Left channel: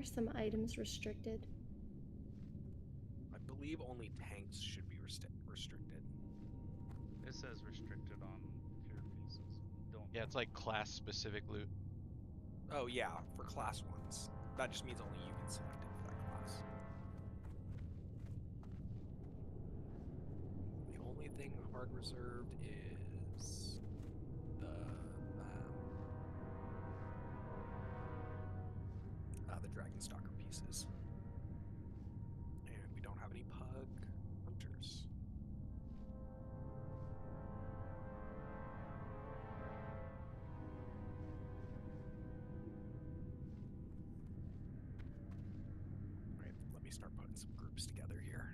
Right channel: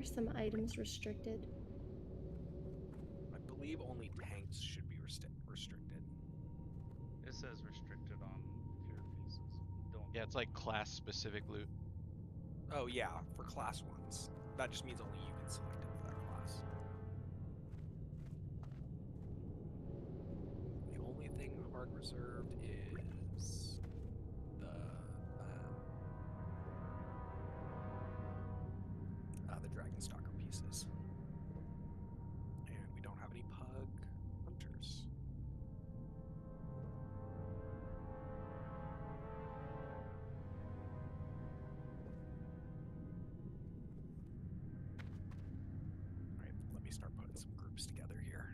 Are some items restricted? I believe only tanks should be restricted. It says restricted on tier pieces. Don't. Yeah, it's like class-specific loot. Oh yeah, for class ones. That just means only you can select it for that class. The only thing hard reserved is the Dragon Stalker pieces. And we don't have any pug hunters. Alright, let me start putting some groups together here.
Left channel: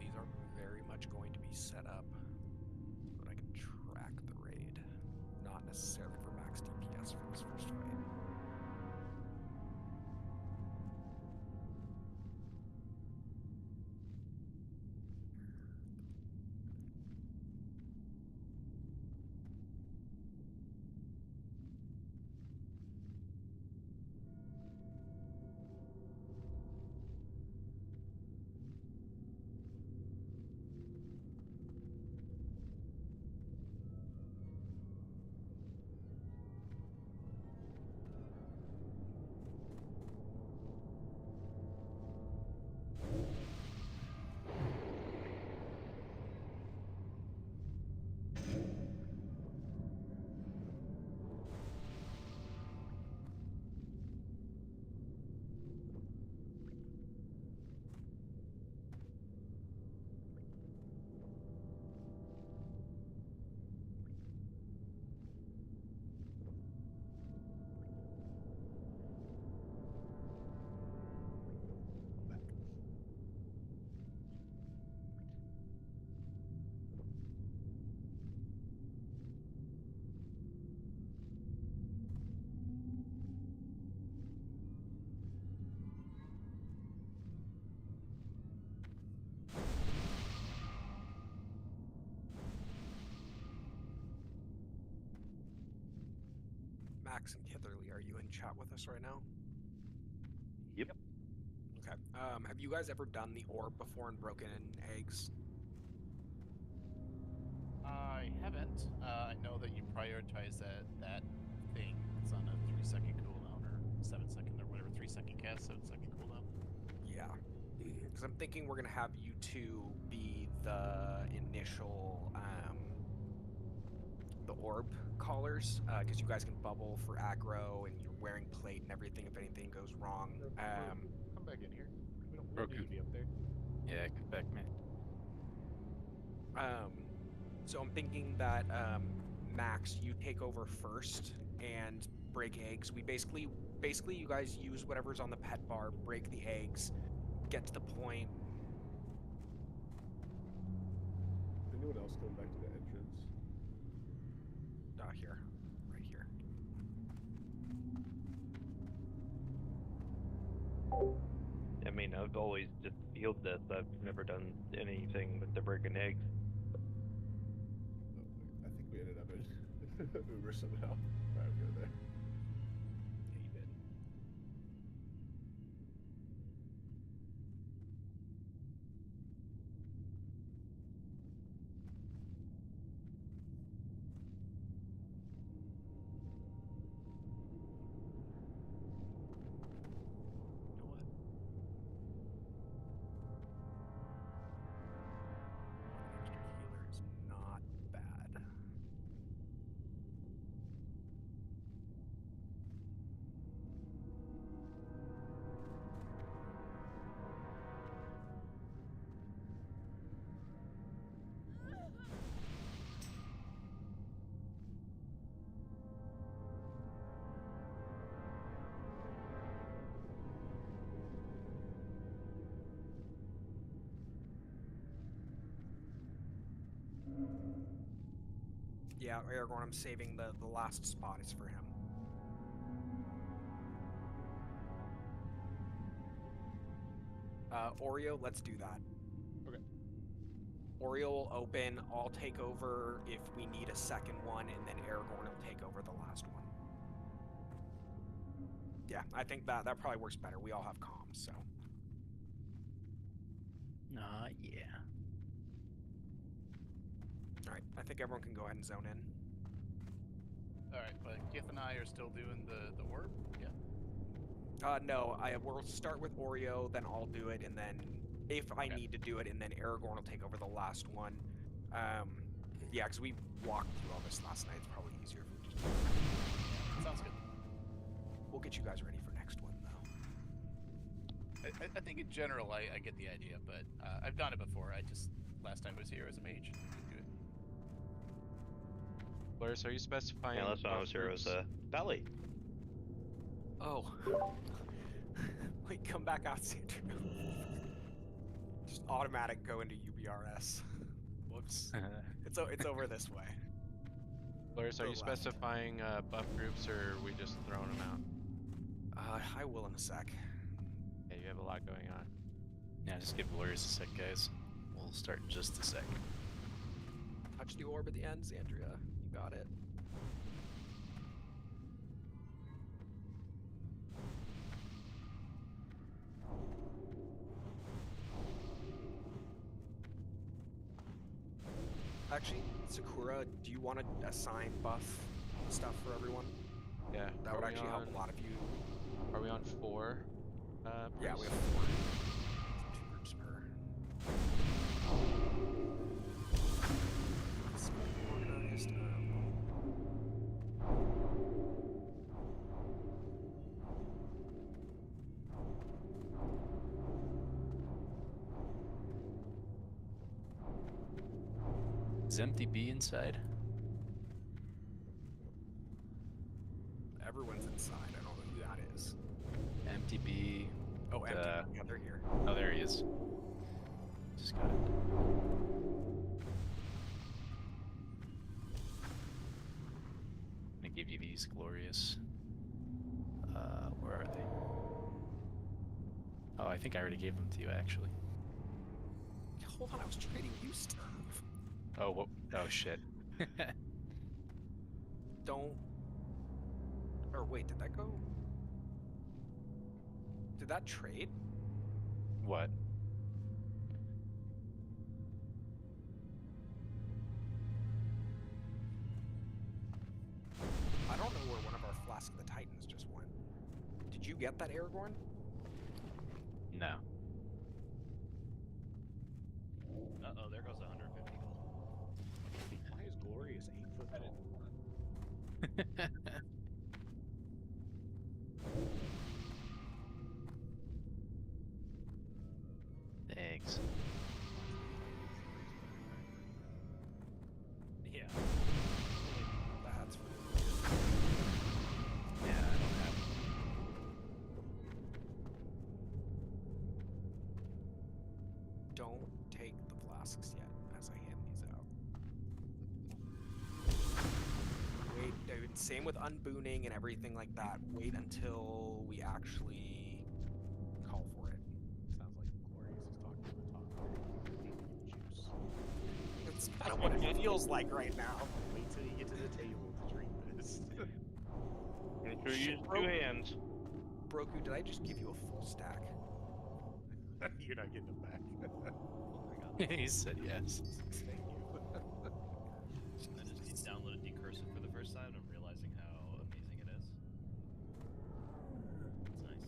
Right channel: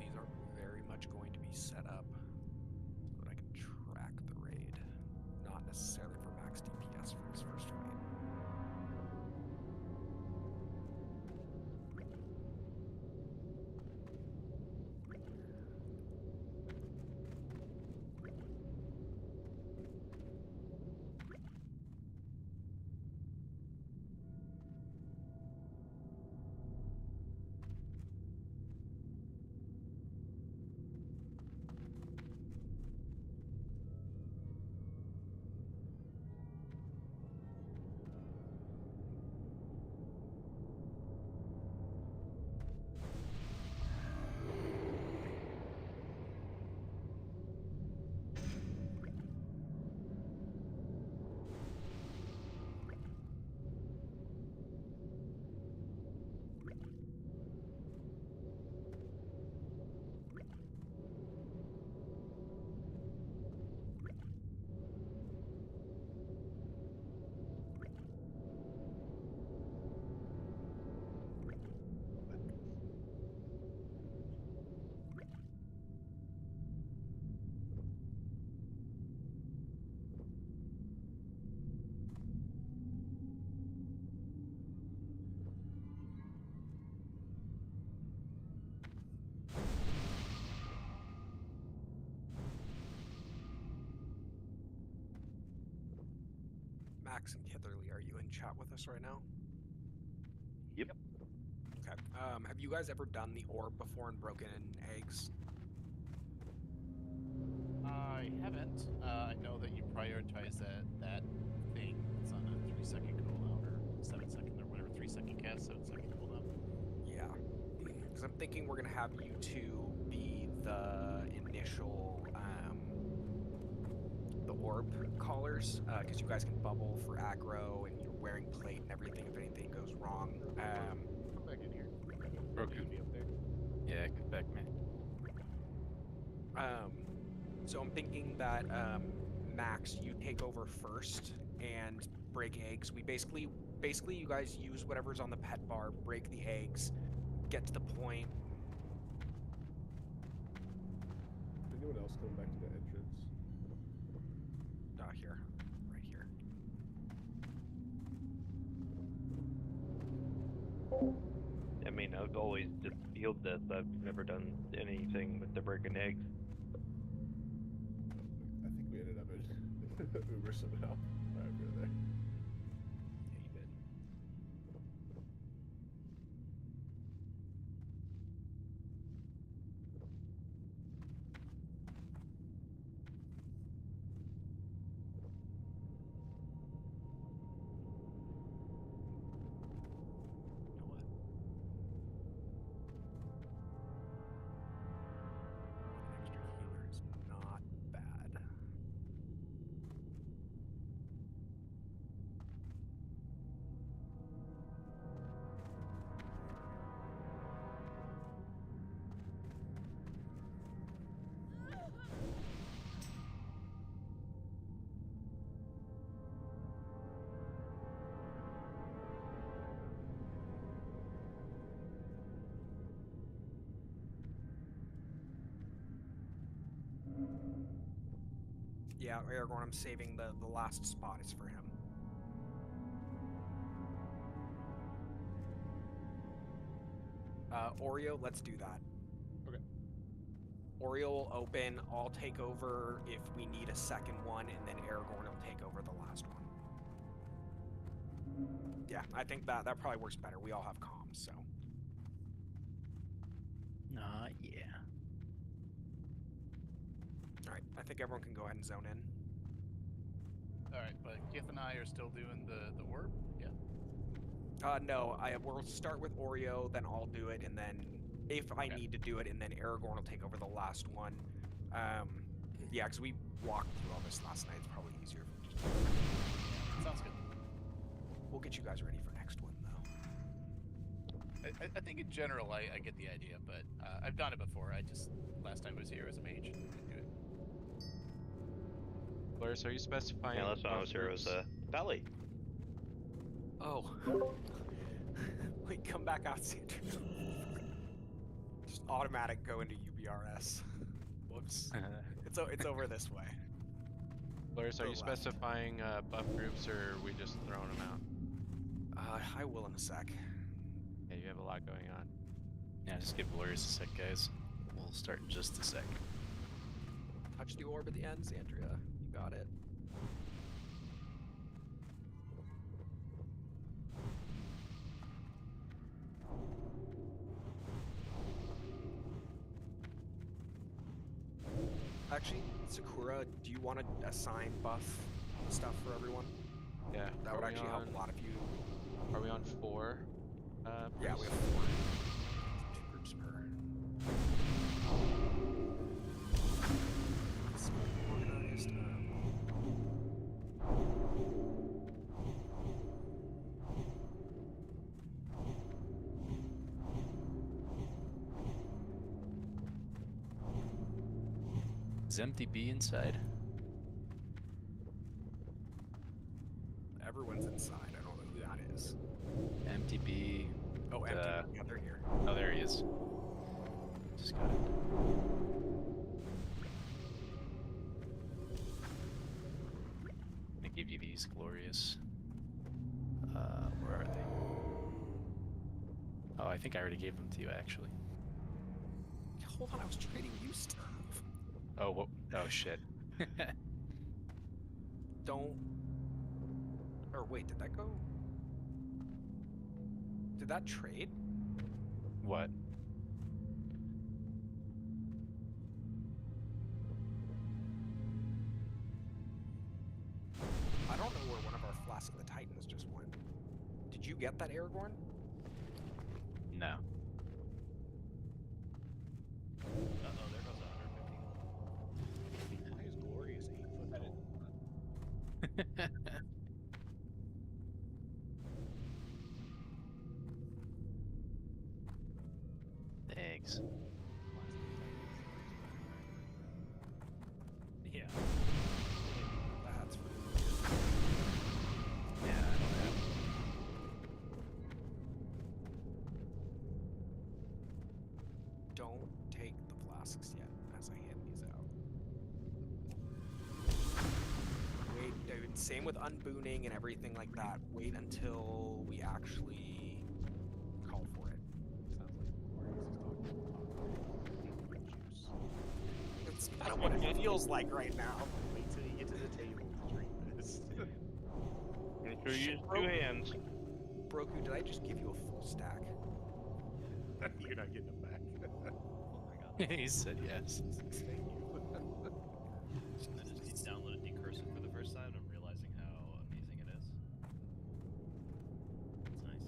These are very much going to be set up so that I can track the raid, not necessarily for max DPS for this first fight. Max and Kitherly, are you in chat with us right now? Yep. Okay. Have you guys ever done the orb before and broken eggs? I haven't. I know that you prioritize that thing that's on a 3-second cooldown or 7-second or whatever, 3-second cast, 7-second cooldown. Yeah. Because I'm thinking we're going to have you two be the initial, the orb callers, because you guys can bubble for aggro and you're wearing plate and everything if anything goes wrong. Come back in here. You'll need to be up there. Yeah, get back, man. So I'm thinking that Max, you take over first and break eggs. We basically you guys use whatever's on the pet bar, break the eggs, get to the point. Anyone else coming back to the entrance? Here, right here. I mean, I've always just healed this. I've never done anything with the broken eggs. Oh, wait, I think we ended up in Uber somehow. Alright, go there. Yeah, you did. You know what? One extra healer is not bad. Yeah, Aragorn, I'm saving the last spot is for him. Oreo, let's do that. Okay. Oreo will open. I'll take over if we need a second one, and then Aragorn will take over the last one. Yeah, I think that probably works better. We all have comms, so. Yeah. All right, I think everyone can go ahead and zone in. Alright, but Gif and I are still doing the orb? Yeah. No, we'll start with Oreo, then I'll do it, and then if I Okay. need to do it, and then Aragorn will take over the last one. Yeah, because we walked through all this last night. It's probably easier if we just. Sounds good. We'll get you guys ready for next one, though. I think in general I get the idea, but I've done it before. Last time I was here as a mage, didn't do it. Loris, are you specifying? Yeah, last time I buff was here was groups? Valley. Oh. Wait, come back out, Sandra. Just automatic go into UBRS. Whoops. It's over this way. Loris, are Go you left. specifying buff groups, or are we just throwing them out? I will in a sec. Yeah, you have a lot going on. Yeah, just give Valerius a sec, guys. We'll start in just a sec. Touch the orb at the end, Zandria. You got it. Actually, Sakura, do you want to assign buff stuff for everyone? Yeah. That would actually help a lot if you. Are we on 4? Yeah, we have priests? 4. 2 groups per. It's organized. Is Empty B inside? Everyone's inside. I don't know who that is. Empty B. Oh, empty. Uh, Yeah, they're here. Oh, there he is. Just got it. I'm gonna give you these glorious. Where are they? Oh, I think I already gave them to you, actually. Hold on, I was trading you stuff. Oh, whoa. Oh shit. Don't. Or wait, did that go? Did that trade? What? I don't know where one of our Flask of the Titans just went. Did you get that, Aragorn? No. Uh-oh, there goes 150 gold. Why is Glorious 8 foot tall? Thanks. Yeah. That's Yeah, I don't have. Don't take the flasks yet as I hand these out. Wait, dude, same with unbooning and everything like that. Wait until we actually call for it. Sounds like Glorious is talking juice. It's kind of what it feels like right now. Wait till you get to the table to drink this. Make sure you Shit, use bro. 2 hands. Broku, did I just give you a full stack? You're not getting them back. He said yes. Thank you. I just downloaded Decursive for the first time and I'm realizing how amazing it is. It's nice.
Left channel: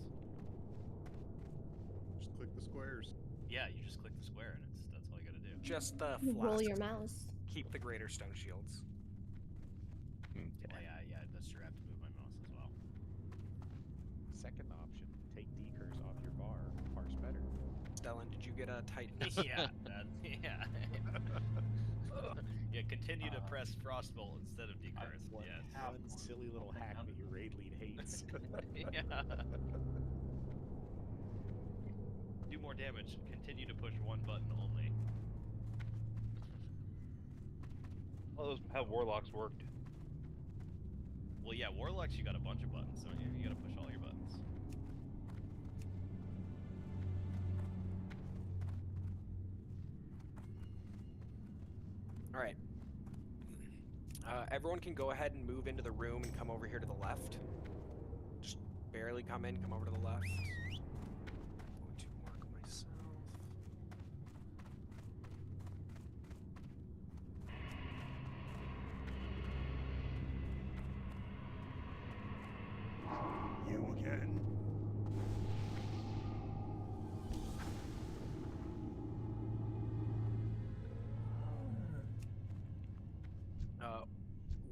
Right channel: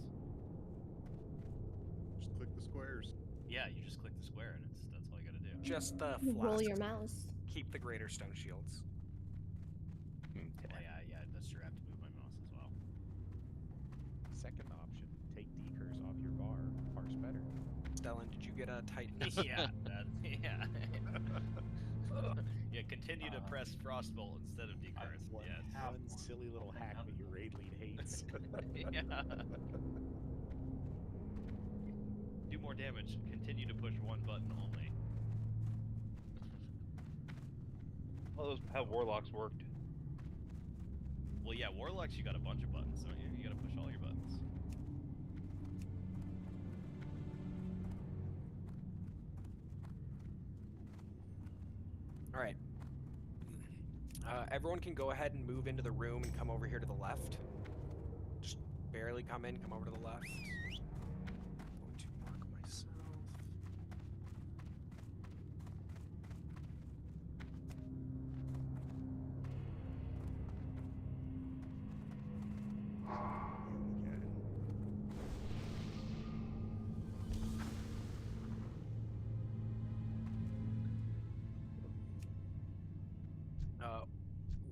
Just click the squares. Yeah, you just click the square and that's all you gotta do. Just the You roll flasks. your mouse. Keep the greater stone shields. Okay. Oh, yeah, that's true. I have to move my mouse as well. Second option, take decurs off your bar. Parse better. Stellan, did you get a Titan? yeah, yeah. Yeah, continue to press Frostbolt instead of Decurse. Yes. One silly little hack that your raid lead hates. Yeah. Do more damage. Continue to push one button only. All those how warlocks worked. Well, yeah, Warlocks, you got a bunch of buttons, don't you? You gotta push all your buttons. All right. Everyone can go ahead and move into the room and come over here to the left. Just barely come in, come over to the left. Going to mark myself. You again.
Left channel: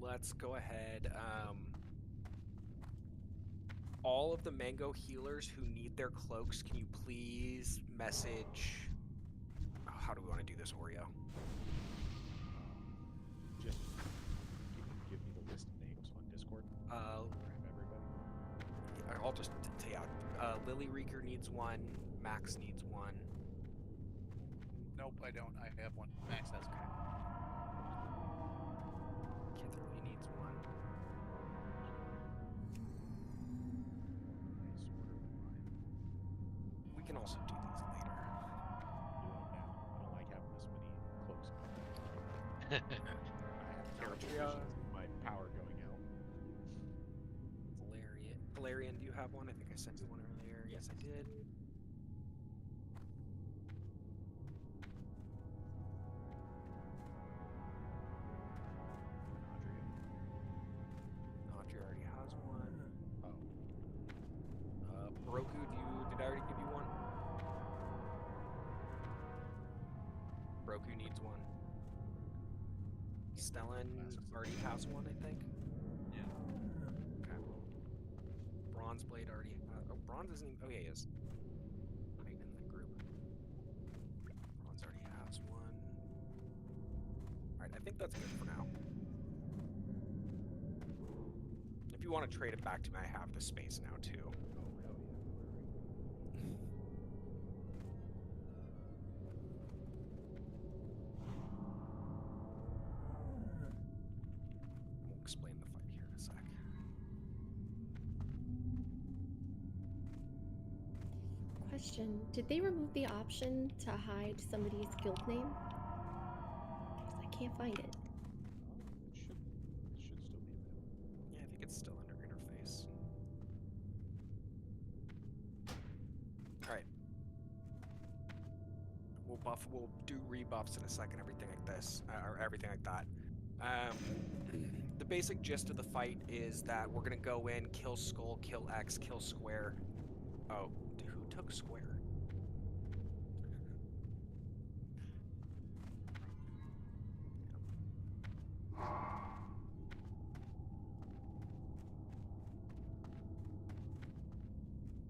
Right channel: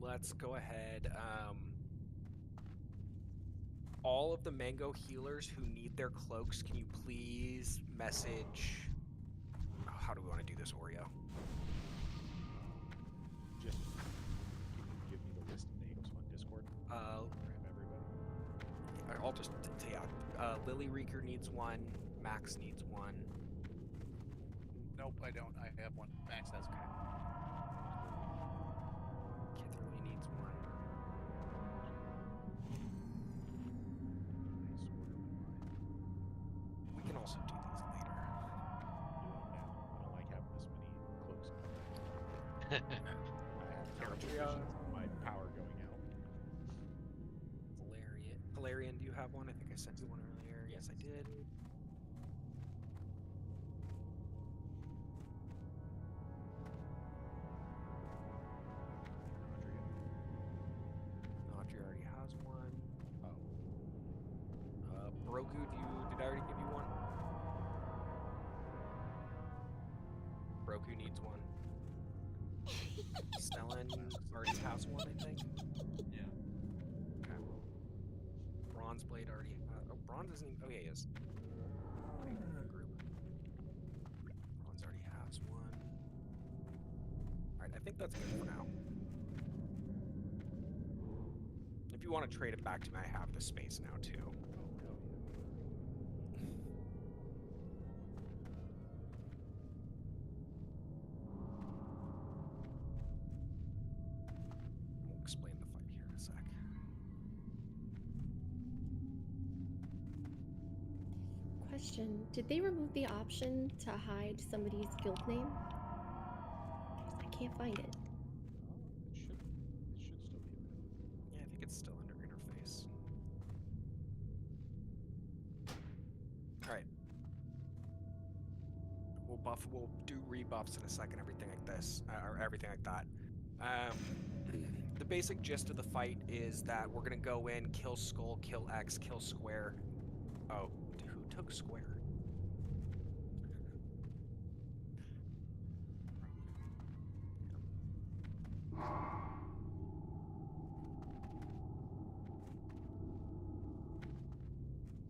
Let's go ahead. All of the mango healers who need their cloaks, can you please message? Oh, how do we want to do this, Oreo? Just give me the list of names on Discord. Grab everybody. I'll just tell you. Lily Reeker needs one. Max needs one. Nope, I don't. I have one. Max has one. Kitherly needs one. Nice orderly line. We can also do these later. Do them now. I don't like having this many cloaks. I have terrible Altria. visions of my power going out. Valerian, do you have one? I think I sent you one earlier. Yes, I did. Andrea. Audrey already has one. Oh. Broku, did I already give you one? Broku needs one. Stellan already has one, I think. Yeah. Okay. Bronze Blade already. Oh, Bronze isn't even. Oh, yeah, he is. Right in the group. Bronze already has one. Alright, I think that's good for now. If you want to trade it back to me, I have the space now, too. Oh, hell yeah. We'll explain the fight here in a sec. Question: did they remove the option to hide somebody's guild name? 'Cause I can't find it. Oh, it should still be available. Yeah, I think it's still under interface. Alright. We'll do rebuffs in a second, everything like this, or everything like that. The basic gist of the fight is that we're gonna go in, kill Skull, kill X, kill Square. Oh, who took Square?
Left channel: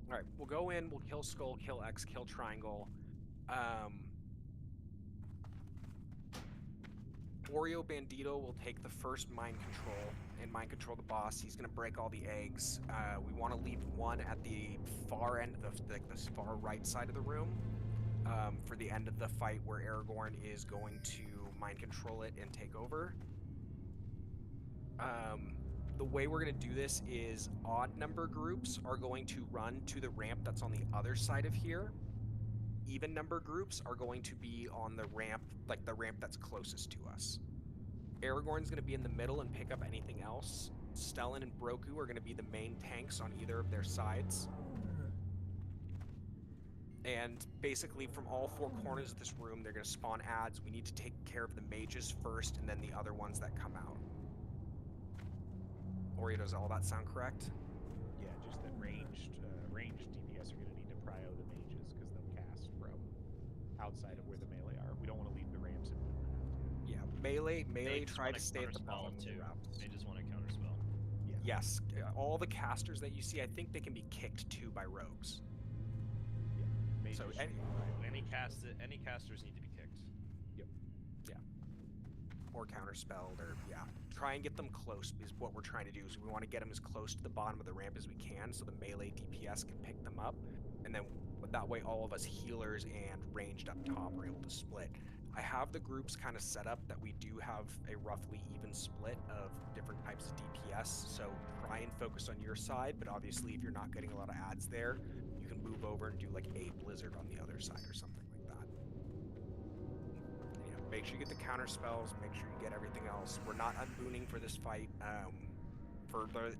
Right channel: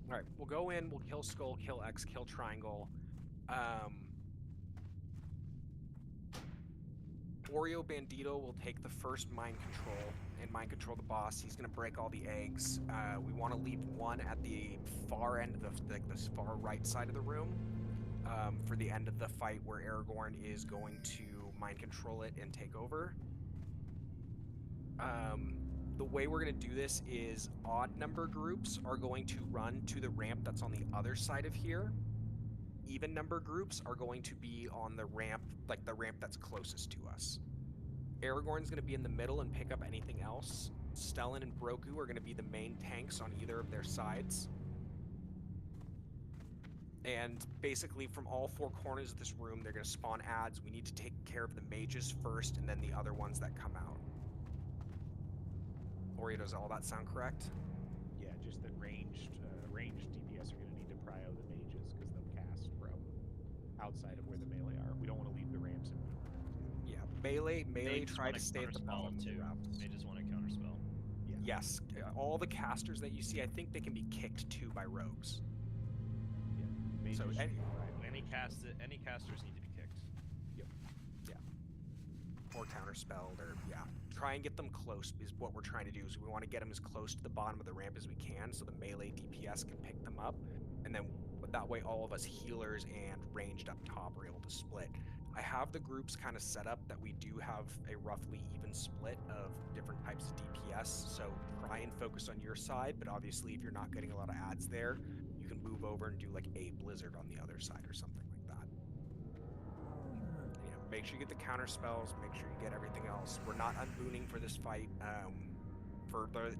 Alright, we'll go in, we'll kill Skull, kill X, kill Triangle. Oreo Bandito will take the first mind control and mind control the boss. He's going to break all the eggs. We want to leave one at the far end of the far right side of the room for the end of the fight where Aragorn is going to mind control it and take over. The way we're going to do this is odd number groups are going to run to the ramp that's on the other side of here. Even number groups are going to be on the ramp, like the ramp that's closest to us. Aragorn's going to be in the middle and pick up anything else. Stellan and Broku are going to be the main tanks on either of their sides. And basically from all four corners of this room, they're going to spawn adds. We need to take care of the mages first and then the other ones that come out. Oreo, does all that sound correct? Yeah, just that ranged DPS are going to need to prio the mages because they'll cast from outside of where the melee are. We don't want to leave the ramps if we don't have to. Yeah, melee Mages try wanna to stay at the counterspell bottom of the too. ramps. They just want to counterspell. Yeah. Yes, all the casters that you see, I think they can be kicked too by rogues. Yeah. Mages So should any- be prio the Any mages. casters need to be kicked. Or counterspelled, or yeah. Try and get them close is what we're trying to do. Is we want to get them as close to the bottom of the ramp as we can, so the melee DPS can pick them up, and then that way all of us healers and ranged up top are able to split. I have the groups kind of set up that we do have a roughly even split of different types of DPS, so try and focus on your side, but obviously if you're not getting a lot of adds there, you can move over and do like a Blizzard on the other side or something like that. make sure you get the counter spells. Make sure you get everything else. We're not unbooning for this fight for the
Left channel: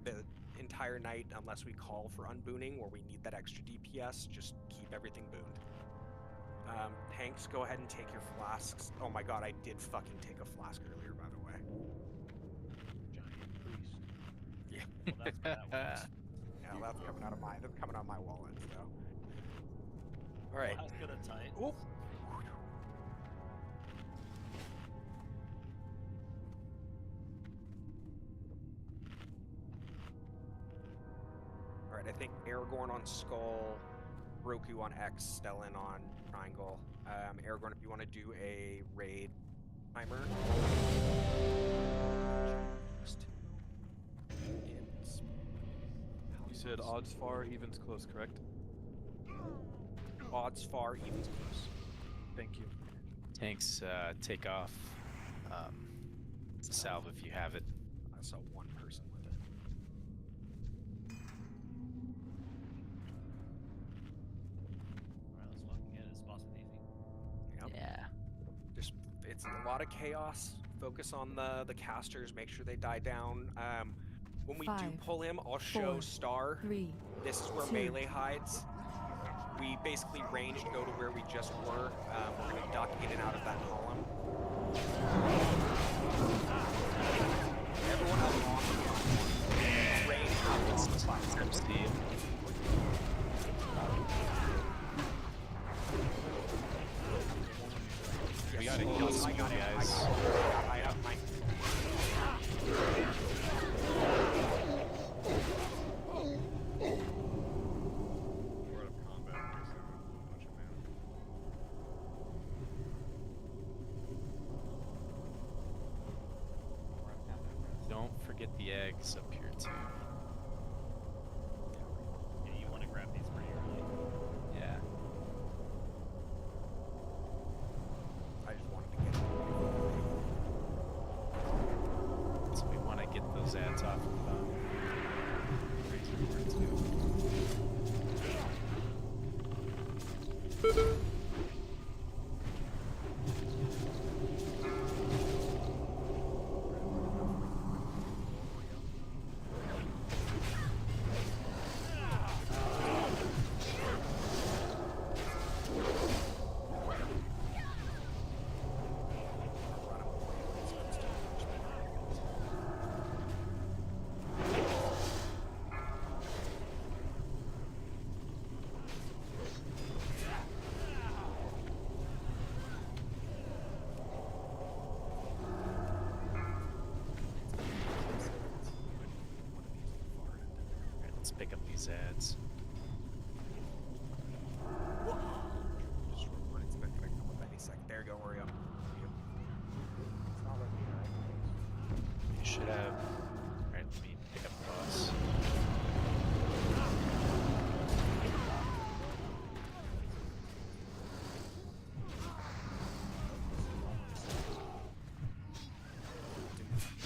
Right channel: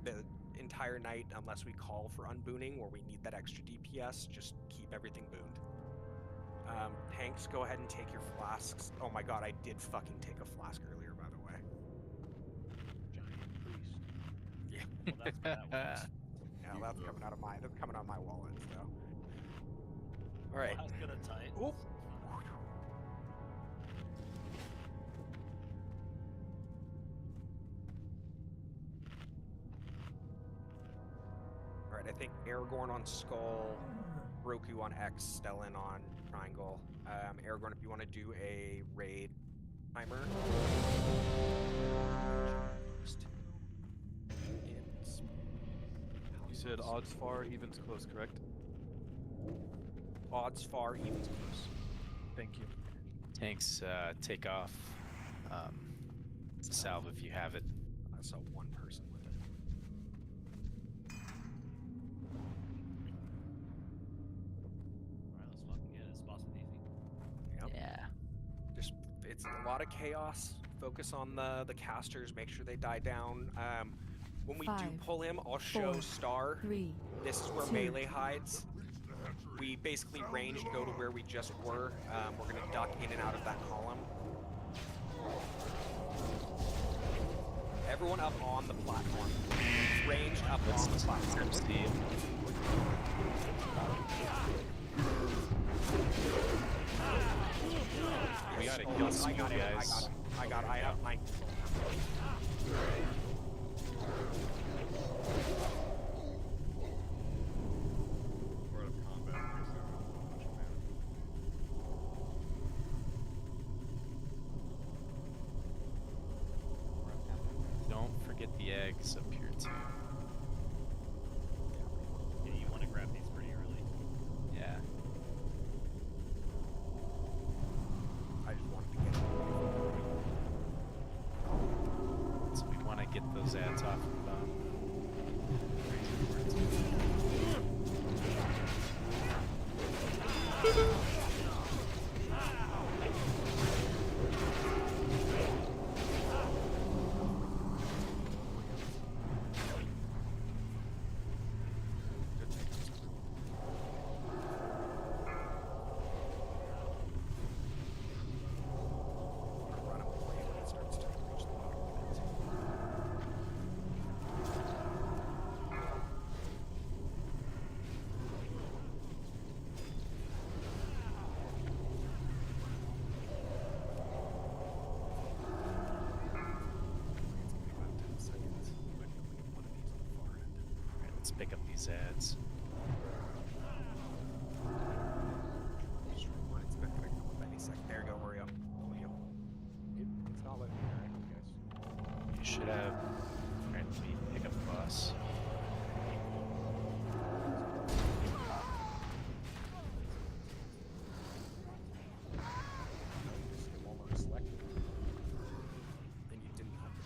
entire night unless we call for unbooning or we need that extra DPS. Just keep everything booned. Tanks, go ahead and take your flasks. Oh my god, I did fucking take a flask earlier, by the way. Giant priest. Yeah. Well, that's where that works. Yeah, that's coming out of my wallet, so. All right. Well, good at Titans. Oop. All right, I think Aragorn on Skull, Roku on X, Stellan on Triangle. Aragorn, if you want to do a raid timer. You said odds far, evens close, correct? Odds far, evens close. Thank you. Tanks, take off. Salve if you have it. I saw one person with it. Alright, let's fucking get it. This boss is easy. Yep. Yeah. Just it's a lot of chaos. Focus on the casters. Make sure they die down. When we do 5, pull him, I'll show 4, Star. 3, This is where 2. melee hides. We basically ranged go to where we just were. We're gonna duck in and out of that column. Everyone up on the platform. Range up on the platform. Steve. We gotta kill I Skull, got it. guys. I have my. We're out of combat. I guess I have a bunch of mana. Don't forget the eggs up here too. Yeah, you want to grab these pretty early. Yeah. I just wanted to get it. So we want to get those ads off of Razor too. Alright, let's pick up these ads. It's not gonna come up any second. There you go, Oreo. It's not letting me interact with you guys. You should have. Alright, let me pick up the boss.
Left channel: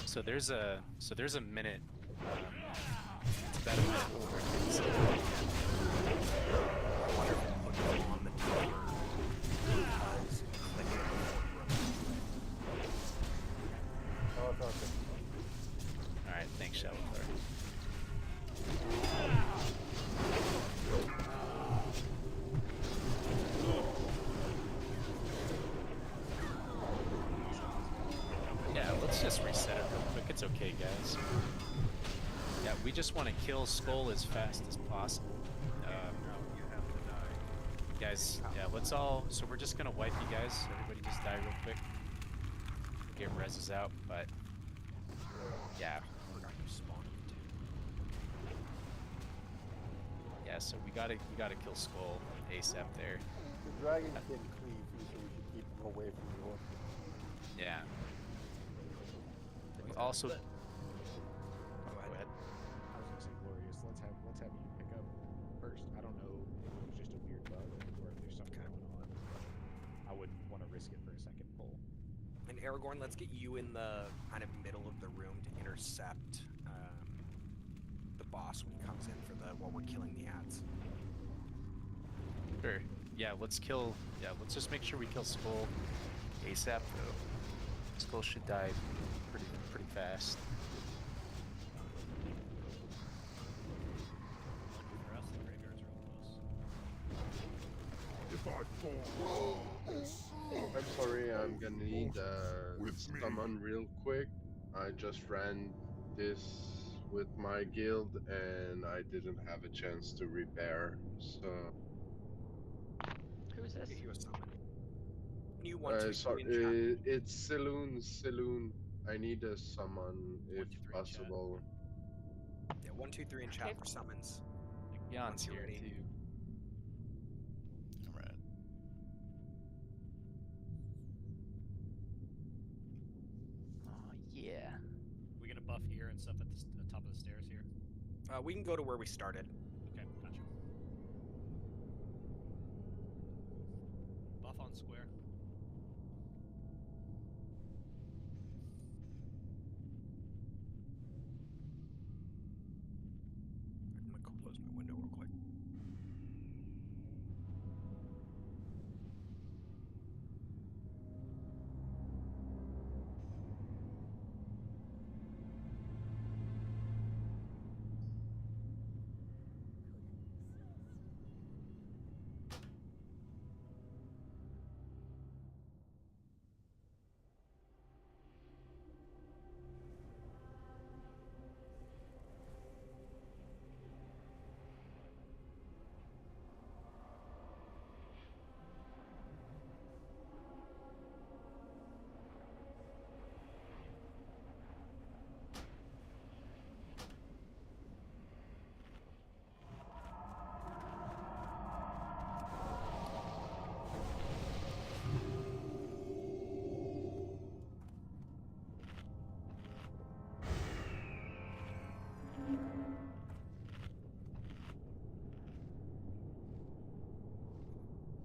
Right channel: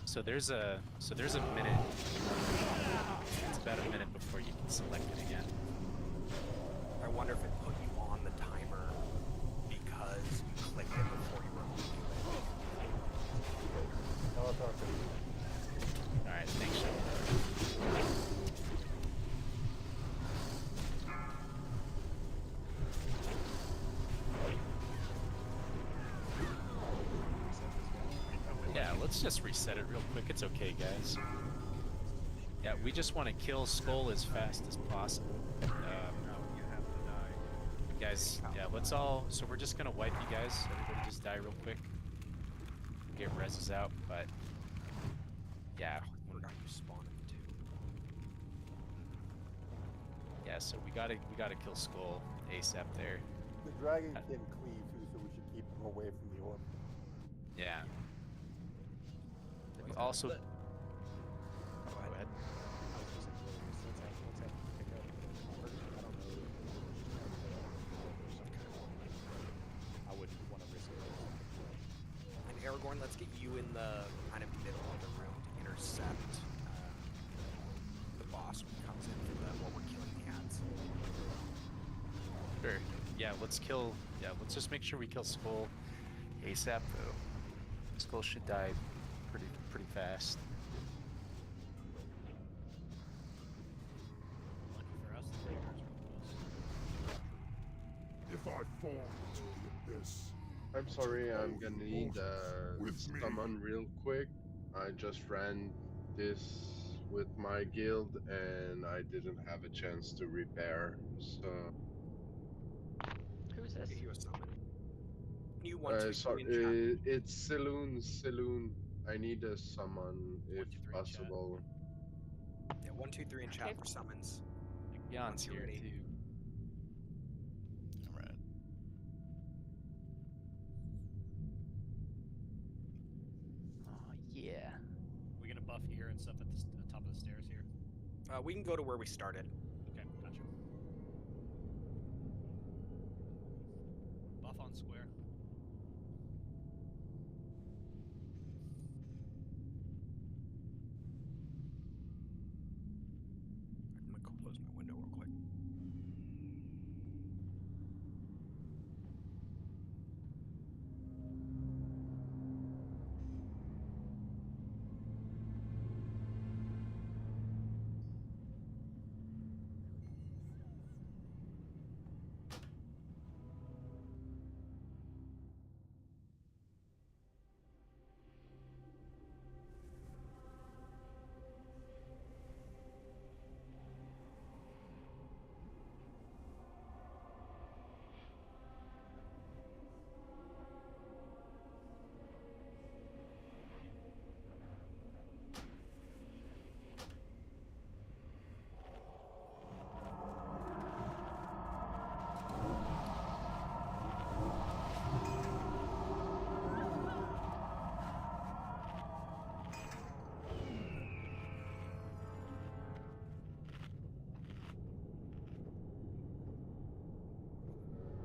So there's a minute. It's about a minute before you can select it again. I wonder if it put you on the timer because you click it before you run into it. Oh, it's okay. Alright, thanks, Shuttle. Yeah, let's just reset it real quick. It's okay, guys. Yeah, we just want to kill Skull as fast as possible. You have to die. Guys, yeah, let's all. So we're just gonna wipe you guys. Everybody just die real quick. Get reses out, but yeah, Forgot you spawned him too. yeah. So we gotta kill Skull ASAP there. The dragon can cleave too, so we should keep him away from the orb. Yeah. We also. Go Go ahead. ahead. I was gonna say glorious. Let's have him pick up first. I don't know if it was just a weird bug or if there's some kind of one. I wouldn't want to risk it for a second pull. And Aragorn, let's get you in the kind of middle of the room to intercept the boss when he comes in for while we're killing the ads. Sure. Yeah, let's kill. Yeah, let's just make sure we kill Skull ASAP though. Skull should die pretty fast. Lucky for us, the graveyard's real close. If I fall, I'm sorry, I'm gonna need someone real quick. I just ran this with my guild and I didn't have a chance to repair, so... Who is this? Get you a summon. You 1, 2, 3 sorry, in chat. it's Saloon. I need a summon if 1, 2, 3 in chat. possible. Yeah, 1, 2, 3 in chat Okay. for summons. Jan's Once you're here ready. too. Alright. Oh yeah. We gonna buff here and stuff at the top of the stairs here? We can go to where we started. Okay, gotcha. Buff on square. I'm gonna close my window real quick.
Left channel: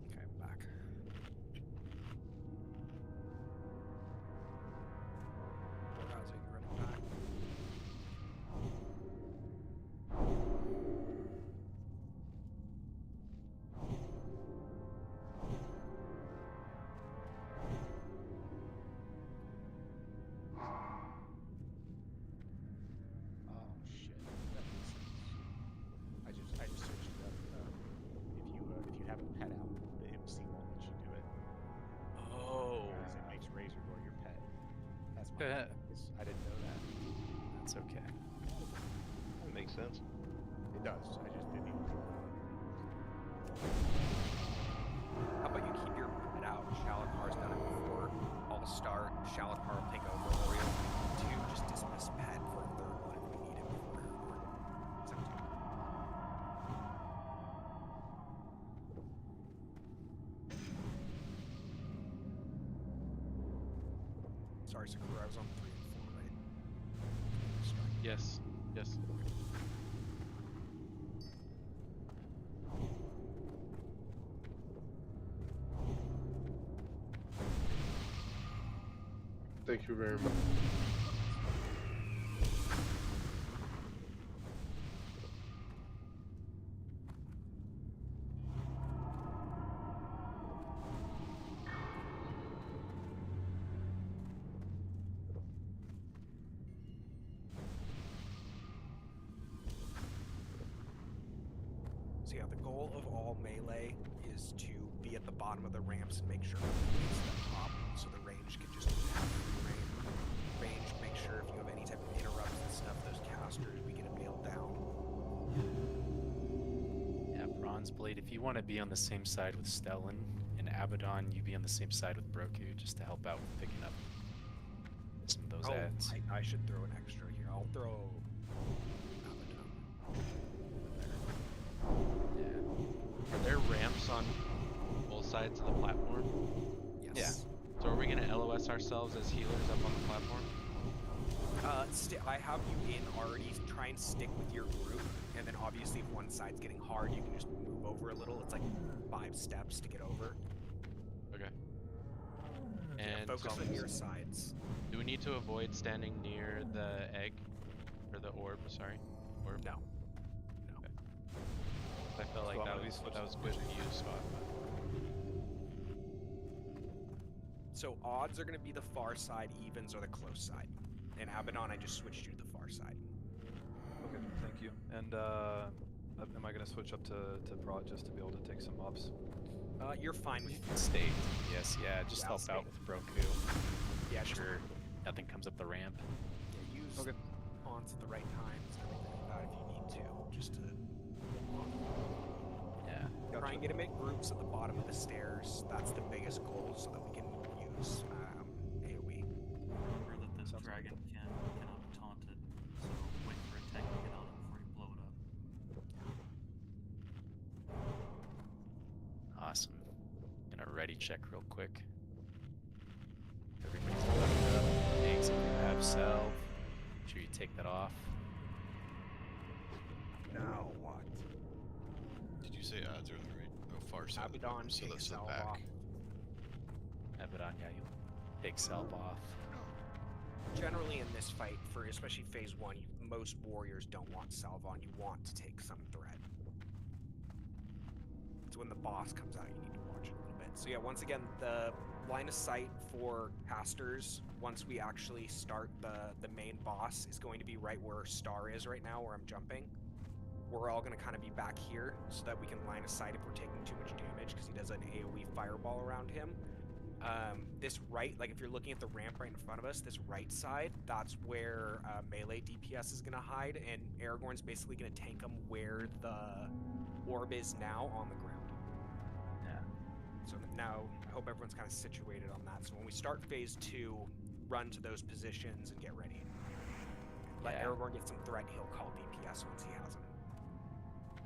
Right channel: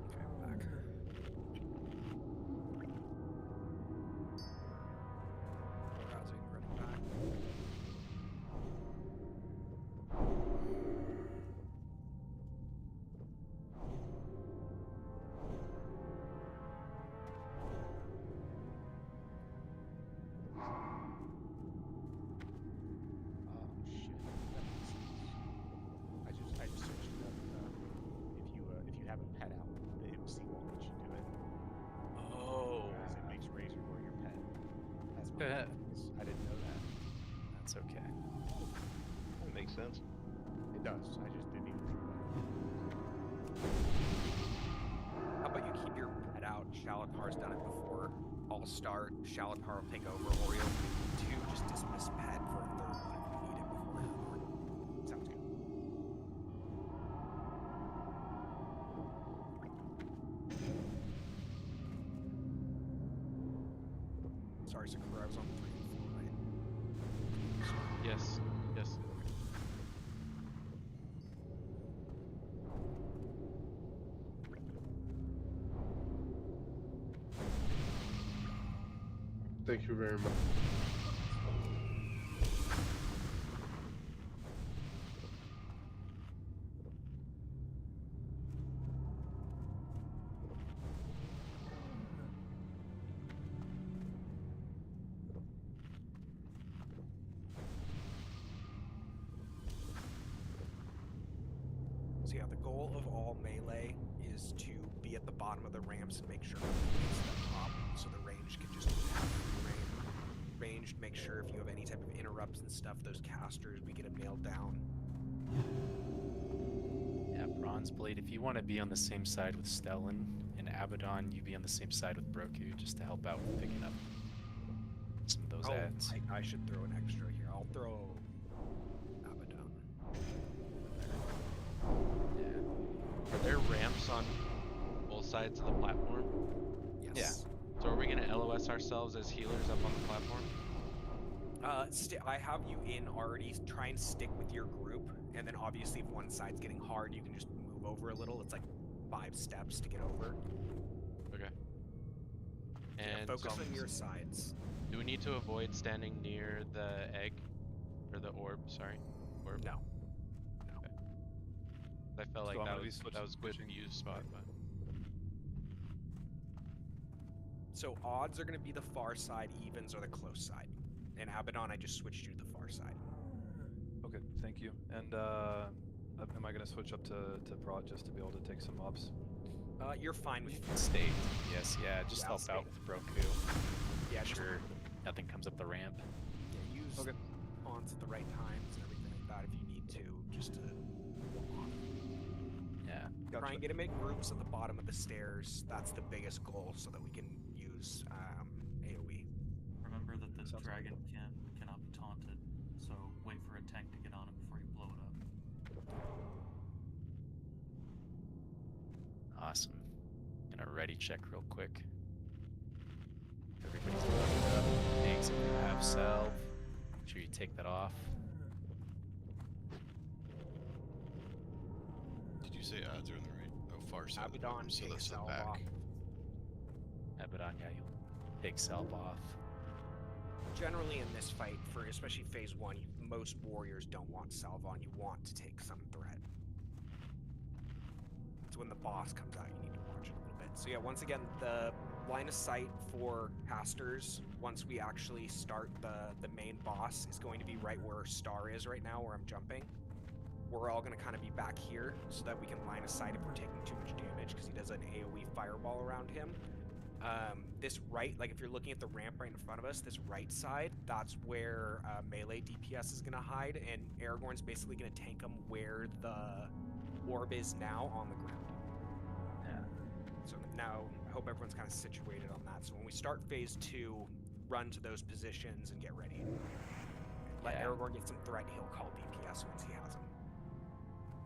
Okay, I'm back. How's it running back? Oh shit. That makes sense. I just searched it up. If you have a pet out, the MC won't let you do it. Oh. Because it makes Razorgore your pet. That's my advice. I didn't know that. That's okay. That makes sense. It does. I just didn't even think about it. How about you keep your pet out? Shalakar's done it before. I'll start. Shalakar will take over. Oriole 2, just dismiss pet for a third one if we need it before Hellbourne. Sounds good. Sorry, Sakura, I was on 3 and 4, right? Sorry. Yes. Yes. Thank you very much. So yeah, the goal of all melee is to be at the bottom of the ramps and make sure nothing hits the top, so the range can just have free range. Make sure if you have any type of interrupts and stuff, those casters, we get them nailed down. Yeah, Bronze Blade, if you want to be on the same side with Stellan and Abaddon, you be on the same side with Broku just to help out with picking up some of those ads. I should throw an extra here. I'll throw Abaddon. Yeah. Are there ramps on both sides of the platform? Yes. So are we gonna LOS ourselves as healers up on the platform? I have you in already. Try and stick with your group, and then obviously if one side's getting hard, you can just move over a little. It's like 5 steps to get over. Okay. Yeah, And focus on your sides. do we need to avoid standing near the egg? Or the orb, sorry. Orb? No. I felt like I'm that gonna be was good view spot, but... So odds are going to be the far side, evens are the close side. And Abaddon, I just switched you to the far side. Okay, thank you. And am I gonna switch up to prod just to be able to take some mobs? You're fine with Stay. Yes, yeah, just Yeah, help stay. out with Broku. Yeah, Make just sure nothing comes up the ramp. use Okay. pawns at the right times and everything like that if you need to, just to Yeah. try and get them in groups at the bottom of the stairs. That's the biggest goal, so that we can use AoE. Remember that the Sounds dragon cannot be taunted, so wait for a tank to get on it before you blow it up. Awesome. Gonna ready check real quick. Everybody's loaded up. Eggs if you have salve. Make sure you take that off. Now what? Did you say odds are on the right? Oh, far side. Abaddon So takes that's the salve back. off. Abaddon, yeah, you'll take salve off. Generally in this fight, for especially phase 1, most warriors don't want salve on. You want to take some threat. It's when the boss comes out, you need to watch it a little bit. So yeah, once again, the line of sight for casters, once we actually start the main boss, is going to be right where Star is right now, where I'm jumping. We're all going to kind of be back here so that we can line of sight if we're taking too much damage, because he does an AoE fireball around him. This right, like if you're looking at the ramp right in front of us, this right side, that's where melee DPS is going to hide, and Aragorn's basically going to tank him where the orb is now on the ground. Yeah. So now I hope everyone's kind of situated on that. So when we start phase 2, run to those positions and get ready. Let Yeah. Aragorn get some threat, he'll call DPS once he has them.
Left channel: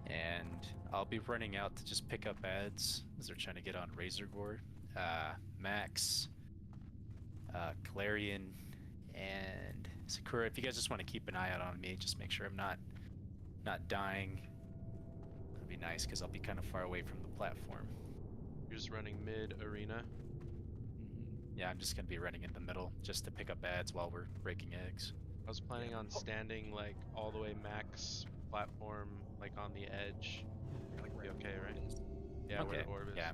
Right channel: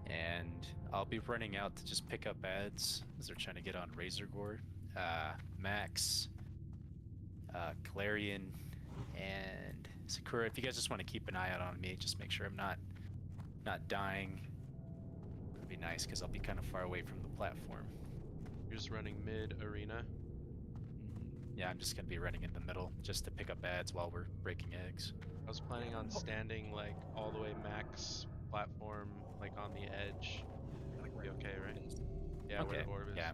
And I'll be running out to just pick up ads as they're trying to get on Razorgore. Max, Clarion, and Sakura. If you guys just want to keep an eye out on me, just make sure I'm not dying. That'd be nice because I'll be kind of far away from the platform. You're just running mid arena. Yeah, I'm just gonna be running in the middle just to pick up ads while we're breaking eggs. I was planning on standing like all the way max platform, like on the edge. Like Be okay, right? It is. Yeah, where Okay, the orb is. Yeah.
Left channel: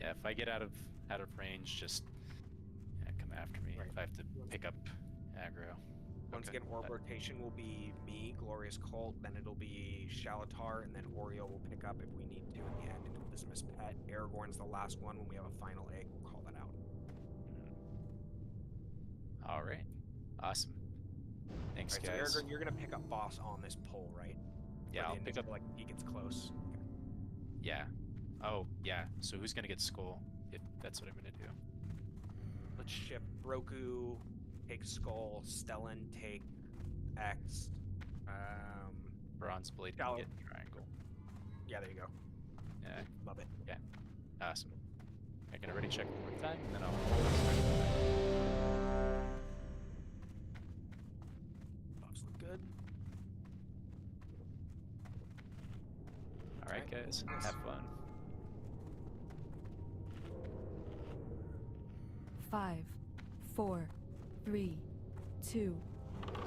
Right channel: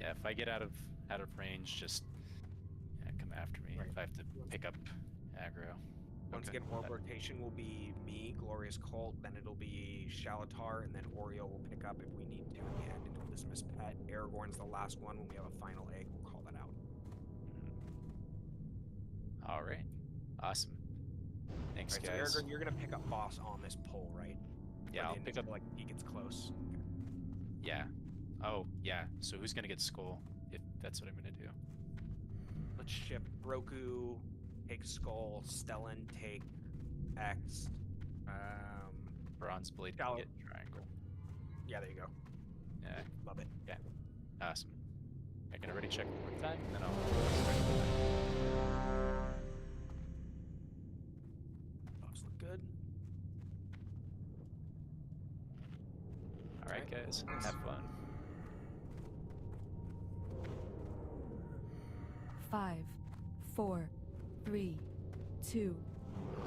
Yeah, if I get out of range, just come after me. Right. If I have to pick up aggro. Once Okay. again, orb rotation will be me, Glorious Cult, then it'll be Shalatar, and then Oreo will pick up if we need to in the end, and we'll dismiss Pet. Aragorn's the last one. When we have a final egg, we'll call that out. All right. Awesome. Thanks, Right, so guys. Aragorn, you're gonna pick up boss on this pole, right? Yeah, For I'll the pick initial, up. like he gets close. Okay. Yeah. Oh, yeah. So who's gonna get skull? If that's what I'm gonna do. Let's shift Broku, take Skull, Stellan, take X. Bronze blade can Shallow. get triangle. Yeah, there you go. Yeah. Love it. Yeah. Awesome. I'm gonna ready check one more time, and then I'll. Buffs look good. All right, guys. Have fun. 5, 4, 3, 2,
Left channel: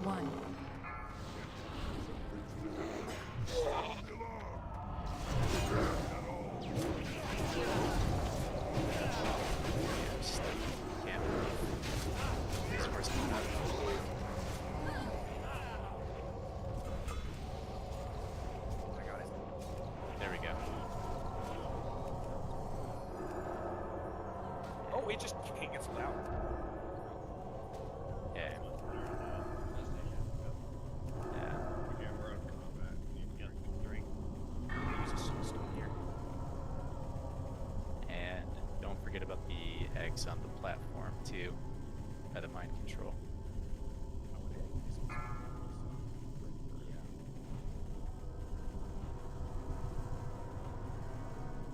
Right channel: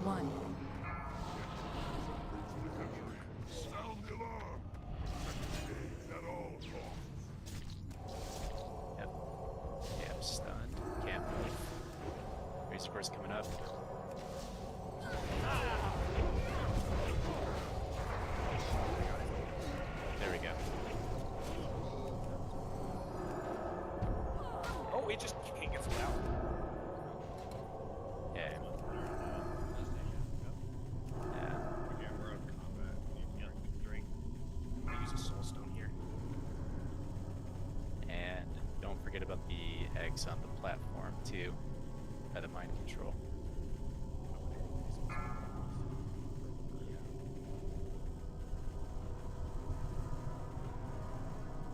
1. Yeah, I'm stunned. Can't move. Resource coming up. There we go. Oh, it just can't get out. Yeah. Yeah. Yeah, we're out of combat. You can drink. I'm gonna use a soul stone here. And don't forget about the eggs on the platform too, by the mind control.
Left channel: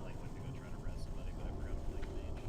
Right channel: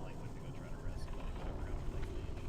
Like went to go try to rest somebody, but I forgot to take mage.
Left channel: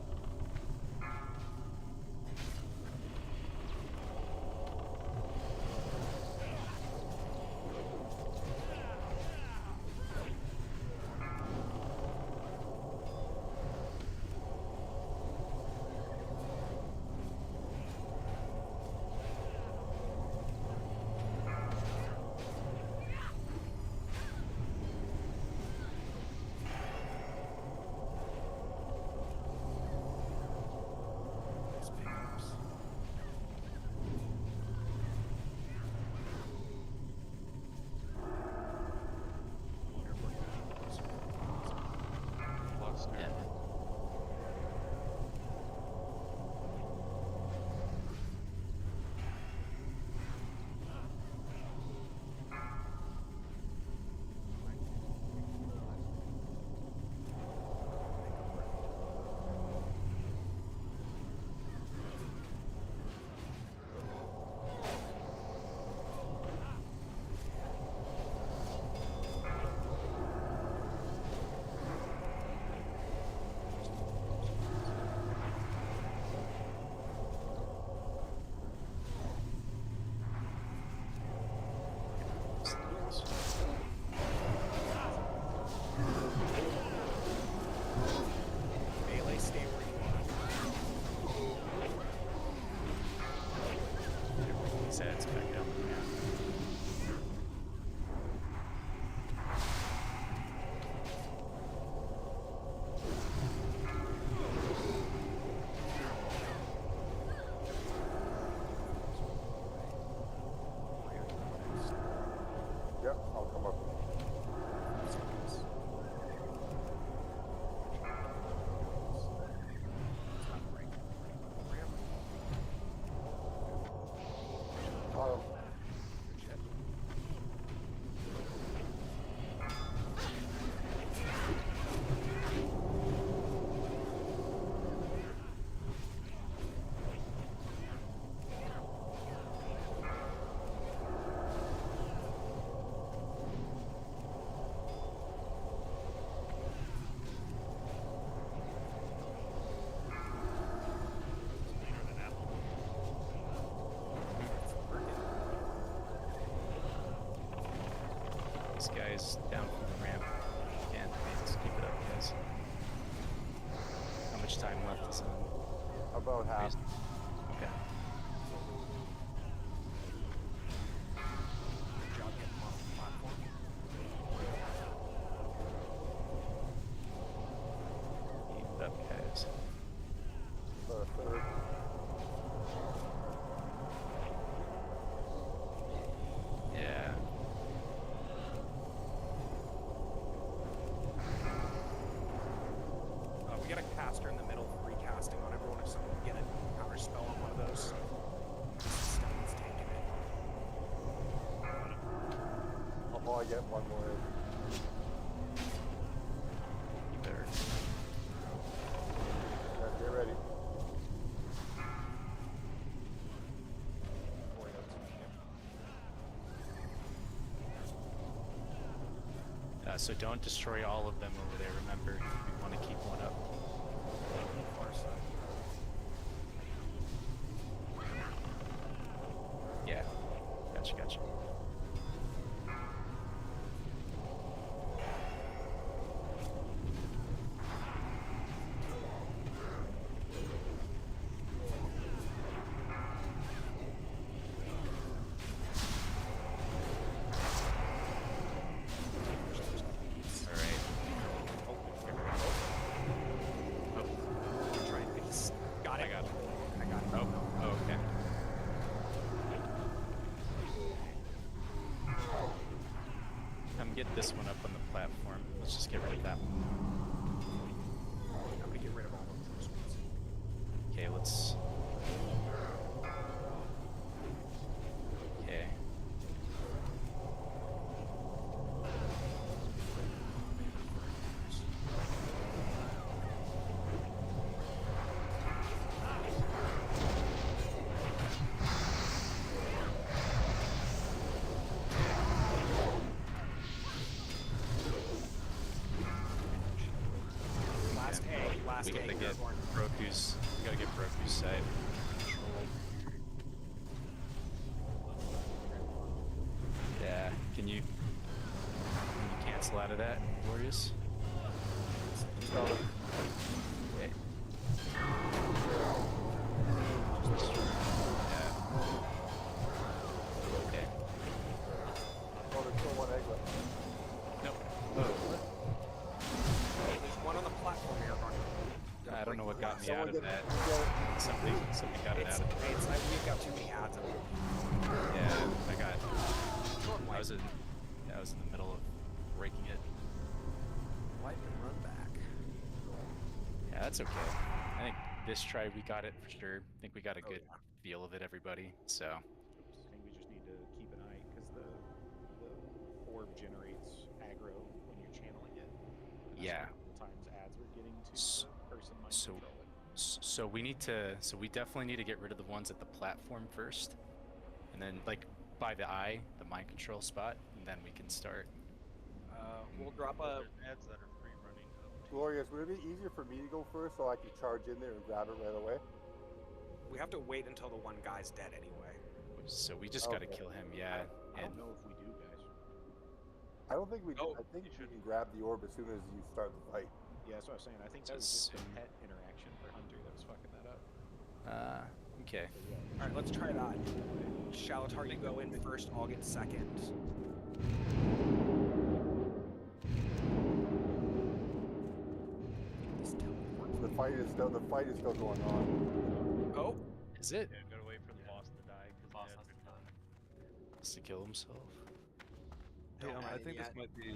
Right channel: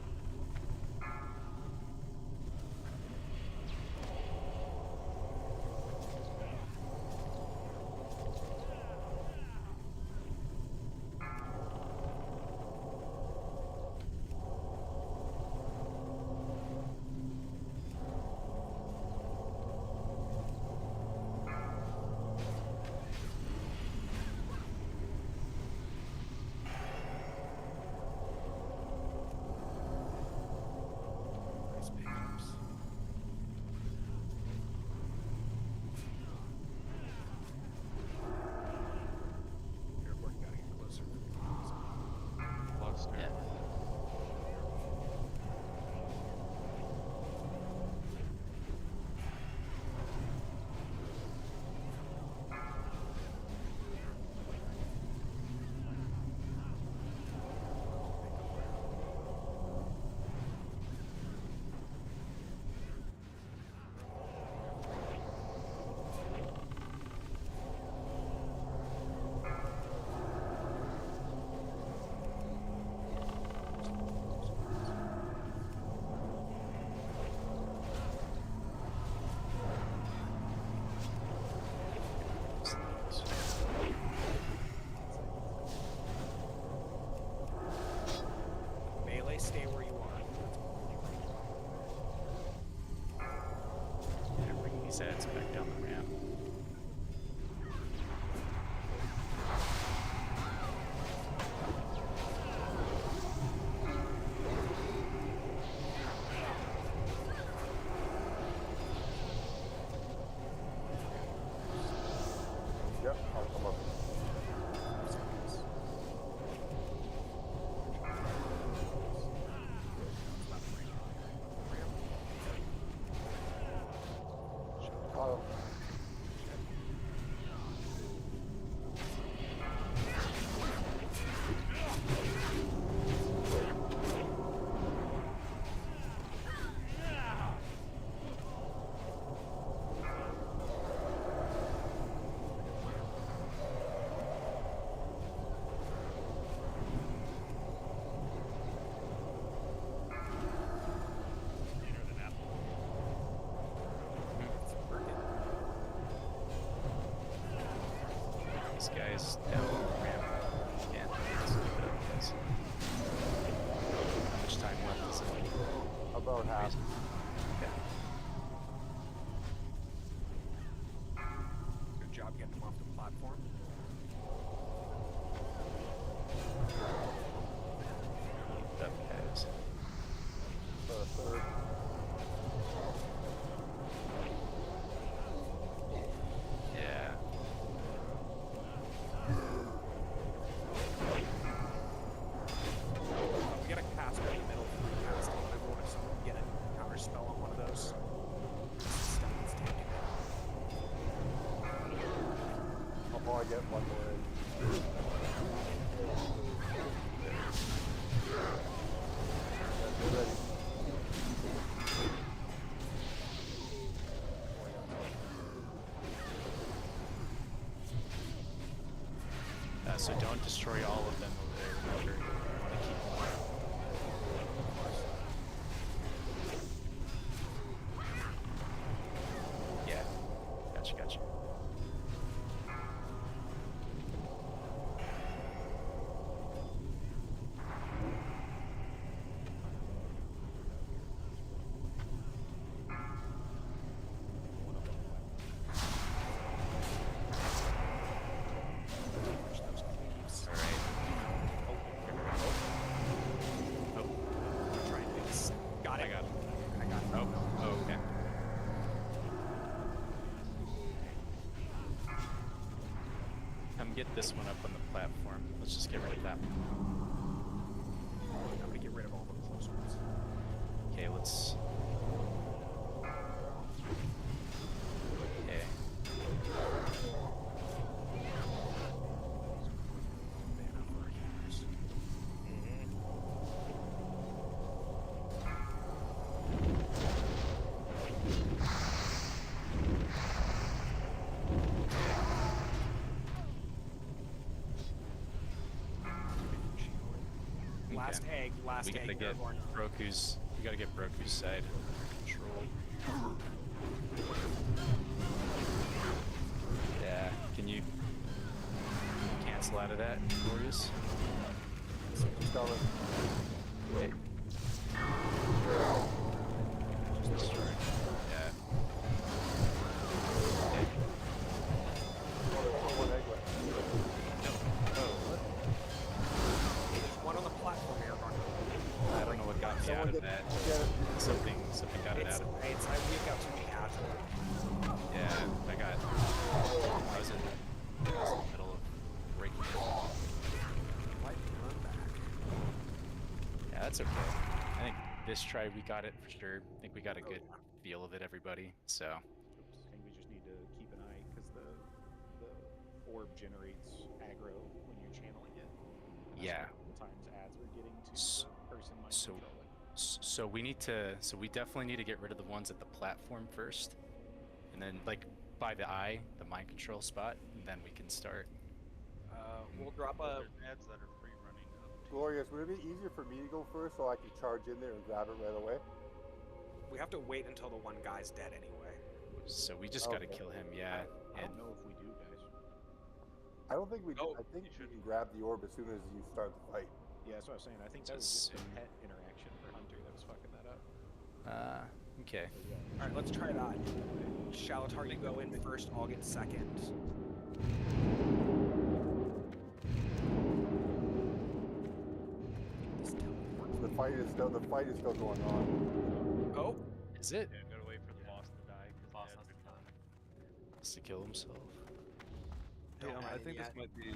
these guys down from the ramp. Again, let's keep it up, guys. How much time left is it? About half. Okay. Good job getting them off the platform. Keep it up, guys. Third. Yeah. We got a caster in the middle, recasting on everyone if someone can get a counter spell on one of those. Stefan's taking it. I'll probably get one more in. You better. Yeah, get ready. So don't destroy all of them over there, remember. You want to keep one up. Yeah. Gotcha. Get this one up on the platform. Let's just get rid of that one. I'm gonna get rid of all the close ones. Okay, let's. Okay. Last we gotta egg. get Broku's. We gotta get Broku's side controlled. Yeah. Can you cancel out of that, Glorious? Wait. Just destroy. Yeah. Okay. Oh, there's still one egg left. Nope. Oh, what? There's one on the platform here, Arnold. I don't know what got me out of that. Something got it out of it. It's like we've got too many ads in it. Yeah, I was in the middle of breaking it. Wipe and run back. Yeah, that's okay. I think this try we got it for sure. I think we got a good feel of it, everybody. So. I think we just need to keep an eye because the orb generates aggro when you're channeling it. And Yeah. Sometimes ads are getting to the person mind controlling. So we need to. So we definitely need to get rid of the ones at the platform first, and then like by the eye, the mind control spot, and then we can start. We'll drop a. Ads that are free running up. Glorious, would it be easier for me to go first so I can charge in there and grab it right away? We have to wait until the one guy's dead anyway. So we just gotta kill him, yeah. I don't know if we do, guys. I don't think we do. I think you can grab the orb as soon as you start the fight. Yeah, that's what I was saying. I think that was just a pet interaction for Hunter that was fucking that up. Okay. Alright, let's try that. Shalatar, you go in first, I'll get second. The fight is still going on. Oh, is it? Yeah, gotta wait for the boss to die because boss the ads has are to die. Has to kill himself. Hey, I think this might be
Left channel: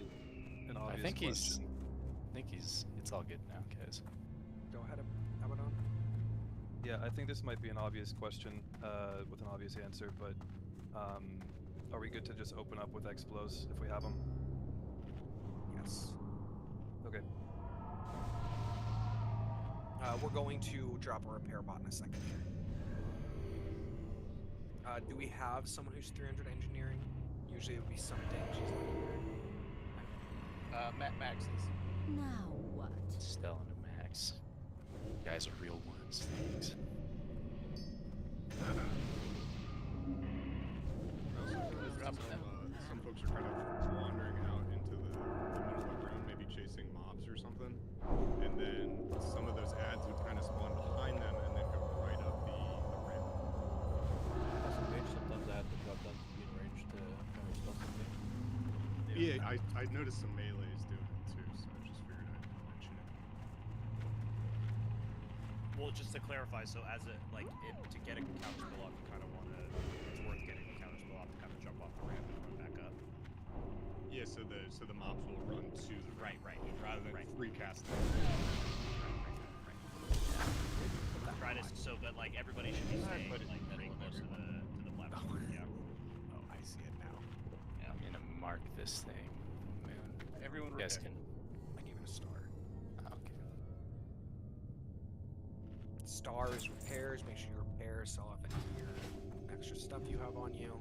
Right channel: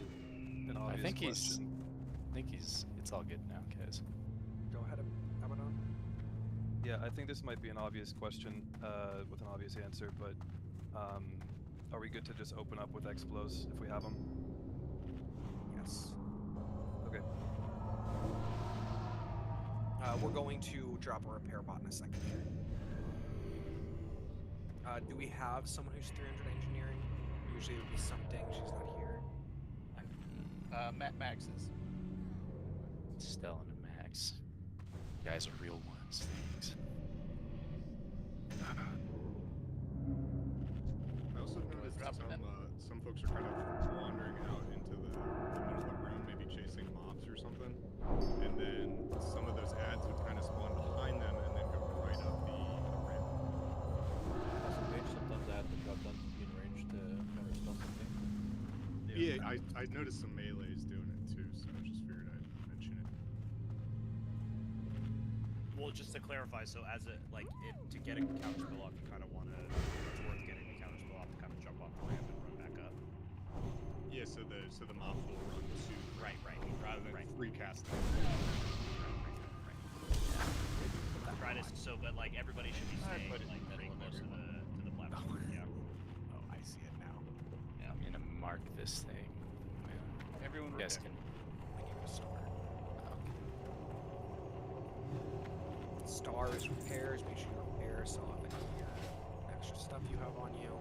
an obvious I think question. it's all good now, guys. Go ahead, Abaddon. Yeah, I think this might be an obvious question with an obvious answer, but are we good to just open up with Explos if we have them? Yes. Okay. We're going to drop a repair bot in a second here. Do we have someone who's 300 engineering? Usually it would be something. She's not here. Max is. Now what? Stellan and Max. You guys are real ones. Thanks. I also noticed some folks are kind of wandering out Yeah, I noticed some melees doing it too, so I just figured I'd mention it. Well, just to clarify, so as a to get a counterspell off, you kind of want to. It's worth getting the counterspell off to kind of jump off the ramp and run back up. Yeah, so the mobs will run to the right, rather than free casting. Try to but like everybody should be staying like pretty close to the platform. Yeah. Oh, I see it now. Yeah. I'm gonna mark this thing. Everyone You guys repair. can. I gave it a star. Okay. Stars, repairs. Make sure you repair. Sell off any of your extra stuff you have on you.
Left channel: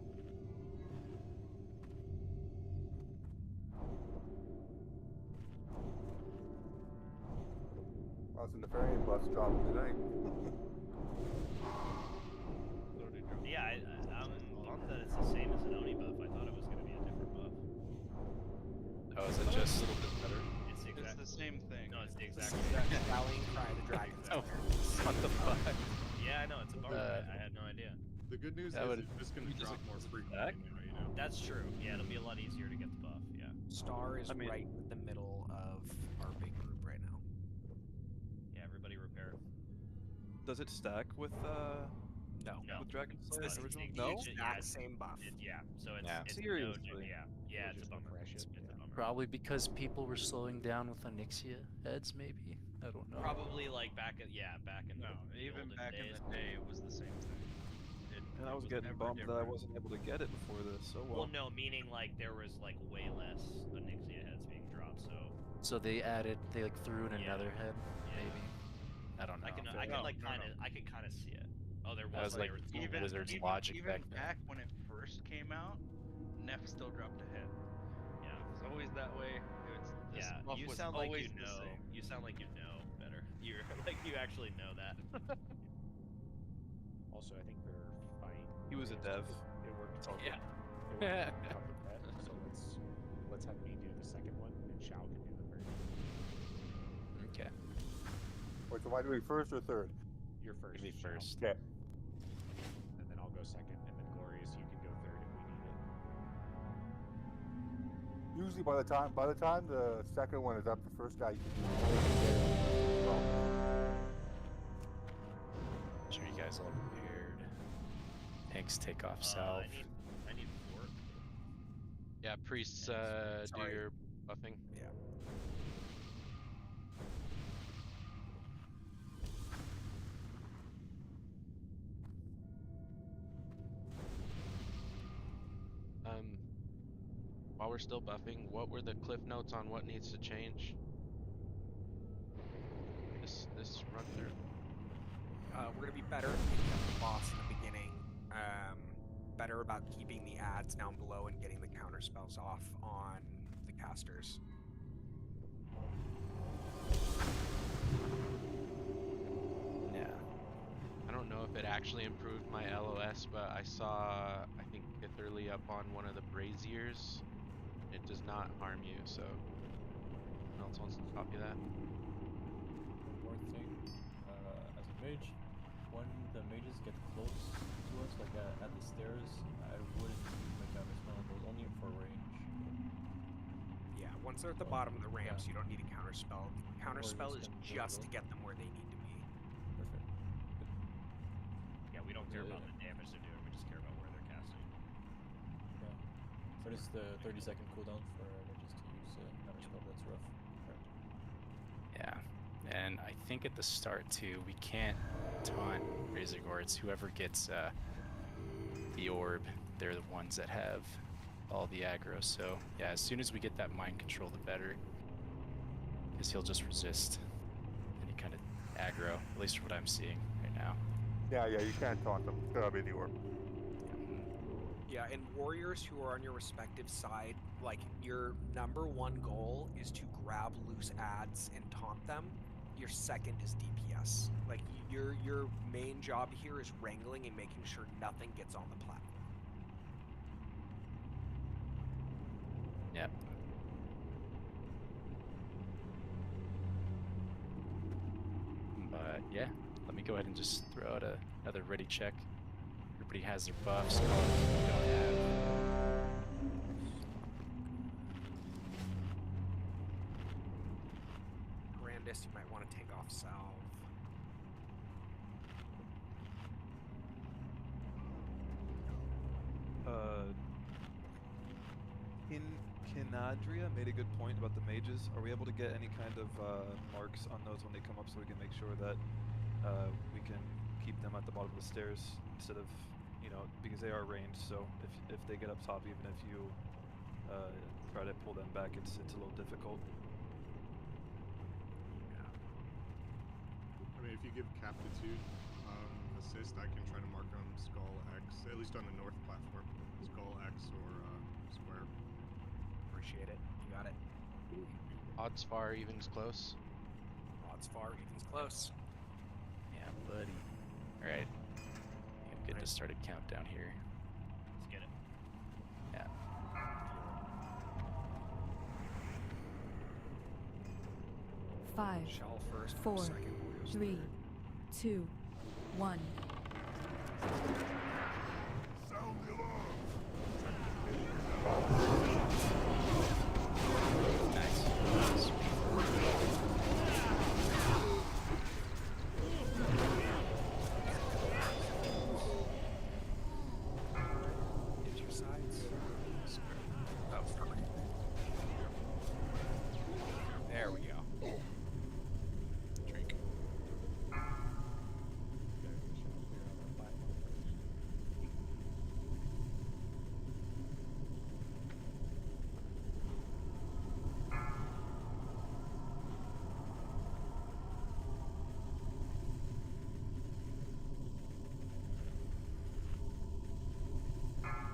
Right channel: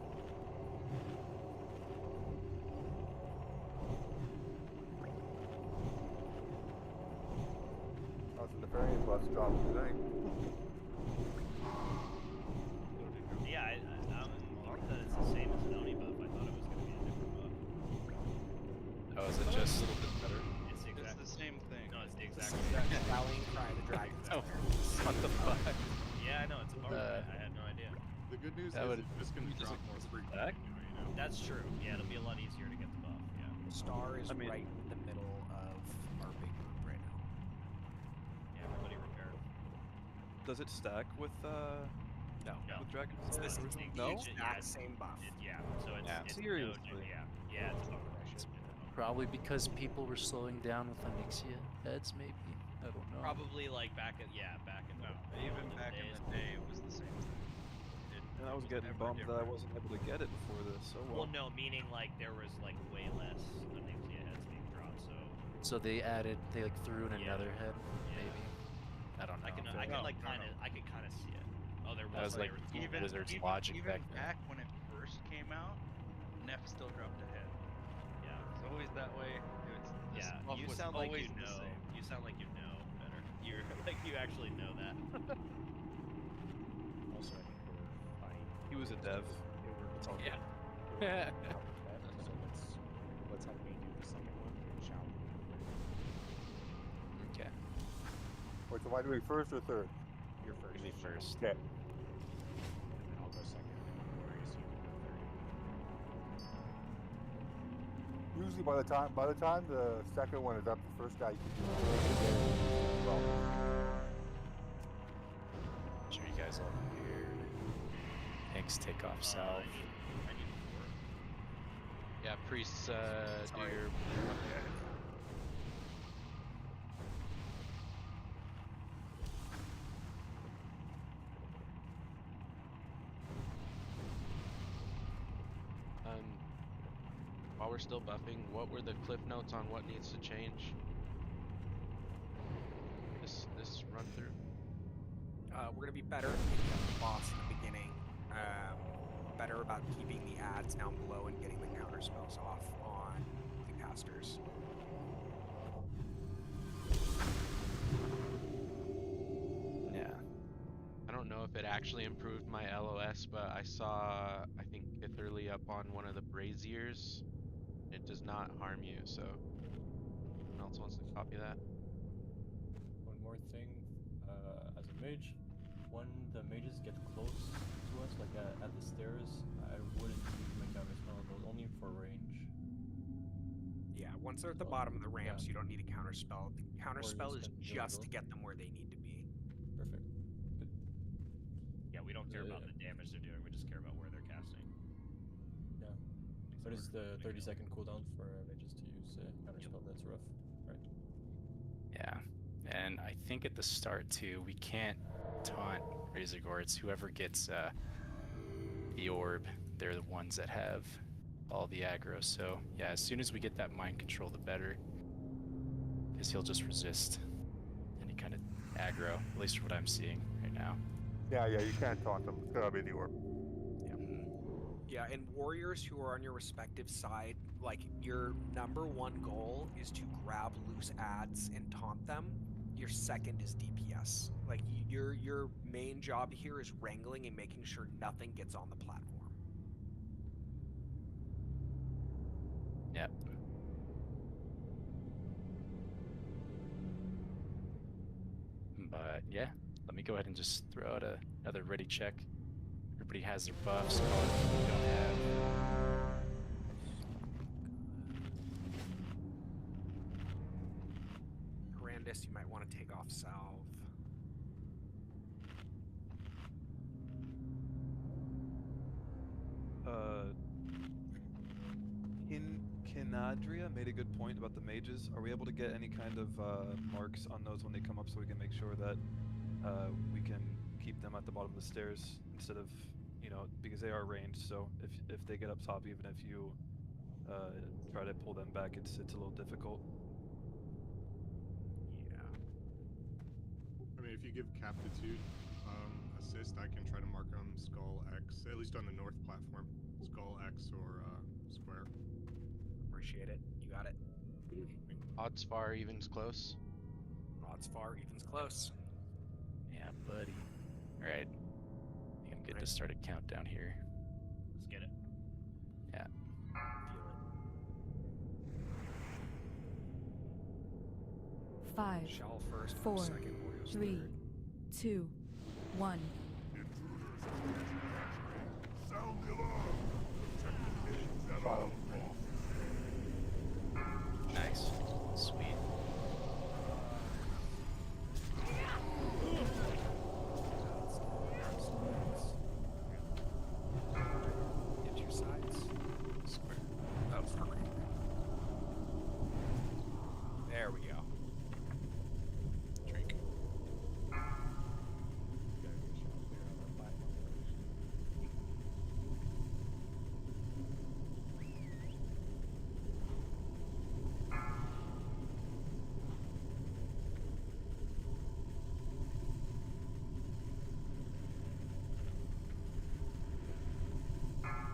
Oh, so the Nefarian buff's dropping tonight. Yeah, I'm bummed that it's the same as an Oni buff. I thought it was going to be a different buff. Oh, is it just a little bit better? It's the exact. It's the same thing. No, it's the exact It's same. the Rallying Cry of the Dragon. Oh, what the fuck? Yeah, I know, it's a bummer. I had no idea. The good news That is would- it's just going to drop more frequently now, you know. That's true. Yeah, it'll be a lot easier to get the buff. Yeah. Star is right in the middle of our big group right now. Yeah, everybody repair. Does it stack with No. with Dragon It's Slayer the original? no? No. Exact same buff. Yeah. So it's Yeah. it's Seriously? yeah, it's a bummer. Probably because people were slowing down with Onyxia heads, maybe? I don't know. Probably like back in No, even olden back in days. the day, it was the same thing. And I was getting never bummed that I different. wasn't able to get it before this. So Well, no, meaning like there was like way less Onyxia heads being dropped. So they like threw in another head, maybe? I don't know. I can No, I could kind of see it. Oh, there That was like Even Wizard's even, logic even back then. back when it first came out, Neff still dropped a head. Yeah. It was always that way. This buff You was sound like always you the know. same. You sound like you know better. You're like you actually know that. Also, I think we're fine. He was a dev. It worked. It's all good. It worked out with that. So let's have me do the second one, and Shao can do the third. Okay. Wait, so am I doing first or third? You're first. Give me Shao. first. Okay. And then I'll go second, and then Glorious, you can go third if we need it. Usually by the time the second one is up, the first guy you can do. Well, Sure you guys all prepared. Thanks, take off south. I need 4. Yeah, priests, do your buffing. While we're still buffing, what were the cliff notes on what needs to change? This run through. We're gonna be better at picking up the boss in the beginning. Better about keeping the ads down below and getting the counter spells off on the casters. Yeah. I don't know if it actually improved my LOS, but I saw, I think, Pitherly up on one of the braziers. It does not harm you, so. Anyone else wants to copy that? One more thing, as a mage, when the mages get close to us, like at the stairs, I wouldn't use my counterspell on those, only for range. Yeah, once they're at the bottom of the ramps, you don't need a counter spell. The counter spell is can do just those. to get them where they need to be. Perfect. Yeah, we don't care about the damage they're doing. We just care about where they're casting. Yeah. What is the 30-second cooldown for mages to use counterspell? That's rough. Right. Yeah. And I think at the start too, we can't taunt Razorgore. It's whoever gets the orb, they're the ones that have all the aggro. So yeah, as soon as we get that mind control, the better. Because he'll just resist any kind of aggro, at least from what I'm seeing right now. yeah, you can't taunt them. It's gotta be the orb. Yeah, and warriors who are on your respective side, like your number one goal is to grab loose ads and taunt them. Your second is DPS. Like your main job here is wrangling and making sure nothing gets on the platform. Yep. But yeah, let me go ahead and just throw out another ready check. Everybody has their buffs. Call it if you don't have. Abyss, you might want to take off salve. Kinadria made a good point about the mages. Are we able to get any kind of marks on those when they come up so we can make sure that we can keep them at the bottom of the stairs instead of, you know, because they are ranged, so if they get up top, even if you try to pull them back, it's a little difficult. Yeah. I mean, if you give Captitude assist, I can try to mark them Skull X, at least on the north platform. Skull X or Square. Appreciate it. You got it. Odds far, evens close. Odds far, evens close. Yeah, buddy. Alright. I think I'm good to start a countdown here. Let's get it. Yeah. Five, Shell first, 4, second, Orioles 3, third. 2, 1. Sound the alarm! Nice. Sweet. Get your sides. Square. Oh, sorry. There we go. Drink.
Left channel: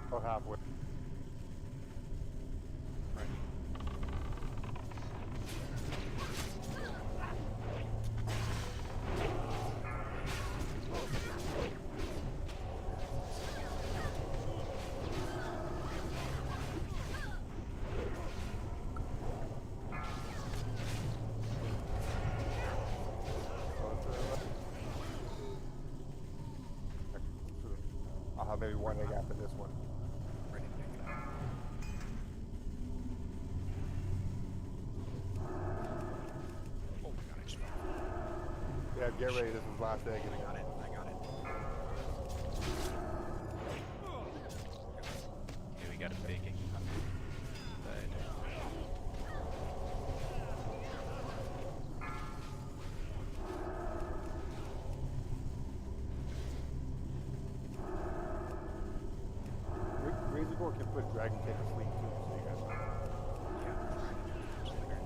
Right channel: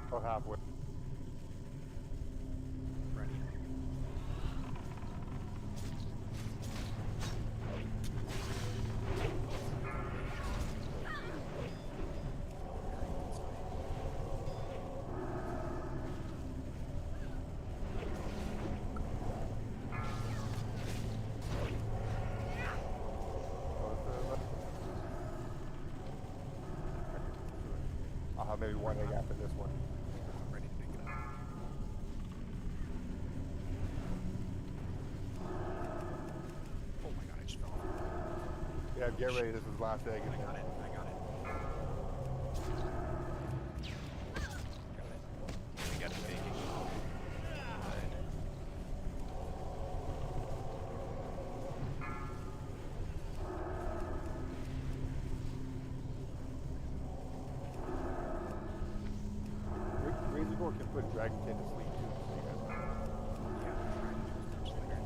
About halfway. Ready. I'll have maybe one egg after this one. Ready to pick it up. Oh my god, I just fell. Yeah, get ready. This is the last egg. I got it. I got it. Okay, we got a baking. Right. Razor can put Dragon King to sleep too, so you guys know. Yeah, I'm trying to do it first later.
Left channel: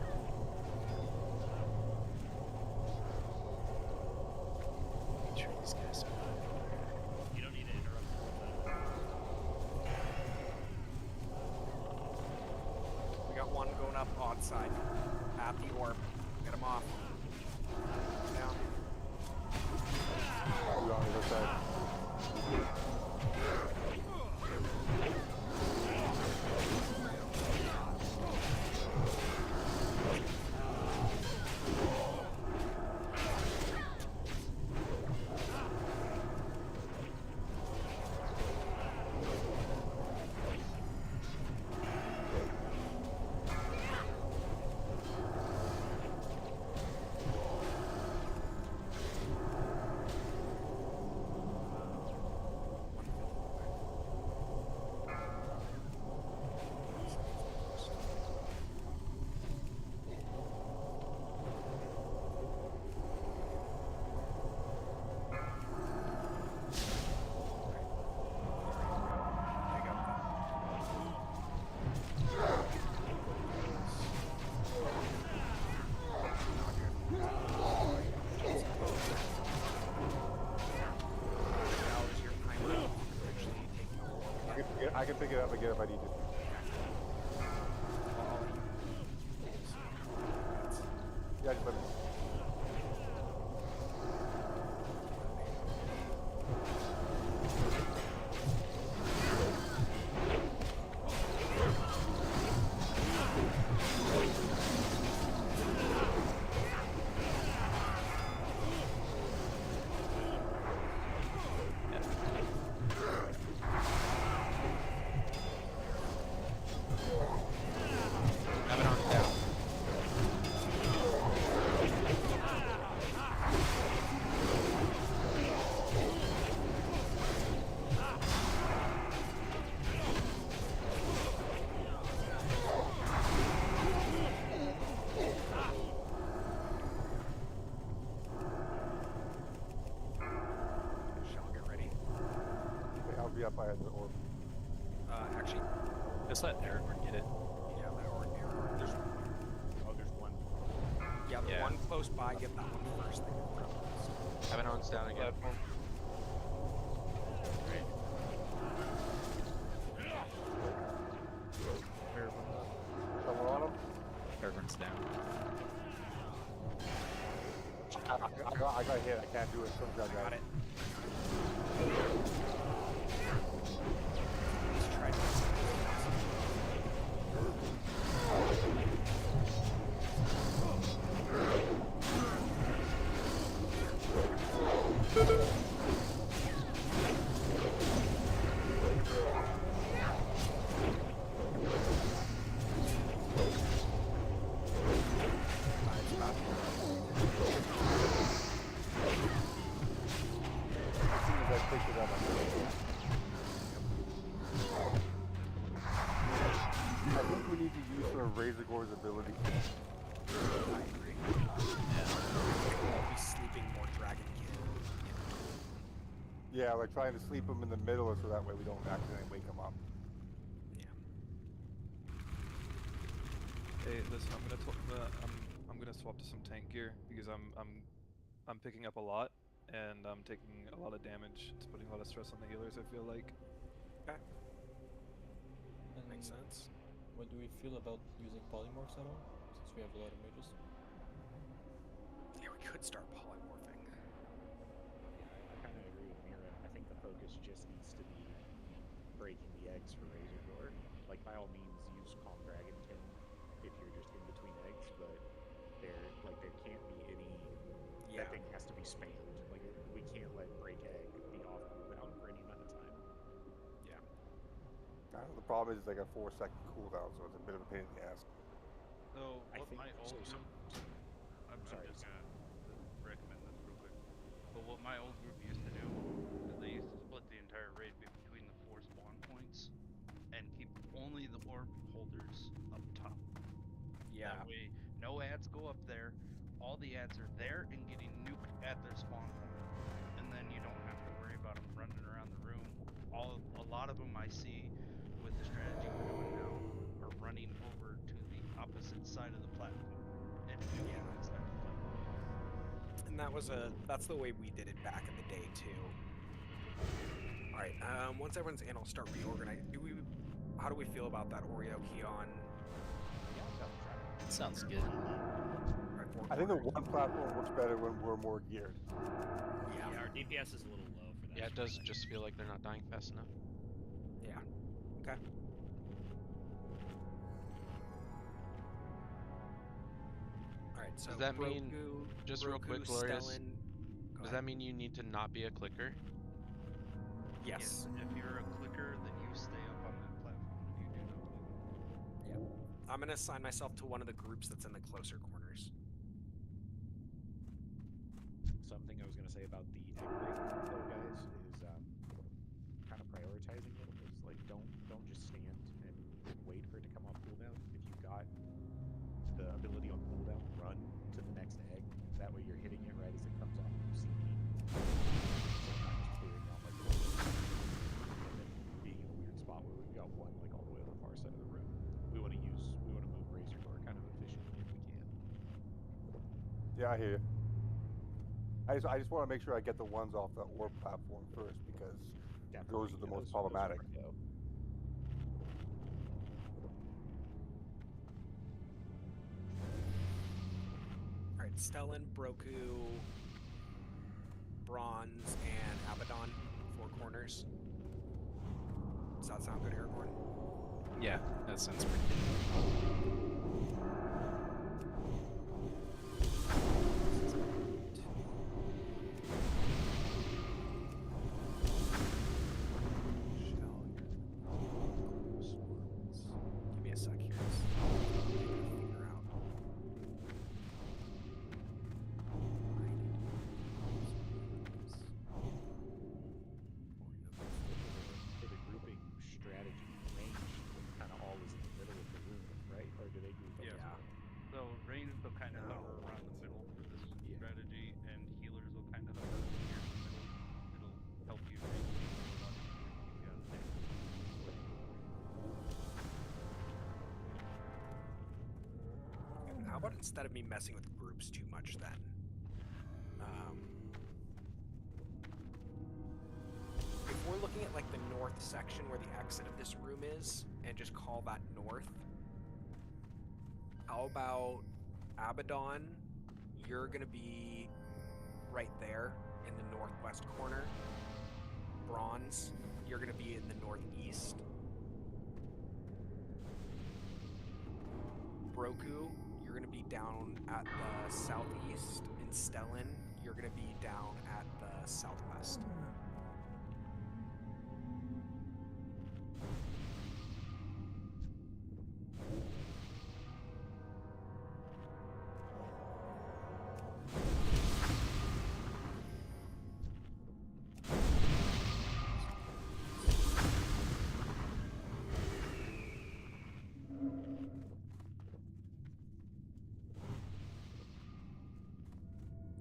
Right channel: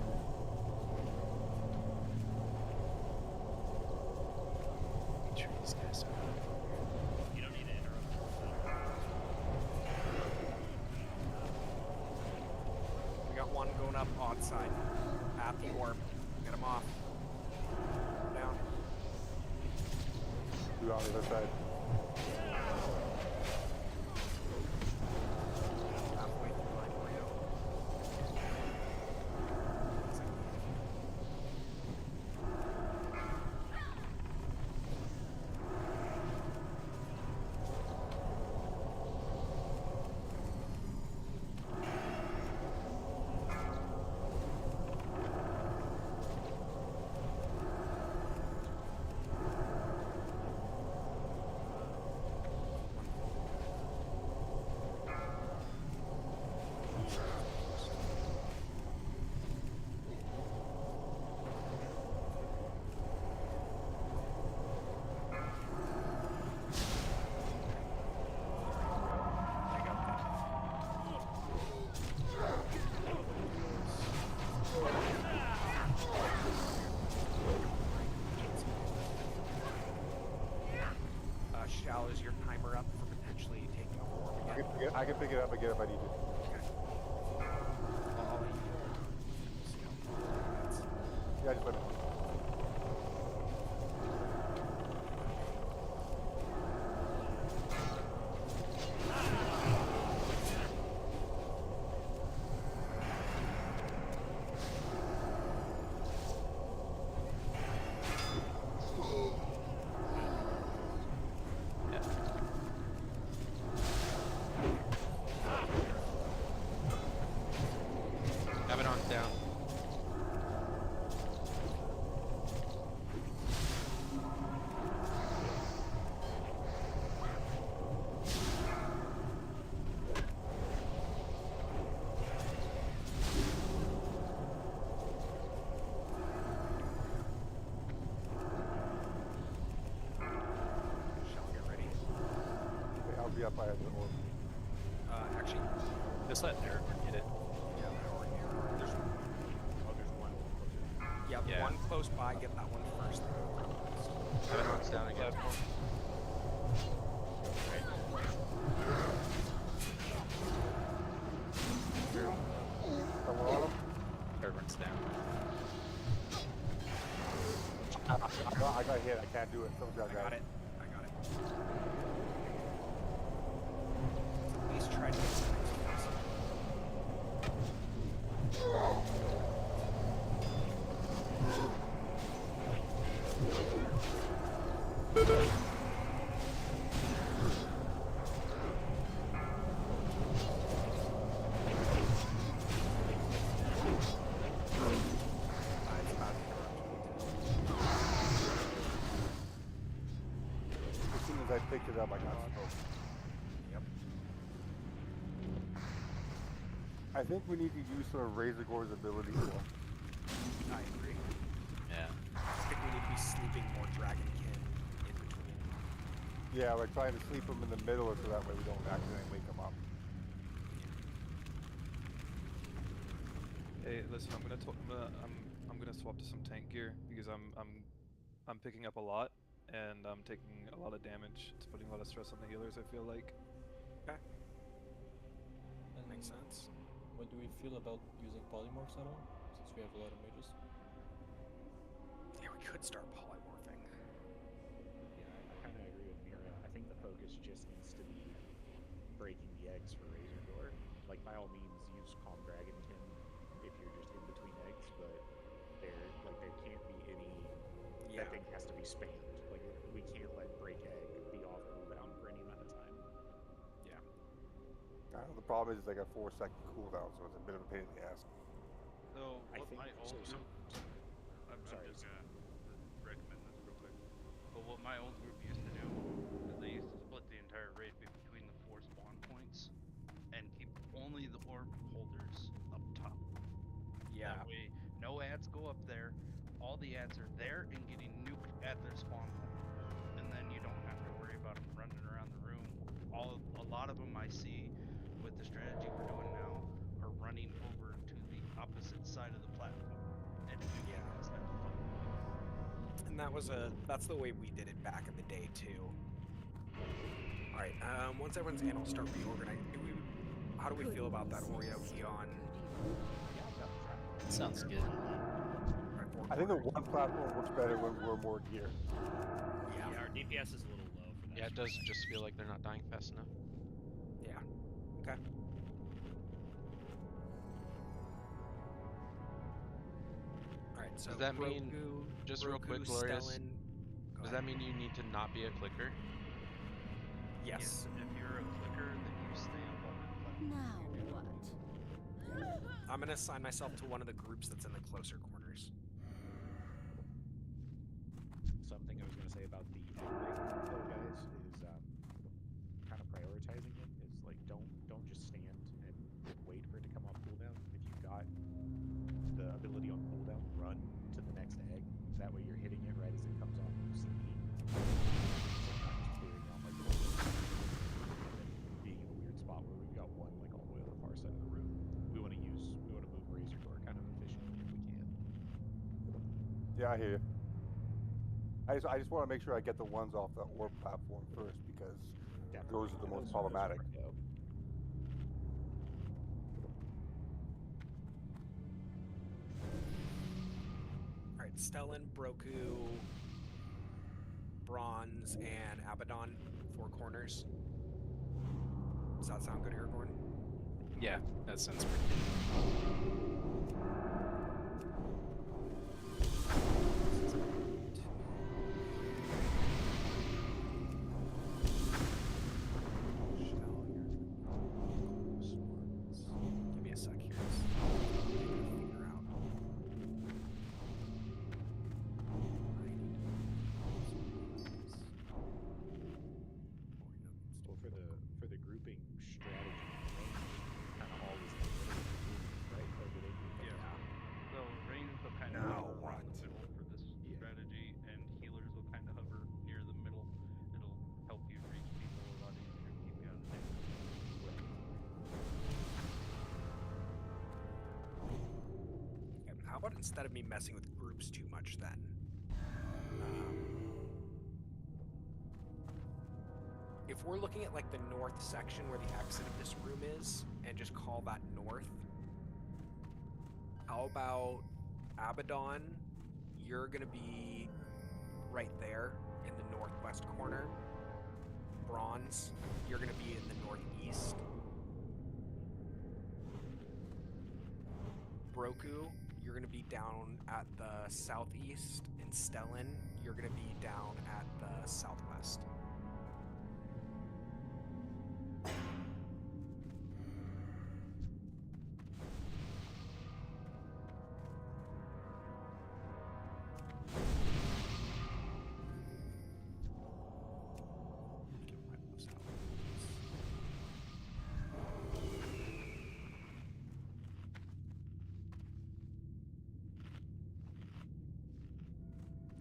Make sure these guys are not. You don't need to interrupt. We got one going up odd side. At the orb. Get him off. Down. You on the other side. Shell, is your timer up for potentially taking over orb again? I can pick it up again if I need to. I'll let you. Yeah, just let me know. Have it on down. be up by the orb? Actually, Just let Aragorn get it. yeah, there's there's one. yeah, the Yeah. one close by. Get that one first. Then go grab the rest. Abaddon's down again. Right. Someone on him? Aragorn's down. I got hit. I can't do it. Someone's got I got it. it. Please try to. As soon as I picked it up, I got it. I think we need to use some of Razorgore's abilities. I agree. Yeah. We'll be sleeping more dragonkin in between. Yeah, like trying to sleep him in the middle so that way we don't accidentally wake him up. Hey, listen, I'm gonna swap to some tank gear because I'm picking up a lot and I'm taking a lot of damage. It's putting a lot of stress on the healers, I feel like. Okay. And Makes sense. what do we feel about using polymorphs at all? Since we have a lot of mages. Yeah, we could start polymorphing. Yeah, I kind of agree with Mira. I think the focus just needs to be breaking the eggs for Razorgore. Like, by all means, use Calm Dragonkin if you're just in between eggs, but there can't be any. Yeah. That thing has to be spammed. Like, we can't let break egg be off cooldown for any amount of time. Yeah. The problem is it's like a 4-second cooldown, so it's a bit of a pain in the ass. So I what think my old so. group, I'm Sorry. just gonna recommend this real quick. But what my old group used to do is they used to split the entire raid between the 4 spawn points and keep only the orb holders up top. Yeah. That way, no ads go up there. All the ads are there and getting nuked at their spawn point, and then you don't have to worry about them running around the room. A lot of them I see with the strategy we're doing now are running over to the opposite side of the platform and nuking instead of fighting. And that's the way we did it back in the day too. All right. Once everyone's in, I'll start reorganizing. How do we feel about that Oreo key on? Yeah, I'm done trying. Sounds good. I think the one platform works better when we're more geared. Yeah, our DPS is a little low for that. Yeah, it does just feel like they're not dying fast enough. Yeah. Okay. All right. So Does that mean, Broku, just real quick, Broku, Glorious, Stellan, go does ahead. that mean you need to not be a clicker? Yes. If you're a clicker, then you stay up on that platform. You do not move. I'm gonna assign myself to one of the groups that's in the closer corners. Something I was going to say about the egg break, though, guys, is kind of prioritizing it. Is like don't just stand and wait for it to come off cooldown. If you've got the ability on cooldown, run to the next egg. That way you're hitting it right as it comes off CD. Sometimes clearing out like and then being in a weird spot where we've got one like all the way on the far side of the room. We want to move Razorgore kind of efficiently if we can. Yeah, I hear you. I just want to make sure I get the ones off the orb platform first because those are the most problematic. All right, Stellan, Broku, Bronze, and Abaddon, 4 corners. Does that sound good, Aragorn? Yeah, that sounds pretty good. Give me a sec here. Figure out. For the grouping strategy, range kind of all is in the middle of the room, right? Or do they group up? Yeah. about instead of me messing with groups too much then? If we're looking at like the north section where the exit of this room is, and just call that north, how about Abaddon? You're gonna be right there in the northwest corner. Bronze, you're gonna be in the northeast. Broku, you're gonna be down at the southeast. And Stellan, you're gonna be down at the southwest.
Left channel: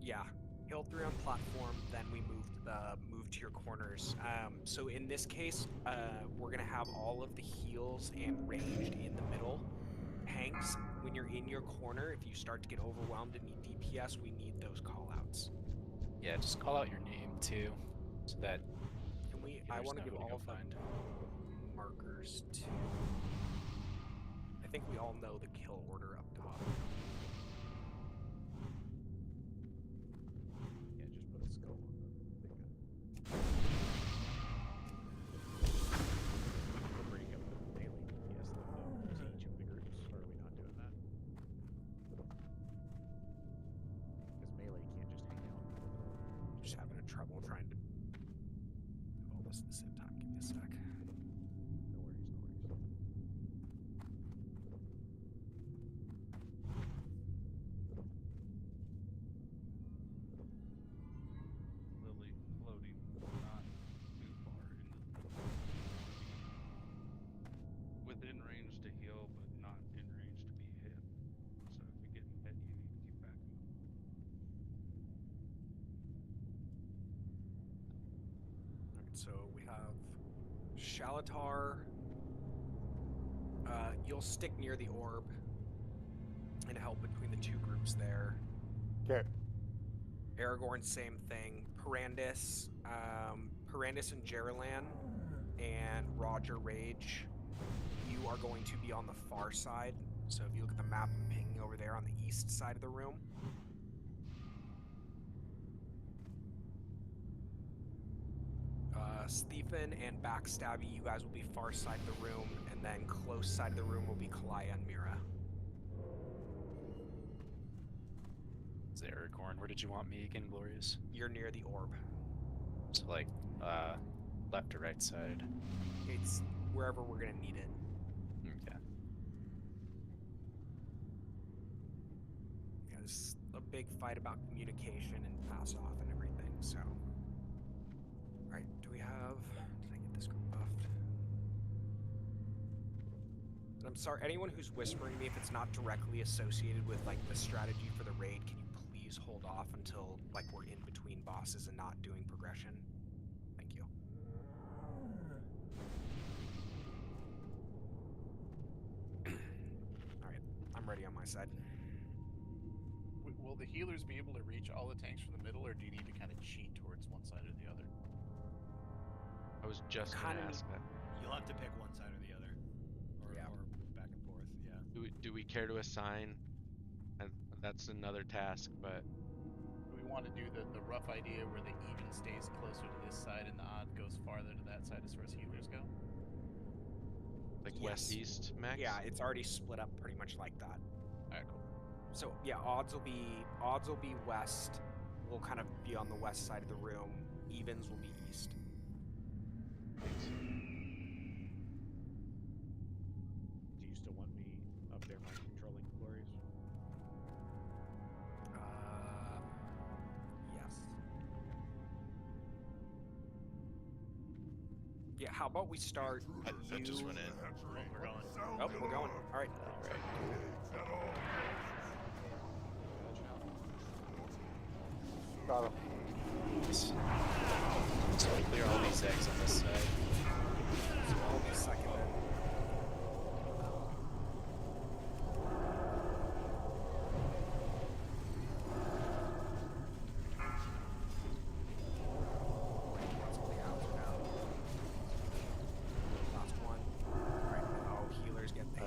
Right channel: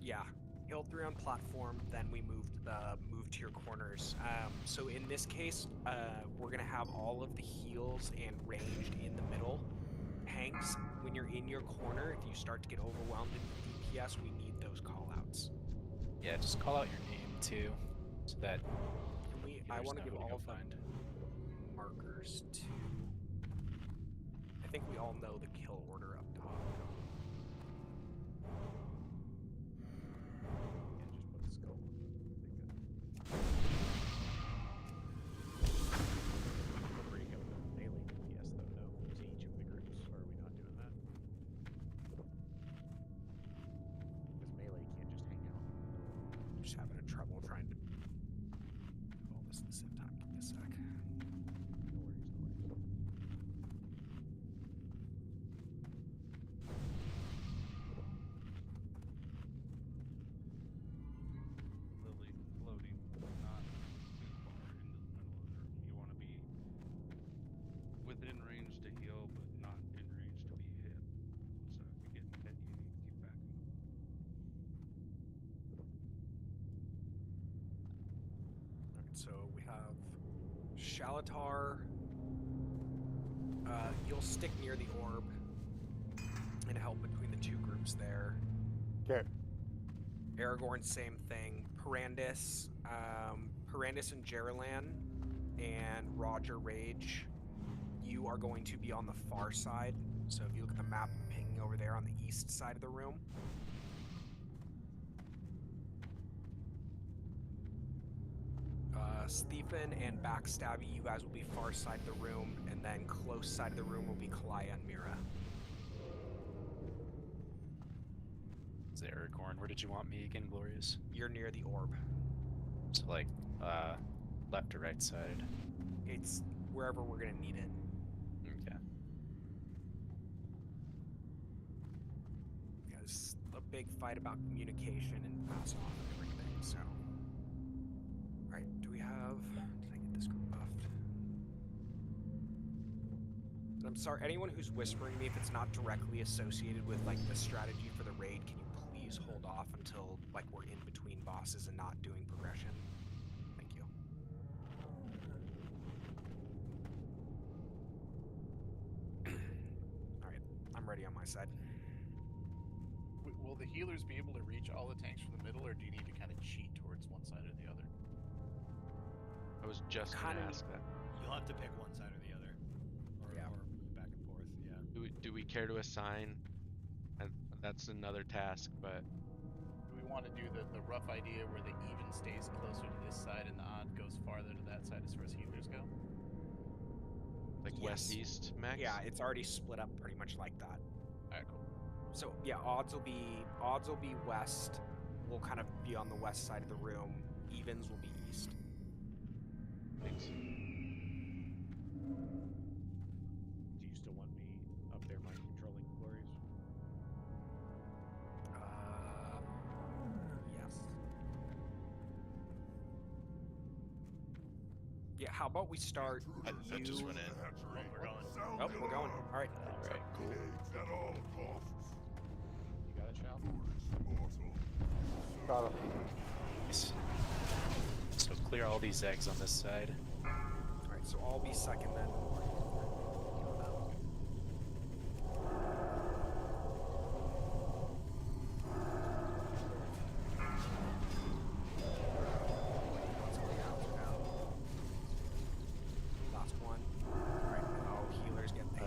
Yeah, hill 3 on platform, then we move to your corners. So in this case, we're gonna have all of the heals and ranged in the middle. Hanks, when you're in your corner, if you start to get overwhelmed in DPS, we need those callouts. Yeah, just call out your name too, so that. Can we? I want to give all of them markers too. I think we all know the kill order up top. Yeah, just put a skull on the big guy. We'll break up the melee DPS though, to each of the groups, or are we not doing that? Because melee can't just hang out in the middle. Just having a trouble trying to do all this at the same time. Give me a sec. No worries, no worries. Lily floating, not too far into the middle. You want to be within range to heal, but not in range to be hit. So if you're getting hit, you need to keep backing up. Alright, so we have Shalatar. You'll stick near the orb and help between the two groups there. Okay. Aragorn, same thing. Parandis and Jeralan and Roger Rage, you are going to be on the far side. So if you look at the map, I'm pinging over there on the east side of the room. Stephen and Backstabby, you guys will be far side of the room, and then close side of the room will be Kalaya and Mira. Is it Aragorn? Where did you want me again, Glorious? You're near the orb. So like, left or right side? It's wherever we're gonna need it. Okay. Yeah, there's a big fight about communication and pass off and everything, so. Alright, do we have... Did I get this group buffed? And I'm sorry, anyone who's whispering me, if it's not directly associated with, like, the strategy for the raid, can you please hold off until, like, we're in between bosses and not doing progression? Thank you. Alright, I'm ready on my side. Will the healers be able to reach all the tanks from the middle, or do you need to kind of cheat towards one side or the other? I was just going to ask that. You'll have to pick one side or the other, or move back and forth. Yeah. Do we care to assign? That's another task, but Do we want to do the rough idea where the even stays closer to this side and the odd goes farther to that side as far as healers go? like Yes. west east max? Yeah, it's already split up pretty much like that. Alright, cool. So yeah, odds will be west. We'll kind of be on the west side of the room. Evens will be east. Thanks. Do you still want me up there mind controlling Glorious? Yes. Yeah, how about we start at you? That just went in. Oh, we're going. Oh, we're going. All right. Alright, cool. You got it, Shal? Got him. Nice. So clear all these eggs on this side. So I'll be second then.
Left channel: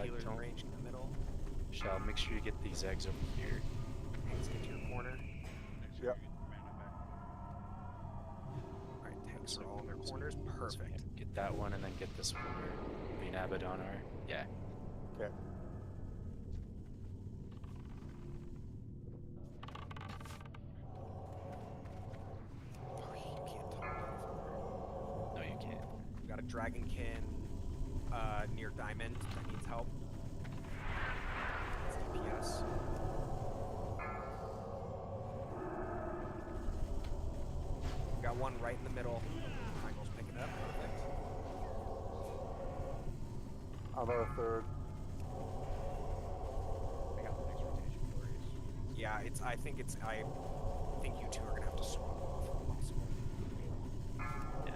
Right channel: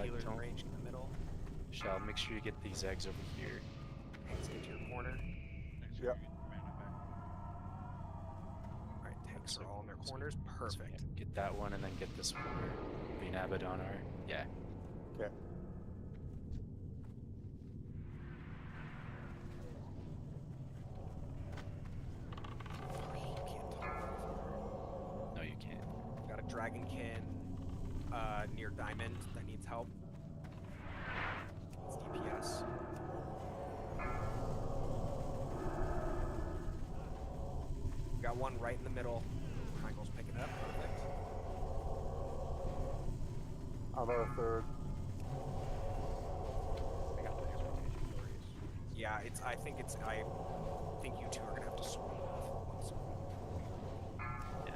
healers in don't. range in the middle. Shall make sure you get these eggs over here. Tanks get to your corner. Make sure Yep. you get your mana back. Alright, tanks So are all in their so- corners. so Perfect. yeah, get that one and then get this one where Green Abaddon are. Yeah. Okay. No, you can't. Got a Dragonkin near Diamond that needs help. It's DPS. Got one right in the middle. Triangle's picking up. Perfect. I'm about a third. I got the next rotation glorious. Yeah, I think you two are gonna have to swap off. Yeah.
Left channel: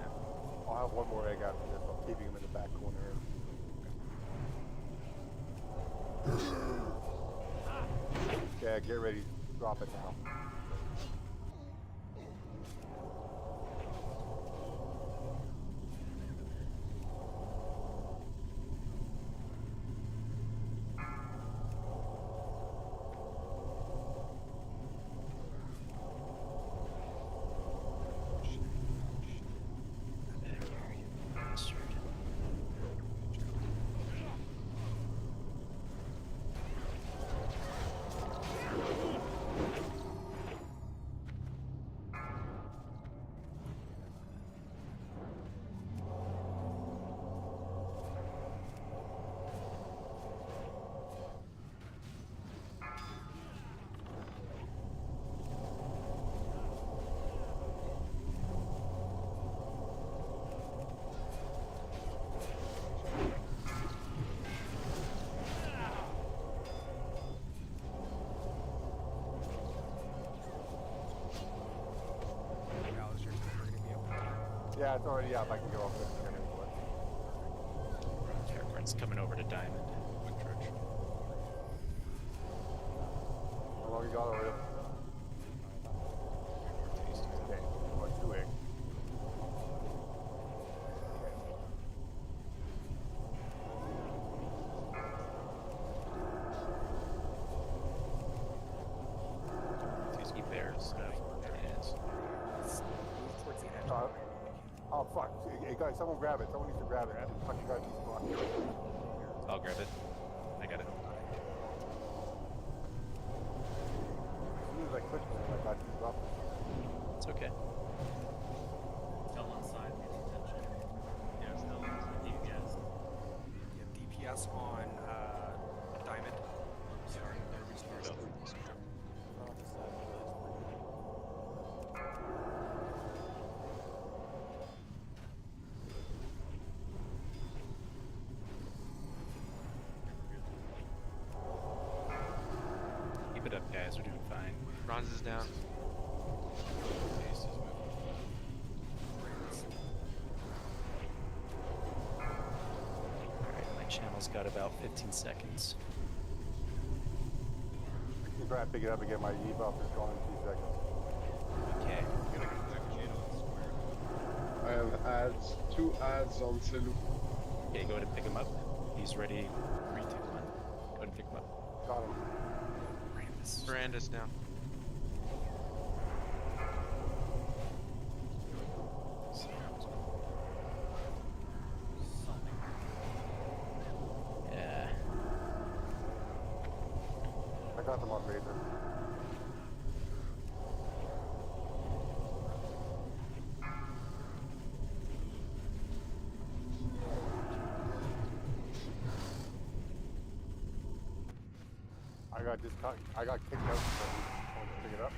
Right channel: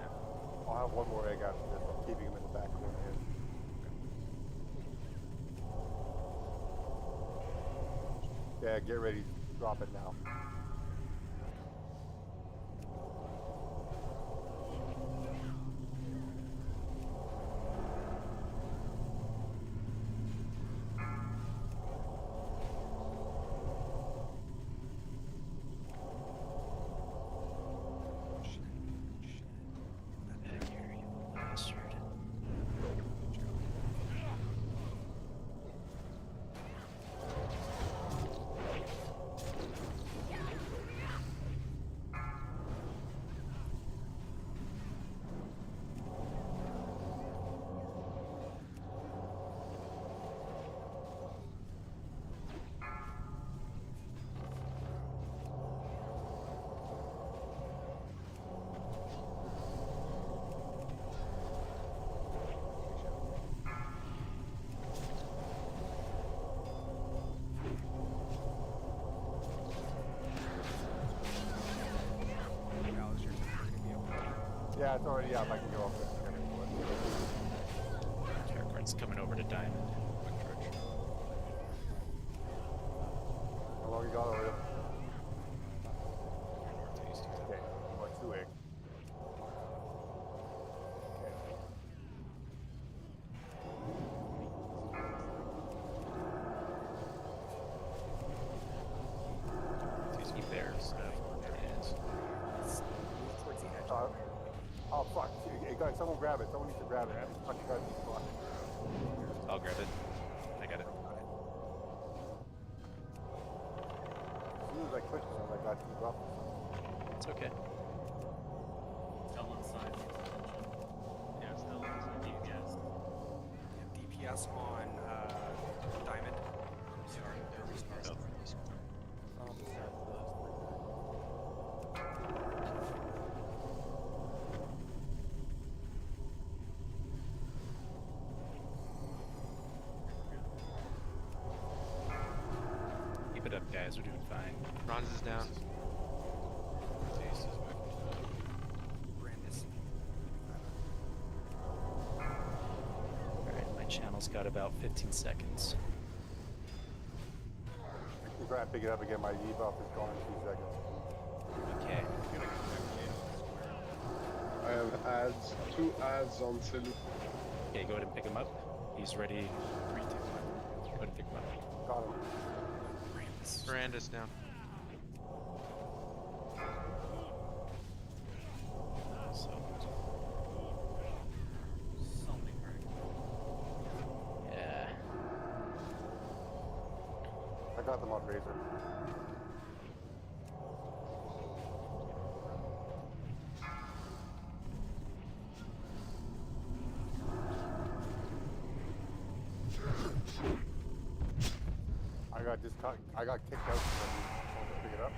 I'll have one more egg after this. I'm keeping him in the back corner here. Okay, get ready. Drop it now. Back here, you bastard. Gal, is your temper gonna be able to? Yeah, it's already up. I can go up there. Terracard's coming over to Diamond. Quick charge. How long you got over there? Northeast. Okay, or 2 egg. Keep there. Yes. Move towards the edge. Oh fuck! Hey guys, someone grab it. Someone needs to grab it. This fucking guy's blocked. I'll grab it. I got it. As soon as I clicked on it, I got these up. It's okay. Still inside needs attention. Yeah, still inside DPS. Yeah, DPS on Diamond. Sorry, they're restarting. Keep it up, guys. We're doing fine. Bronze is down. Northeast is moving to that. Brandis. Alright, my channel's got about 15 seconds. You try and pick it up and get my debuff is gone in 2 seconds. Okay. I'm gonna connect Jade on the square. I have ads, 2 ads on Selu. Okay, go ahead and pick him up. He's ready. 3, 2, 1. Go ahead and pick him up. Got him. Brandis down. Something. Yeah. I got them on Razor. I got kicked out because I wanted to pick it up.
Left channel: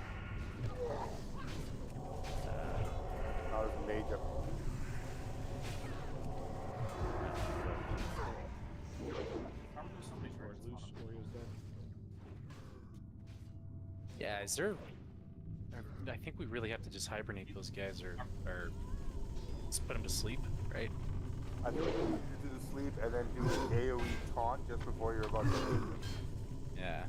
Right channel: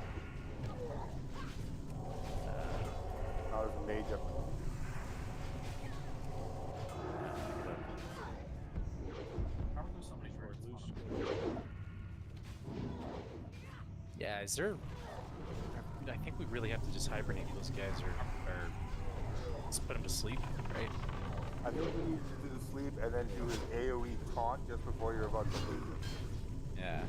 I was a mage up. Probably somebody's Or right. loose Yeah, is there... I think we really have to just hibernate those guys or let's put them to sleep, right? I think we need to do the sleep and then do an AoE taunt just before you're about to leave. Yeah.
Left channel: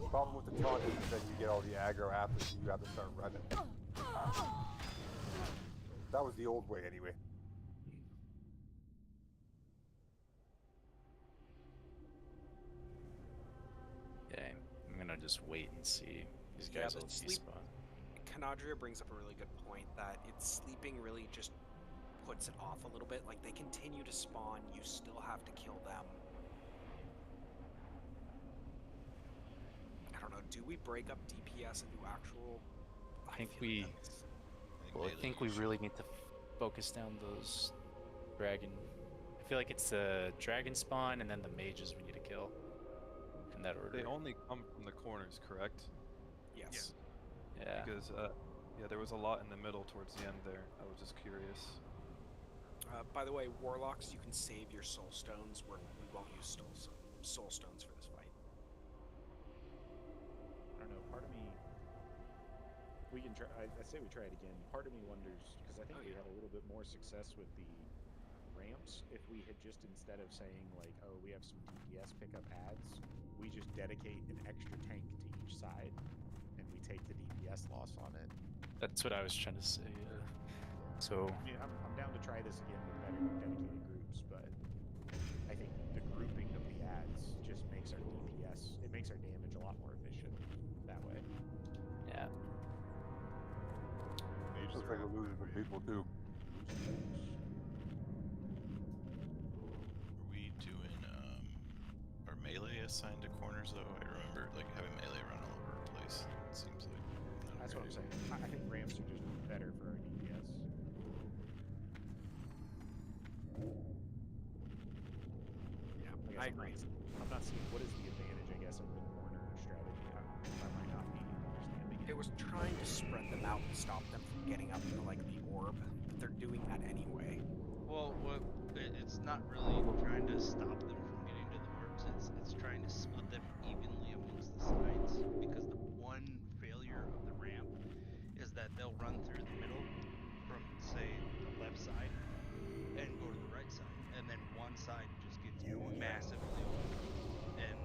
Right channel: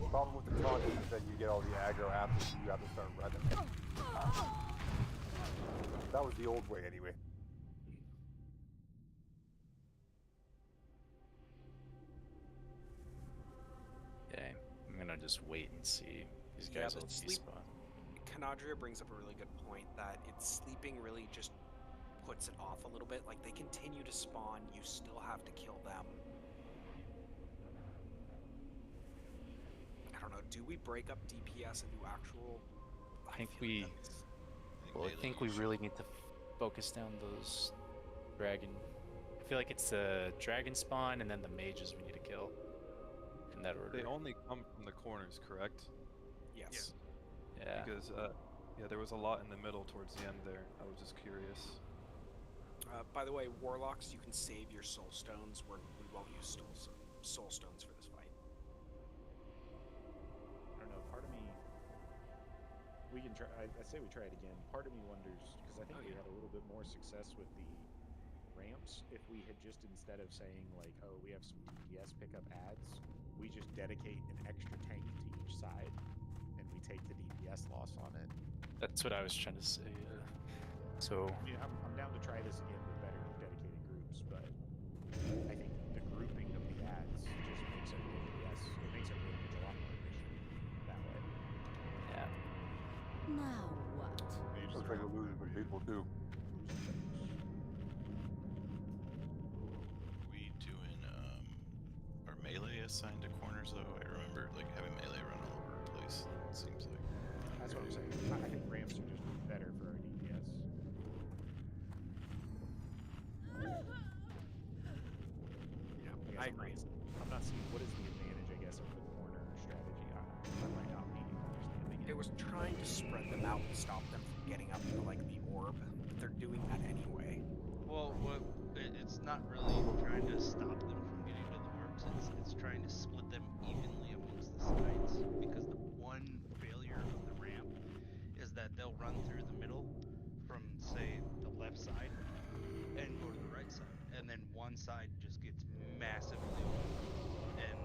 The problem with the taunt is that you get all the aggro after, so you have to start running. That was the old way anyway. just wait and see. These Yeah, guys the will sleep. despawn. Canadria brings up a really good point that it's sleeping really just puts it off a little bit. Like, they continue to spawn, you still have to kill them. I don't know, do we break up DPS and do actual... I think feel like we. that's- Well, I think we really need to focus down those dragon. I feel like it's the dragon spawn and then the mages we need to kill. In that order. They only come from the corners, correct? Yes. Yeah. Because yeah, there was a lot in the middle towards the end there. I was just curious. By the way, Warlocks, you can save your soul stones. We won't use soul stones for this fight. I don't know. Part of me, we can try. I say we try it again. Part of me wonders because I think we had a little bit more success with the ramps if we had just, instead of saying like, oh, we have some DPS pickup ads, we just dedicate an extra tank to each side, and we take the DPS loss on it. That's what I was trying to say. So. I mean, I'm down to try this again with better dedicated groups, but I think the grouping of the ads just makes our DPS, it makes our damage a lot more efficient that way. Yeah. Now what? Looks like we're losing some people too. Are we doing are melee assigned to corners though? I remember like having melee run all over the place. It seems like that's what I'm saying. I think ramps are just better for our DPS. Yeah, I agree. I'm not seeing what is the advantage, I guess, of the corner strategy. I might not be understanding it. It was trying to spread them out and stop them from getting up to, like, the orb, but they're doing that anyway. Well, it's not really trying to stop them from getting to the orbs. It's trying to split them evenly amongst the sides. Because the one failure of the ramp is that they'll run through the middle from, say, the left side and go to the right side, and then one side just gets massively open. And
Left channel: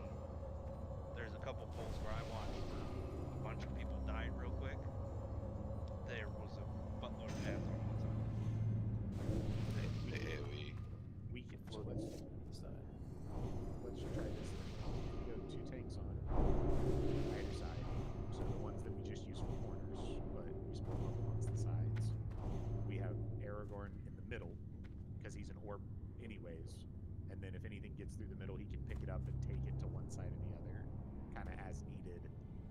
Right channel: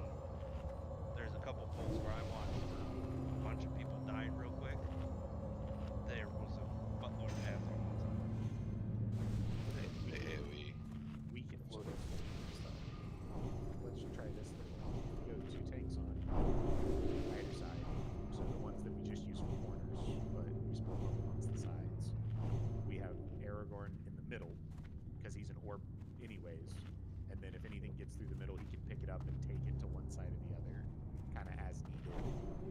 there's a couple polls where I watched where a bunch of people died real quick. There was a buttload of ads on one side. We can float it. Let's try this then. We go 2 tanks on either side. So the ones that we just use for corners, but we split them up amongst the sides. We have Aragorn in the middle, because he's an orb anyways. And then if anything gets through the middle, he can pick it up and take it to one side or the other, kind of as needed.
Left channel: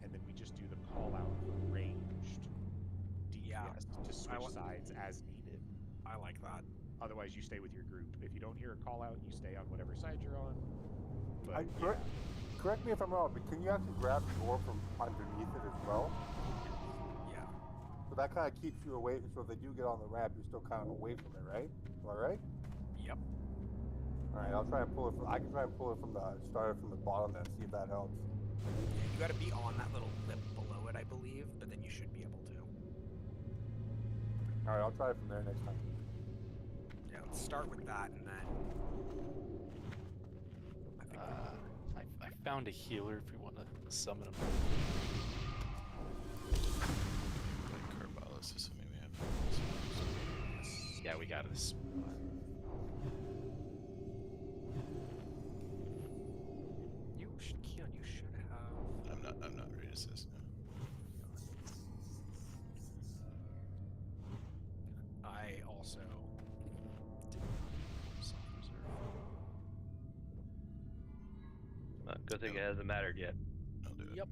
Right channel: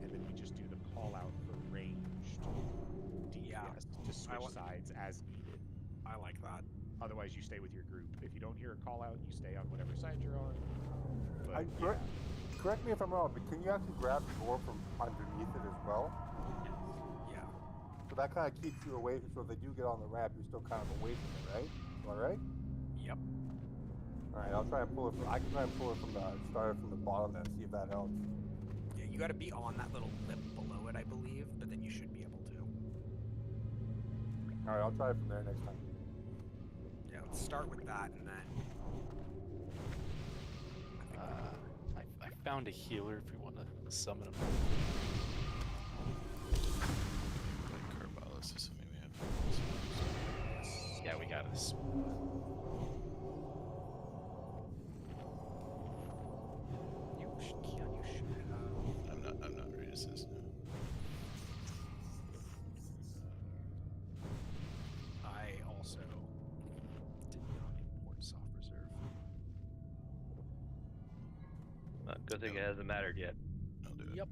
And then we just do the call out for ranged DPS to switch sides as needed. I like that. Otherwise, you stay with your group. If you don't hear a call out, you stay on whatever side you're on. But Correct me if I'm wrong, but can you actually grab the orb from underneath it as well? Yeah. So that kind of keeps you away. So if they do get on the ramp, you're still kind of away from it, right? All right. Yep. All right, I'll try and pull it. I can try and pull it from the start from the bottom then, see if that helps. Yeah, you got to be on that little lip below it, I believe, but then you should be able to. All right, I'll try it from there next time. Yeah, let's start with that, and then. I found a healer if we want to summon him. like Carbalis, assuming we have. Yeah, we got this. Keon, you should have. I'm not ready to assist now. I also did not import soft reserve. Good thing it hasn't mattered yet. I'll do it. Yep.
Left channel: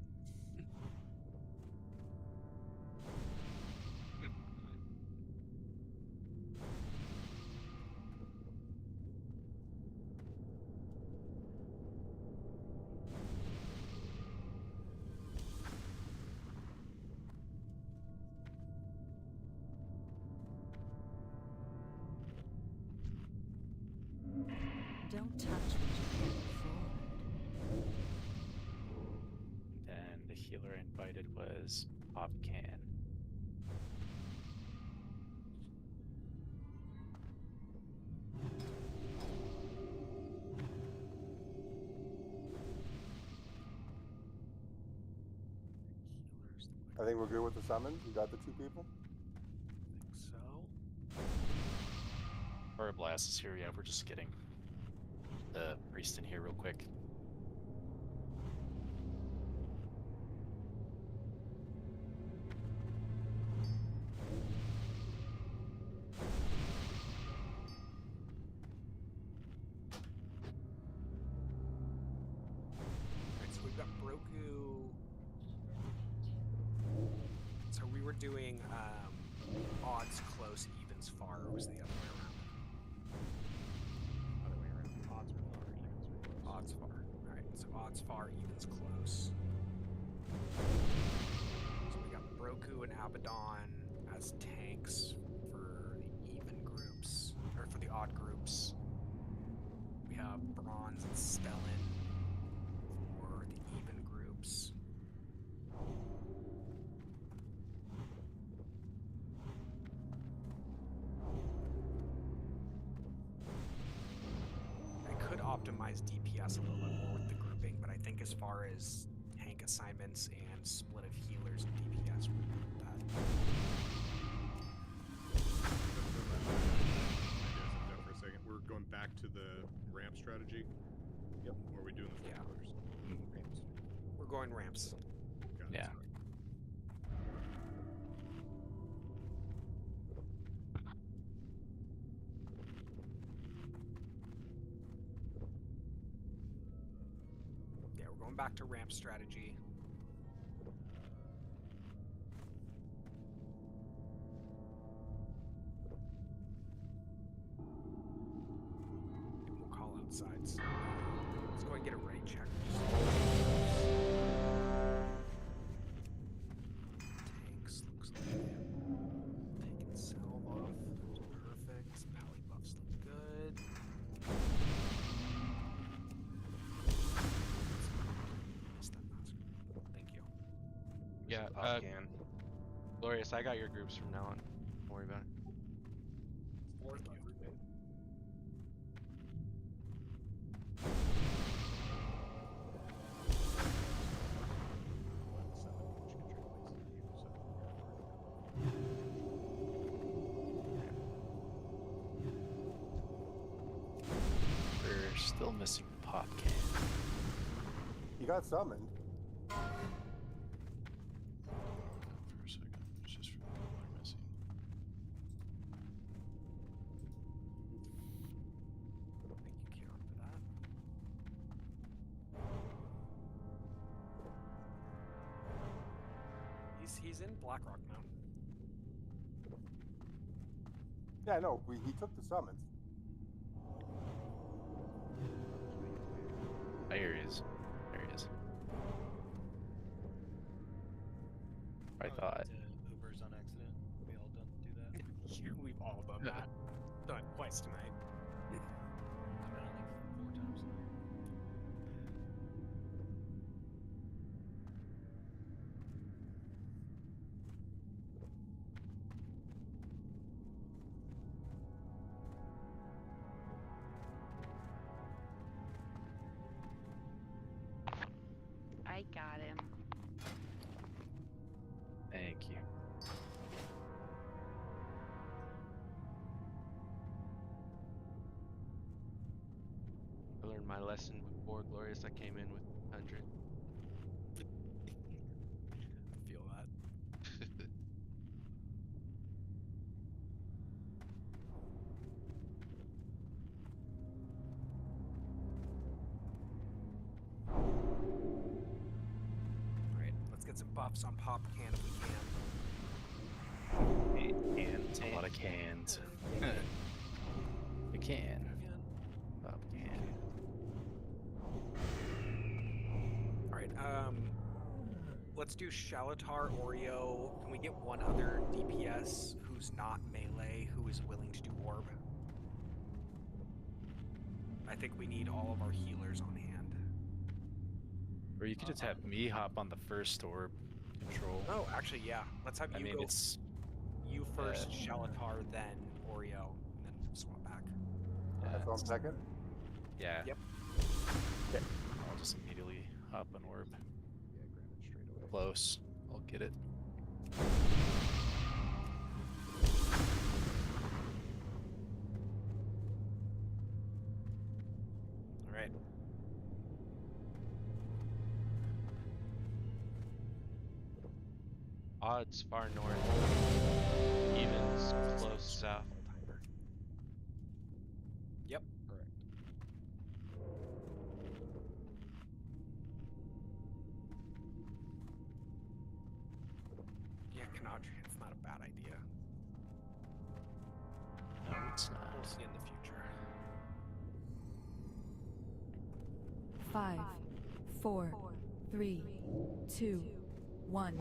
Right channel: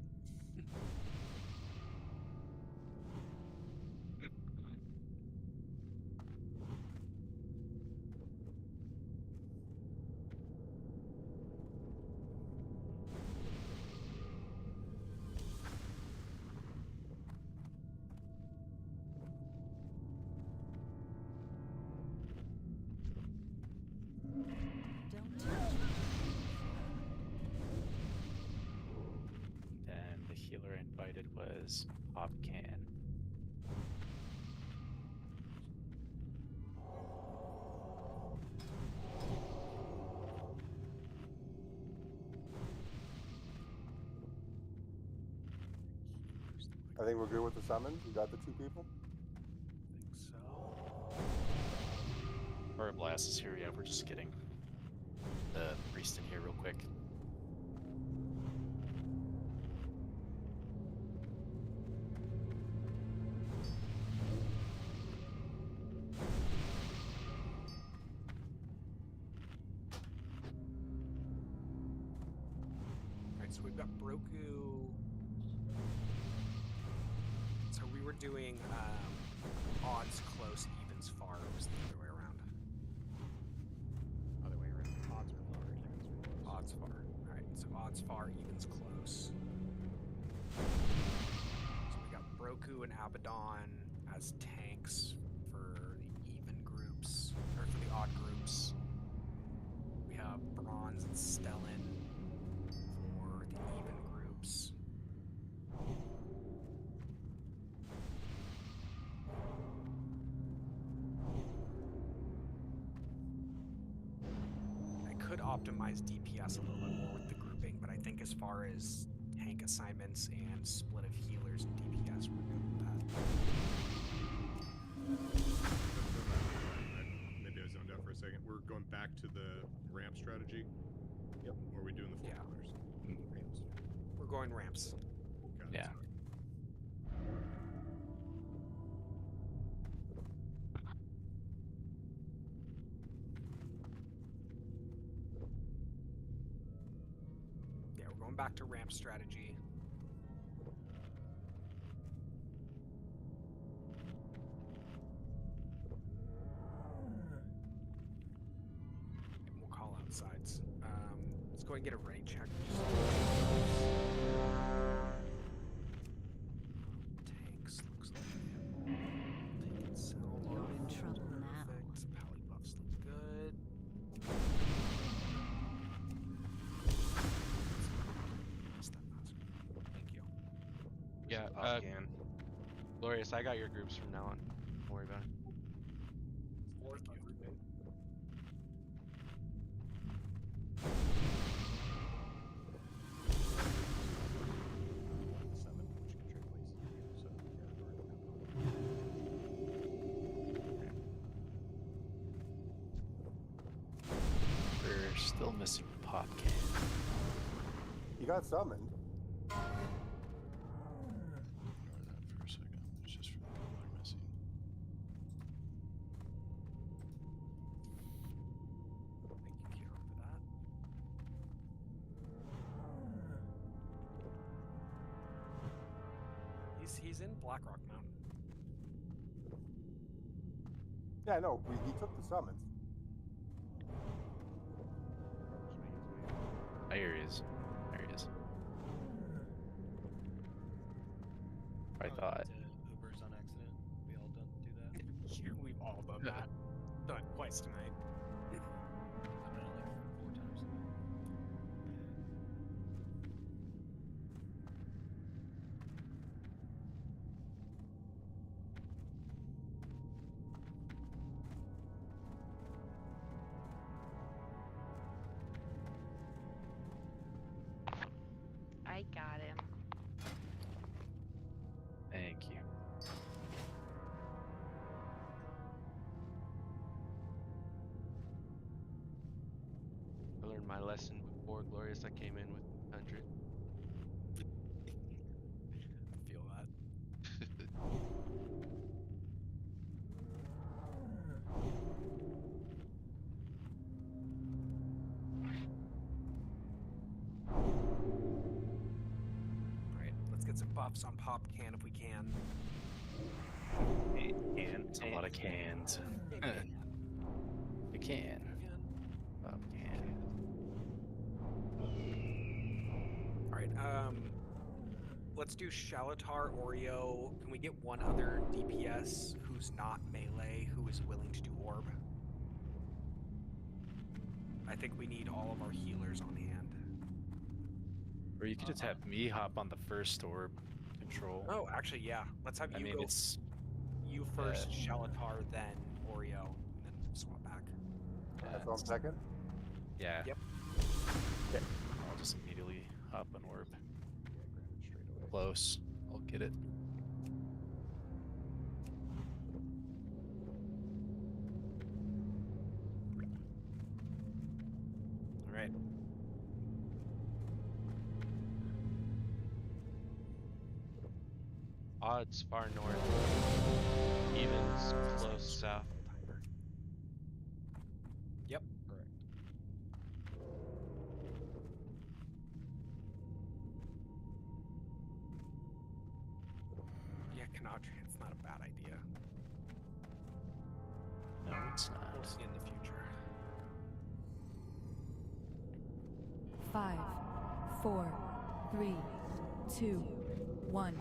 Don't touch me. And the healer I invited was Popcan. I think we're good with the summons. We got the 2 people. I think so. Blast is here. Yeah, we're just getting the priest in here real quick. we've got Broku. So we were doing odds close, evens far. Or was the other way around? Other way around. Odds are far, evens are close. Odds far. All right. So odds far, evens close. So we got Broku and Abaddon as tanks for the even groups, or for the odd groups. We have Bronze and Stellan for the even groups. I could optimize DPS a little bit more with the grouping, but I think as far as tank assignments and split of healers and DPS, we're good with that. Maybe I zoned out for a second. We're going back to the ramp strategy. Yep. Or are we doing the four pillars? Ramps. We're going ramps. Got it, Yeah. sorry. Yeah, we're going back to ramp strategy. And we'll call out sides. Let's go and get a raid check. Tanks looks like take and sell off. Perfect. Pally buffs look good. Thank you. Yeah, Can. Glorious, I got your groups from now on. Don't worry about it. Thank you. We're still missing the pop can. He got summoned. For a second. It's just for the people that are missing. Thank you, Kira, for that. He's in Blackrock Mountain. Yeah, no, he took the summons. There he is. There he is. I thought. Ubers on accident. We all done do that. Yeah, we've all done that. Done it twice tonight. I've done it like 4 times tonight. I got him. Thank you. I learned my lesson before, Glorious. I came in with 100. I feel that. Alright, let's get some buffs on Pop Can if we can. It's a lot of cans. You can. Pop can. Alright, let's do Shalatar, Oreo. Can we get one other DPS who's not melee who is willing to do orb? I think we need all of our healers on hand. Or you could just have me hop on the first orb control. Oh, actually, yeah. Let's have I you mean, go. it's You first, Shalatar, then Oreo, and then swap back. That's on second? Yeah. Yep. Okay. I'll just immediately hop on orb. Yeah, grab it straight away. Close. I'll get it. All right. Odds far north. Evens close south. Yep. Correct. Canadri, it's not a bad idea. No, it's We'll not. see in the future. 5, 4, 3, 2, 1.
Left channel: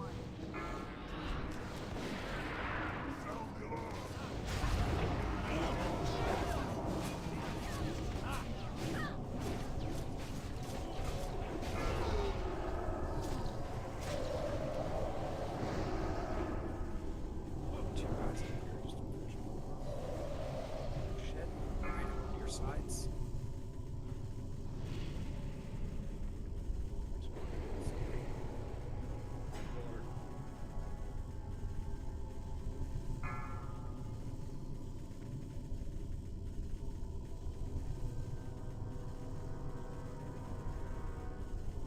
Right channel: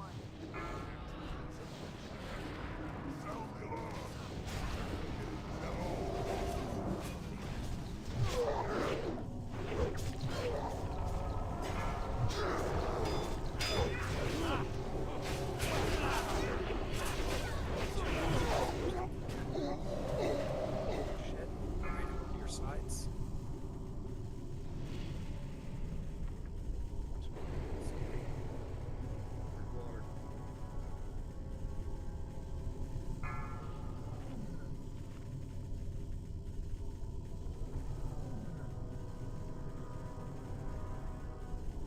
Shit. Right over your sides. Water.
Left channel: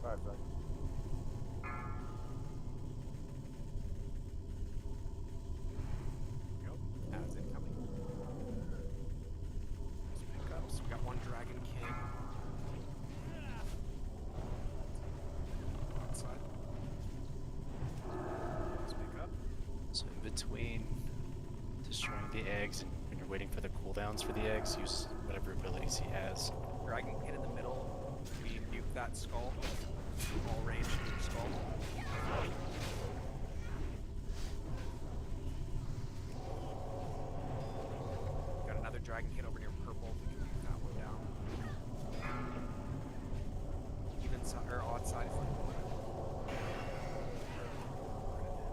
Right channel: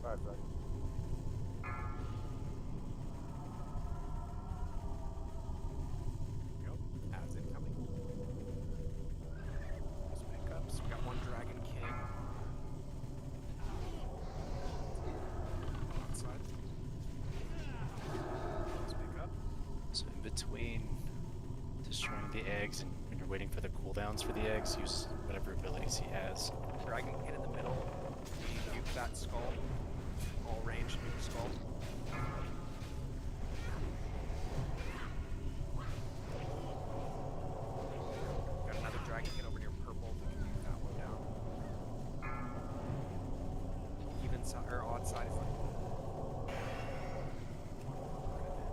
Five seconds. Go. As incoming. Nice pickups. We got one Dragon King. Outside. Nice pickup. So in between destroying the eggs and when you're waiting for the cooldowns for the eggs, use whatever abilities he has. Dragon King in the middle. We nuke that skull. All range nuke skull. Got another Dragon King over near purple. We can nuke that one down. Even side or odd side.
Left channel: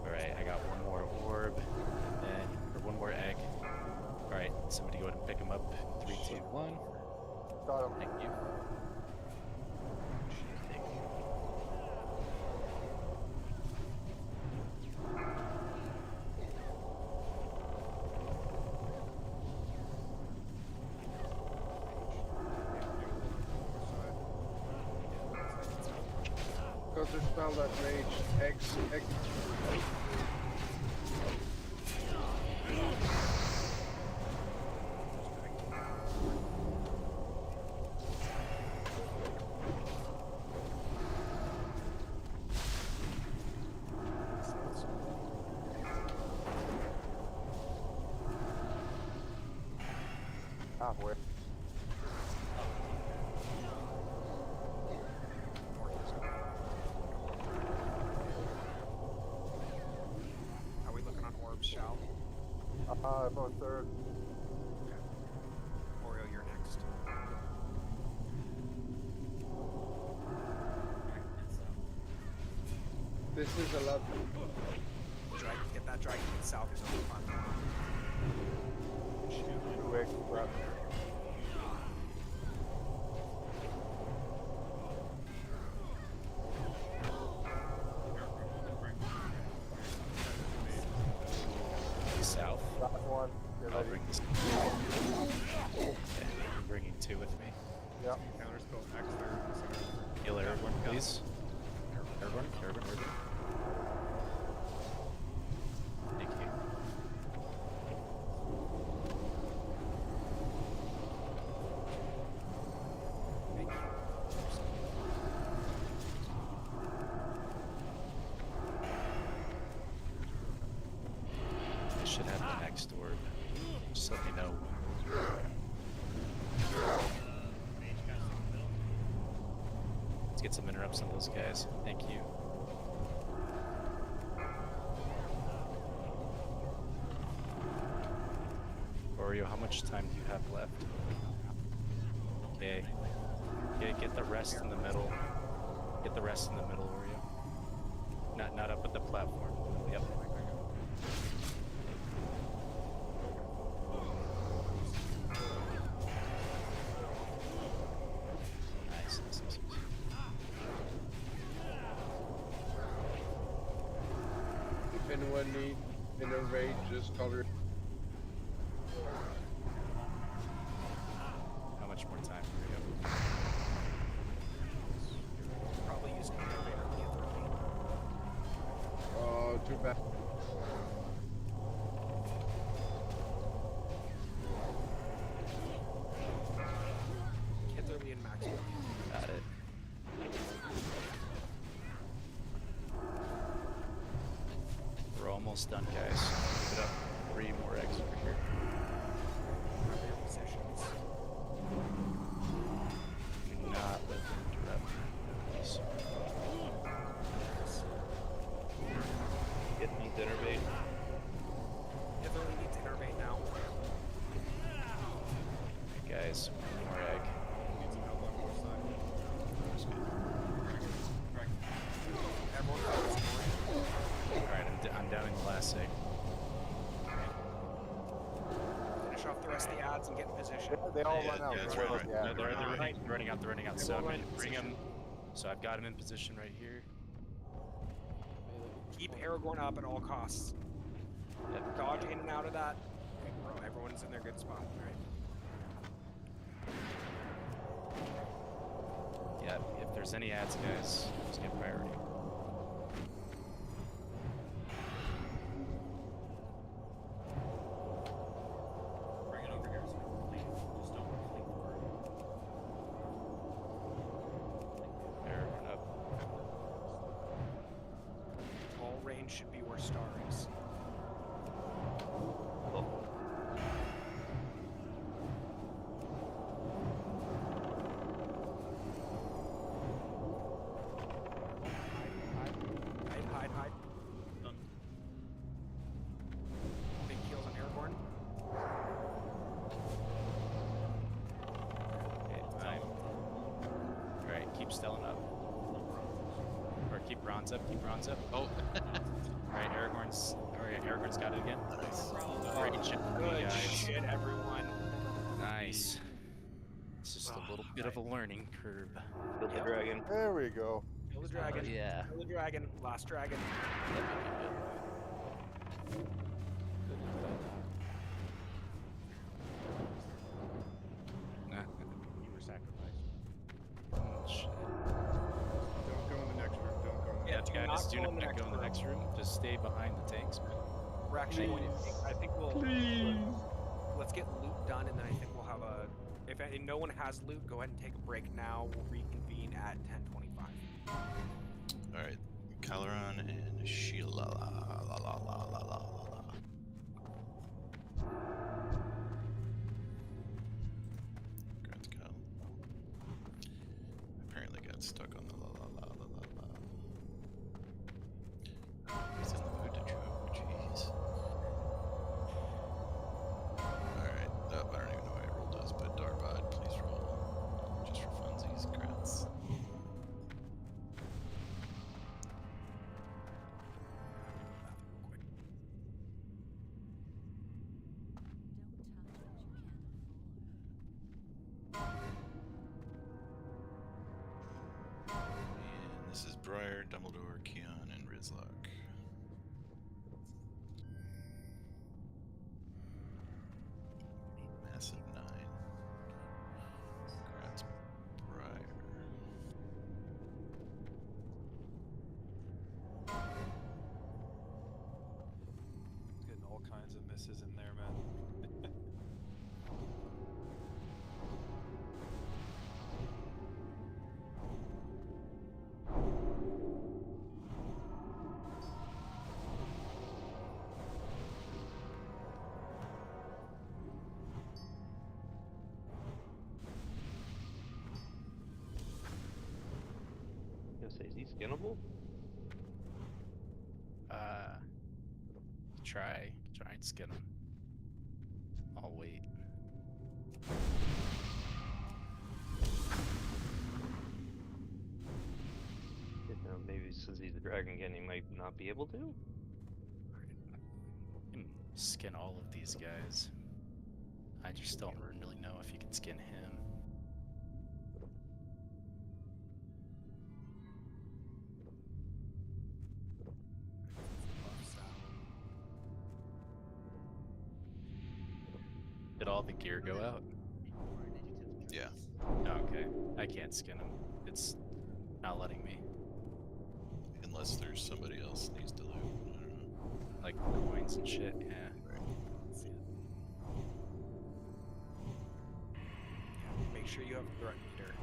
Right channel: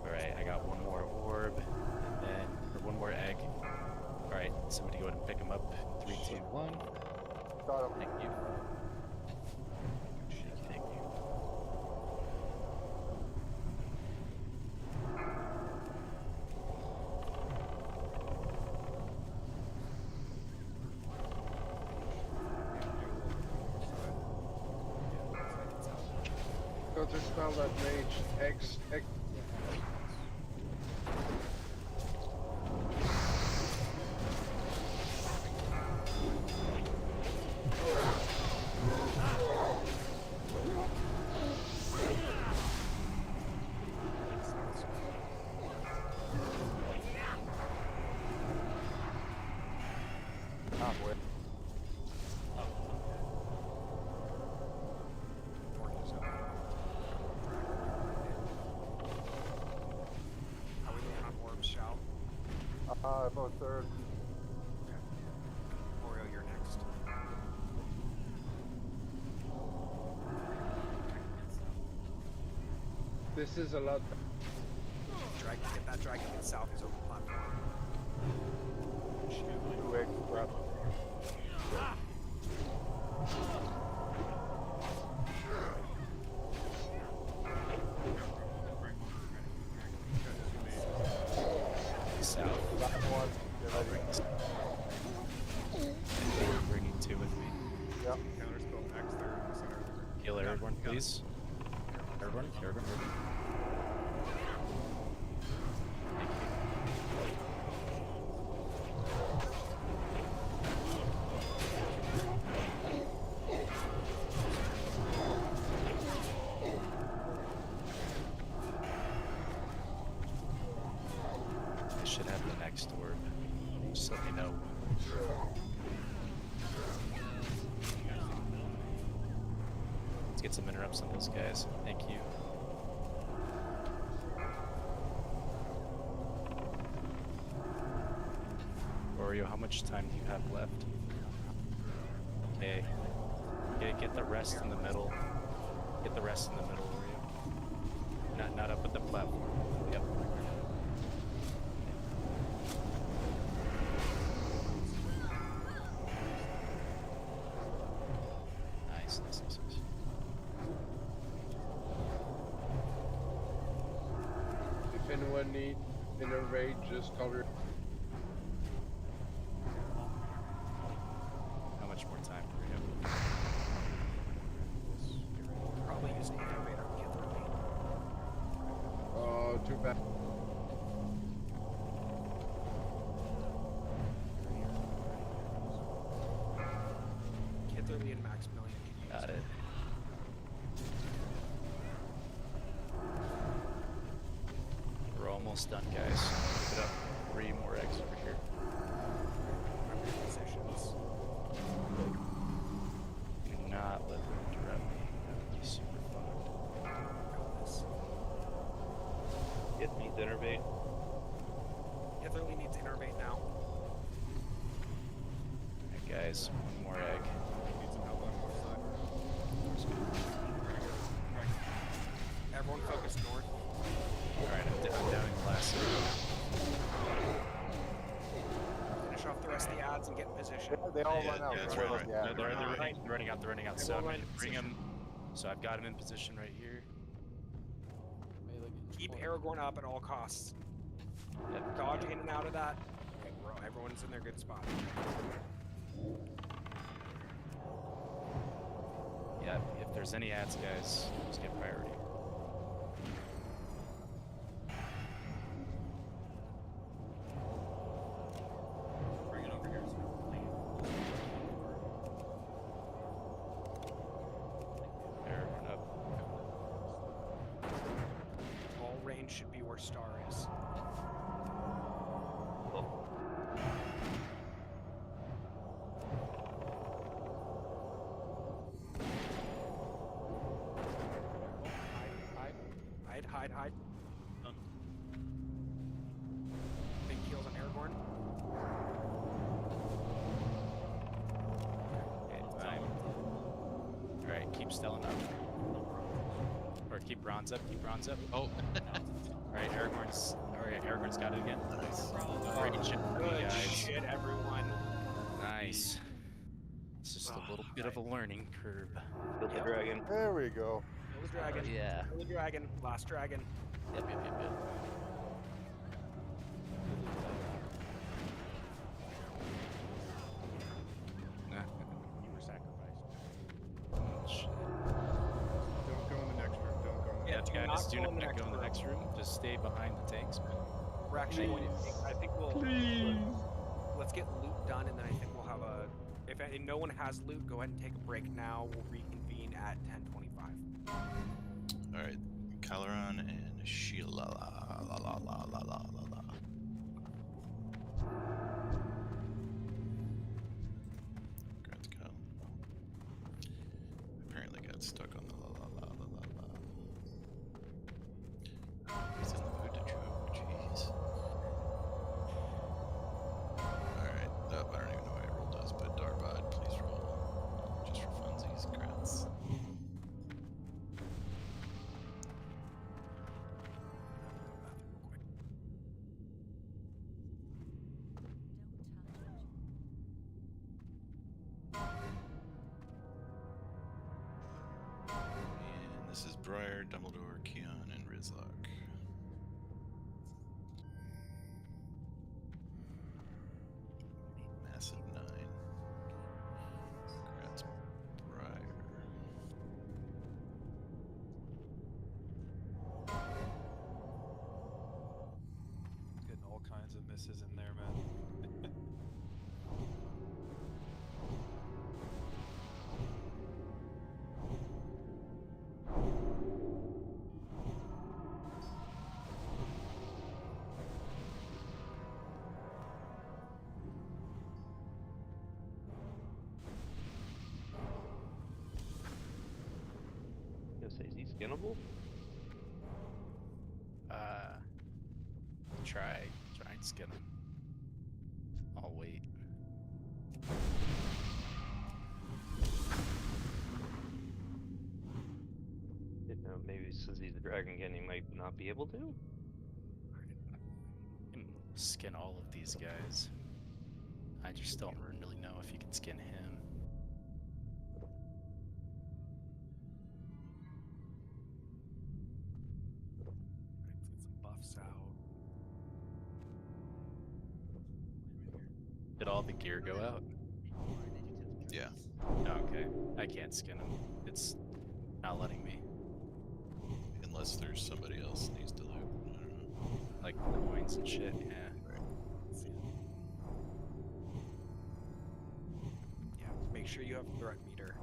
Alright, I got one more orb, and then, or one more egg. Alright, somebody go ahead and pick him up. 3, 2, 1. Got him. Thank you. Thank you. Counter spell that mage. X. Halfway. How we looking on orbs, Shao? About third. Okay. Oreo, you're next. This is a lot. Dragon, get that Dragon King south is over the platform. Two eggs left. South. Got one. Get I'll ready. bring this. Okay, you're bringing 2 with me. Yep. Counterspell X there in the center. Heal Aragorn, got it. please. Aragorn. Thank you. I should have the next orb. Just let me know. Let's get some interrupts on those guys. Thank you. Oreo, how much time do you have left? Okay. Get the rest in the middle. Get the rest in the middle, Oreo. Not up at the platform. Yep. Nice. If anyone need in a raid, just call her. How much more time, Oreo? Probably use an innovator to get through me. Oh, too bad. Kitherly and Max Brilliant. Got it. We're almost done, guys. Pick it up. 3 more eggs over here. Remember your positions. Do not let them interrupt me. That would be super fun. It needs innervate. Definitely needs innervate now. Alright, guys. 1 more egg. Need some help on north side. North's good. Everyone focus north. Alright, I'm downing the last egg. Finish off the rest of the ads and get in position. They all Yeah, run out. yeah, that's Right right. off the ad. They're Right. running out. They're running out. They So will I'm run gonna in bring position. him. So I've got him in position right here. Keep Aragorn up at all costs. Yep. Dodge in and out of that. Okay, bro, everyone's in their good spot. Yeah, if there's any ads, guys, just get priority. Bring it over here so we can There, run up. All range should be where Star is. Hide. Done. Big heals on Aragorn. Okay, time. Alright, keep Stellan up. Or keep bronze up, Oh! Alright, Aragorn's got it again. Nice. Great shit, Good guys. shit, everyone. Nice. It's just a little bit of a learning curve. Build the dragon. There we go. Kill the dragon. yeah. Kill the dragon. Last dragon. Yep. You were sacrificed. Oh, shit. Don't go in the next room. Don't go in the Yeah, do guys, not do go not in the next go in the room. next room. Just stay behind the tanks, man. We're actually going to. I think we'll. Let's get loot done, and then I think we'll have a. If no one has loot, go ahead and take a break now. We'll reconvene at 10:25. Alright, Caloran and Sheila. La la la la la la la. Grant's Cal. Apparently got stuck on the la la la la la la. He's in the mood to choke, jeez. Alright, I don't even know how he roll does, but Darbod, please roll. Just for funsies, grants. And this is Briar, Dumbledore, Keon, and Rizlock. Massive 9. Congrats, Briar. Getting all kinds of misses in there, man. Gonna say, is he skinnable? Try and skin him. I'll wait. You know, maybe since he's a dragon again, he might not be able to. You can skin all of these guys. I just don't really know if you can skin him. Buffs out. Did all the gear go out? Yeah. Okay. I can't skin him. It's not letting me. Unless there's somebody else needs to loot. I don't know. Like coins and shit, yeah. Yeah, make sure you have threat meter.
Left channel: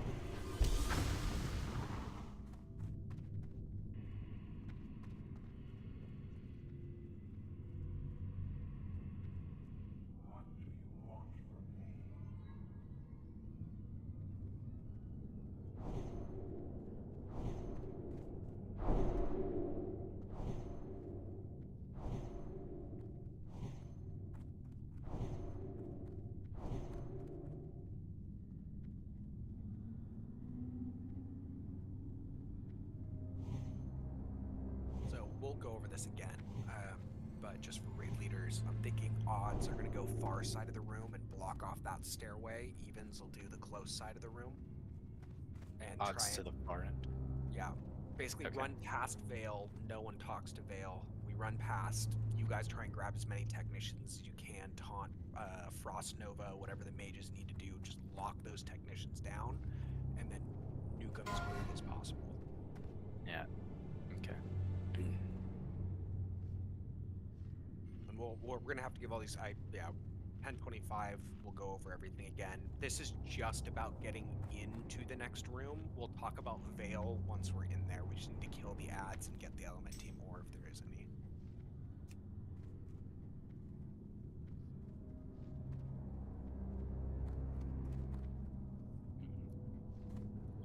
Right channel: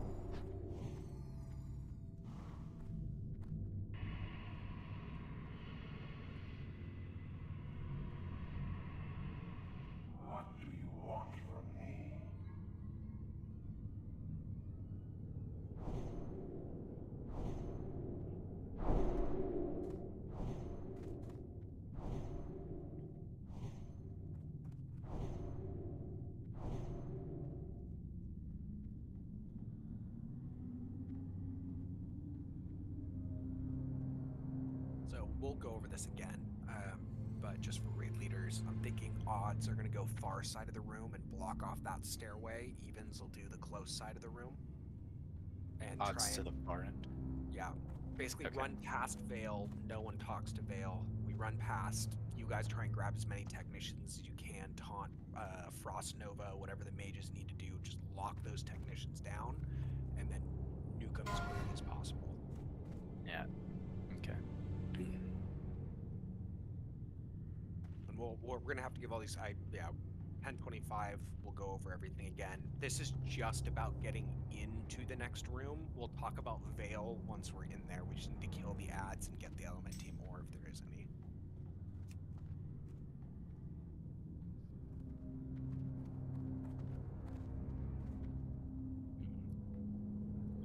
we'll go over this again. But just for raid leaders, I'm thinking odds are going to go far side of the room and block off that stairway. Evens will do the close side of the room. And Odds try to and, the far end. yeah, basically Okay. run past Vale. No one talks to Vale. We run past. You guys try and grab as many technicians as you can. Taunt, Frost Nova, whatever the mages need to do. Just lock those technicians down, and then nuke them as quickly as possible. Yeah. Okay. And we're gonna have to give all these. 10:25. We'll go over everything again. This is just about getting into the next room. We'll talk about Vale once we're in there. We just need to kill the ads and get the Elementium ore if there is any.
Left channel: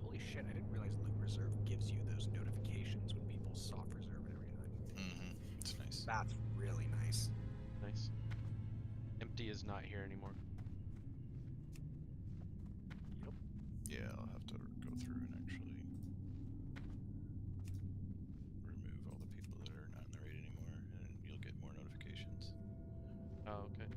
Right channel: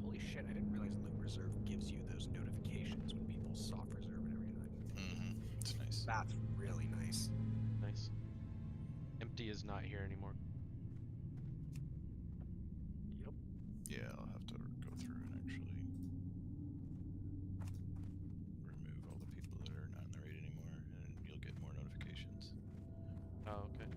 Holy shit! I didn't realize Loot Reserve gives you those notifications when people soft reserve and everything. Mm-hmm. It's nice. That's really nice. Nice. Empty is not here anymore. Yep. Yeah, I'll have to go through and actually remove all the people that are not in the raid anymore, and you'll get more notifications. Oh, okay.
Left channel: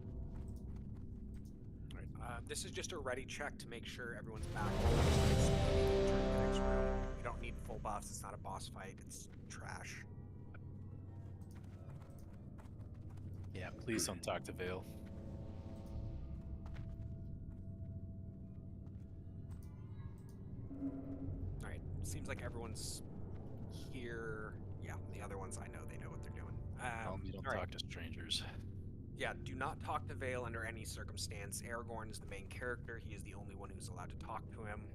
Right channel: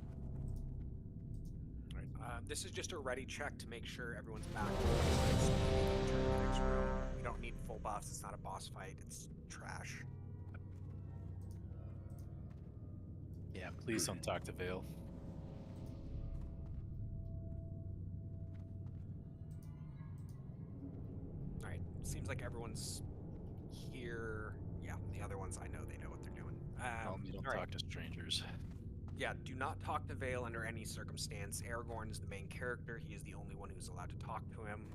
All right. This is just a ready check to make sure everyone's back. Turn to the next room. We don't need full buffs. It's not a boss fight. It's trash. Yeah, please don't talk to Vale. Alright, seems like everyone's here. Yeah, the other ones, I know they know what they're doing. You don't all right. talk to strangers. Yeah, do not talk to Vale under any circumstance. Aragorn is the main character. He is the only one who's allowed to talk to him.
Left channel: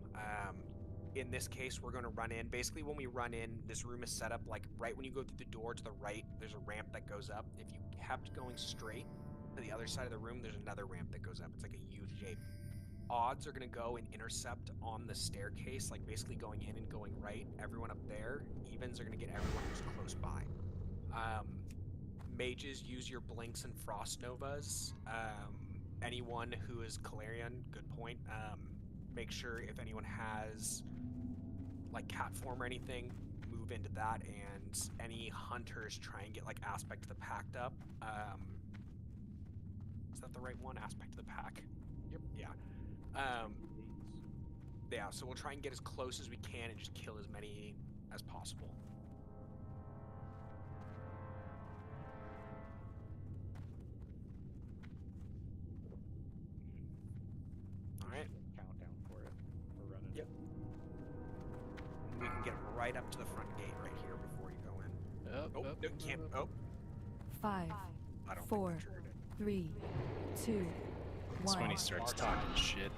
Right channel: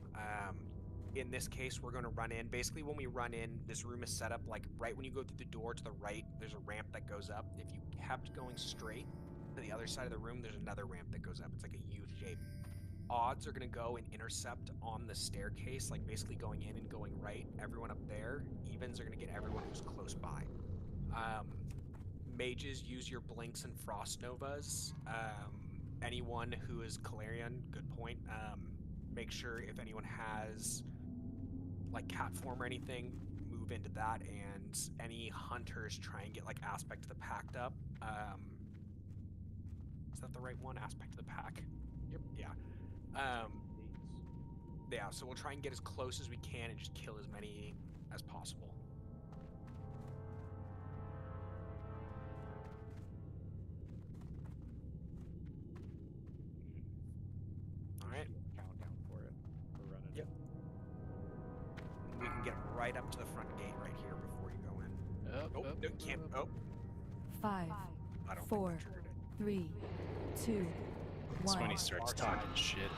In this case, we're going to run in. Basically, when we run in, this room is set up like right when you go through the door to the right, there's a ramp that goes up. If you kept going straight to the other side of the room, there's another ramp that goes up. It's like a U shape. Odds are going to go and intercept on the staircase, like basically going in and going right. Everyone up there. Evens are going to get everyone who's close by. Mages, use your blinks and frost novas. Anyone who is Calarian, good point. Make sure if anyone has like cat form or anything, move into that. And any hunters, try and get like aspect of the pact up. Is that the right one? Aspect of the pack. Yep. Yeah. Yeah, so we'll try and get as close as we can and just kill as many as possible. Alright. Countdown for it. We're running Yep. And we can get right up to the front gate right here before you go in. Can't. Oh. 5, I don't 4, 3, 2, That's 1. when he starts talking shit.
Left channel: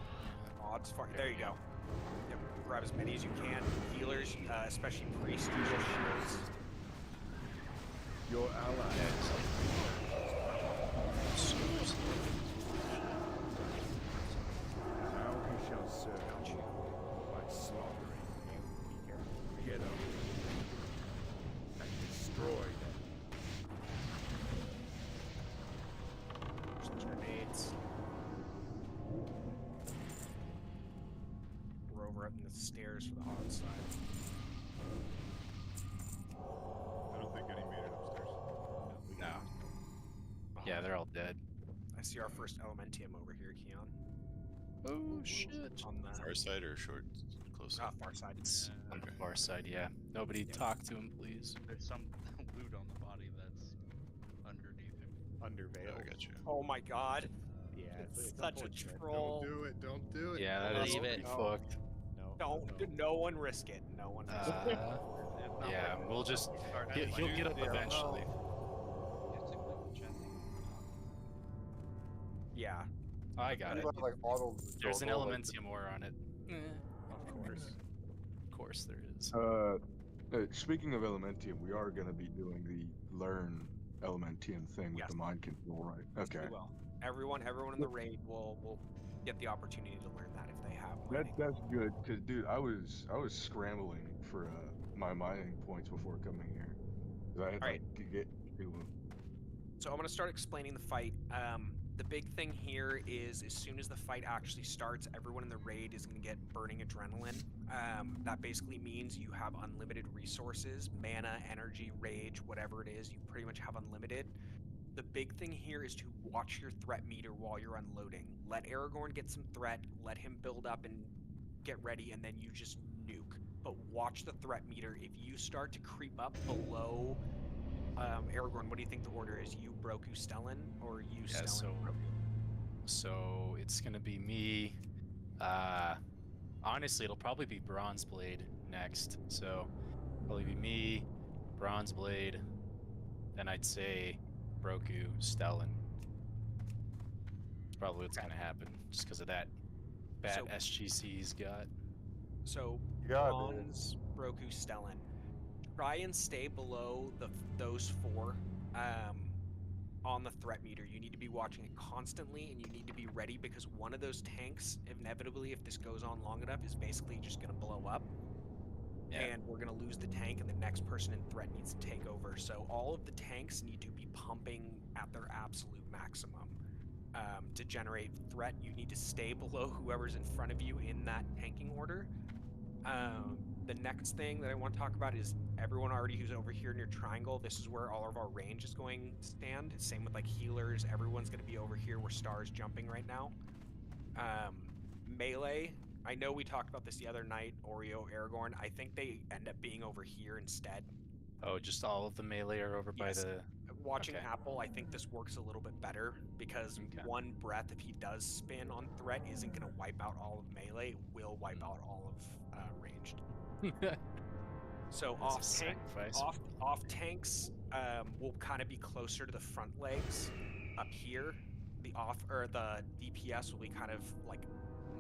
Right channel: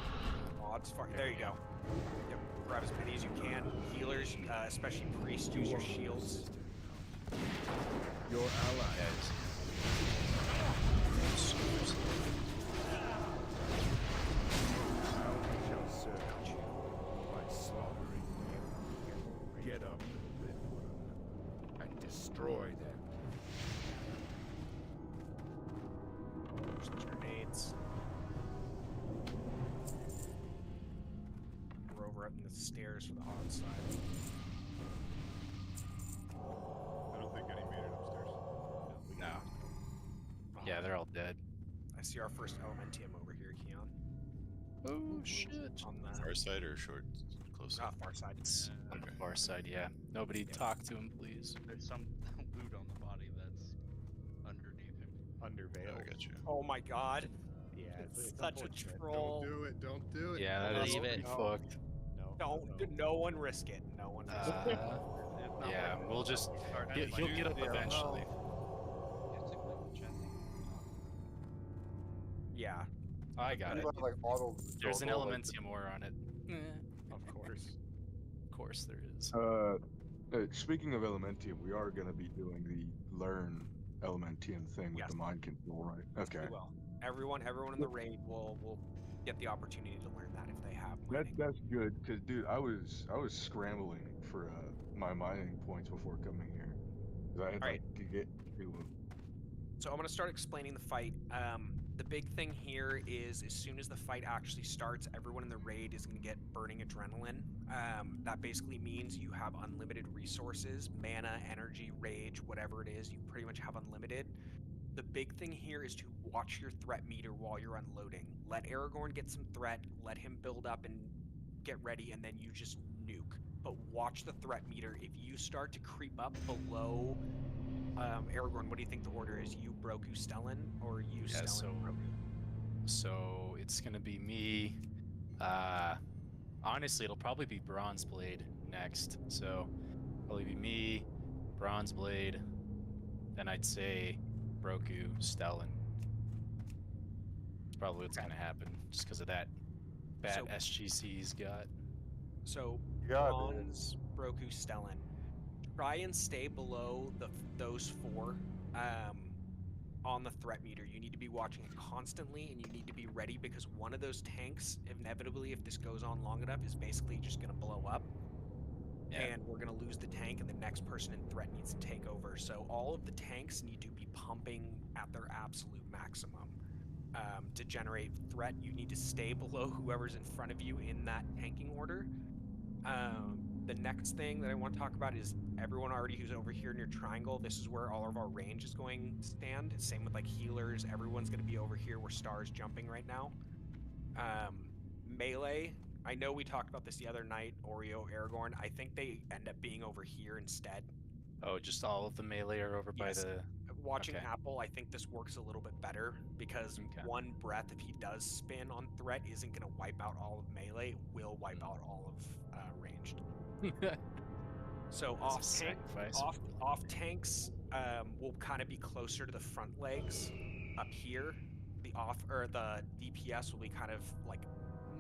Odds far. There you go. Yep. Grab as many as you can. Healers, especially priests, use your shields. Your ally. Now we shall serve you by slaughtering you. Get up and destroy them. There's grenades. We're over up in the stairs for the odds side. I don't think any made it upstairs. No. Yeah, they're all dead. I see our first Elementium over here, Keon. Oh shit! On the Far side or short, close? far side. It's on the far side, yeah. Nobody talk to him, please. There's some loot on the body that's underneath him. Under Vale. Oh, I got you. Oh my god. Yeah, It's it's such a unfortunate. troll. Don't do it. Don't do it. Yeah, that is pretty fucked. No. No one risk it. No one risk it. Yeah, we'll just. He'll get up eventually. Yeah. I got it. Like auto There's an auto, like- Elementium ore on it. Of course. Of course there is. Speaking of Elementium, we are going to be doing the learn Elementium thing with the mind control, right? Okay. We will. Everyone in the raid will get the opportunity to learn that if they have mining. That's good, because dude, I was scrambling for my mining points before coming here, because I had Alright. to get to. So I'm going to start explaining the fight. The big thing here is as soon as the fight actually starts, everyone in the raid is going to get burning adrenaline. That basically means you have unlimited resources, mana, energy, rage, whatever it is, you pretty much have unlimited. The big thing here is to watch your threat meter while you're unloading. Let Aragorn get some threat, let him build up and get ready, and then you just nuke. But watch the threat meter. If you start to creep up below Aragorn, what do you think the order is? You, Broku, Stellan, or you, Yeah, Stellan, Broku? So it's gonna be me. Honestly, it'll probably be Bronzeblade next. So probably be me, Bronzeblade, then I'd say Broku, Stellan. It's probably what's gonna happen, just because of that bad SGC he's got. So Yeah, Bronze, Broku, Stellan. Try and stay below those four on the threat meter. You need to be watching it constantly, and you need to be ready because one of those tanks, inevitably, if this goes on long enough, is basically just going to blow up. Yeah. And we're going to lose the tank, and the next person in threat needs to take over. So all of the tanks need to be pumping at their absolute maximum. To generate threat, you need to stay below whoever's in front of you in that tanking order. The next thing that I want to talk about is everyone already who's over here in your triangle. This is where all of our range is going to stand. Same with like healers. Everyone's going to be over here where Star's jumping right now. Melee. I know we talked about this the other night, Oreo, Aragorn. I think they end up being over here instead. Oh, just all of the melee are over by the... Watching Okay. Apple, I think this works a little bit better because one breath, if he does spin on threat, isn't going to wipe out all of melee. It will wipe out all of ranged. So off tanks will kind of be closer to the front legs up here. The DPS will be kind of like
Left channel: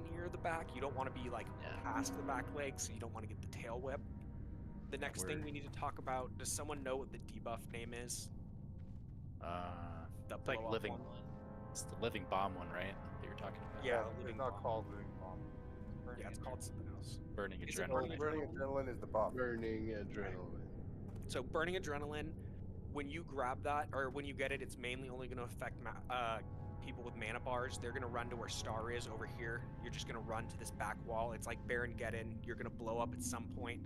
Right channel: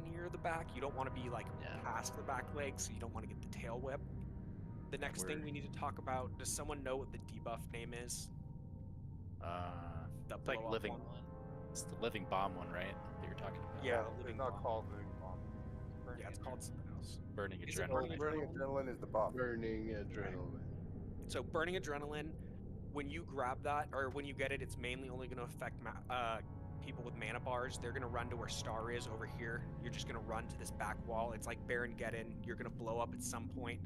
near the back. You don't want to be like past the back leg, so you don't want to get the tail whip. The next thing we need to talk about, does someone know what the debuff name is? The like living one. It's the living bomb one, right? That you're talking about. Yeah, it's not called living bomb. Yeah, it's called something else. Burning Is it adrenaline. Burning adrenaline is the buff. Burning adrenaline. So burning adrenaline, when you grab that or when you get it, it's mainly only going to affect people with mana bars. They're going to run to where Star is over here. You're just going to run to this back wall. It's like Baron Geddon. You're going to blow up at some point.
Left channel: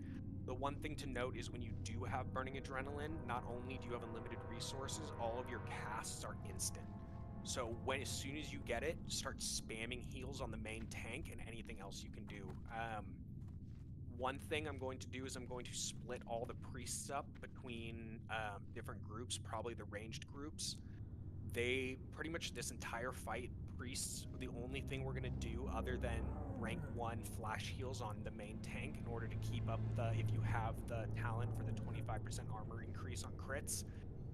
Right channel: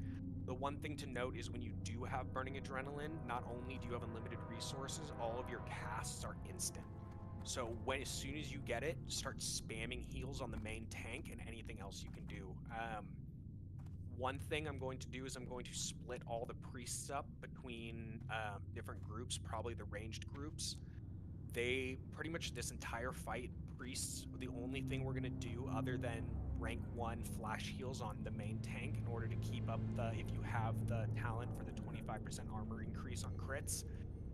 The one thing to note is when you do have burning adrenaline, not only do you have unlimited resources, all of your casts are instant. So as soon as you get it, start spamming heals on the main tank and anything else you can do. One thing I'm going to do is I'm going to split all the priests up between different groups, probably the ranged groups. They pretty much this entire fight, priests, the only thing we're going to do other than rank 1 flash heals on the main tank in order to keep up if you have the talent for the 25% armor increase on crits,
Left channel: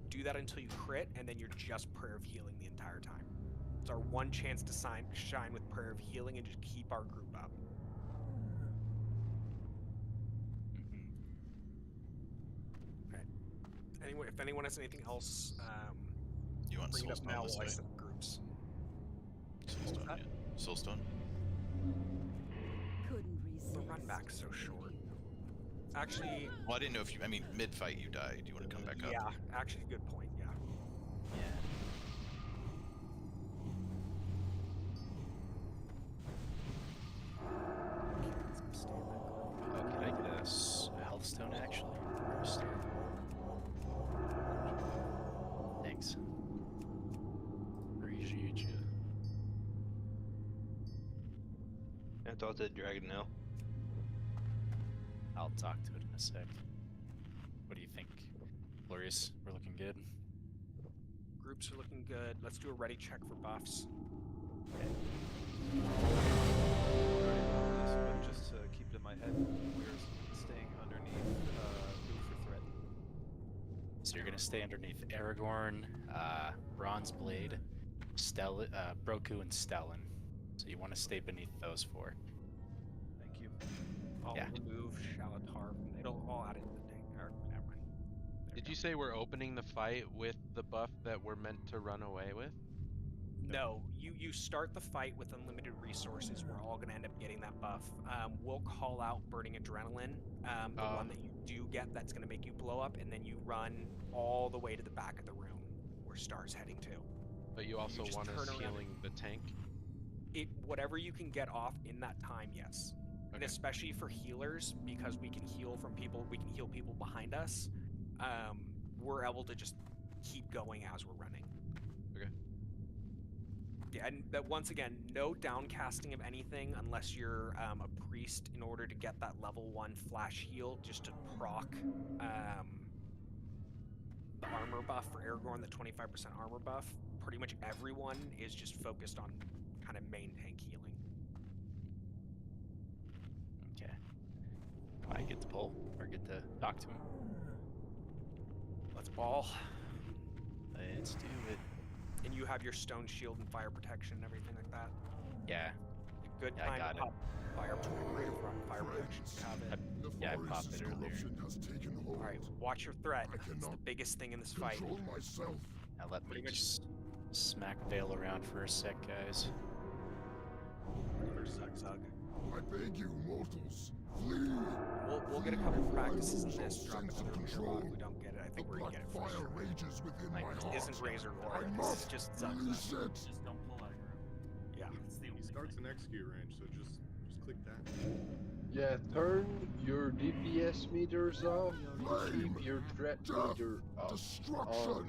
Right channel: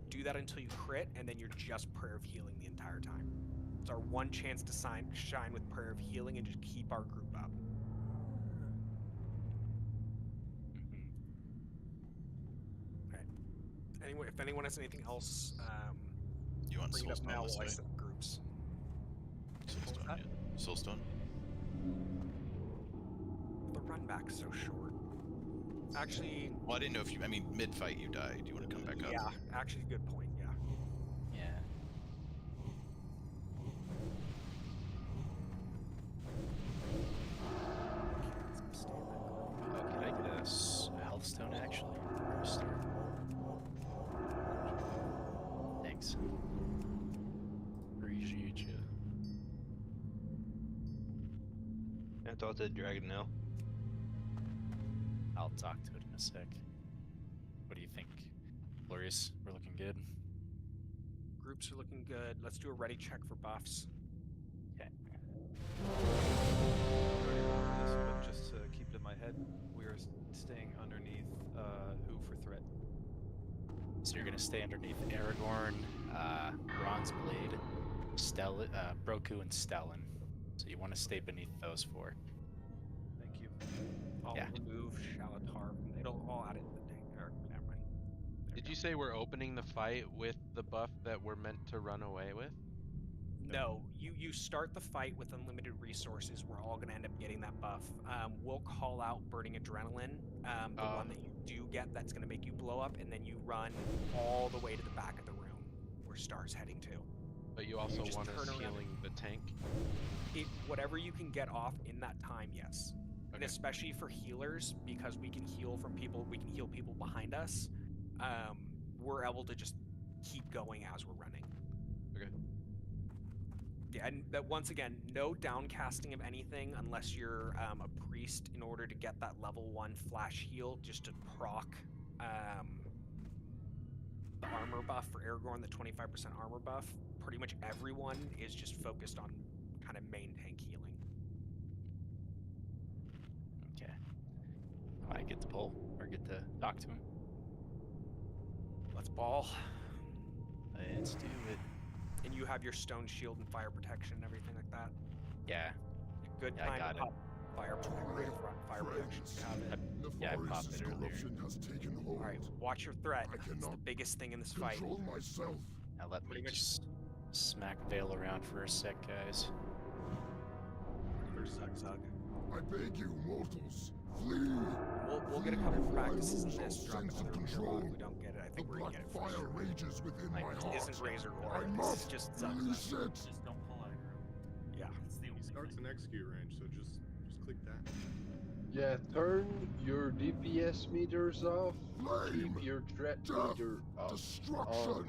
do that until you crit, and then you're just Prayer of Healing the entire time. It's our one chance to shine with Prayer of Healing and just keep our group up. Okay. Anyway, if anyone has anything else, you want bring it up Soulstone now this while I way? set up groups. Soulstone, yeah. Soulstone? The run back's so short. Actually... Well, I didn't know if you... I mean, mid-fight you die. Do you want to come back up? Yeah, actually, good point, yeah. Yeah. Oh, can I get a health stone, actually? Or a star? Thanks. Appreciate you. I thought the dragon now. I'll talk to it in a sec. What do you think? Glorious, we're looking good. Groups are looking good. Let's do a ready check for buffs. Okay. But just to keep it in my head, we're staying underneath who for threat? So you're gonna stay underneath Aragorn, Bronzeblade, Broku, and Stellan. So you want to stay beneath those four. Thank you. I'll remove Shalatar. It'll all add it to the thing. Or, never mind. Did you say we're opening the fight with the buff that we're meant to run away with? No, you start the fight with unlimited resources. We're all going to end up getting that buff. We'll call out Burning Adrenaline, the one that you do get that's going to make you blow up, and then you run all the way to the back of the room where Star's heading to. But you also just want us turn around and- healing the tank? Whatever you can get off in that time, yes. And Okay. especially for healers, because we can heal from people, we can heal people behind us. We're able to just keep going as we're running. Okay. Yeah, and that once again, no downcasting of anything unless you're a priest in order to get that level 1 flash heal, just to proc the armor buff for Aragorn, the 25% armor buff. Pretty much everyone is just focused on kind of main tank healing. Okay. I get to pull or get to talk to him. Let's ball. Let's do it. And you have your stone shield and fire protection and everything like that? Yeah. Good Yeah, I time got to it. pop fire protection. Fire protection. You have it. Yeah, I popped it earlier. Alright, watch your threat. It's the biggest thing in this fight. Now let me Pretty much- just smack Vale around for a sec, guys. Zug. I beg you, mortals, flee. We'll get a couple practices in lose this. all Drop sense another of reader control. log. If we don't get it, I think The we're gonna black get it. fire rages within my heart. This isn't Razor Gore. I This is must just release Zug. it. Just don't pull aggro. Yeah. It's the He only starts thing. an execute range, so just click that. Yeah, turn your DPS meters off. Flame, Keep your threat death, meter up. destruction.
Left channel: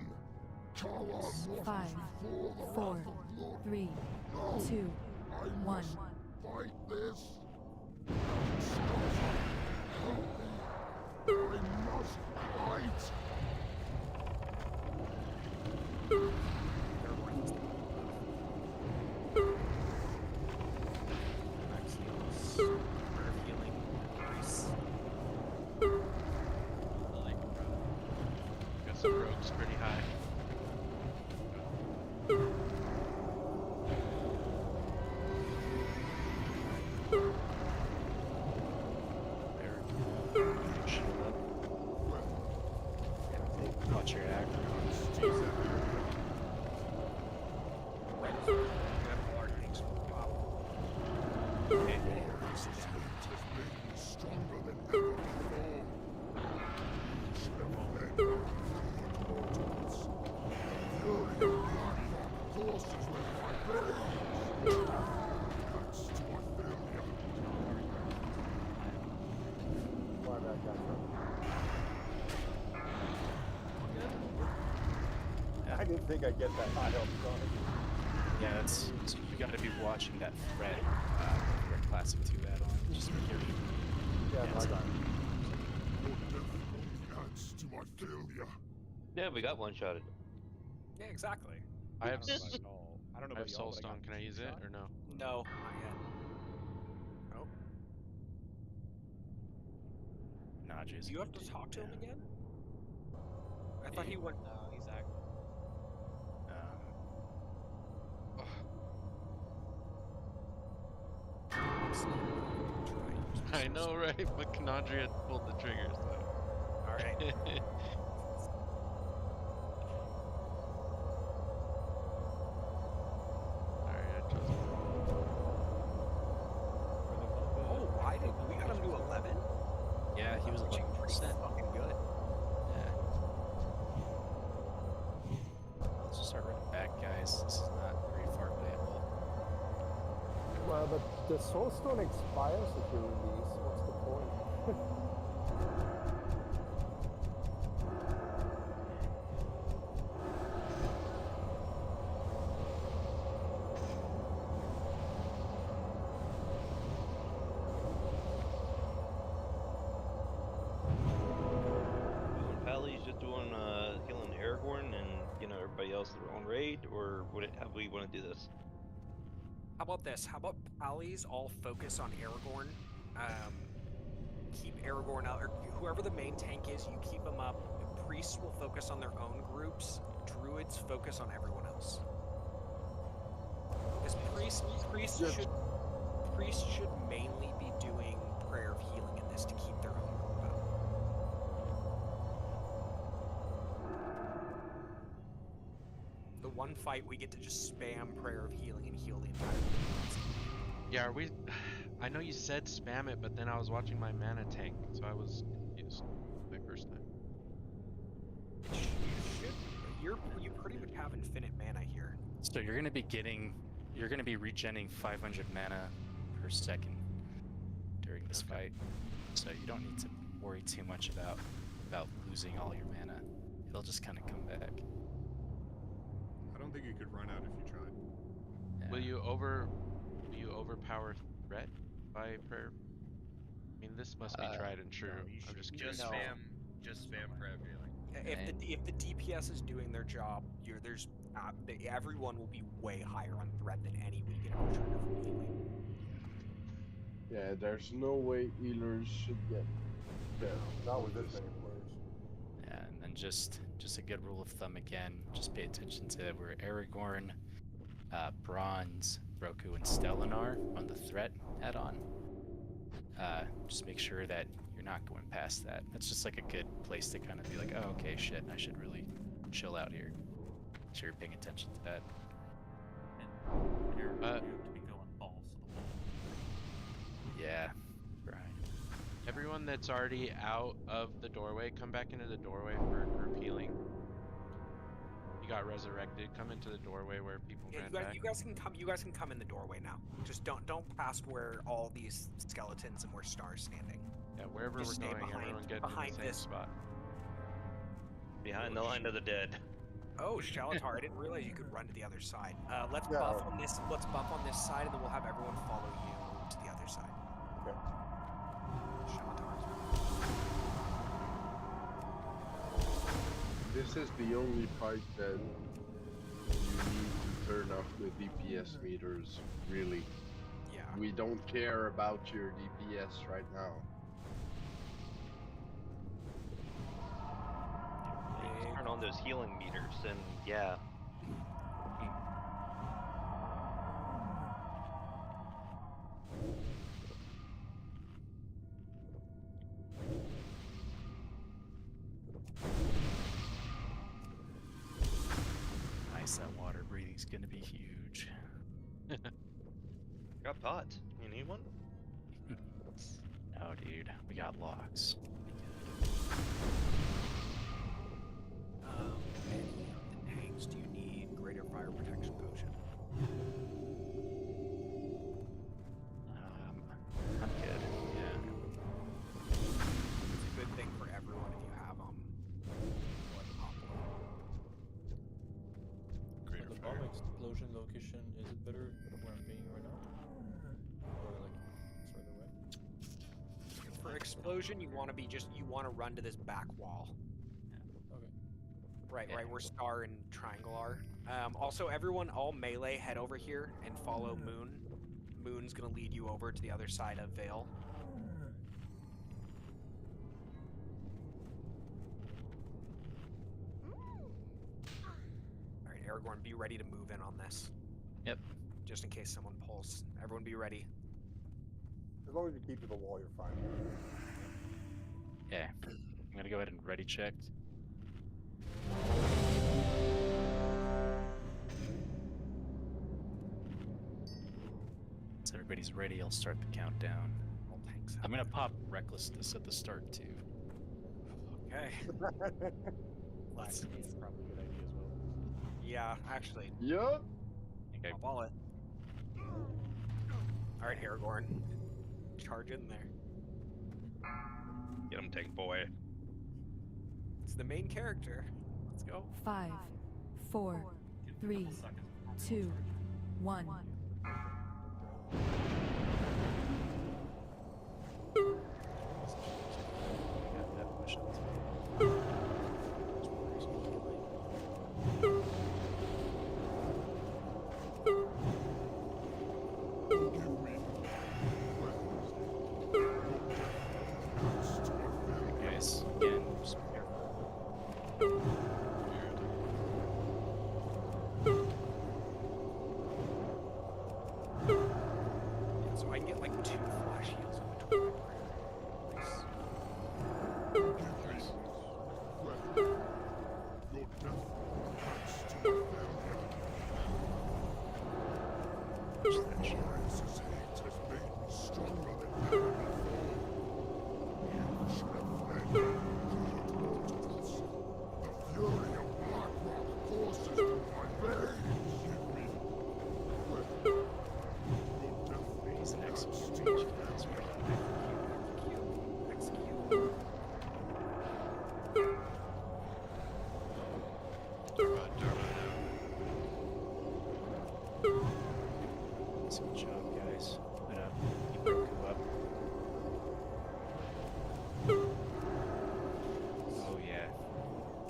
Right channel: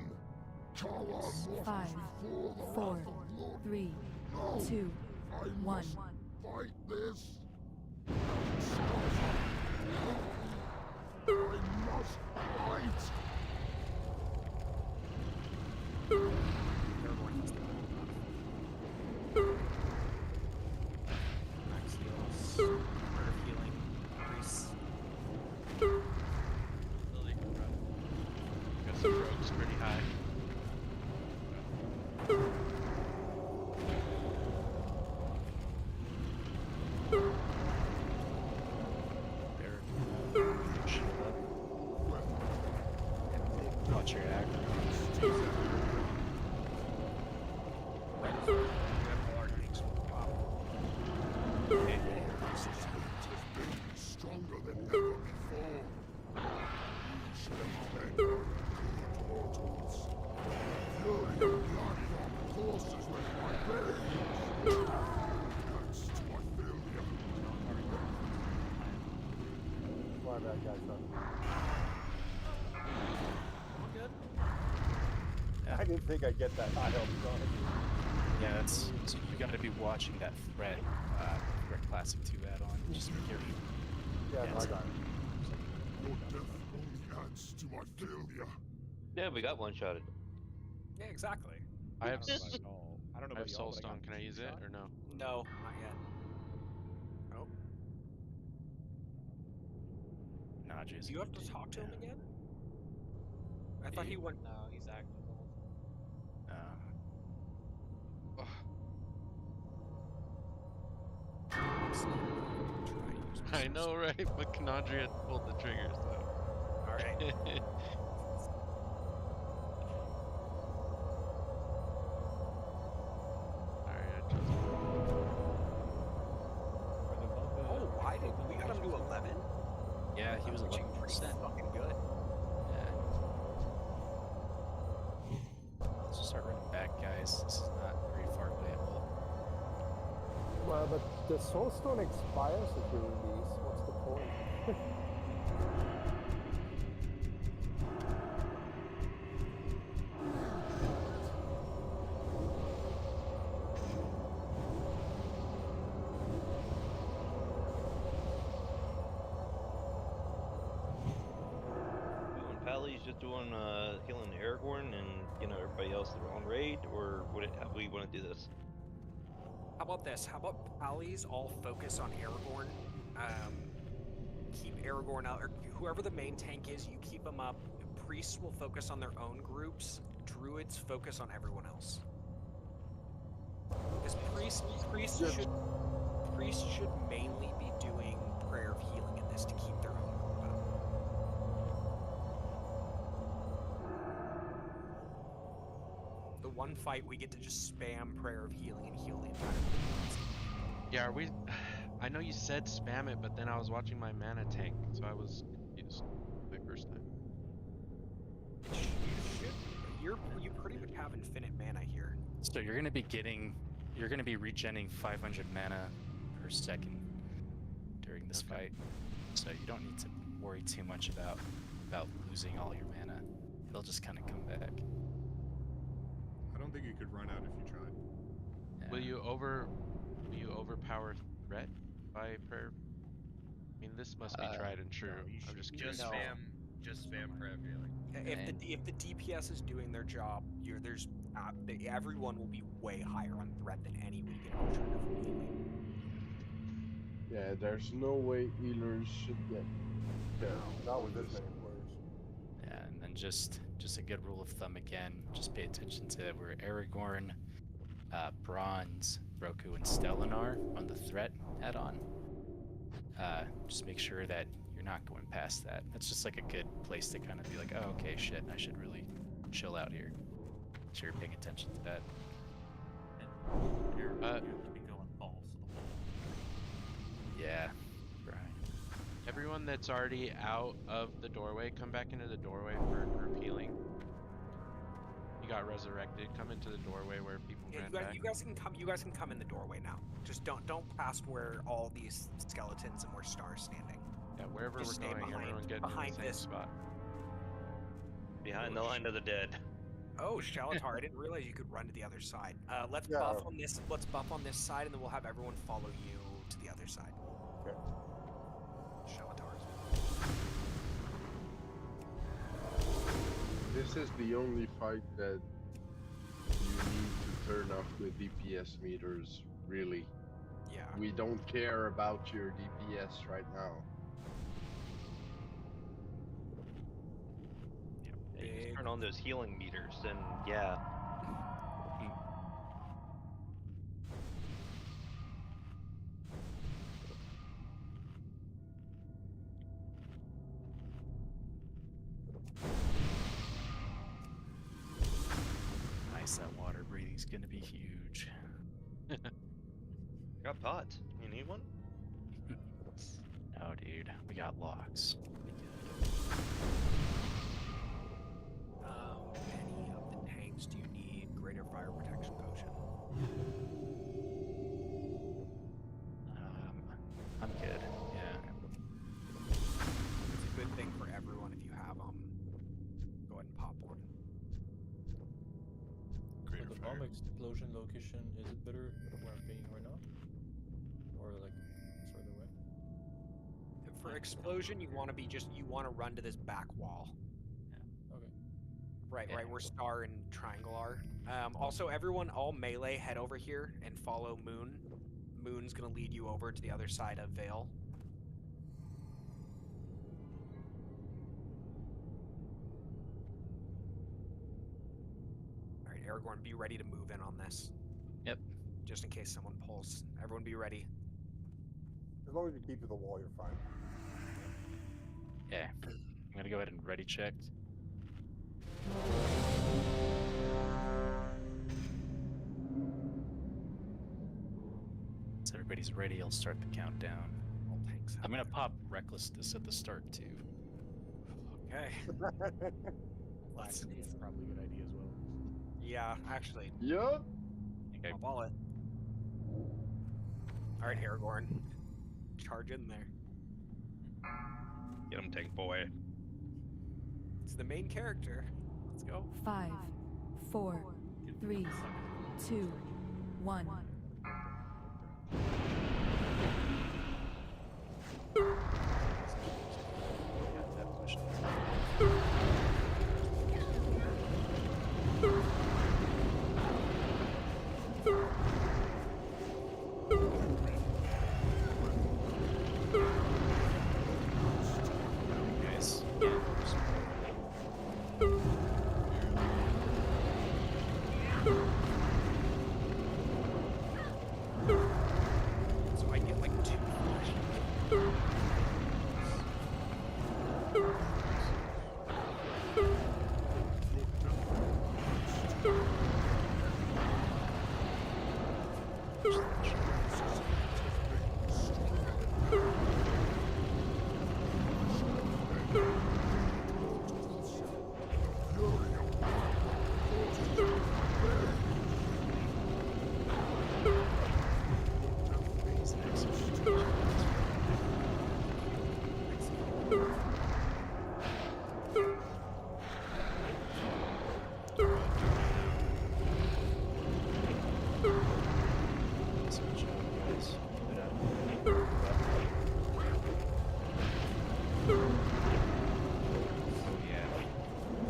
Cower mortals 5, before the 4, wrath of Lord. 3, No, 2, I 1. must fight this. I must fight. Max heals. Prayer of healing. Priests. Got some rogues pretty high. Shield up. Watch your aggro. Okay. Stronger than ever before. You should have led good mortals. Fury of blood courses with my veins. That's to my failure. My bad, guys. I didn't think I'd get that high health on it. Yeah, that's so you got to be watching that threat classic 2 add-on. Just be careful. Yeah, it's- I got it. Your death only adds to my failure. Yeah, we got one shotted. Yeah, exactly. I have don't know about y'all. I don't know I have about y'all, but I Soulstone. got Can I use it two-shot. or no? No, not yet. Oh. Nah, Jason. Do you have to talk to him again? I thought he went. No, he's active. I know, right? But Canandria pulled the triggers, though. Alright. Alright, I chose. Oh, why did we got him to 11? Yeah, he was 11%. Fucking good. Yeah. Let's just start running back, guys. This is not very far playable. Well, but the Soulstone expires if you release. What's the point? Doing Pally's just doing healing Aragorn and everybody else their own raid, or how we want to do this? How about this? How about Pallies all focus on Aragorn? Keep Aragorn out, or whoever the main tank is, you keep them up. Priests will focus on their own groups. Druids focus on everyone else. Because priests should mainly be doing prayer of healing in this to keep their own group up. The one fight we get to just spam prayer of healing and heal the entire group. Yeah, are we? I know you said spam it, but then I was watching my mana tank, so I was confused my first time. You pretty much have infinite mana here. So you're gonna be regenning 500 mana per second during this fight. So you don't need to worry too much about losing all your mana. It'll just kind of come back. I don't think you could run out if you tried. Yeah. Will you overpower threat by prayer? I mean, this must be tried and true. I'm just curious. Just spam prayer healing. If the DPS is doing their job, everyone will be way higher on threat than any we can ever trigger from healing. Yeah, there's no way healers should get. Not with this many players. Yeah, and then just a good rule of thumb again, just pay attention to where Aragorn, Bronze, Roku, and Stellan are on the threat add-on. Just make sure that you're not going past that. That's just like a good place to kind of be like, oh, okay, shit, I should really chill out here. So you're paying attention to that. And here, you have to be going balls to the wall. Yeah, right. Everyone that's already out of the doorway, come back into the doorway for group healing. You got resurrected. Come into the doorway where people ran back. You guys can come in the doorway now. Just don't past where all these skeletons and where Star's standing. Yeah, wherever Just we're going, everyone get in the same spot. Behind the line of the dead. Oh, Shalatar, I didn't realize you could run to the other side. Let's buff on this. Let's buff on this side, and then we'll have everyone follow you to the other side. Okay. Shalatar's. This is the only fight that you need to turn off the DPS meters, really. Yeah. We don't care about your DPS right now. You just turn on those healing meters, and yeah. Nice, that water breathing's gonna be huge. Got pots. You need one? Oh, dude, we got locks. Any of the tanks do you need greater fire protection potion? I'm good. Yeah. It's a good thing for everyone if you have them. Go ahead and pop one. So the bomb explosion location, is it better where I'm being right now? Or like further away? For explosion, you want to run to this back wall. Yeah. Okay. Right where Star and Triangle are. Also, everyone, all melee, head over here and follow Moon. Moon's gonna lead you over to the other side of Vale. All right, Aragorn, be ready to move in on this. Yep. Just in case someone pulls. Everyone, be ready. As long as you keep to the wall, you're fine. Yeah. I'm gonna go ahead and ready check. Once everybody's ready, I'll start the countdown. All tanks. I'm gonna pop Recklessness at the start too. Okay. That's probably a good idea as well. Yeah, actually. Yup. Okay. I'll ball it. All right, Aragorn. Charge in there. Get him, tank boy. It's the main character. Let's go. 5, 4, 3, 2, 1. Guys, yeah, just So I get like 2 flashes.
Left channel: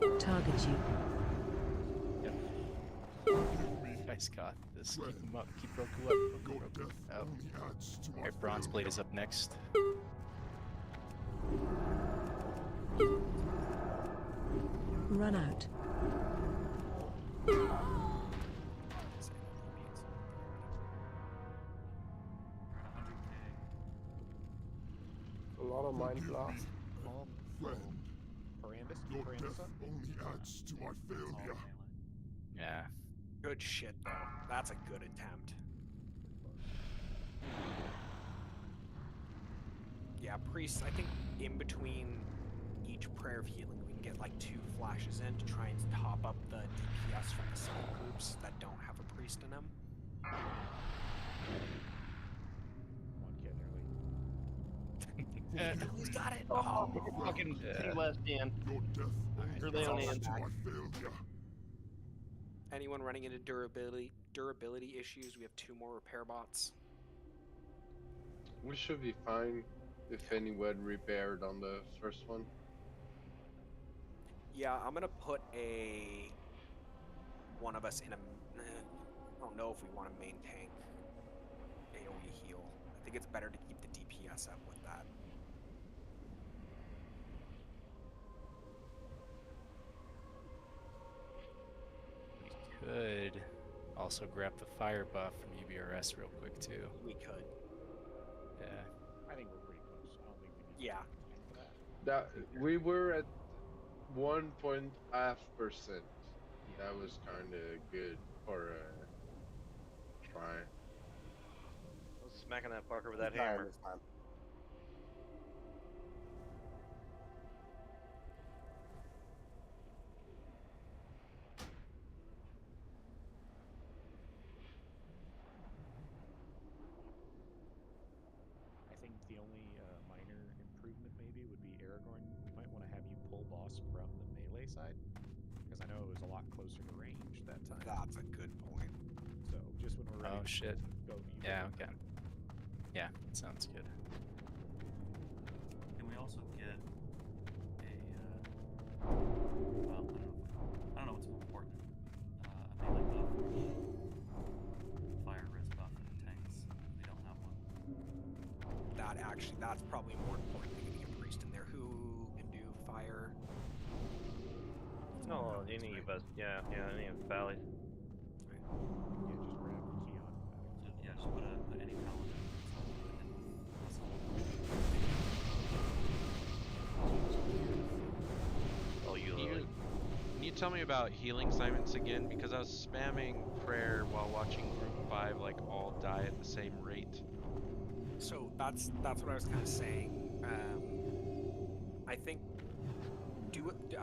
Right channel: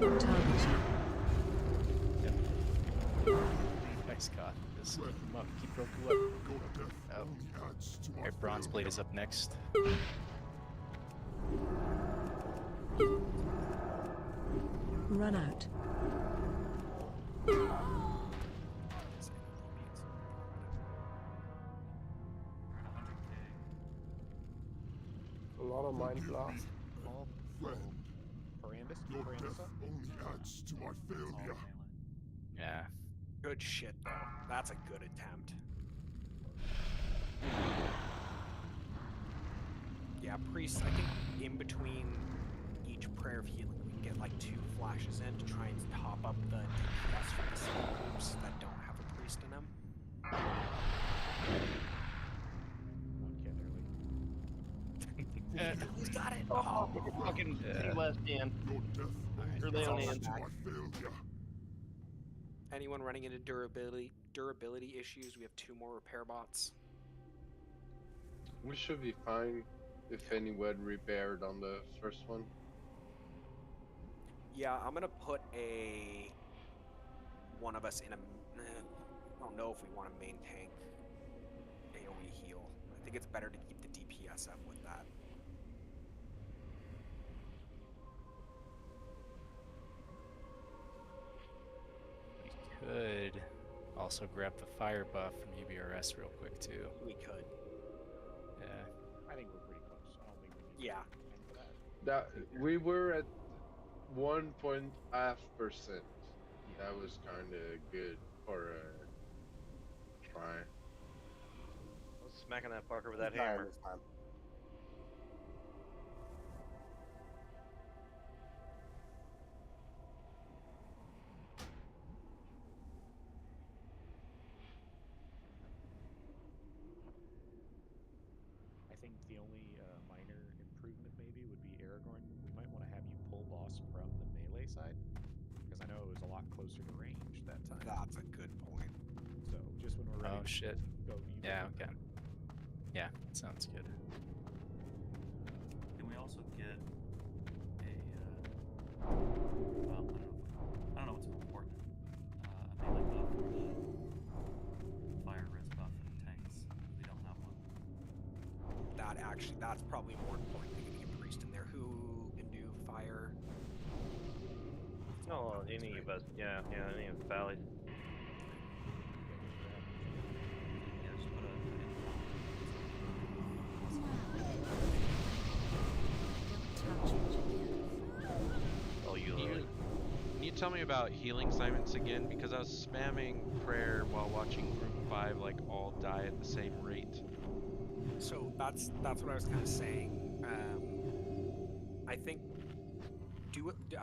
Target you. Yep. You guys got this. Keep him up. Keep Roku up. Roku. Oh. Alright, Bronze Blade is up next. Run out. A lot of mind blast. Your death only adds to my failure. Yeah. Good shit, though. That's a good attempt. Yeah, Priest, I think in between each prayer of healing, we can get like 2 flashes in to try and top up the DPS from the small groups that don't have a priest in them. One kid early. Who's got it? Oh, fucking City West, Dan. Your death Early on adds in. to my failure. Anyone running into durability issues? We have 2 more repair bots. We should be fine if any were repaired on the first one. Yeah, I'm gonna put one of us in a. I don't know if we want to main tank AoE heal. I think it's better to keep the DPS up with that. We could also grab the fire buff from UBRS real quick too. We could. Yeah. I think we're pretty close. I don't think we need Yeah. time for that. That we were at 1.5%. That was kind of good for a try. I was smacking that fucker with that He's dying hammer. this time. I think the only minor improvement maybe would be Aragorn. We might want to have you pull boss from the melee side, because I know it was a lot closer to range that time. That's a good point. So just when we're ready Oh to shit. go, you Yeah, go. okay. Yeah, sounds good. Can we also get a, well, I don't know what's more important. A melee buff or a fire res buff for the tanks. We don't have one. That's probably more important than getting a priest in there. Who can do fire? No, any of us. Yeah, any of the valleys. Yeah, just put any column. Oh, you Can you tell me about healing assignments again? Because I was spamming prayer while watching Group 5 like all die at the same rate. So that's what I was kind of saying. I think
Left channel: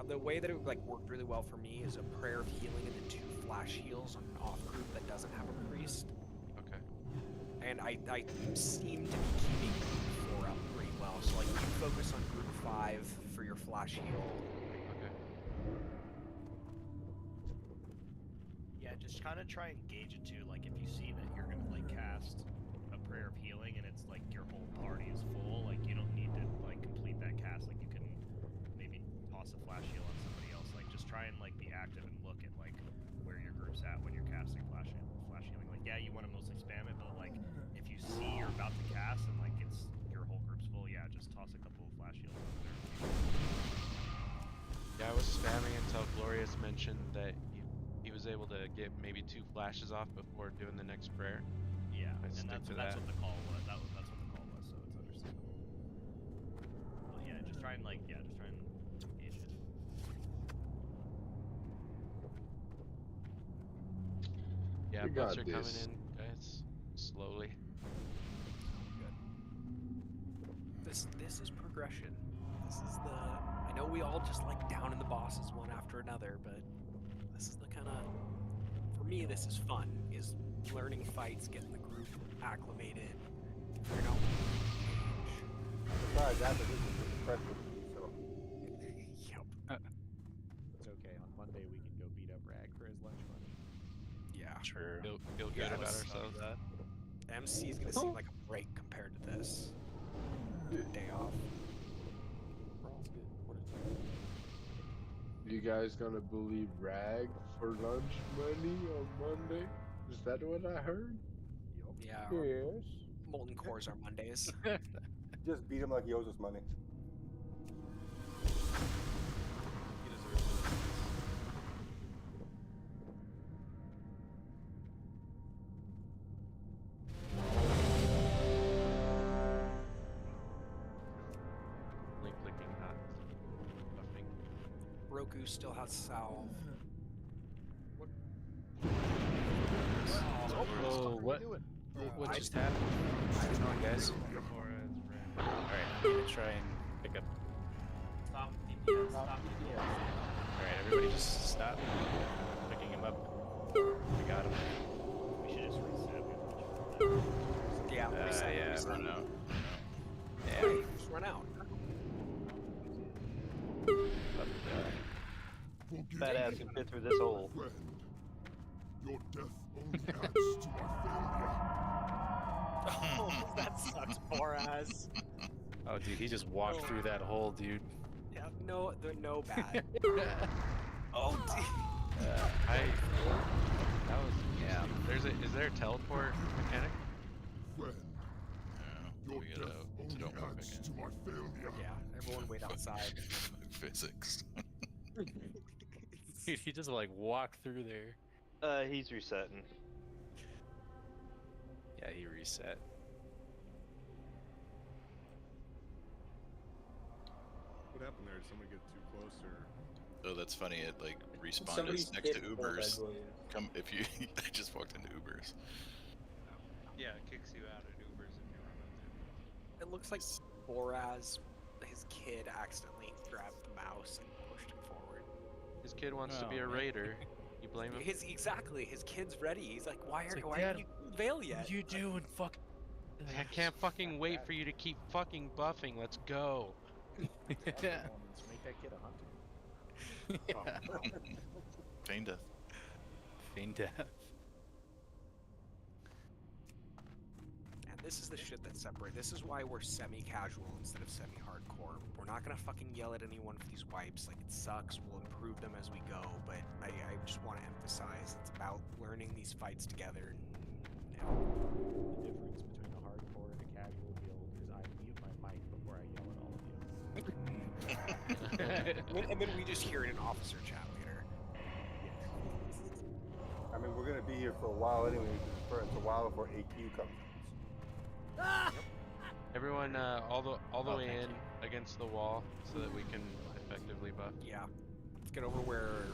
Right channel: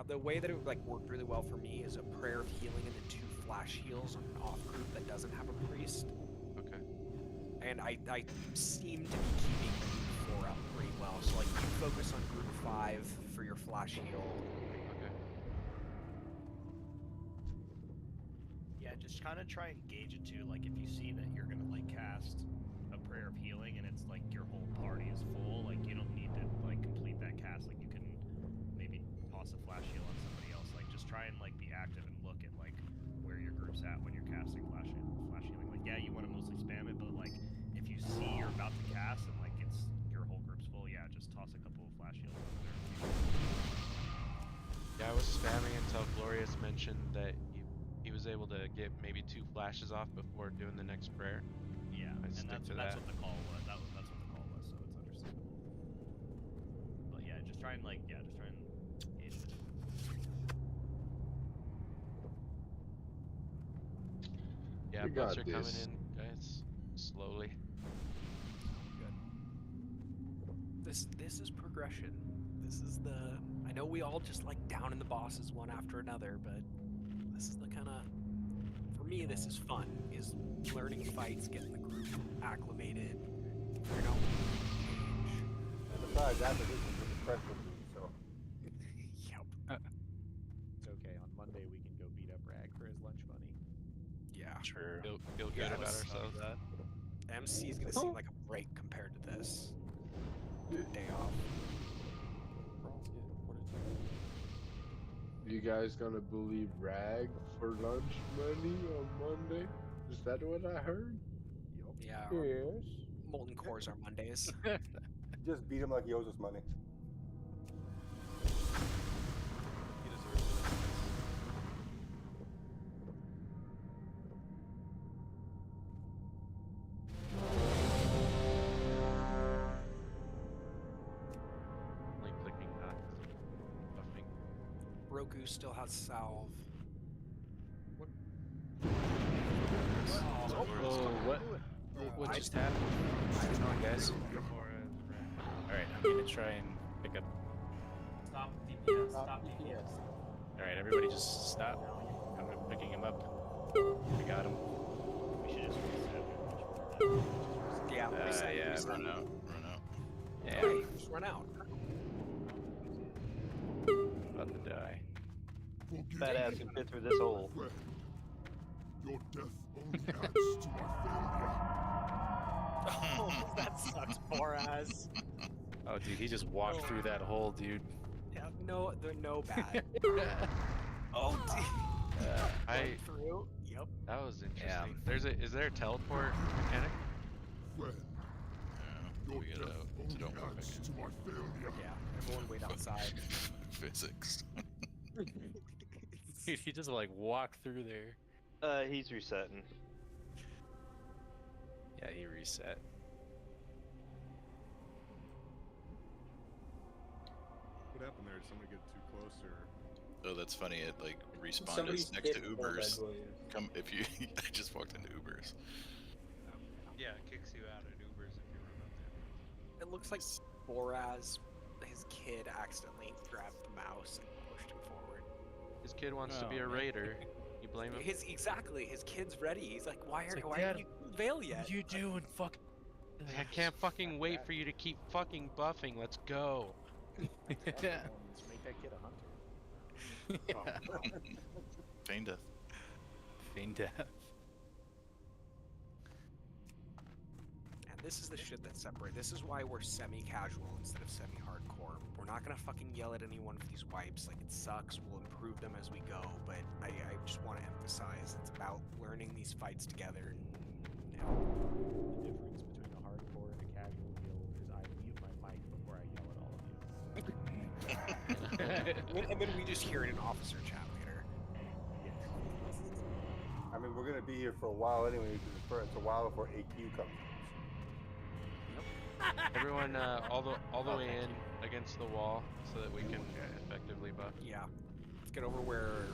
the way that it like worked really well for me is a prayer of healing and then 2 flash heals on an off group that doesn't have a priest. Okay. And I seem to be keeping group 4 up pretty well. So like you focus on group 5 for your flash heal. Okay. Yeah, just kind of try and gauge it too. Like if you see that you're gonna like cast a prayer of healing and it's like your whole party is full, like you don't need to like complete that cast. Like you can maybe toss a flash heal on somebody else. Like just try and like be active and look at like where your group's at when you're casting flash healing. Like yeah, you want to mostly spam it, but like if you see you're about to cast and like it's your whole group's full, yeah, just toss a couple of flash heals over there. Yeah, I was spamming until Glorious mentioned that he was able to get maybe 2 flashes off before doing the next prayer. Yeah, I and stick that's to what that. the call was. That's what the call was, so it's understandable. But yeah, just try and like just try and gauge it. Yeah, We bots got are coming this. in, guys, slowly. This is progression. This is I know we all just like down in the bosses one after another, but this is the kind of, for me, this is fun. Is learning fights, getting the group acclimated, figuring out what we can change. Besides, after this is just fresh with me, so. Yep. It's okay. On Monday we can go beat up Rag for his lunch money. Yeah. True. Feel good about let's ourselves. MC is gonna seem like a break compared to this. Day off. You guys gonna bully Rag for lunch money on Monday? Is that what I heard? Yeah. Yes. Molten cores are Mondays. Just beat him like he owes us money. He deserves it. Only clicking, not buffing. Roku still has salve. Oh, what? What just happened? What's going on, guys? Alright, I'm gonna try and pick up. Stop DPS. Stop DPS. Alright, everybody just stop. I'm picking him up. We got him. We should just reset. Yeah, reset. Yeah, reset. Run out. Yeah, Hey, just run out. about to die. Fat ass can fit through this hole. Your death only adds to my failure. Oh, that sucks, poor ass. Oh, dude, he just walked through that hole, dude. Yeah, no, they're no bad. Oh, That was interesting. Is there a teleport mechanic? Friend, Yeah, your we get death out. So only don't go back adds in. to my failure. Yeah, everyone wait outside. Fuck physics. Dude, he just like walked through there. He's resetting. Yeah, he reset. What happened there? Did somebody get too close or? Oh, that's funny. It like respawned Somebody's us next to kid pulled, I Ubers. believe. Come if you. I just walked into Ubers. Yeah, it kicks you out at Ubers if you run up there. It looks like Boraz, his kid, accidentally grabbed the mouse and pushed him forward. His kid wants to Oh, be a man. raider. You blame him? His kid's ready. He's like, why It's are like, why Dad, haven't you killed Vale yet? What are you doing? Fuck. I can't fucking wait for you to keep fucking buffing. Let's go. Make that kid a hunter. Feign death. Feign death. And this is the shit that separates. This is why we're semi-casual instead of semi-hardcore. We're not gonna fucking yell at anyone for these wipes. Like, it sucks. We'll improve them as we go. But I just want to emphasize it's about learning these fights together. The difference between a hardcore and a casual guild is I mute my mic before I yell at all of you. And then we just hear it in officer chat later. I mean, we're gonna be here for a while anyway, because it's a while before AQ comes. Everyone, all the way in against the wall so that we can effectively buff. Yeah. Let's get over where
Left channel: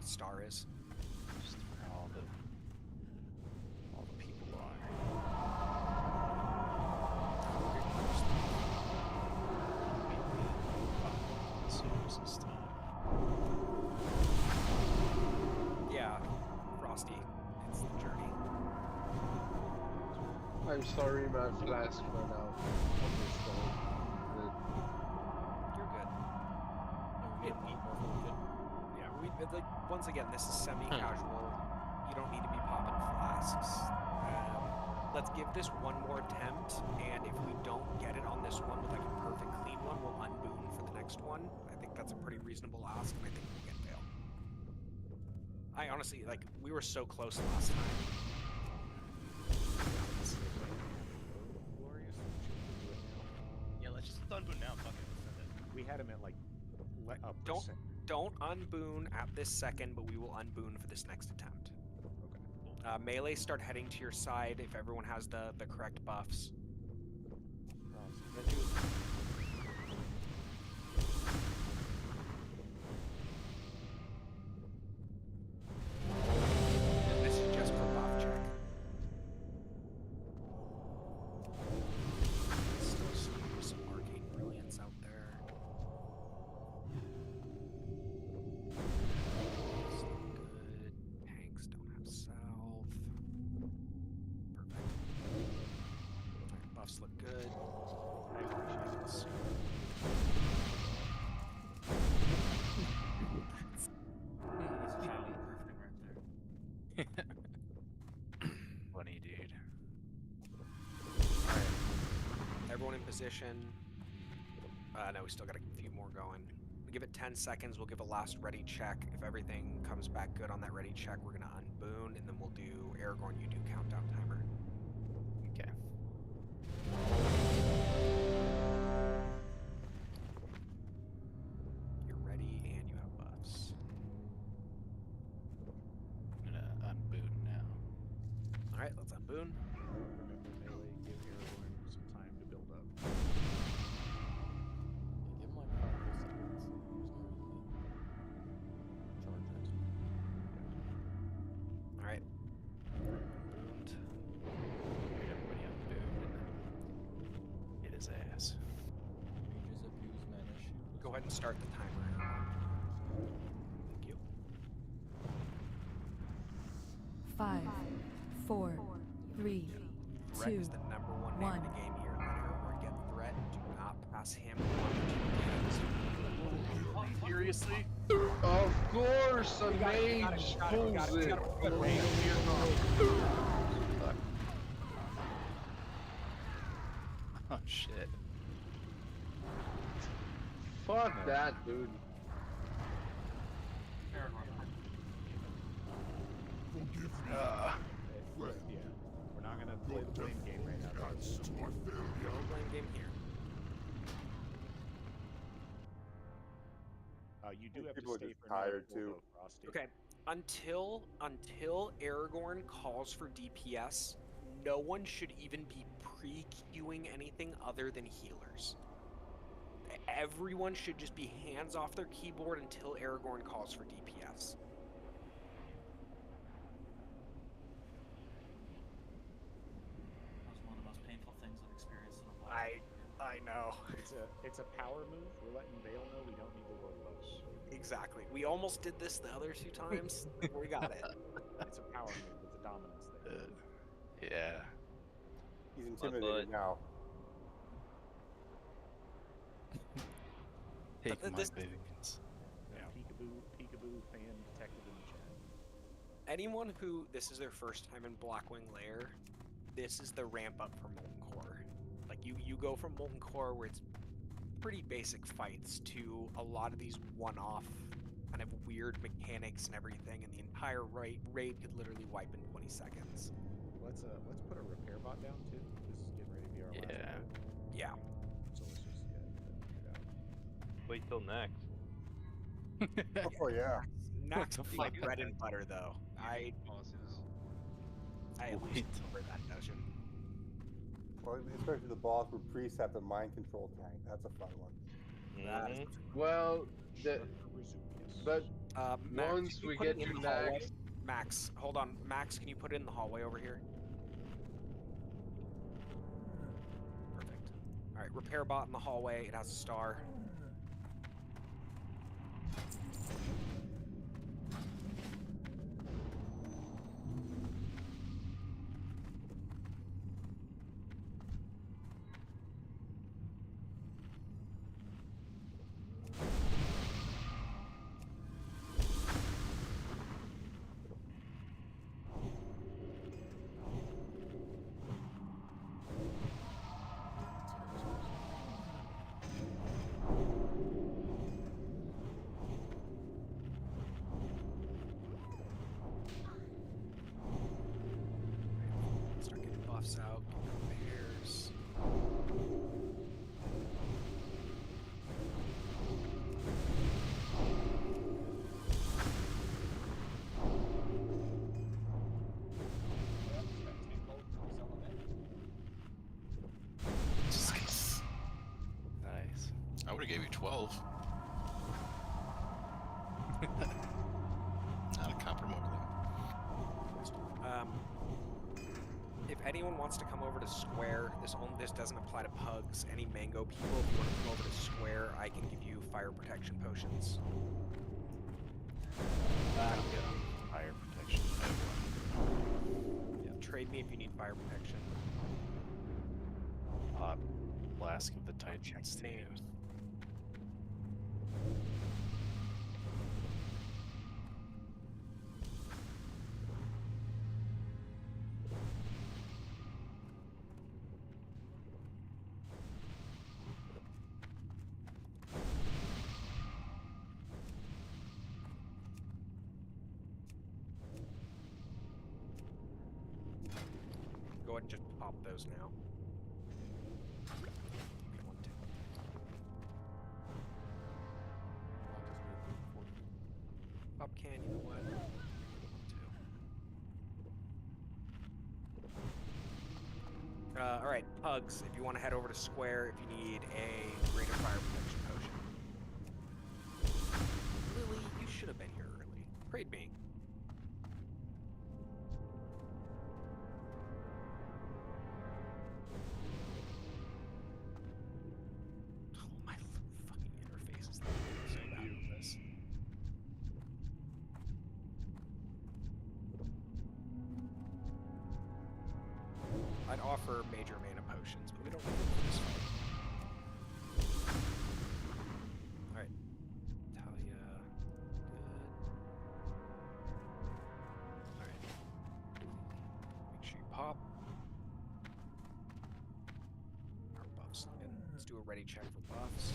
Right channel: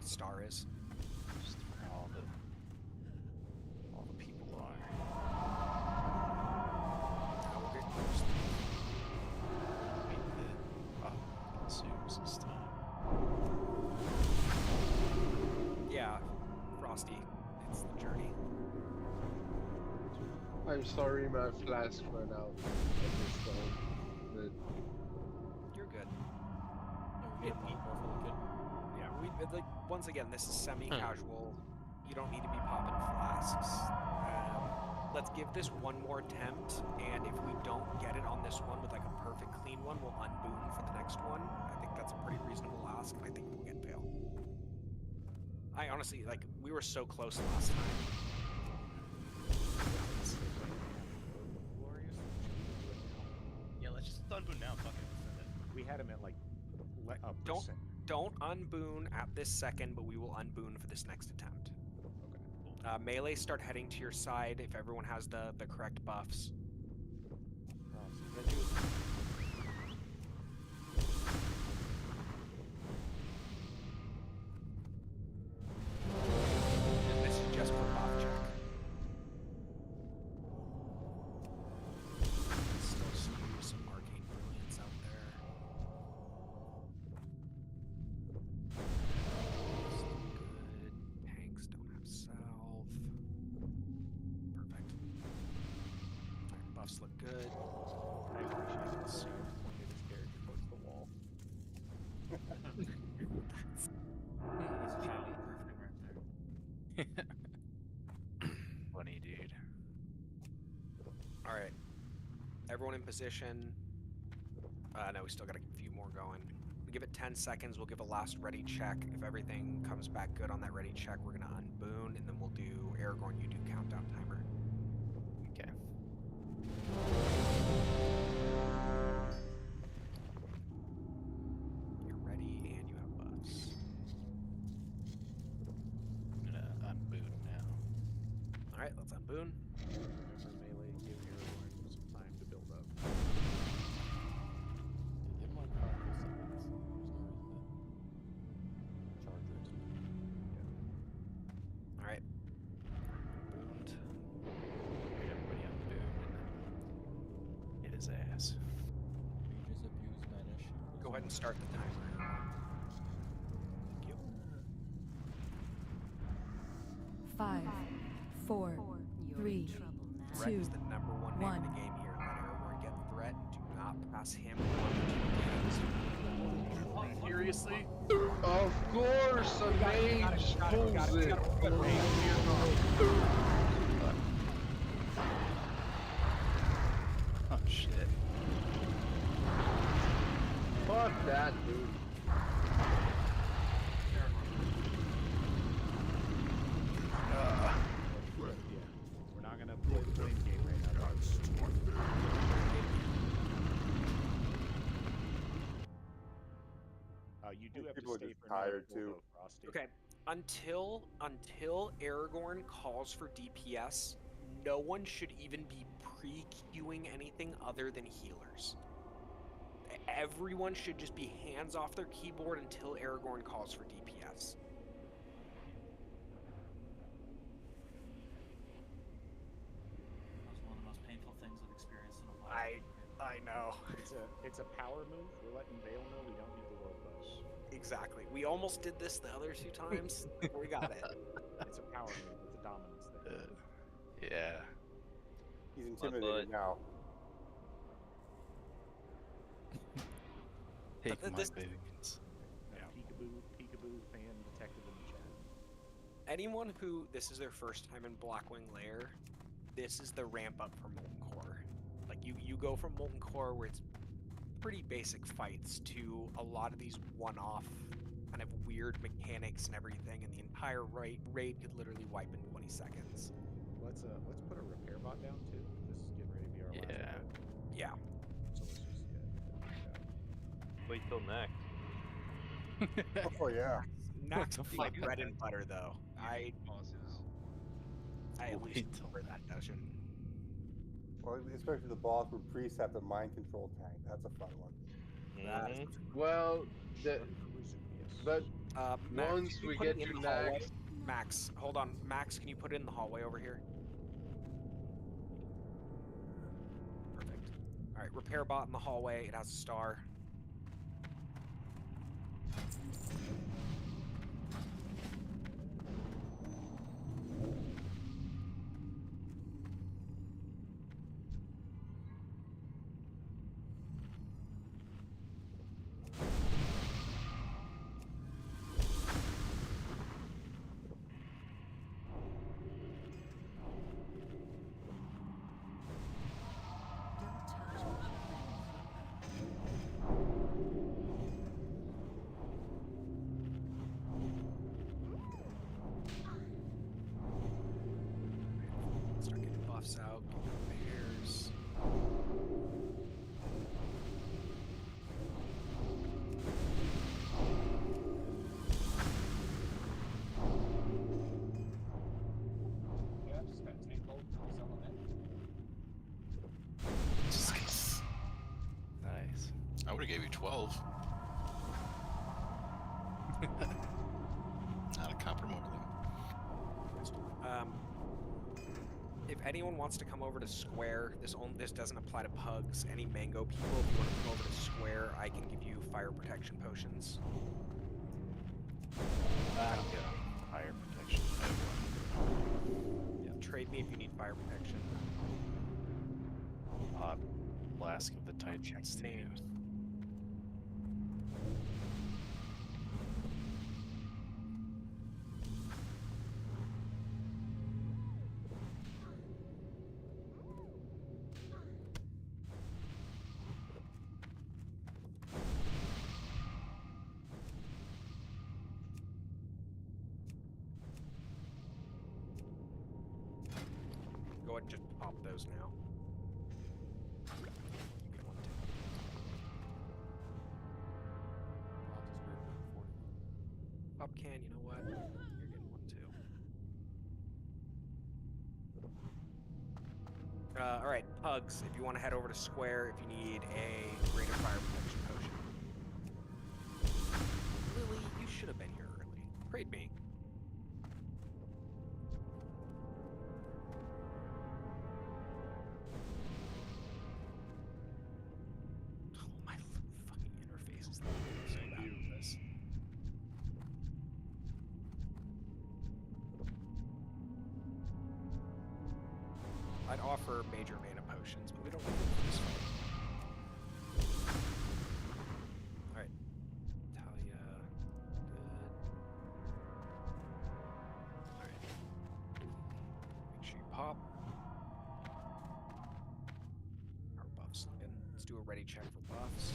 Star is. Just where all the people are. We'll get close. Serious this time. Yeah, Frosty. It's the journey. I'm sorry, my flask ran out of this stone. You're good. Yeah, we need more for the kid. Yeah, like once again, this is semi-casual. You don't need to be popping flasks. Let's give this one more attempt, and if we don't get it on this one with like a perfect clean one, we'll unboon for the next one. I think that's a pretty reasonable ask, and I think we'll get Vale. I honestly, like, we were so close last time. Yeah, let's just unboot now. Fuck it. Send it. We had him at like a Don't percent. don't unboon at this second, but we will unboon for this next attempt. Okay. Melee, start heading to your side if everyone has the correct buffs. This is just for buff check. Still some arcane brilliance out there. Buffs look good. Tanks don't have salve. Perfect. Alright, buffs look good. I appreciate this. He's child-proofing right there. Funny, dude. Alright. Everyone in position. No, we still got a few more going. We give it 10 seconds. We'll give a last ready check. If everything comes back good on that ready check, we're gonna unboon, and then we'll do Aragorn. You do countdown timer. Okay. You're ready, and you have buffs. I'm gonna unboot now. All right, let's unboon. Remember melee, give Aragorn some time to build up. Yeah, give him like 5 full seconds. There's no reason to charge it. All right. Unbooned. Wait, everybody unbooned and then hit his ass. Mages abuse mana shield. Go ahead and start the timer. Thank you. 5, 4, 3, Threat 2, is the number one name in 1. the game here. Let Aragorn get threat. Do not pass him. Seriously? Of course, a mage pulls it. Oh shit. Fuck that, dude. Yeah, we're not gonna play the blame game right now. You do have to People are stay just for another tired full too. go, Frosty. Okay. Until Aragorn calls for DPS, no one should even be pre-queuing anything other than healers. Everyone should just be hands off their keyboard until Aragorn calls for DPS. That was one of the most painful things I've experienced in a while. I know. It's a power move. We're letting Vale know we don't need the world boss. Exactly. We almost did this the other 2 times. We got it. It's a power move. It's a dominance thing. Yeah. He's intimidated now. Take But my this- boons. Peekaboo fan detected in the chat. Anyone who this is their first time in Blackwing Lair, this is the ramp up for Molten Core. Like you go from Molten Core where it's pretty basic fights to a lot of these one-off kind of weird mechanics and everything, and the entire raid could literally wipe in 20 seconds. Let's put a repair bot down too. This is getting ready to be our last raid. Yeah. So let's just knock it out. Wait till next. Oh yeah. Nax the is my fuck? bread and butter though. I at least Wait till remember that dungeon. Well, especially the boss where priests have the mind control tank. That's a fun one. That is Well, but Max, once can you we put get it in to the hallway? Nax, Max, hold on. Max, can you put it in the hallway over here? Perfect. All right, repair bot in the hallway. It has a star. Start getting buffs out, get repairs. Nice. I would have gave you 12. Not a copper mogling. If anyone wants to come over to Square, this doesn't apply to pugs. Any mango people, if you want to come over to Square, I can give you fire protection potions. I'm good on fire protection. I have one. Yeah, trade me if you need fire protection. Flask of the Titans too. Names. ahead and just pop those now. You get one too. Pop can, you know what? You're getting one too. Alright, Pugs, if you want to head over to Square, if you need a greater fire protection potion. Lily, you should have been here early. Trade me. Oh, my fucking interface is so bad with this. I'd offer major mana potions, but we don't need them for this fight. Alright. Talia. Good. Alright. Make sure you pop. Our buffs in. Let's do a ready check for buffs.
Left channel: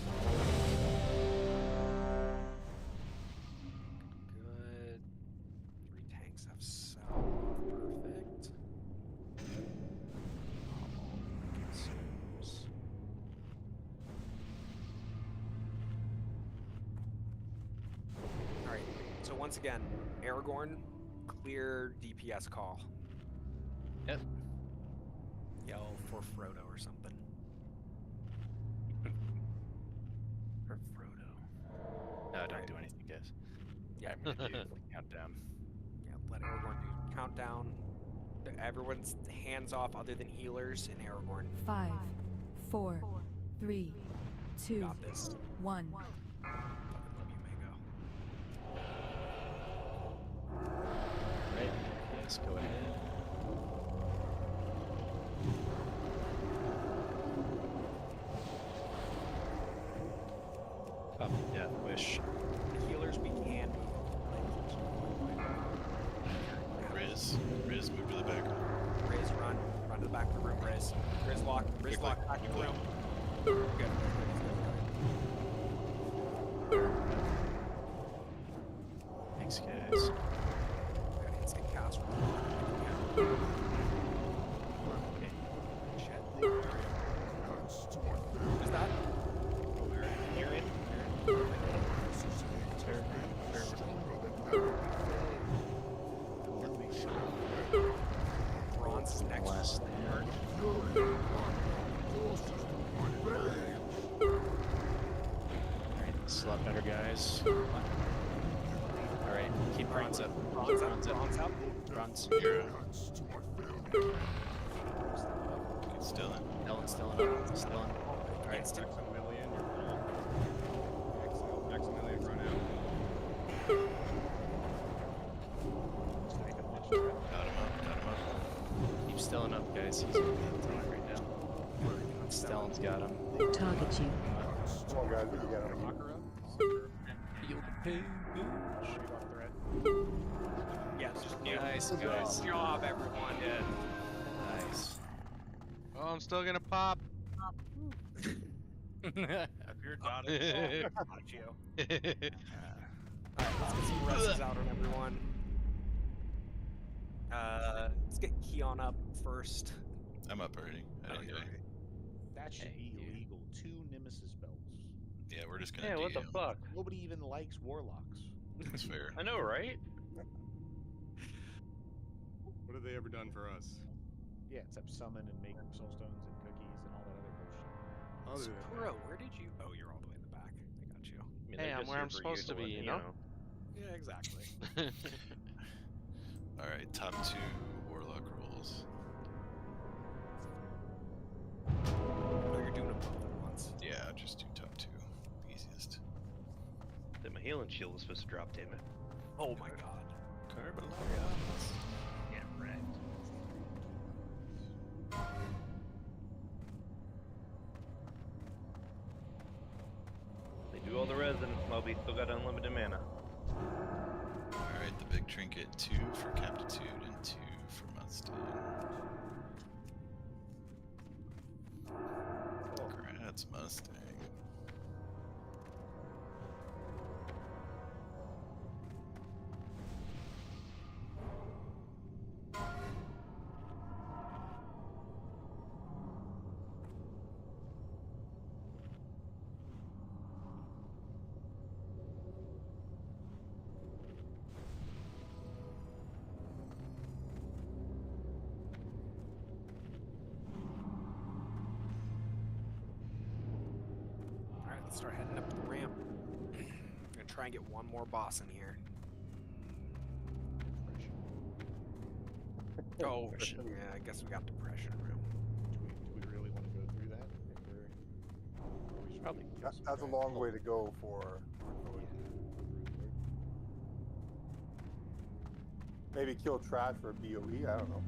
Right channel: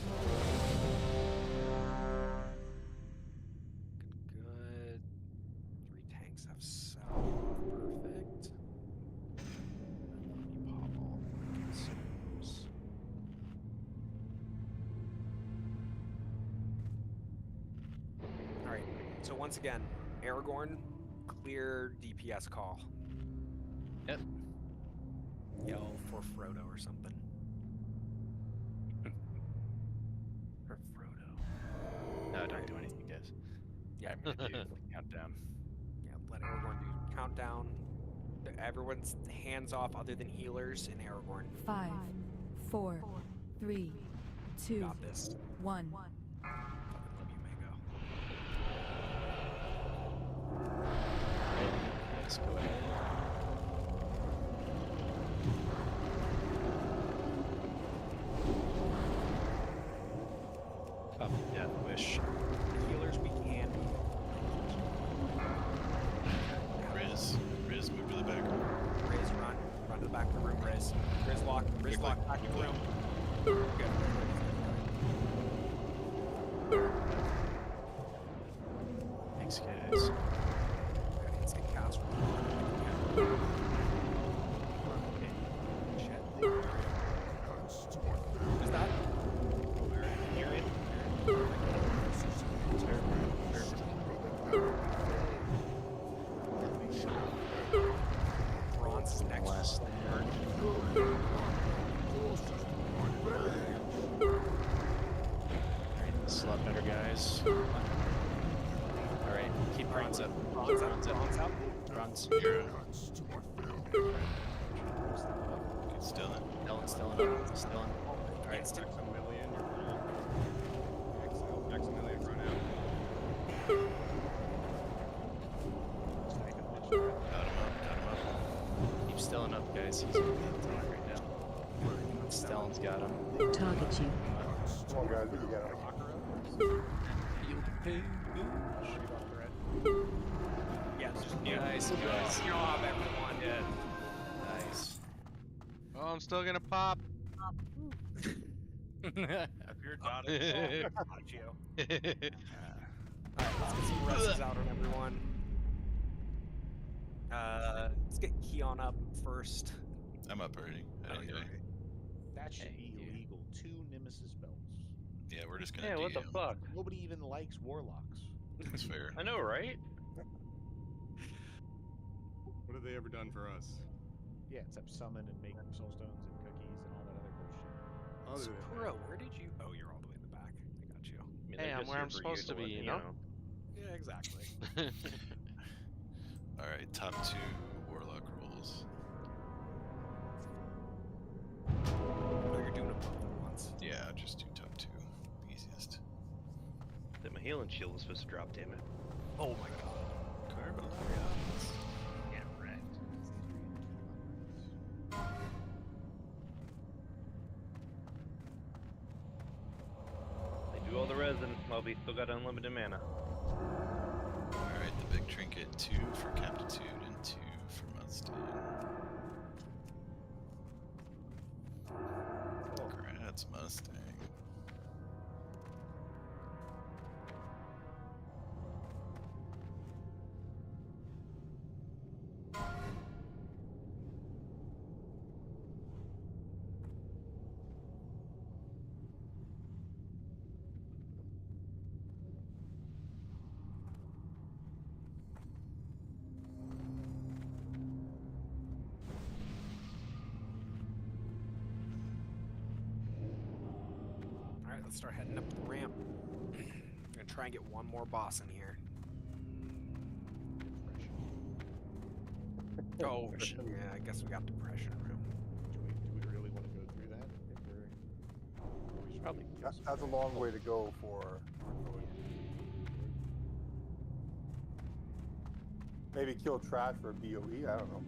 Good. 3 tanks have cell. Perfect. Pop all my consumes. Alright, so once again, Aragorn, clear DPS call. Yep. Yell for Frodo or something. For Frodo. No, don't do anything, guys. Yeah, I'm gonna do countdown. Yeah, let Aragorn do countdown. Everyone's hands off other than healers and Aragorn. 5, 4, 3, 2, Got this. 1. Fucking love you, Mango. Right. Yes, go ahead. Up, death wish. Healers we can. Riz, move to the back room. Riz, run. Run to the back of the room, Riz. Riz lock, back in the room. Good. Thanks, guys. Got instant cast. Okay. Shit. Who's that? Aaron. Bronze is next. Last turn. Alright, this is a lot better, guys. Alright, keep bronze up. Bronze up. Bronze up. Bronze. You're still in. Ellen's still in. Still in. Alright. Maximilian, you're full. Maximilian, run out. Got him up. Keep Stellan up, guys. He's gonna be in tank right now. Stellan's got him. Target you. Come on, guys, we can get him. Feel the pain. Shoot off threat. Yeah, it's just Nice, good guys. job, everyone. Good. Nice. Oh, I'm still gonna pop. If you're not in got you. Alright, let's get some rests out on everyone. Let's get Keon up first. I'm up already. I didn't you're die. right. That should be illegal. 2 Nemesis belts. Yeah, we're just gonna Yeah, what the DM. fuck? Nobody even likes warlocks. That's fair. I know, right? What have they ever done for us? Yeah, except summon and make soulstones and cookies and all that other bullshit. Other than Sakura, where did you? Oh, you're all the way in the back. I got you. I mean, Hey, they're I'm just where here I'm for supposed to be, you know? Yeah, exactly. All right, top 2 warlock rolls. Oh, you're doing them both at once. Yeah, just do top 2. Easiest. Then my healing shield was supposed to drop, damn it. Oh my god. Carbalarians. Yeah, wrecked. They do all the resin, Moby still got unlimited mana. Alright, the big trinket. 2 for Captitude and 2 for Mustang. Congrats, Mustang. Let's start heading up the ramp. I'm gonna try and get one more boss in here. Oh, yeah, I guess we got depression room. Do we really want to go through that? If we're, or we should Probably. kill some That's a trash? long way to go for. Maybe kill trash for a BOE. I don't know.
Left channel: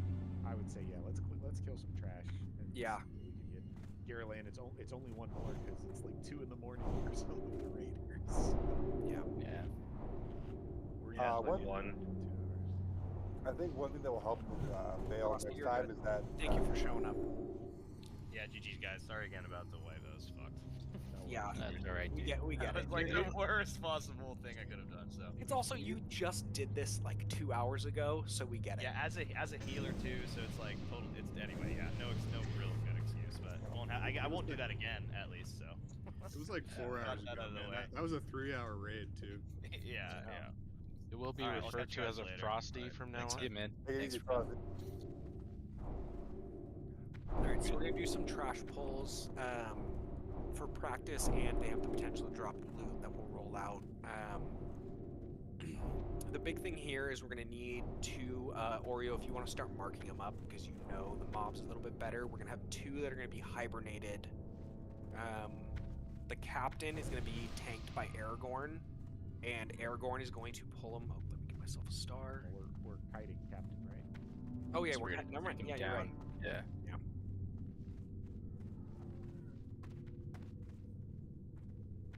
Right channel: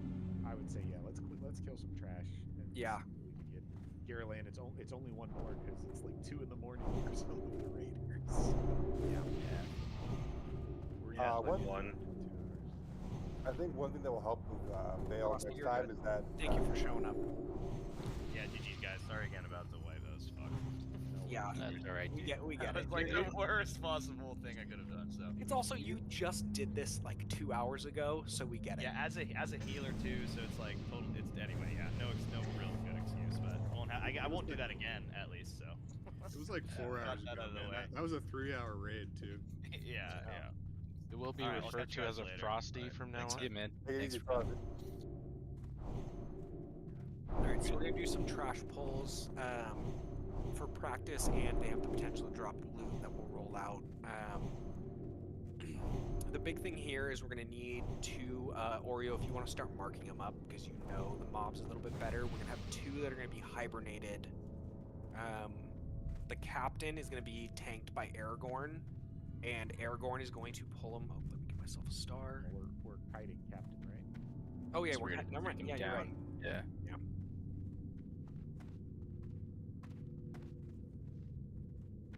I would say yeah. Let's kill some trash. And Yeah. see what we can get. Garland, it's only one more because it's like 2 in the morning for some of the raiders. Yeah. Yeah. We're one. I think one thing that will help with Vale Frosty, next you're time good. is that. Thank you for showing up. Yeah, GG's guys. Sorry again about the way that was fucked. Yeah, That's all right, we dude. get That it. was like the worst possible thing I could have done. So It's also you just did this like 2 hours ago, so we get it. yeah, as a healer too. So it's like total. It's anyway. Yeah, no real good excuse, but I won't do that again at least. So It was like 4 hours got that ago, out of the man. way. That was a 3-hour raid too. yeah. It will be All right, I'll referred catch to you as guys a later. Frosty from now Thanks, on. good man. Take it Thanks easy, for Frosty. Alright, so we're gonna do some trash pulls for practice, and they have the potential to drop loot that will roll out. The big thing here is we're gonna need 2 Oreo if you want to start marking them up because you know the mobs a little bit better. We're gonna have 2 that are gonna be hibernated. The captain is gonna be tanked by Aragorn, and Aragorn is going to pull him. Oh, let me get myself a star. Well, we're kiting captain, right? Oh yeah, So we're we're gonna never mind. take Yeah, him you're right. down. Yeah. Yeah.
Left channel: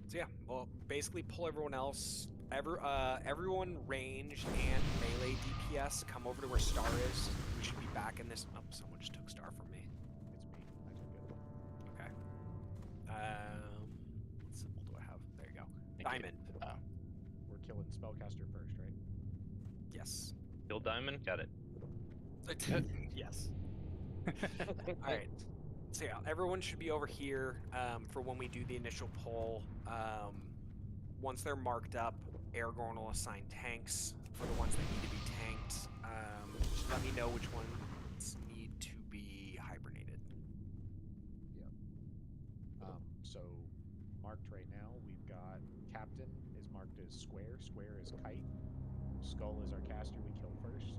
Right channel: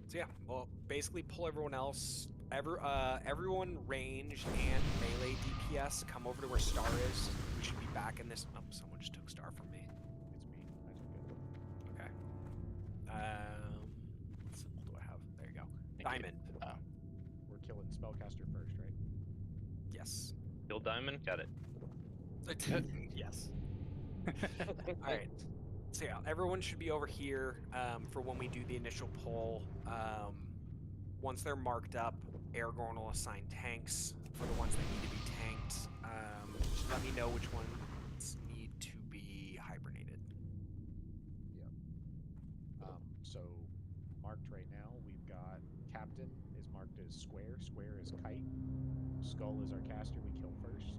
So yeah, well, basically pull everyone else. Everyone range and melee DPS come over to where Star is. We should be back in this. Oh, someone just took Star from me. It's me. I took it. Okay. What symbol do I have? There you go. Thank you. Diamond. We're killing spellcaster first, right? Yes. Kill Diamond? Got it. Yes. All right. So yeah, everyone should be over here for when we do the initial pull. Once they're marked up, Aragorn will assign tanks for the ones that need to be tanked. Just let me know which ones need to be hibernated. Yep. So marked right now, we've got captain is marked as square. Square is kite. Skull is our caster we kill first.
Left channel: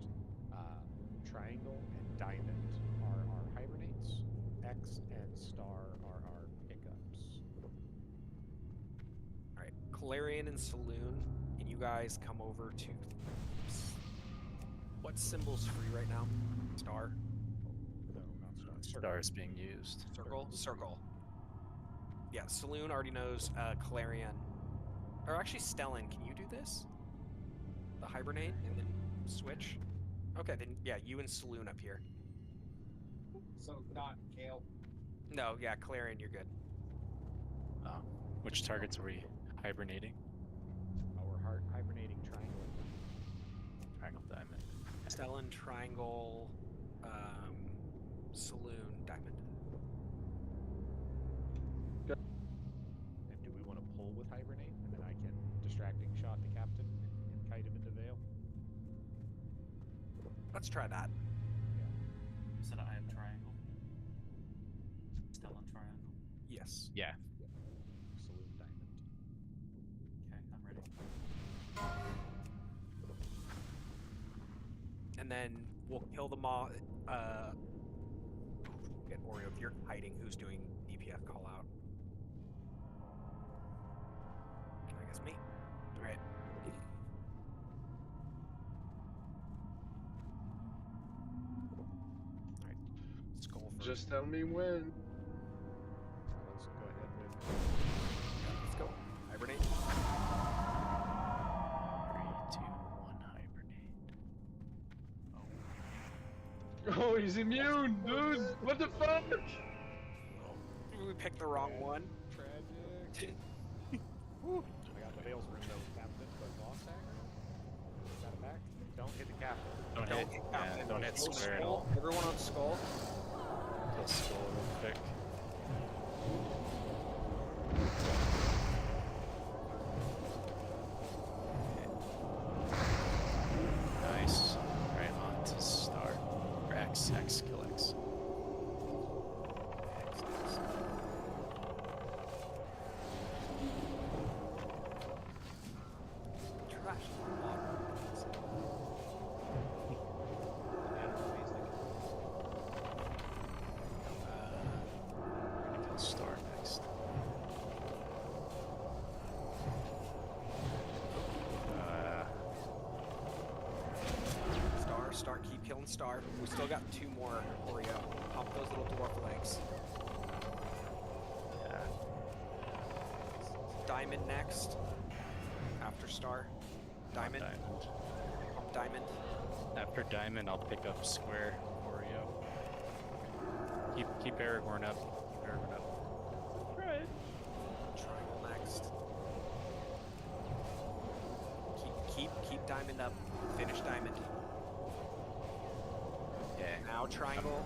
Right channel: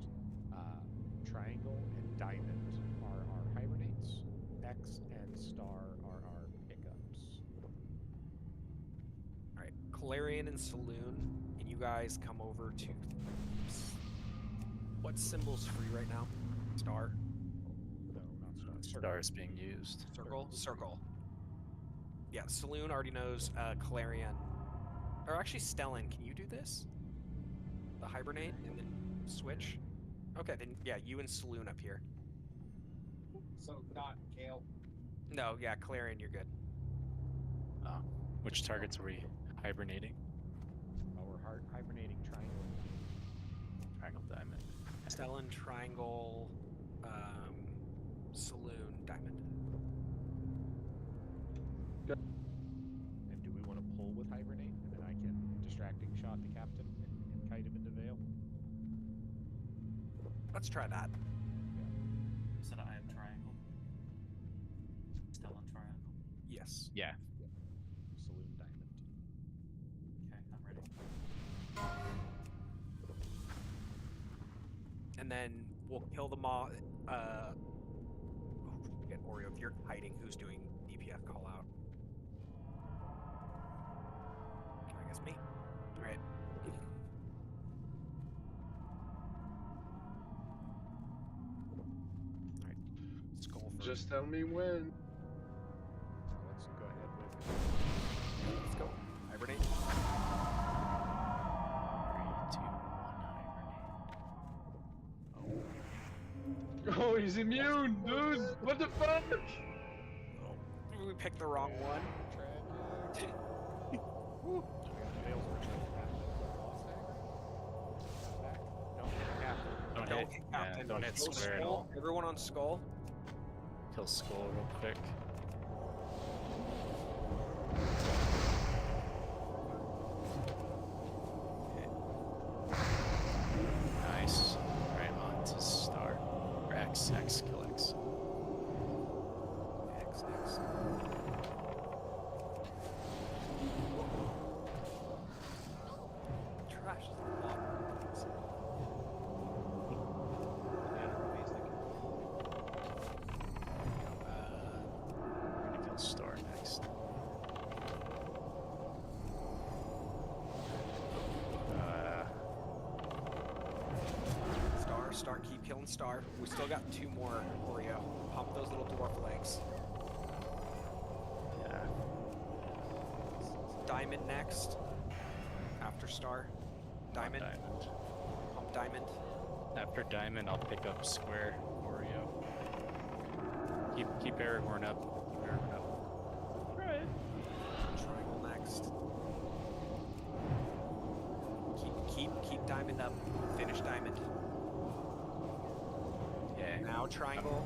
Triangle and diamond are our hibernates. X and star are our pickups. All right, Calarian and Saloon, and you guys come over to. What symbol's free right now? Star. No, not star. Star is being used. Circle. Yeah, Saloon already knows Calarian. Or actually, Stellan, can you do this? The hibernate and then switch? Okay, then yeah, you and Saloon up here. So not Kale. No, yeah, Calarian, you're good. Which targets are we hibernating? We're hibernating triangle and diamond. Triangle, diamond. Stellan, Triangle, Saloon, Diamond. And do we want to pull with hibernate, and then I can distracting shot the captain and kite him into Vale? Let's try that. Yeah. You said I have triangle. Still on triangle. Yes. Yeah. Saloon diamond. Okay, I'm ready. And then we'll kill the mob. Get Oreo if you're hiding. Who's doing DPS call out? I guess me. All right. All right. Skull first. Just tell me when. Now let's go ahead with. Let's go. Hibernate. 3, 2, 1, hibernate. Oh, he's immune, dude! What the fuck? We picked the wrong one. Tragic. Woo. I got the Vale's window captain, but lost aggro. Got it back. Don't hit the captain. Don't hit. Yeah, don't hit Kill square at Skull. all. Everyone on Skull. Kill skull real quick. Nice. Right on to star. Or X, kill X. Star next. Star, keep killing Star. We still got 2 more, Oreo. Pump those little dwarf legs. Yeah. Diamond next. After Star. Diamond. Diamond. Pump Diamond. After Diamond, I'll pick up Square, Oreo. Keep Aragorn up. Keep Aragorn up. Right. Triangle next. Keep Diamond up. Finish Diamond. Yeah. Now Triangle.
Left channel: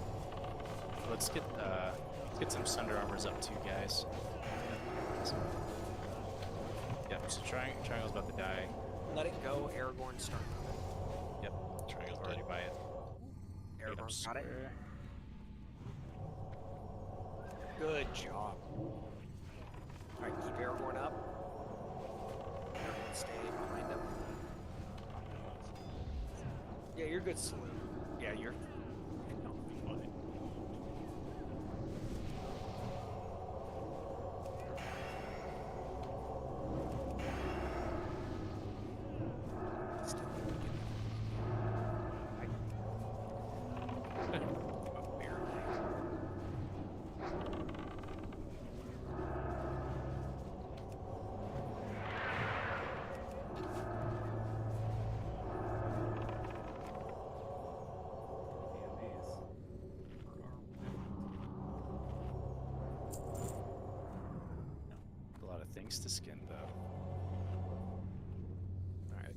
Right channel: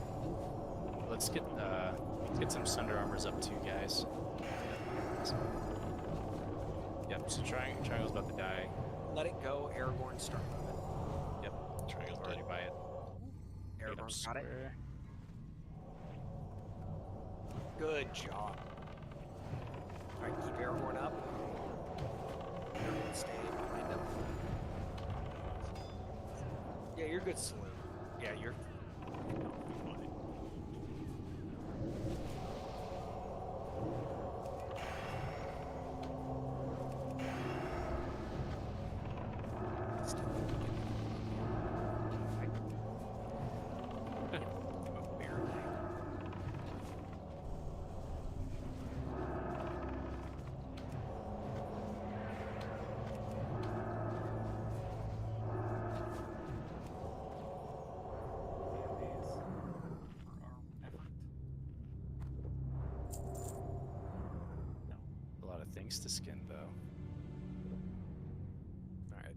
Let's get some Sunder Armors up too, guys. Yep. So Triangle's about to die. Let it go. Aragorn start moving. Yep. Triangle's already by it. Aragorn got it. Good job. Alright, keep Aragorn up. Aragorn stay behind him. Yeah, you're good, Saloon. Yeah, you're fine. A lot of things to skin, though. Alright.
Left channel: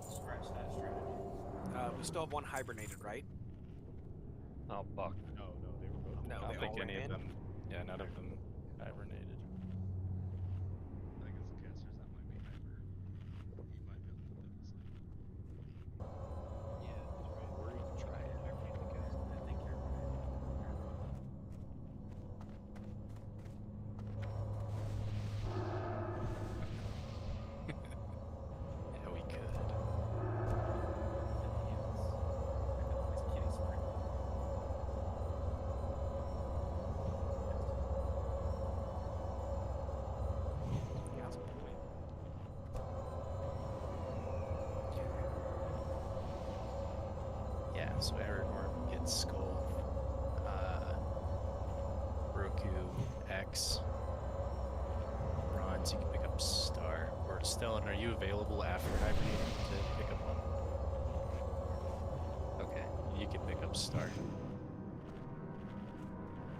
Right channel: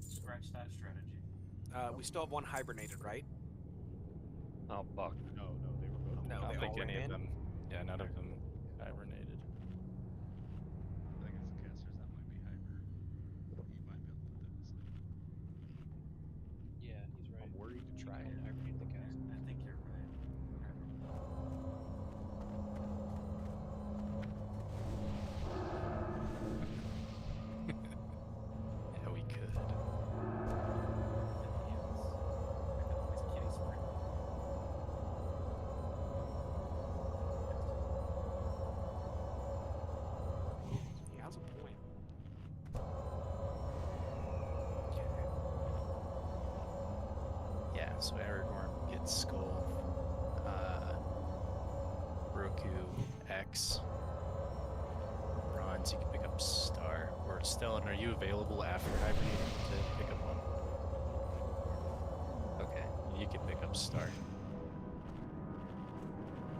Scratch that strategy. We still have 1 hibernated, right? Oh, fuck. No, they were both. No, I they don't think all ran any of in. them. Yeah, none of them hibernated. I think it's the casters that might be hyper. You might be able to put them to sleep. Yeah, he's right. Or you can try and hibernate the cast. I think you're right. Yeah, we could. He has a point. Yeah, so Aragorn gets Skull. Roku, X. Bronze, you can pick up Star. Or Stellan, are you available after hibernating to pick up one? Okay, you can pick up Star.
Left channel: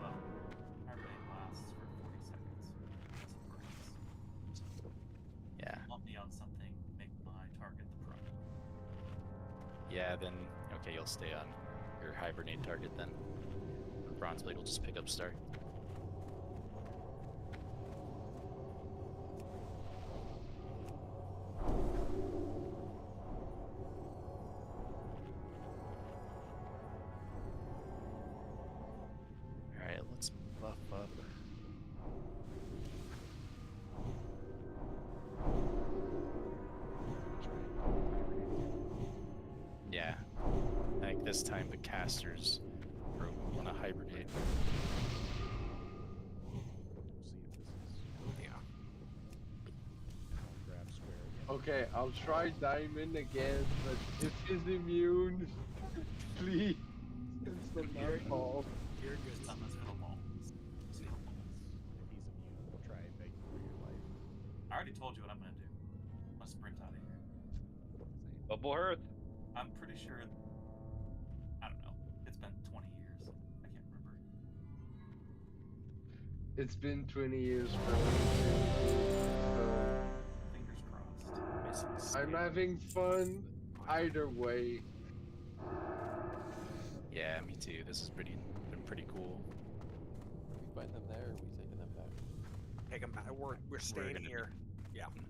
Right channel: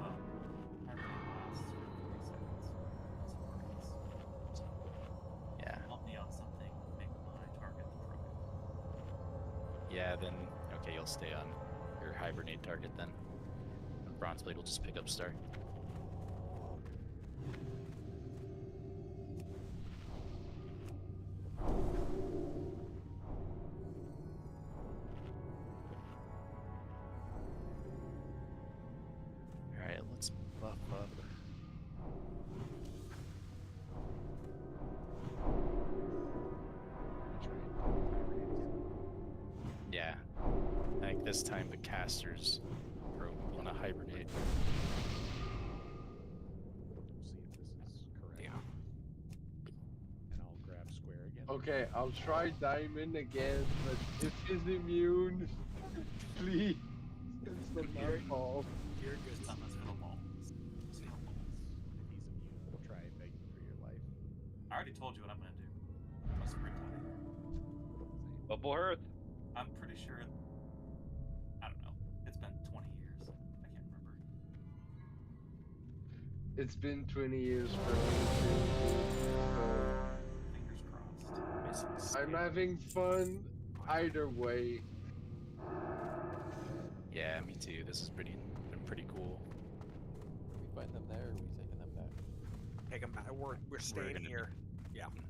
Well, hibernate lasts for 40 seconds. That's worries. Yeah. Want me on something, make my target the pro. Yeah, then, okay, you'll stay on your hibernate target then. And Bronzeblade will just pick up Star. Alright, let's buff up. Yeah. I think this time the casters want to hibernate. We'll see if this is correct. Yeah. And I'll grab Square again. Okay, I'll try Diamond again, but if he's immune, please, it's not my fault. You're good. Someone's gonna ball. If he's immune, we'll try begging for your life. I already told you what I'm gonna do. I'm gonna sprint out of here. Bubble Hearth. I'm pretty sure. I don't know. It's been 20 years. I can't remember. It's been 20 years for me too. Fingers crossed. So I'm having fun either way. Yeah, me too. This has been pretty cool. We find them there, or we taking them back? Take them back. We're staying gonna- here. Yeah. Mhm.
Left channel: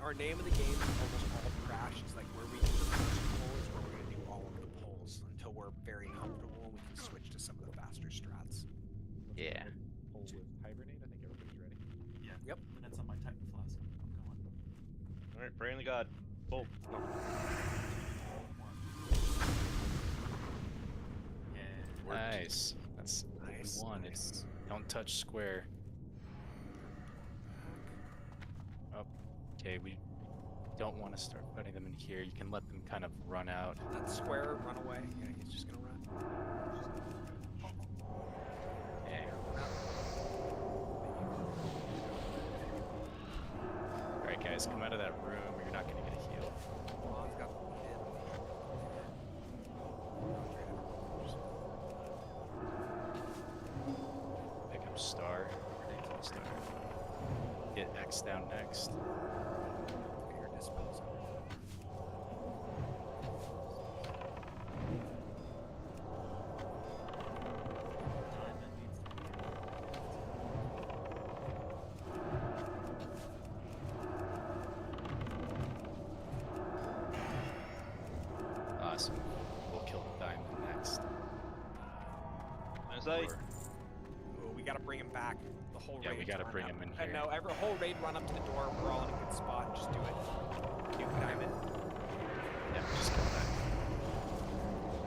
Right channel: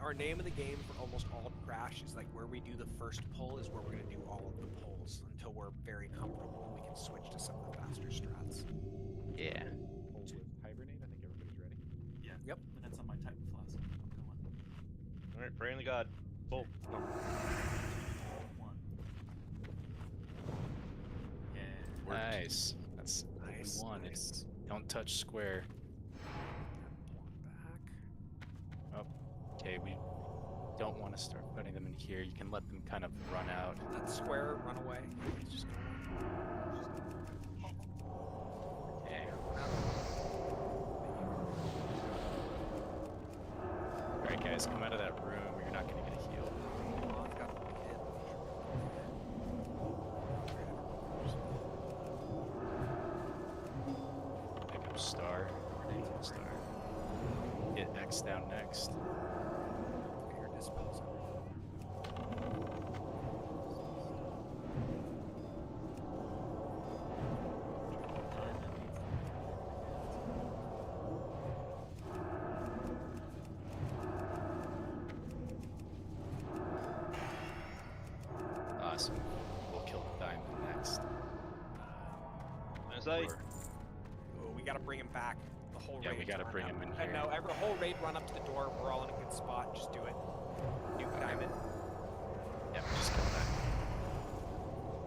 Our name of the game, almost all Crash, is like where we do the first pull is where we're going to do all of the pulls until we're very comfortable and we can switch to some of the faster strats. Yeah. Pull with Hibernate. I think everybody's ready. Yeah. Yep. Minutes on my Titan Flask. I'm going. Alright, pray on the god. Pull. No. One. Yeah. Nice. That's what Nice, we wanted. nice. Don't touch square. Oh, okay. We don't want to start putting them in here. You can let them kind of run out. That square, run away. Yeah, he's just gonna run. Okay. Alright, guys, come out of that room or you're not gonna get a heal. Lon's got the lead. Pick up star. Star. Get X down next. Here, dispels Awesome. We'll kill the diamond next. Oh, we gotta bring him back. The whole Yeah, raid. we gotta run bring up. him in And here. no, every whole raid run up to the door. We're all in a good spot. Just do it. Nuke diamond. Yeah, just kill that.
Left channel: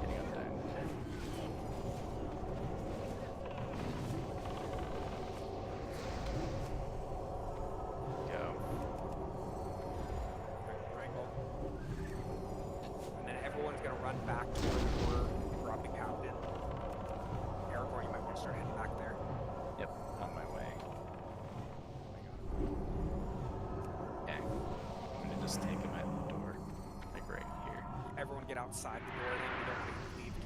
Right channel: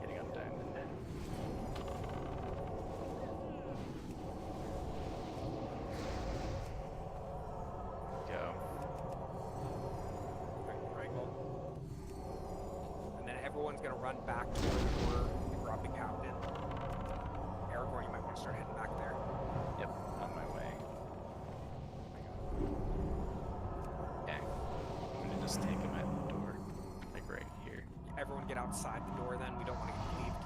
Hitting on diamond. Go. Triangle. And then everyone's gonna run back to where we were. Drop the captain. Aragorn, you might want to start heading back there. Yep, on my way. Okay. I'm gonna just take him at the door. Like right here. Everyone get outside the door then. We don't want to get cleaved.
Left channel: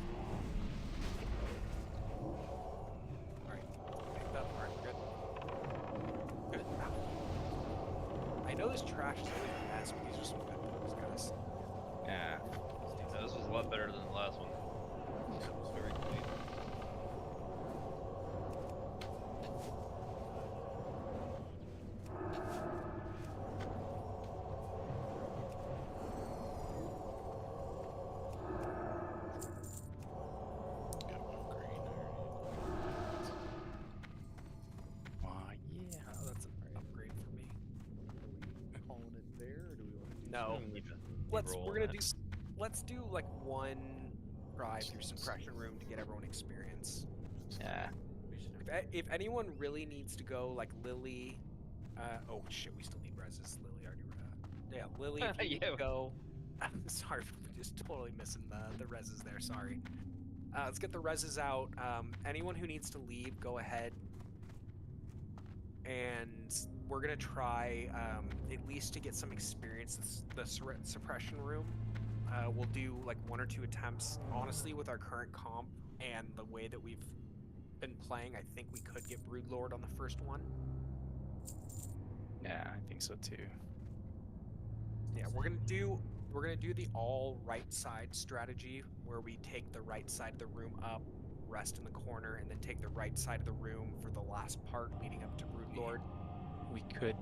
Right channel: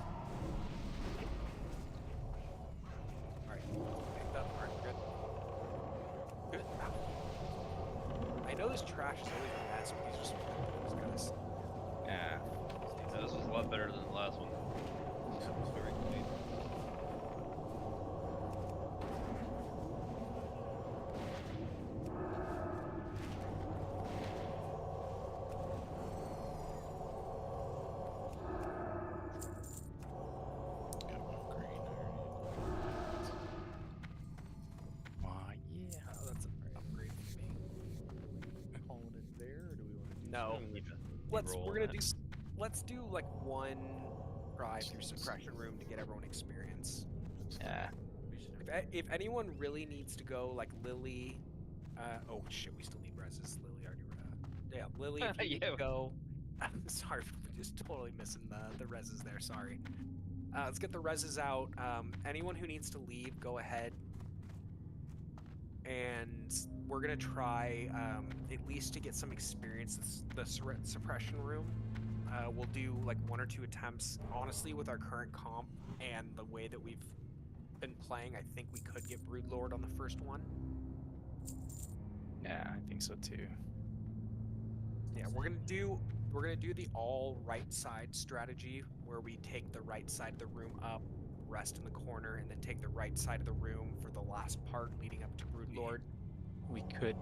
Alright. Picked up. Alright, we're good. Good. I know this trash is always a mess, but these are some good ones, guys. Yeah. This was a lot better than the last one. That was very clean. Yeah. Oh, that's an upgrade for me. Calling it there, or do we want to do No. something? We're gonna do. Let's do like one try through suppression room to get everyone experience. Yeah. If anyone really needs to go, like Lily. Oh shit, we still need reses. Lily already. Yeah, Lily, if you need to go. Sorry for just totally missing the reses there. Sorry. Let's get the reses out. Anyone who needs to leave, go ahead. And we're gonna try at least to get some experience the suppression room. We'll do like 1 or 2 attempts. Honestly, with our current comp and the way that we've been playing, I think we could get Broodlord on the first one. Yeah, I think so too. Yeah, we're gonna do the all right side strategy where we take the right side of the room up, rest in the corner, and then take the right side of the room for the last part leading up to Broodlord. We could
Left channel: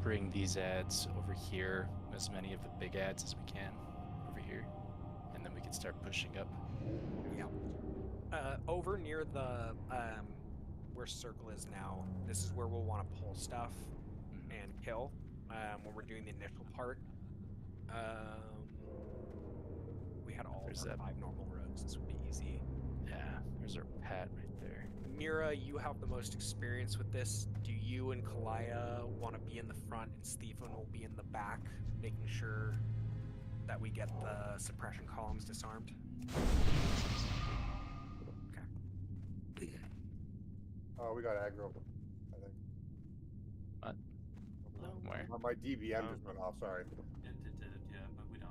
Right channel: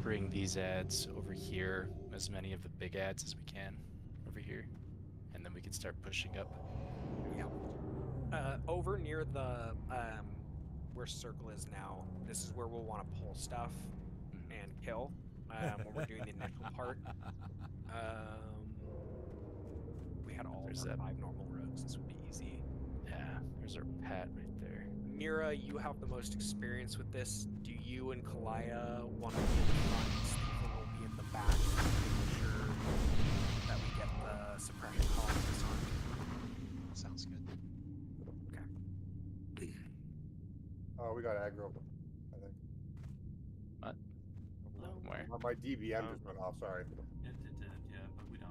bring these ads over here, as many of the big ads as we can over here, and then we can start pushing up. Yeah. Over near the where circle is now, this is where we'll want to pull stuff and kill when we're doing the initial part. We had all of our 5 normal rogues. This would be easy. Yeah, there's our Pat right there. Mira, you have the most experience with this. Do you and Kalaya want to be in the front? Stephen will be in the back, making sure that we get the suppression columns disarmed. Okay. Oh, we got aggro, I think. What? Where? My DBM just went off, sorry. It did, yeah, but we don't.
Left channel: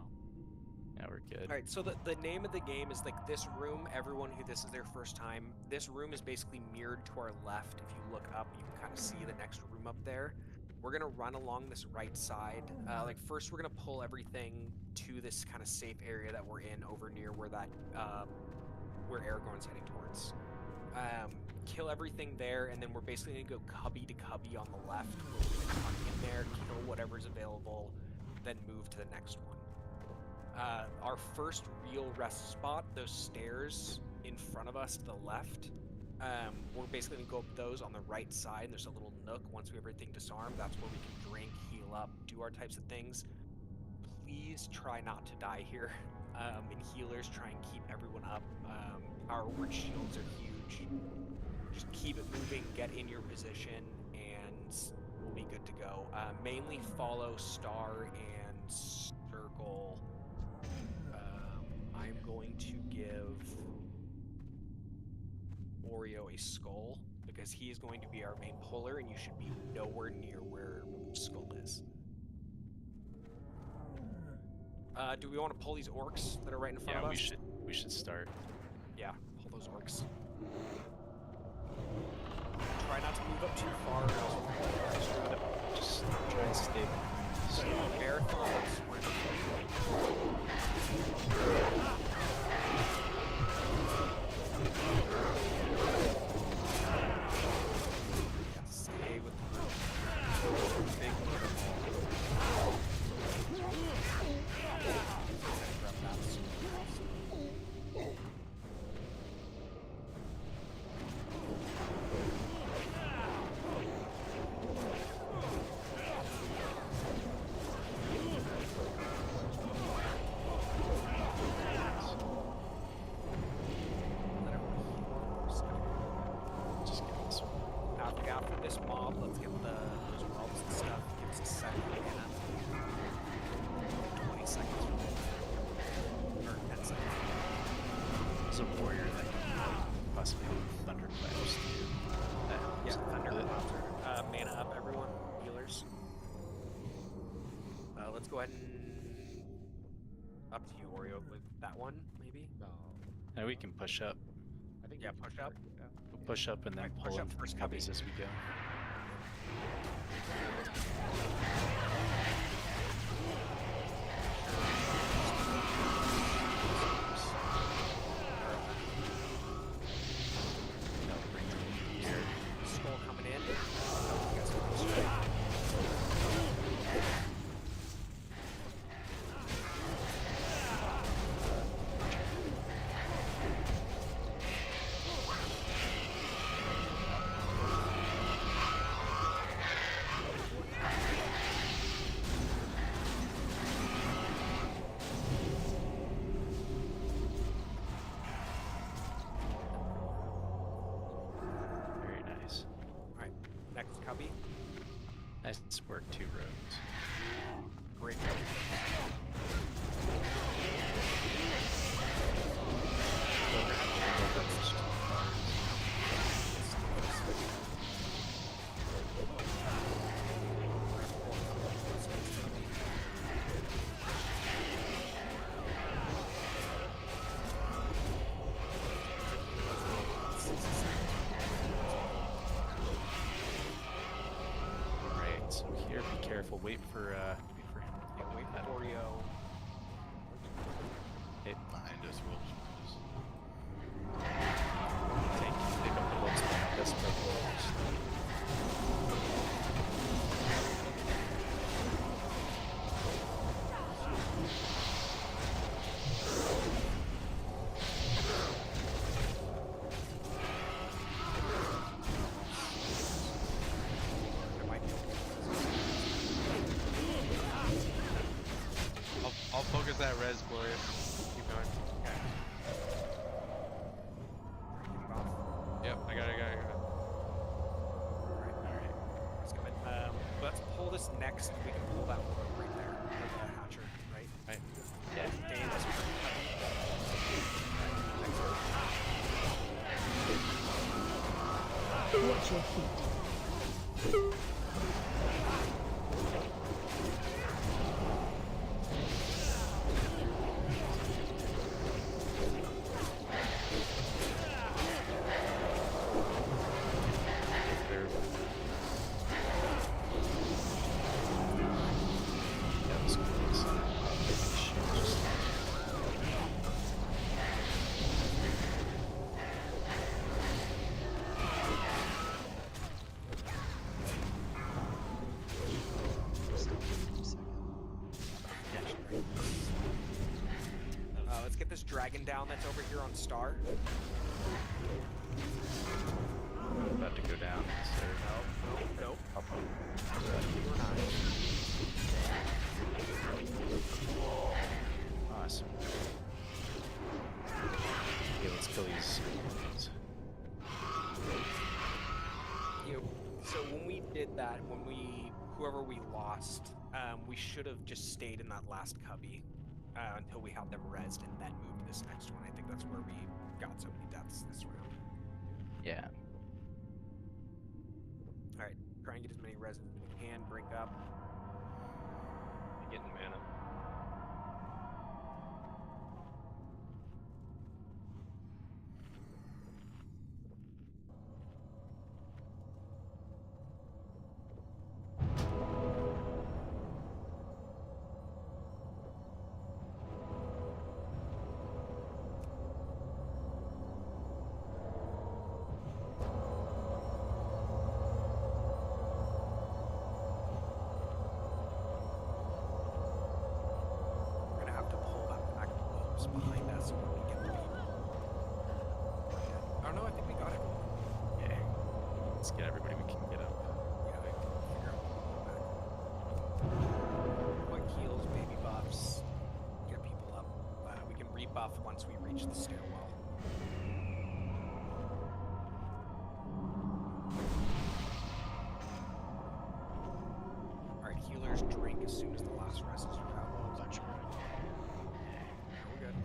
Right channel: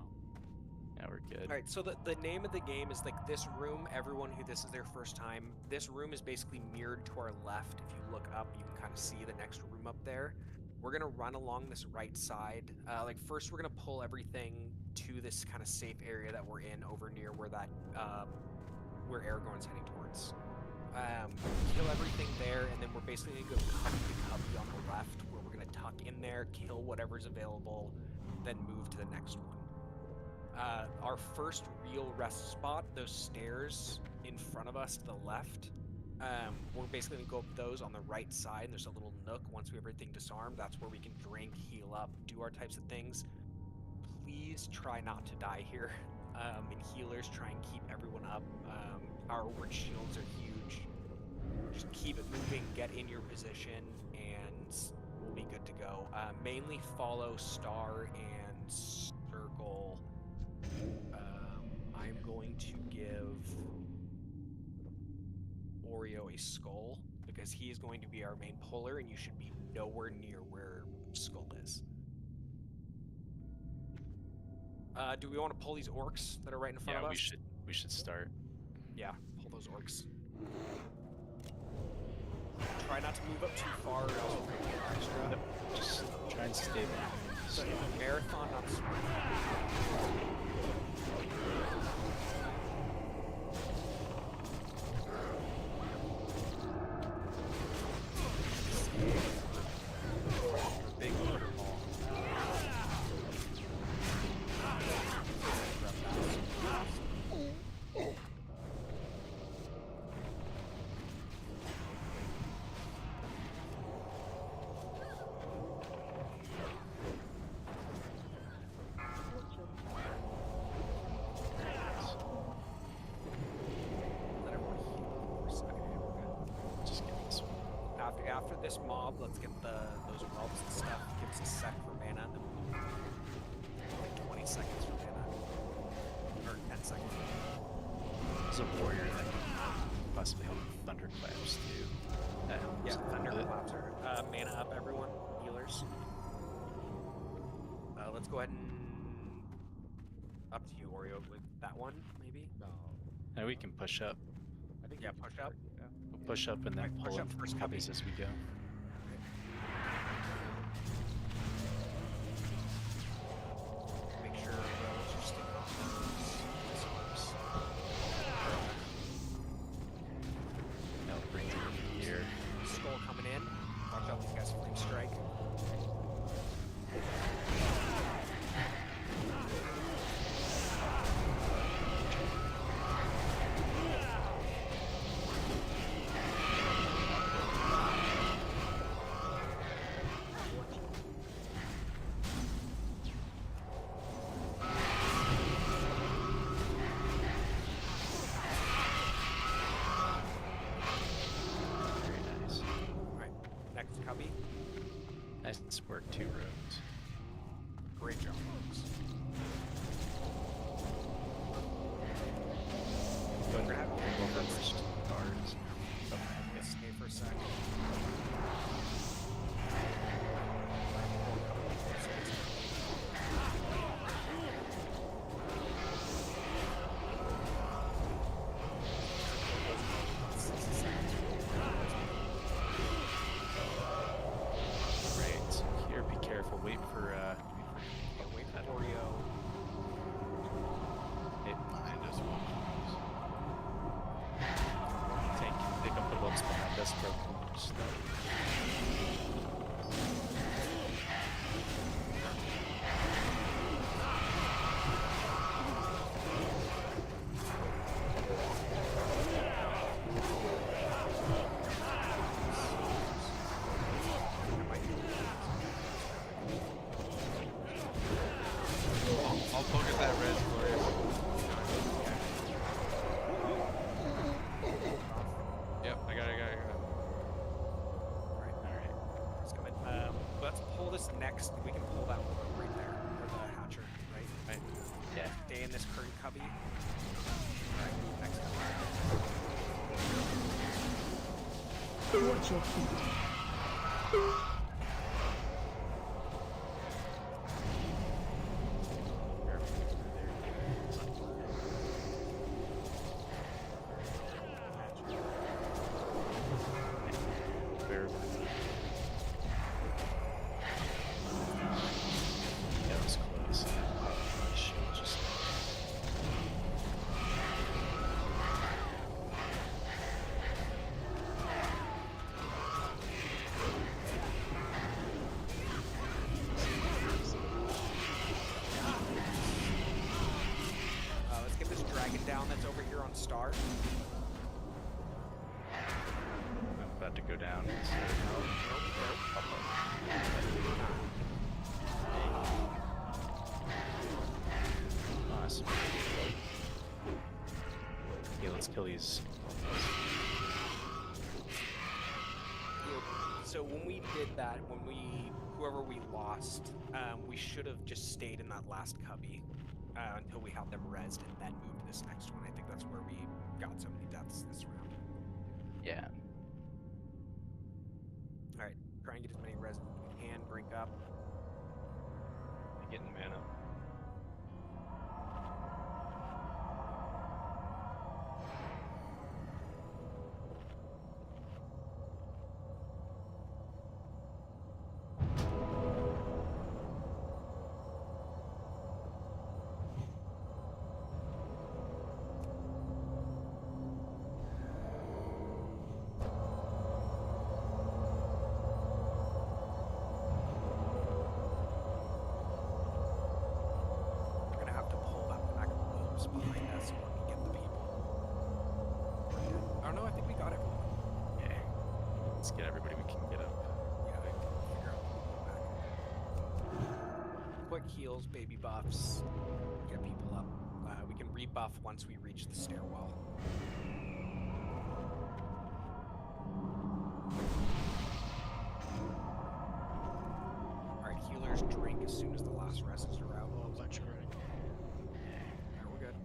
Yeah, we're good. Alright, so the name of the game is like this room. Everyone who this is their first time, this room is basically mirrored to our left. If you look up, you can kind of see the next room up there. We're gonna run along this right side. Like first, we're gonna pull everything to this kind of safe area that we're in over near where that where Aragorn's heading towards. Kill everything there, and then we're basically gonna go cubby to cubby on the left, where we're gonna tuck in there, kill whatever's available, then move to the next one. Our first real rest spot, those stairs in front of us to the left, we're basically going to go up those on the right side, and there's a little nook. Once we have everything disarmed, that's where we can drink, heal up, do our types of things. Please try not to die here. And healers, try and keep everyone up. Our word shields are huge. just keep it moving, get in your position, and we'll be good to go. Mainly follow star and circle. I'm going to give Oreo a skull because he is going to be our main puller, and you should be nowhere near where skull is. Do we want to pull these orcs that are right in front of us? Yeah, we should start. Yeah, pull those orcs. Try not to move up too far, or else we'll get extra. Just try and stay behind. So marathon or sprint. Big order ball. After this mob, let's get those whelps and stuff. Give us a second for mana. 20 seconds for mana. Or 10 seconds. There's a warrior that can possibly help with thunderclaps too. Yeah, thunderclaps are mana up, everyone. Healers. Let's go ahead and up to you, Oreo, with that one, maybe. No. And we can push up. I think Yeah, we can push up. start, yeah. We'll push up and then Alright, push pull up in first, cubbies as we go. Now bring it here. Skull coming in. Watch out, you guys can strike. Very nice. Alright, next cubby. Nice work, 2 roads. Great job. We're gonna have to go first. Bards. Yes, stay for a sec. Right, so here, be careful. Wait for him. Wait for Oreo. Hit. Behind us, wolves. Tank. Pick up the wolves behind us. Break wolves. I might be able to. I'll focus that res, Glorious. Keep going. Yep, I got it. Alright. It's coming. Let's pull this next. We can pull that one right there. Or the hatcher, right? Right. Yeah. Stay in this current cubby. Alright, next one. Watch your feet. That was close. Shit, just Let's get this dragon down that's over here on Star. I'm about to go down. Nope. We're not. Awesome. Okay, let's kill these. did that when whoever we lost, we should have just stayed in that last cubby until we had them rezzed and then moved to this next one. I think that's where we got so many deaths this round. Yeah. All right, try and get as many rezzes as we can. Drink up. Getting mana. Behind us so we can get the people. Oh no, I think we got everyone. Yeah. Let's get everybody we can get up. Yeah, I can figure out what to go back. Quick heals, baby buffs, get people up. We can rebuff once we reach the stairwell. Alright, healers drink as soon as the last rests are out. Oh, bunch of red. We're good.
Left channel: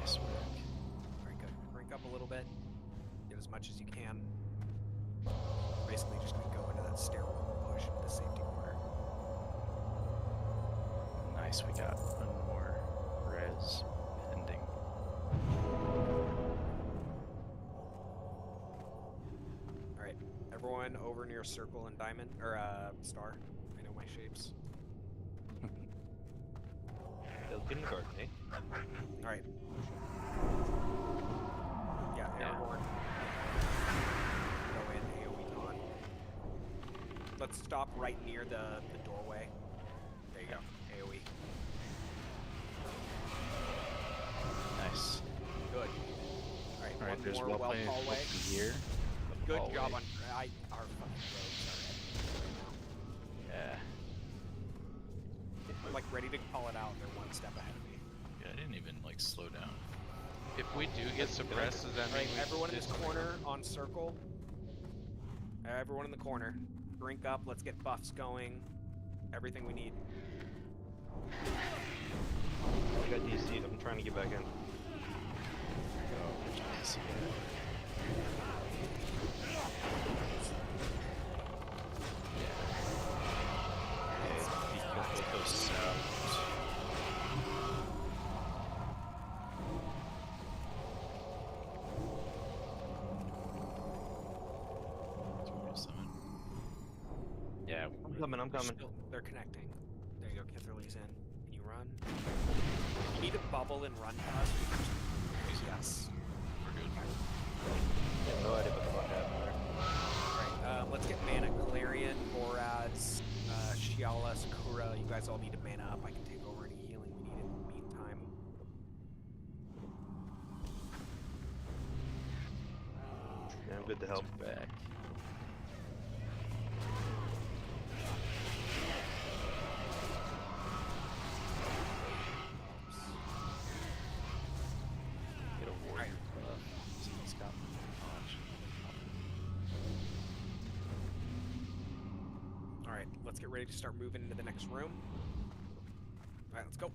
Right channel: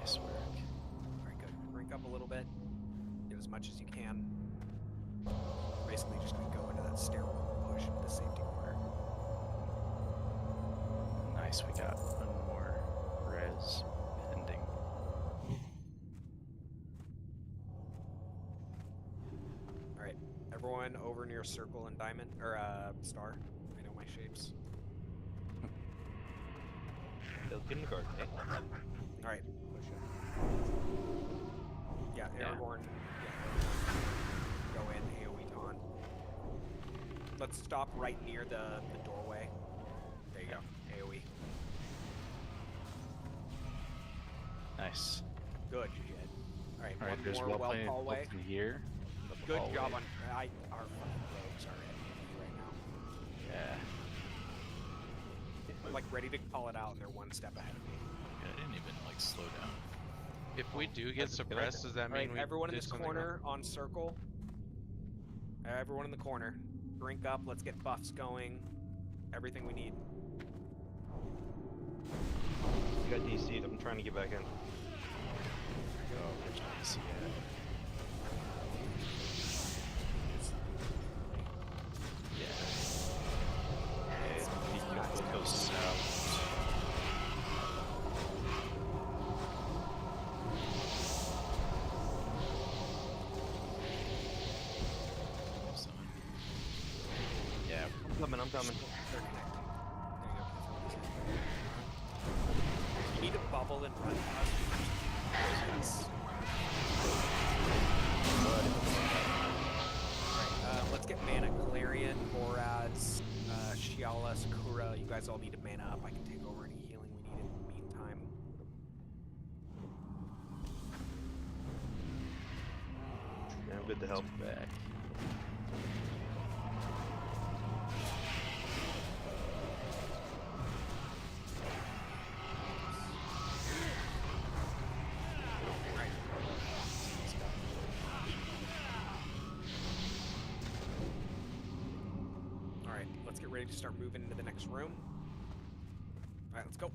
Nice work. Alright, good. Drink up a little bit. Get as much as you can. Basically just gonna go into that stairwell and push into the safety corner. Nice, we got one more res pending. Alright, everyone over near circle and diamond, or star. I know my shapes. Still kindergarten, eh? Alright. Yeah, airborne. Go in, AoE on. Let's stop right near the doorway. There you go, AoE. Nice. Good. Alright, All right, one there's more well well played hallway. here. Good hallway. job on our fucking rogues are enemies right now. Yeah. I'm like ready to call it out and they're one step ahead of me. Yeah, I didn't even like slow down. If we do get suppressed, does that mean Alright, we everyone in did this something corner on circle. Everyone in the corner. Drink up, let's get buffs going. Everything we need. I got DC'd, I'm trying to get back in. Go, there's DC. Go south. Yeah, I'm coming. They're connecting. There you go, can't throw these in. Run. You need to bubble and run past. Yes. Alright, let's get mana. Galarian, Boraz, Shiala, Sakura. You guys all need to mana up. I can take over any healing we need in the meantime. Yeah, I'm good to help. Back. Alright, let's get ready to start moving into the next room. Alright, let's go.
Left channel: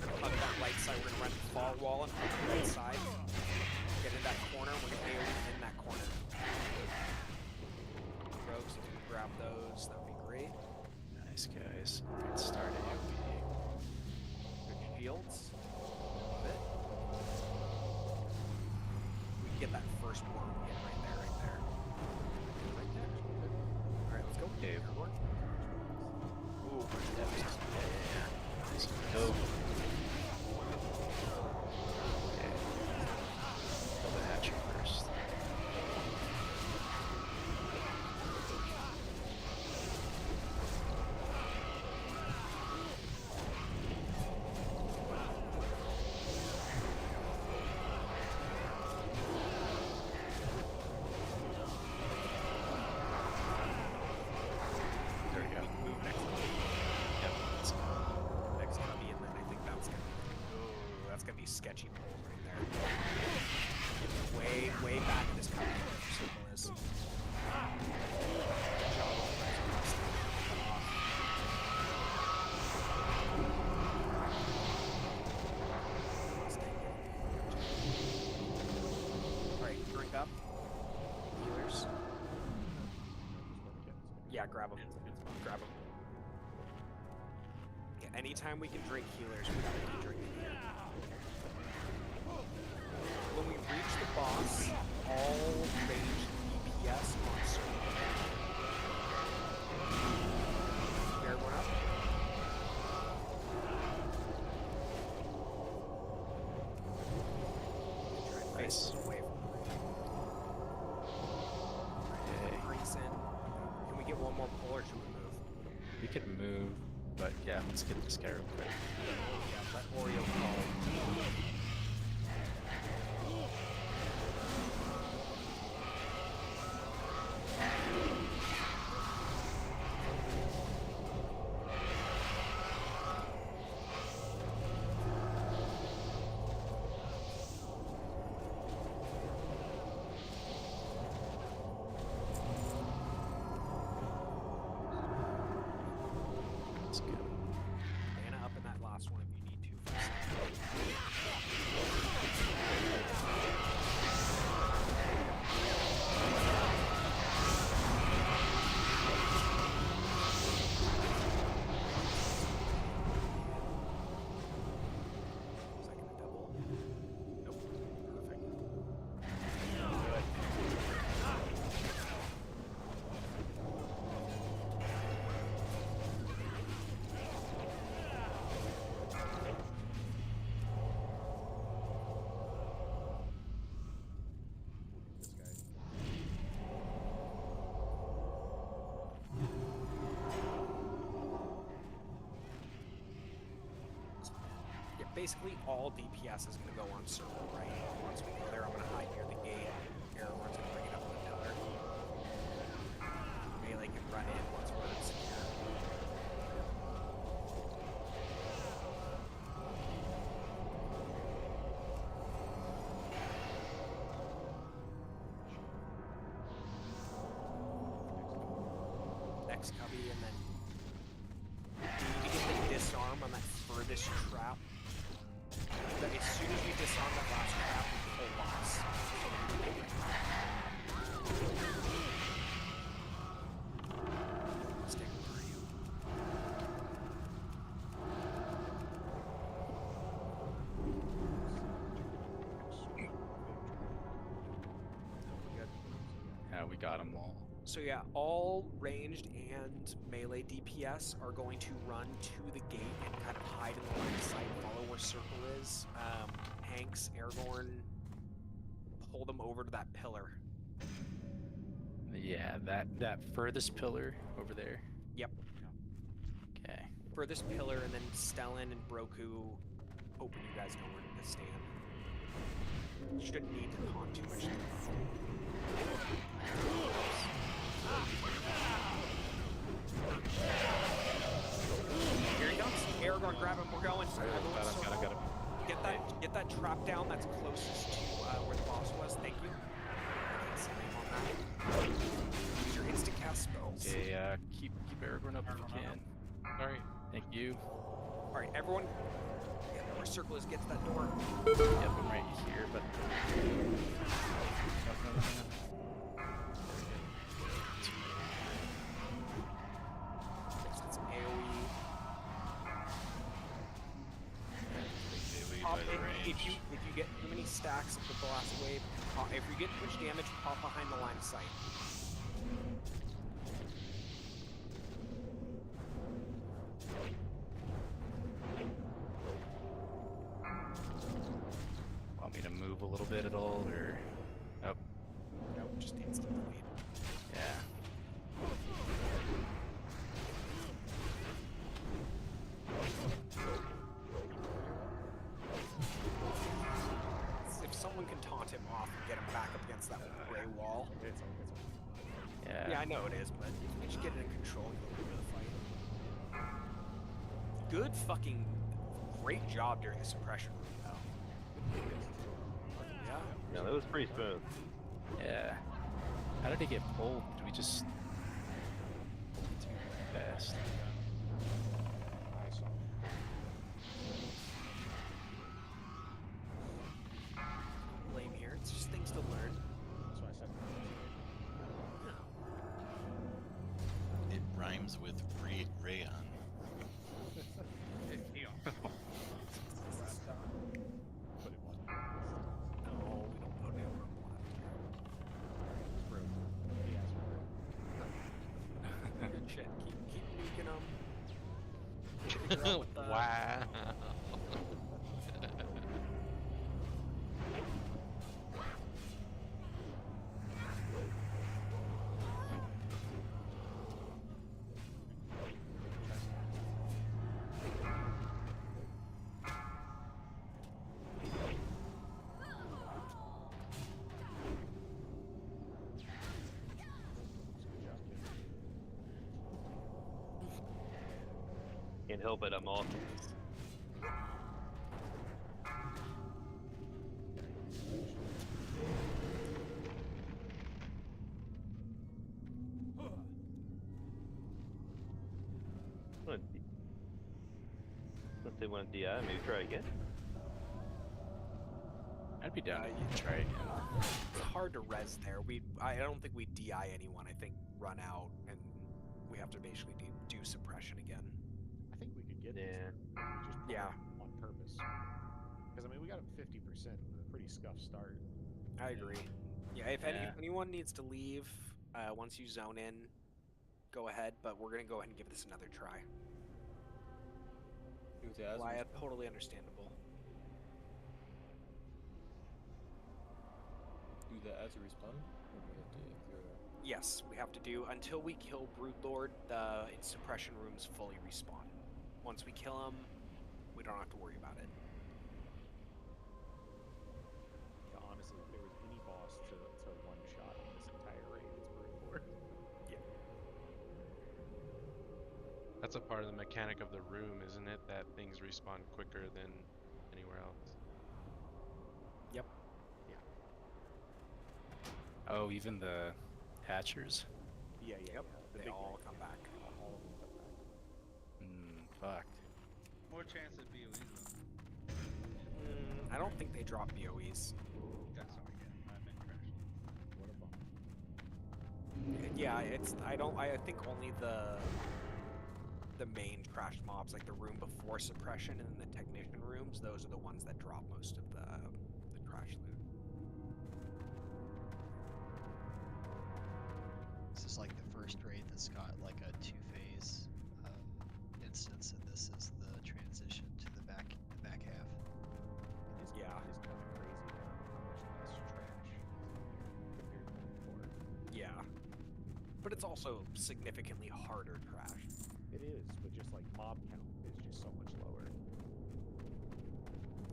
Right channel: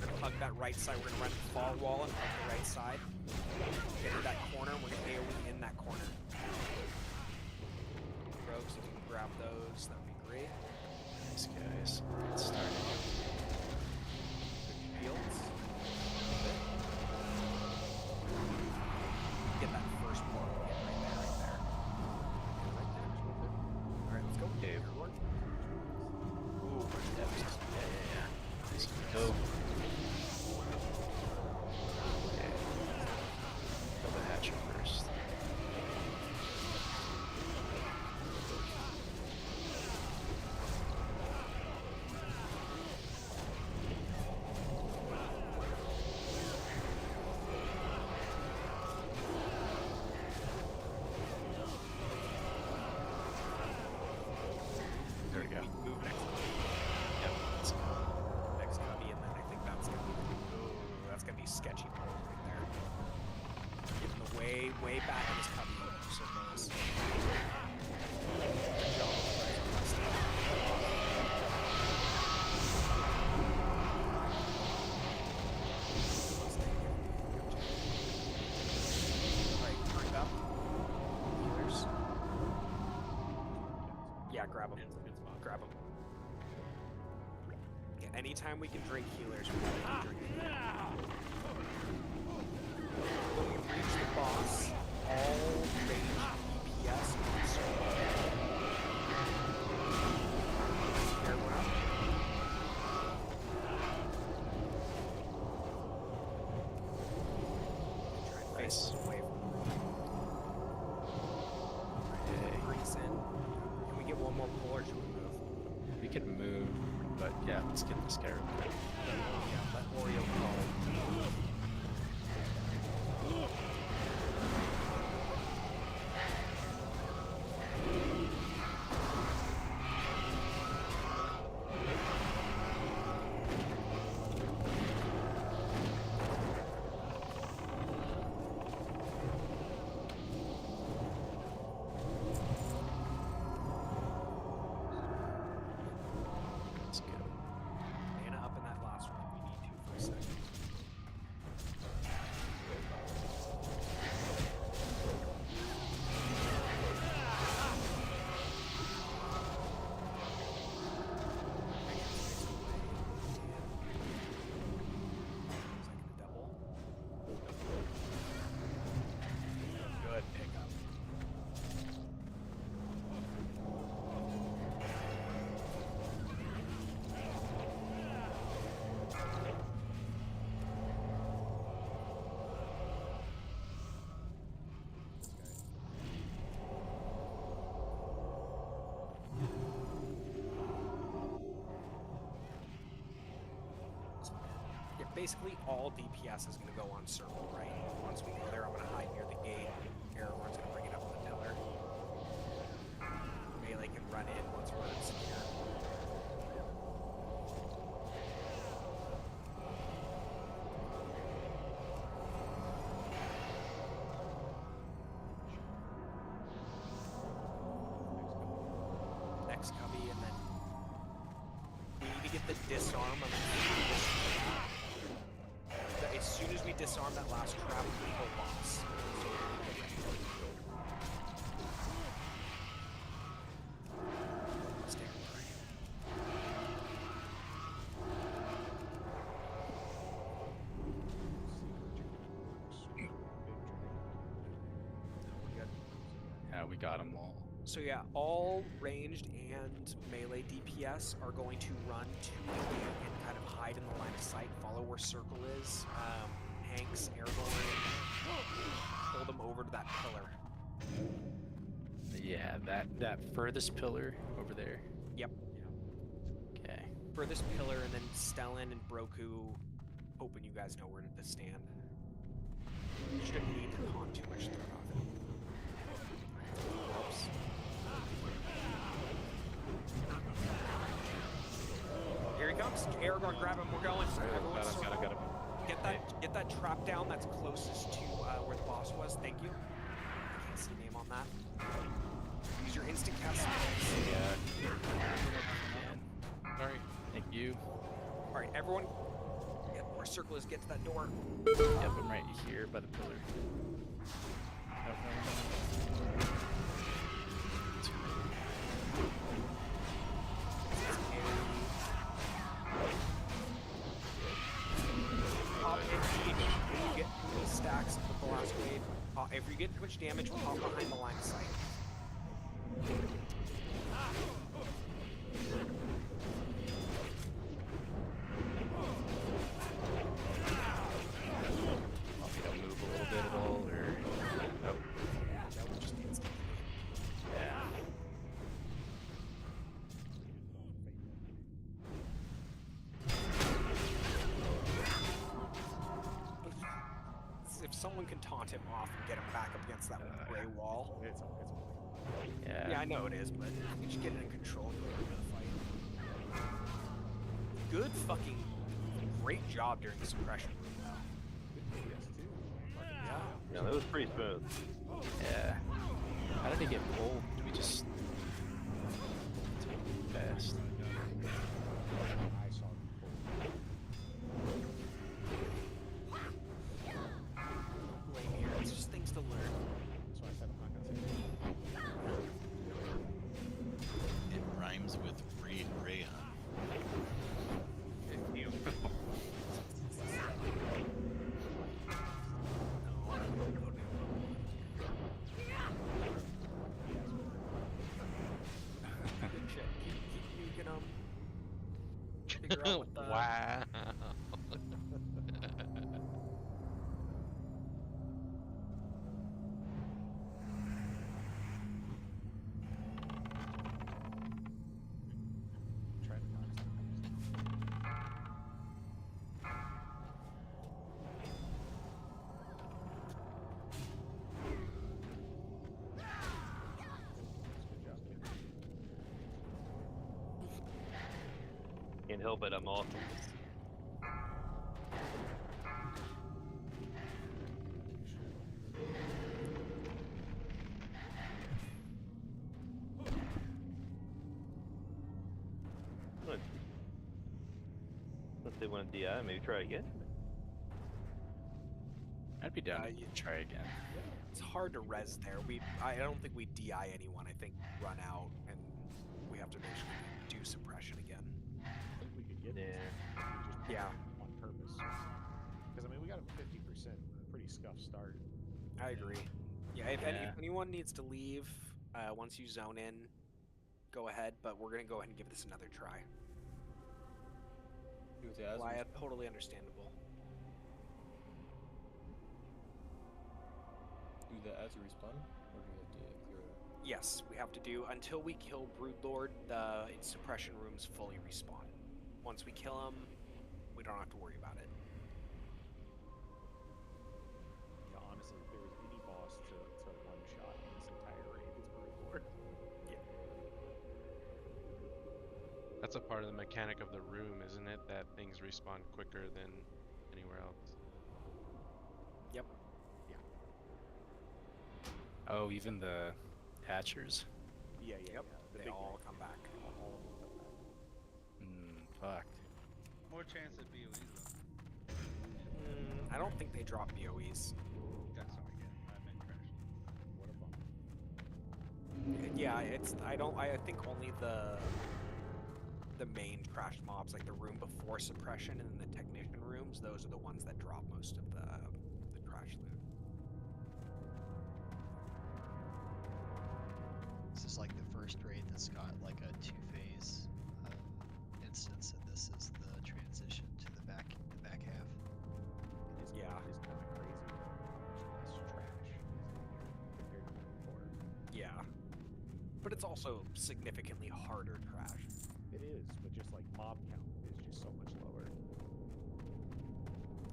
We're gonna hug that right side. We're gonna run the fall wall and hug the right side. Get into that corner. We're gonna AoE in that corner. Rogues, if you can grab those, that would be great. Nice guys. Get started. Good shields. Get that first blow. Get right there, right there. Right there. Alright, let's go. Okay. Everyone. Ooh, Yeah. Nice. Go. Kill the hatcher first. sketchy pull right there. Getting way, way back in his cover. Circle is. Good job with the rising last Alright, drink up. Healers. Yeah, grab them. Grab them. Yeah, anytime we can drink healers, we gotta keep drinking. When we reach the boss, all range DPS on circle. Everyone up? Try and face Nice. us away from Okay. brings in. Can we get one more pull or should we move? We could move, but yeah, let's get this guy real quick. Yeah, let Oreo call. Let's go. Mana up in that last one if you need to for a second. Is that gonna double? Nope. Good. Yeah, basically all DPS is going to go on circle, right? Once we go there, I'm going to hide near the gate. Aragorn's going to bring it up on the pillar. Melee can run in once we're secure. Next cubby, and then we need to get the disarm on that furthest trap. As soon as we disarm that last trap, we pull boss. So we need to get ready. Stay where are you? We're good. Yeah, we got them all. So yeah, all ranged and melee DPS are going to run to the gate and kind of hide in the line of sight, follow where circle is. Hanks, Aragorn, pull them over to that pillar. Yeah, that furthest pillar over there. Yep. Okay. Furthest pillar, and then Stellan and Broku, hoping you guys know where to stand. You shouldn't need to con too much stuff. Oops. Here he comes. Aragorn, grab him. We're going. Everyone circle. Get that trap down that's closest to where the boss was. Thank you. I can't see the name on that. Use your instant cast spells. Okay, keep Aragorn up if you can. Alright, thank you. Alright, everyone. Get where circle is. Get to that door. Yep, I'm right here, but. Nope, no. It's AoE. Pop if you get too many stacks with the last wave. If you get too much damage, pop behind the line of sight. Want me to move a little bit at all, or nope? Nope, just instantly. Yeah. If someone can taunt him off and get him back up against that gray wall. It's Yeah. Yeah, I know it is, but we just get it in control and go into the fight. Good fucking great job during the suppression room, though. was pretty smooth. Yeah. How did he get pulled? Did we just take fast? I saw him. No blame here. It's just things to learn. That's why I said It rhymes with rayon. Good shit. Keep nuking them. Figure out what the... Wow. Can't help it, I'm awesome. Let's say want to DI, maybe try again. I'd be down to try again. It's hard to res there. I don't think we DI anyone. I think run out and we have to basically do suppression again. I think we could get this. Yeah. We just put Yeah. it on purpose. Because I mean, we got him 50% with a pretty scuffed start. I agree. Yeah, if anyone needs to leave, once you zone in, go ahead. But we're gonna go ahead and give this another try. Wyatt, totally understandable. Do that as a respawn, or do we have to clear that? Yes, we have to do until we kill Broodlord. The suppression rooms fully respawn. Once we kill him, we don't have to worry about it. Yeah, honestly, if there was any boss to one shot in this entire raid, it's Broodlord. Yeah. That's a part of the mechanic of the room, isn't it? That things respawn quicker than anywhere else. Yep. Yeah. Oh, even the hatchers? Yeah. The They big all guys. come back. All of them come back. Fuck. More chance at BOEs though. I don't think they drop BOEs. That's what I get. I meant trash. What a bummer. Yeah, I think only the main trash mobs, like the room before suppression and then the technician rooms, those are the ones that drop most of the trash loot. This is like the first raid that's got like a two-phase instance, and this is the transition to the back half. It is Yeah. It is kind of crazy how much less trash is in here compared to before. Yeah. But it's also significantly harder trash. It is, but just like mob count is just so much lower.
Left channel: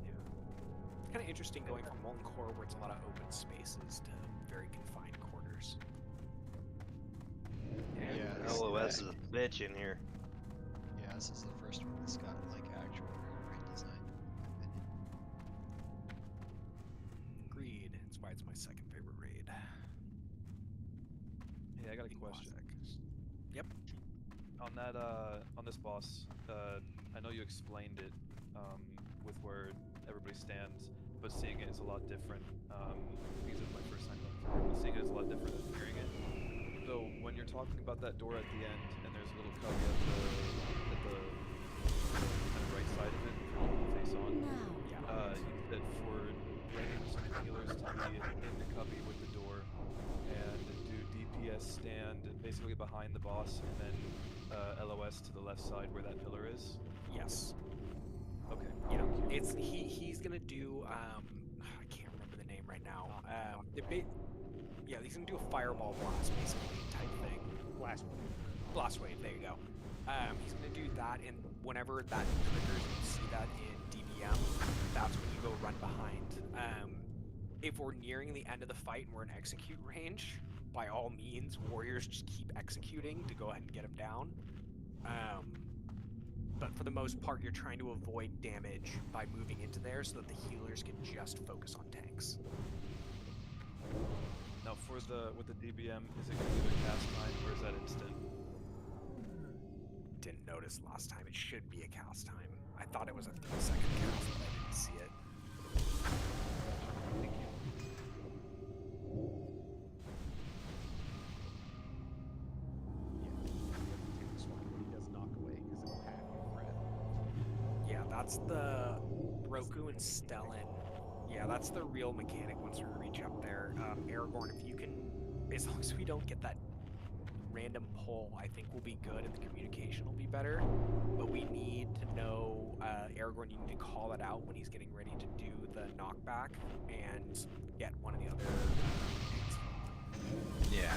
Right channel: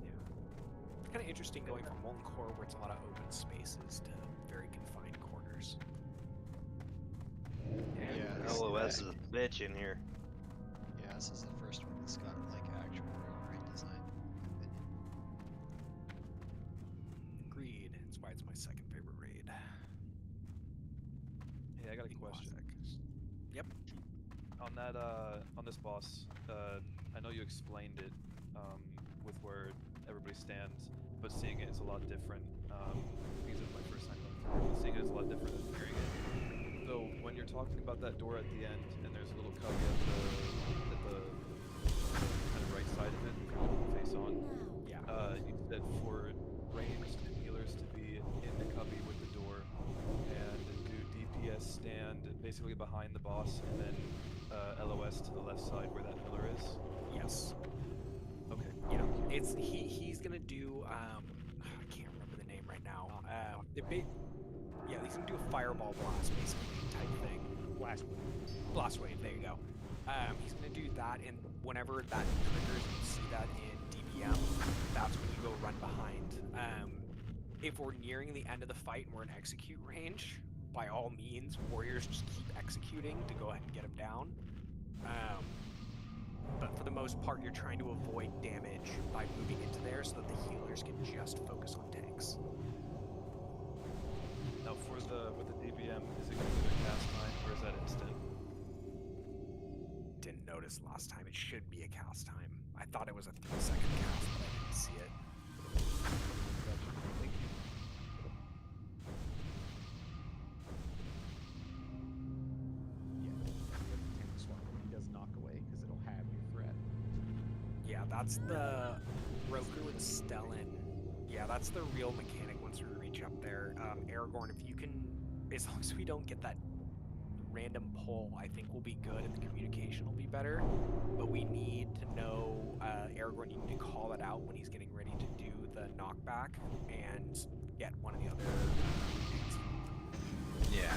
Yeah. It's kind of interesting going from Molten Core, where it's a lot of open spaces, to very confined quarters. Yeah, LOS is a bitch in here. Yeah, this is the first one that's got like actual real raid design, in my opinion. Agreed. That's why it's my second favorite raid. Hey, I got a question. Yep. On that, on this boss, I know you explained it, with where everybody stands, but seeing it is a lot different. Because it's my first time going through it, but seeing it is a lot different than hearing it. So when you're talking about that door at the end, and there's a little cubby at the kind of right side of it, face on. Yeah. You said for ranged healers to be in the cubby with the door, and do DPS stand basically behind the boss, and then LOS to the left side where that pillar is. Yes. Okay. Yeah. It's he's gonna do I can't remember the name right now. Yeah, he's gonna do a fireball blast basically type thing. Blast wave. Blast wave. There you go. He's gonna do that, and whenever that triggers, you see that in DBM. That's when you go run behind. If we're nearing the end of the fight and we're in execute range, by all means, warriors just keep executing to go ahead and get him down. But for the most part, you're trying to avoid damage by moving into there so that the healers can just focus on tanks. Now for the with the DBM, is it going to be their cast time or is that instant? Didn't notice last time. It should be a cast time. I thought it was a 3-second cast, but I didn't see it. Thank you. When he does knock away, because it'll have your threat. Yeah, that's the Roku and Stellan. Yeah, that's the real mechanic once we reach up there. Aragorn, if you can, as long as we don't get that random pull, I think we'll be good and the communication will be better. But we need to know, Aragorn, you need to call it out when he's getting ready to do the knockback and get one of the other things. Yeah,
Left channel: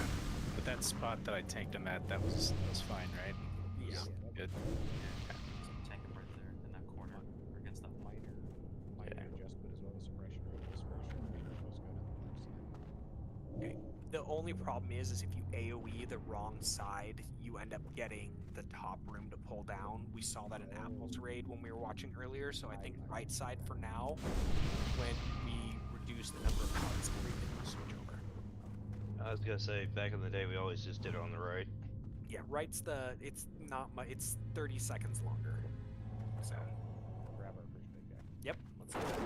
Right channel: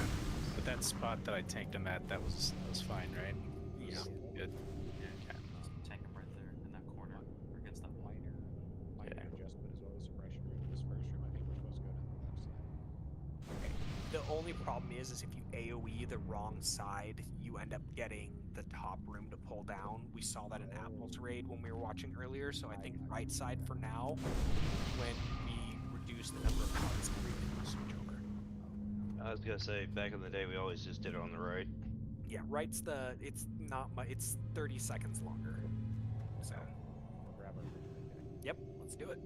but that spot that I tanked him at, that was fine, right? Yeah. Good. Yeah, tank him right there in that corner or against that wall. Minor adjustment as well as suppression rate. This first room, I think we're supposed to go down the left side. Okay. The only problem is if you AoE the wrong side, you end up getting the top room to pull down. We saw that in Apple's raid when we were watching earlier, so I think right side for now. When we reduce the number of cards, everything will switch over. I was gonna say, back in the day, we always just did it on the right. Yeah, right's it's not much, it's 30 seconds longer. So. We'll grab our bridge big guy. Yep, let's give it.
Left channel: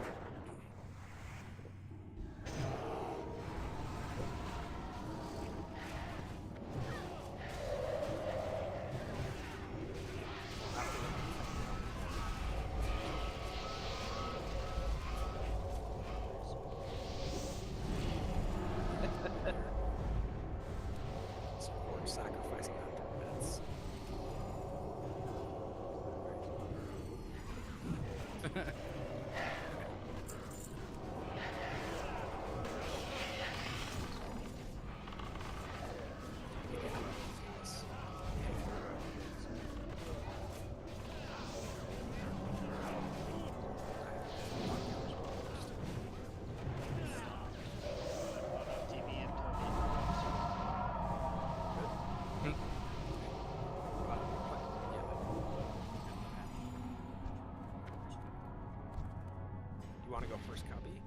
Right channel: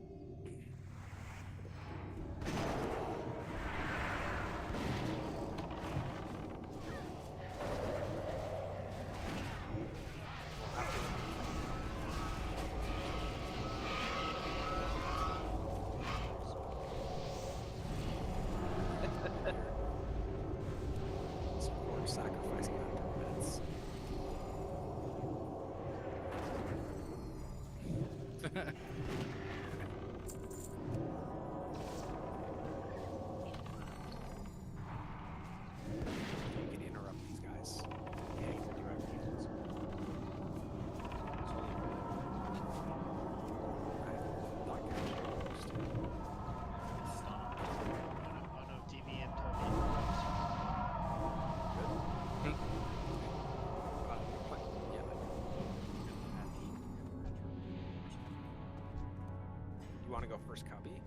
Sacrificing 100 minutes. You can interrupt these guys. You want to go first, Cubby?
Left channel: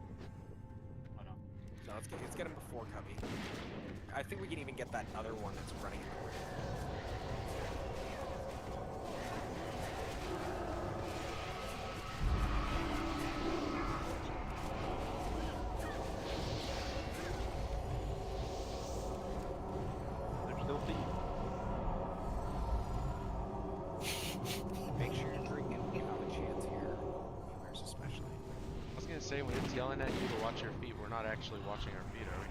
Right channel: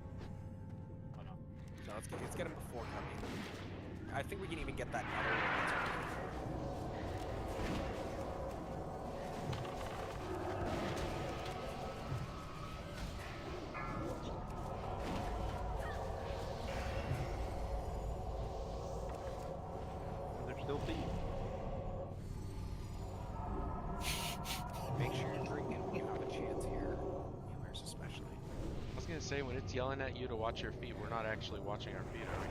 Oh no. No, let's get him before Cubby. I think we can even get that other one that's running for it. They're still feet. Make sure you're drinking when you have a chance here. Healers especially. I was gonna say, when it's yelling at you to watch your feet, we're not actually watching our feet, are we?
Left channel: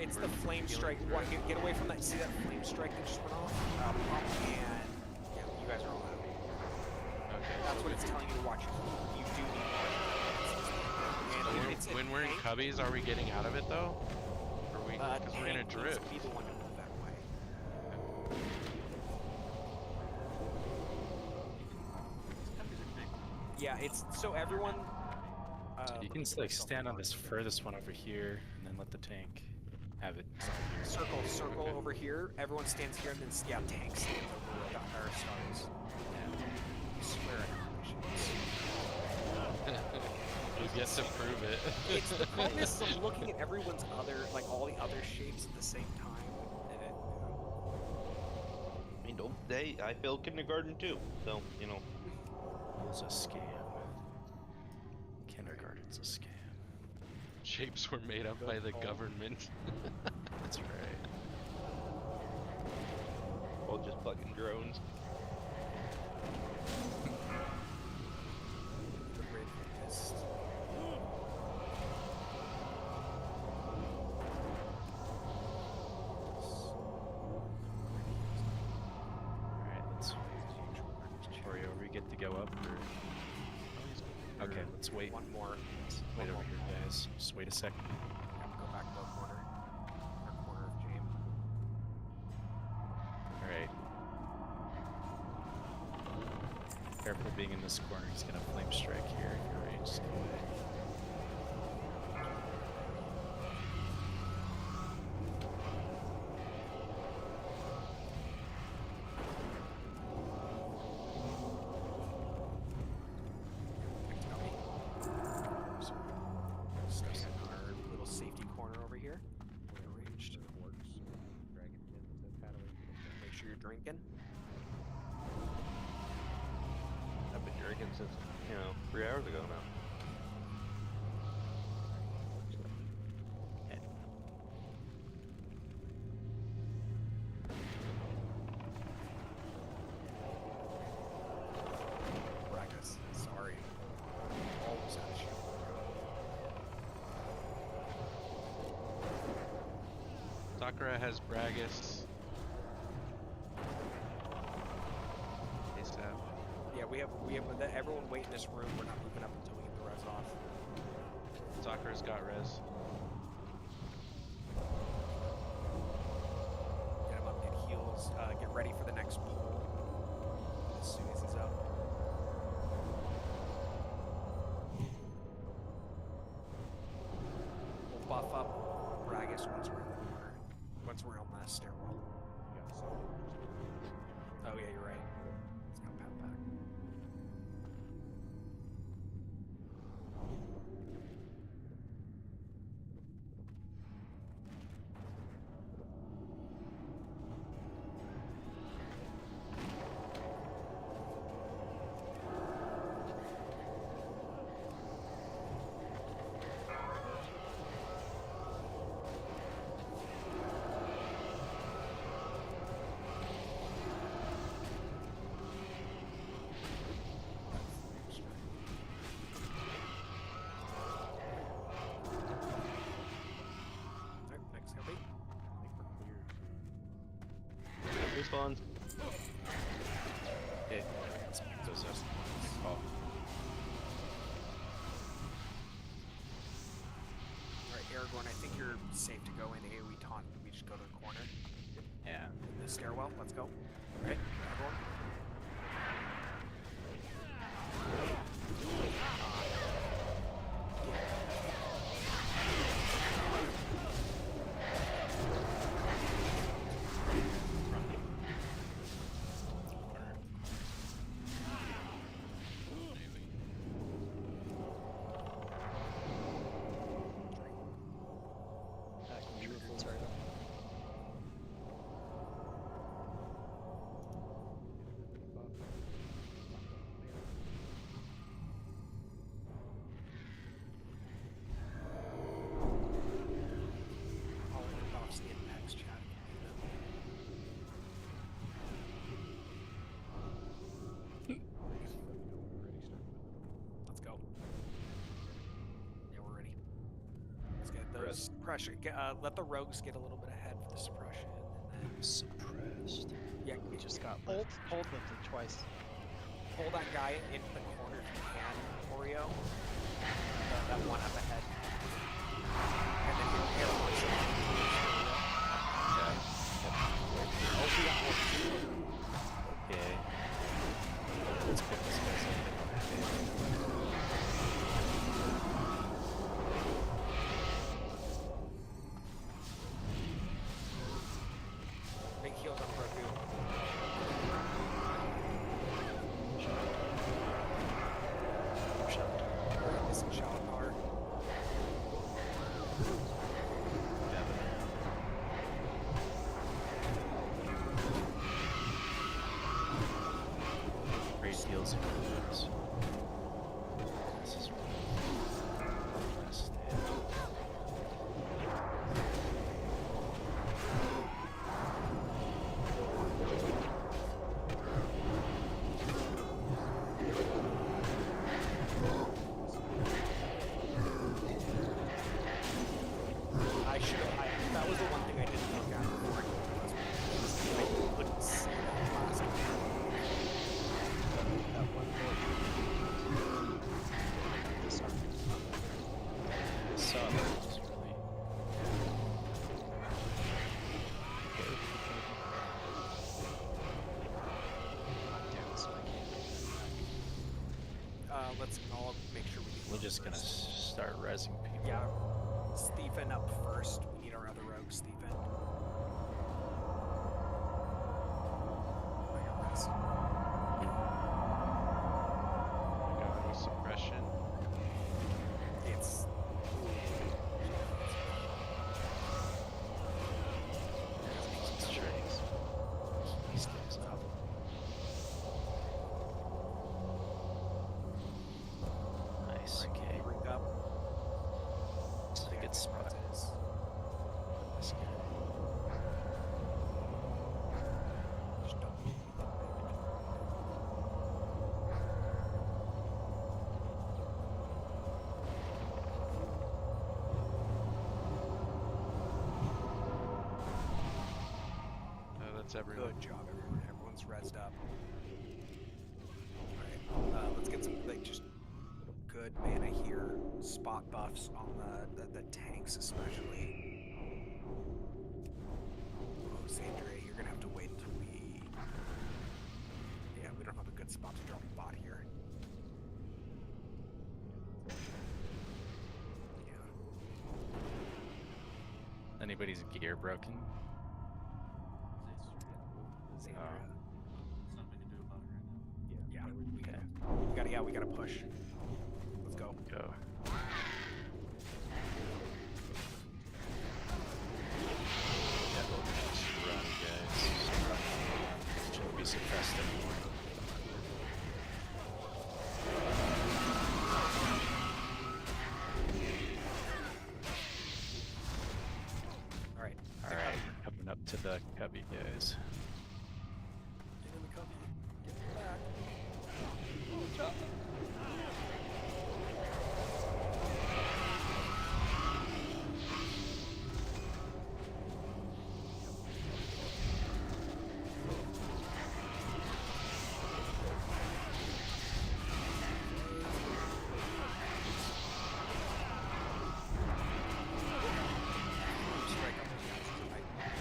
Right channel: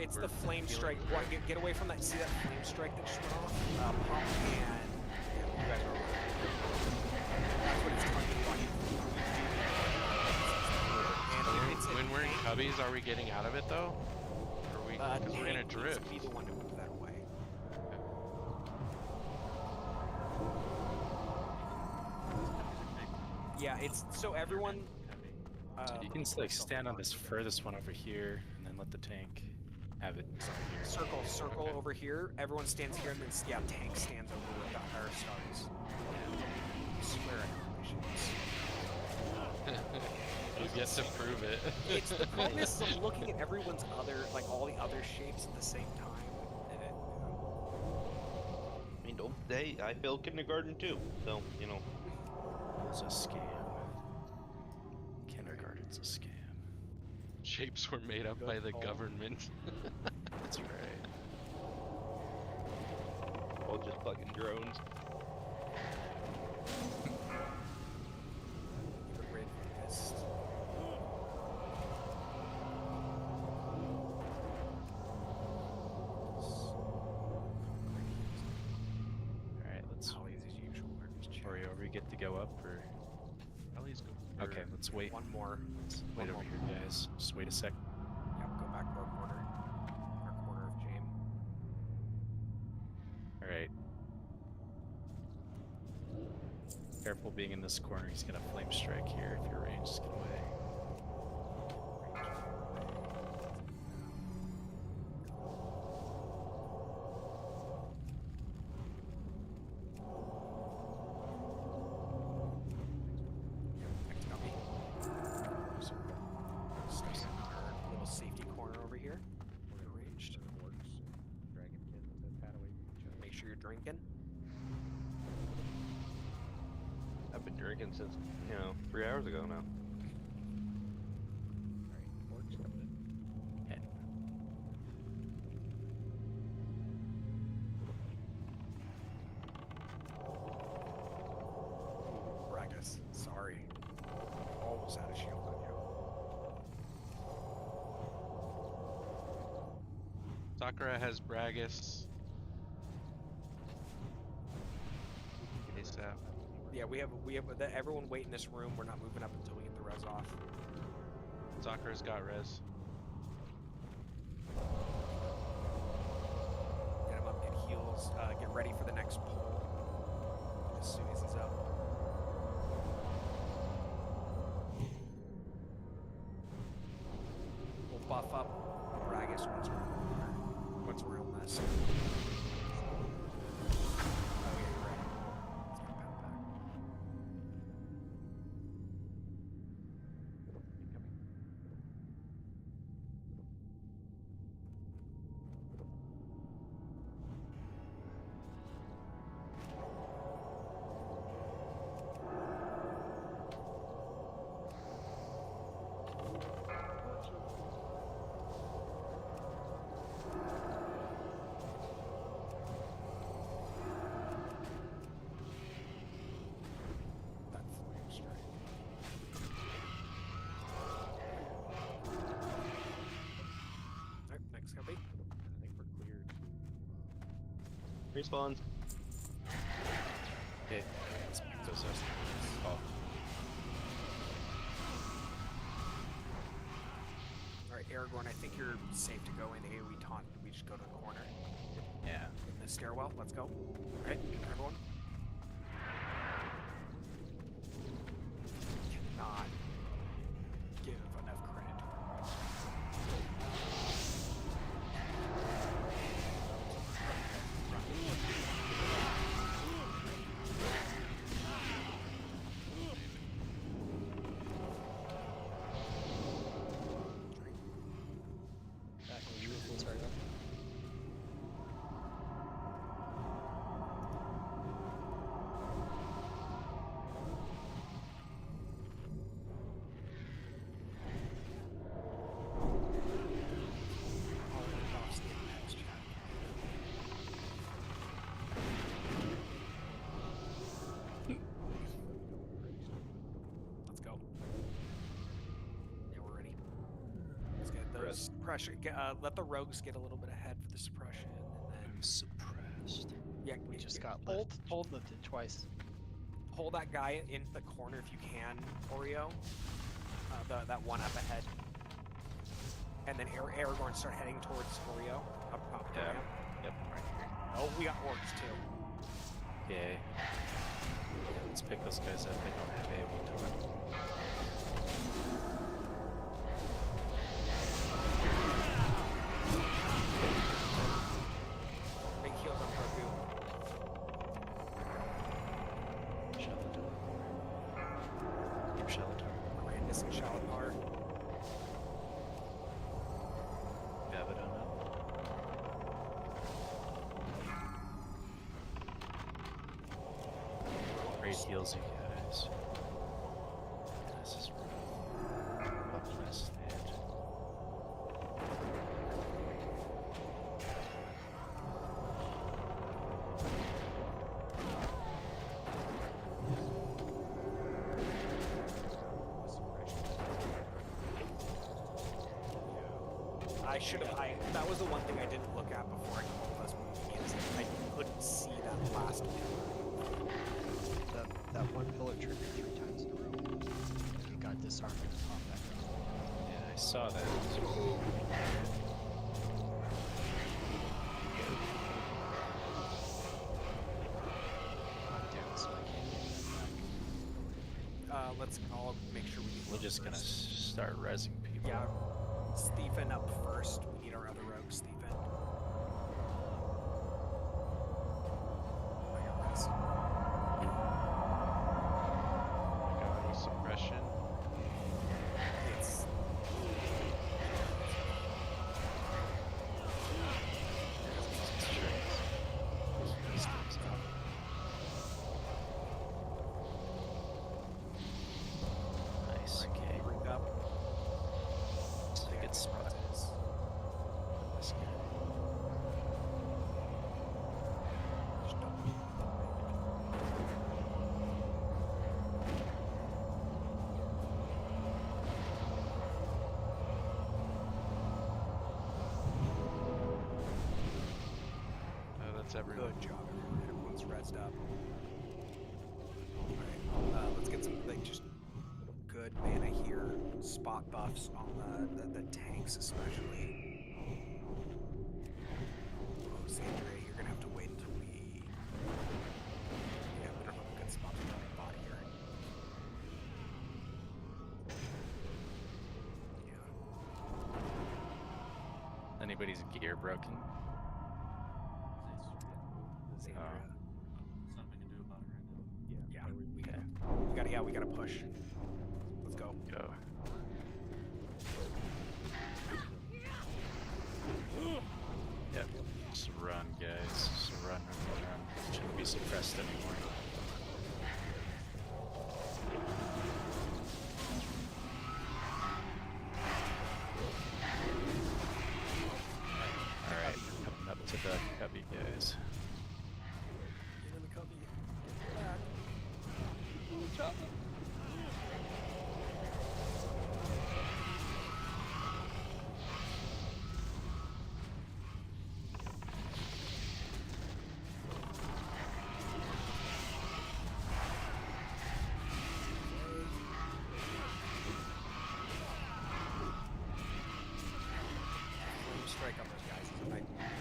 It's We're the flame feeling strike. through it. Get away from that. See that flame strike that just went off? Pop and yeah, you guys are all right. That's what it's telling you to watch. You do need to watch. And So if it's a when we're in tank, cubbies, are we getting out of it though? Or we? Because we're gonna tank needs drift. to be the one to move that way. Yeah, it's so everyone. You can like stand on this furthest one over here, and then let the tank have it. Circle over here. Everyone stands here, and then tank stands over where our stars. I swear I know You get to prove it. It's the problem is I'm looking at everyone's other, like all the other shapes at the same time, and it. I mean, I failed kindergarten too, so you know. It's a scam. Kindergarten's a scam. Shapes were made up by the government. That's right. All just fucking drones. The red mist. Alright, let's. Oreo, are we get to go up or? Okay, let's wait. One more. Let's wait over here, guys. Just wait a second. Yeah, go back to our corner. Our corner of James. Alright. Careful being in this corner. He's gonna flame strike here if your range is get away. Our little safety corner over over here. We're gonna wait Arranged. for orcs and dragonkin to pad away from each other. Make sure you're drinking. I've been drinking since 3 hours ago now. Orcs coming in. Bragus, sorry. Almost out of shield. Sakura has Bragus. ASAP. Yeah, we have everyone wait in this room. We're not moving up until we get the res off. Sakura's got res. Get him up, get heals, get ready for the next pull as soon as he's up. We'll buff up Bragus once we're in the corner. Once we're on that stairwell. Oh yeah, you're right. It's got pound back. Alright, next copy. I think we're clear to. Respawns. Okay. Those are call. Alright, Aragorn, I think you're safe to go in AoE taunt. We just go to the corner. Yeah. In the stairwell. Let's go. Alright, everyone. God. Get Back when you were sorry. all the buffs in next chat. Let's go. Yeah, we're ready. Let's get those pressure. Let the rogues get a little bit ahead for the suppression, and then Suppressed. yeah, We just got hold lifted twice. pull that guy into the corner if you can, Oreo. That one up ahead, and then Aragorn start heading towards Oreo. Yeah. Yep. Oh, we got orcs too. Okay. Let's pick those guys up. They don't have anything. Big heals on Grogu. Keep shot. Alright, this is Shalapar. Yeah, but great heals and goods. This is really less stand. I should have. That was the one thing I didn't look at before I came to this one. I couldn't see that last one. That one bullet I got disarmed in combat. Yeah, I saw that. It was really I'm down, so I can't take that back. Let's all make sure we get. We're just gonna start rezzing people. Yeah, Stephen up first. We need our other rogue, Stephen. I got this. Going with suppression. It's. It's everyone. Good job, everyone. Everyone's rezzed up. Alright, let's get some, like, just good mana here. Spot buffs on the tanks, especially. Oh, Sandra, you're gonna have to wait until we... Yeah, we don't have a good spot to drop a bot here. Anybody's gear broken? Sandra. There's nothing we can do about it right now. Yeah, we gotta push. Let's go. Go. Yep. Just run, guys. Just run. Shouldn't be suppressed anymore. Alright, we're coming up to the cubby, guys. Get in the cubby. Get back. Oh, chop. Strike up those guys. It's a nightmare.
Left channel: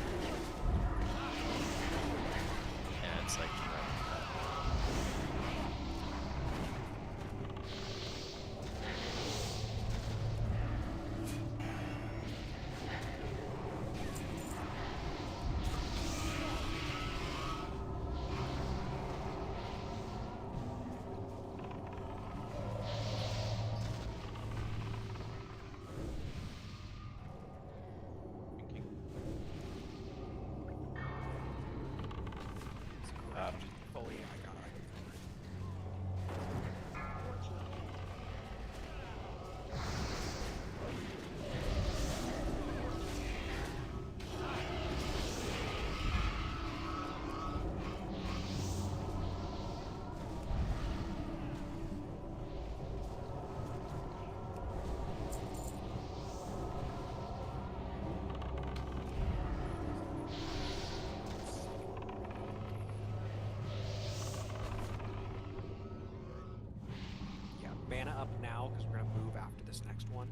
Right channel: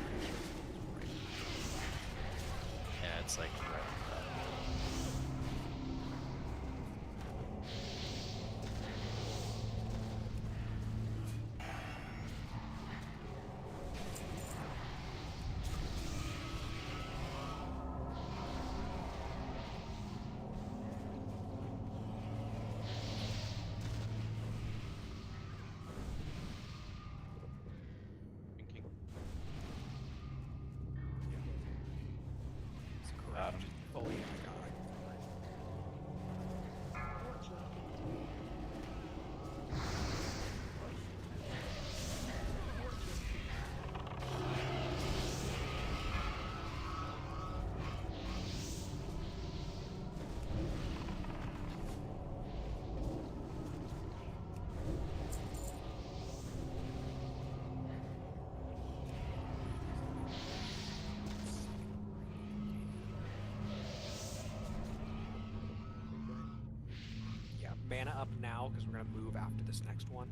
Yeah, it's like Fully, I got it. Yeah, mana up now because we're gonna move after this next one.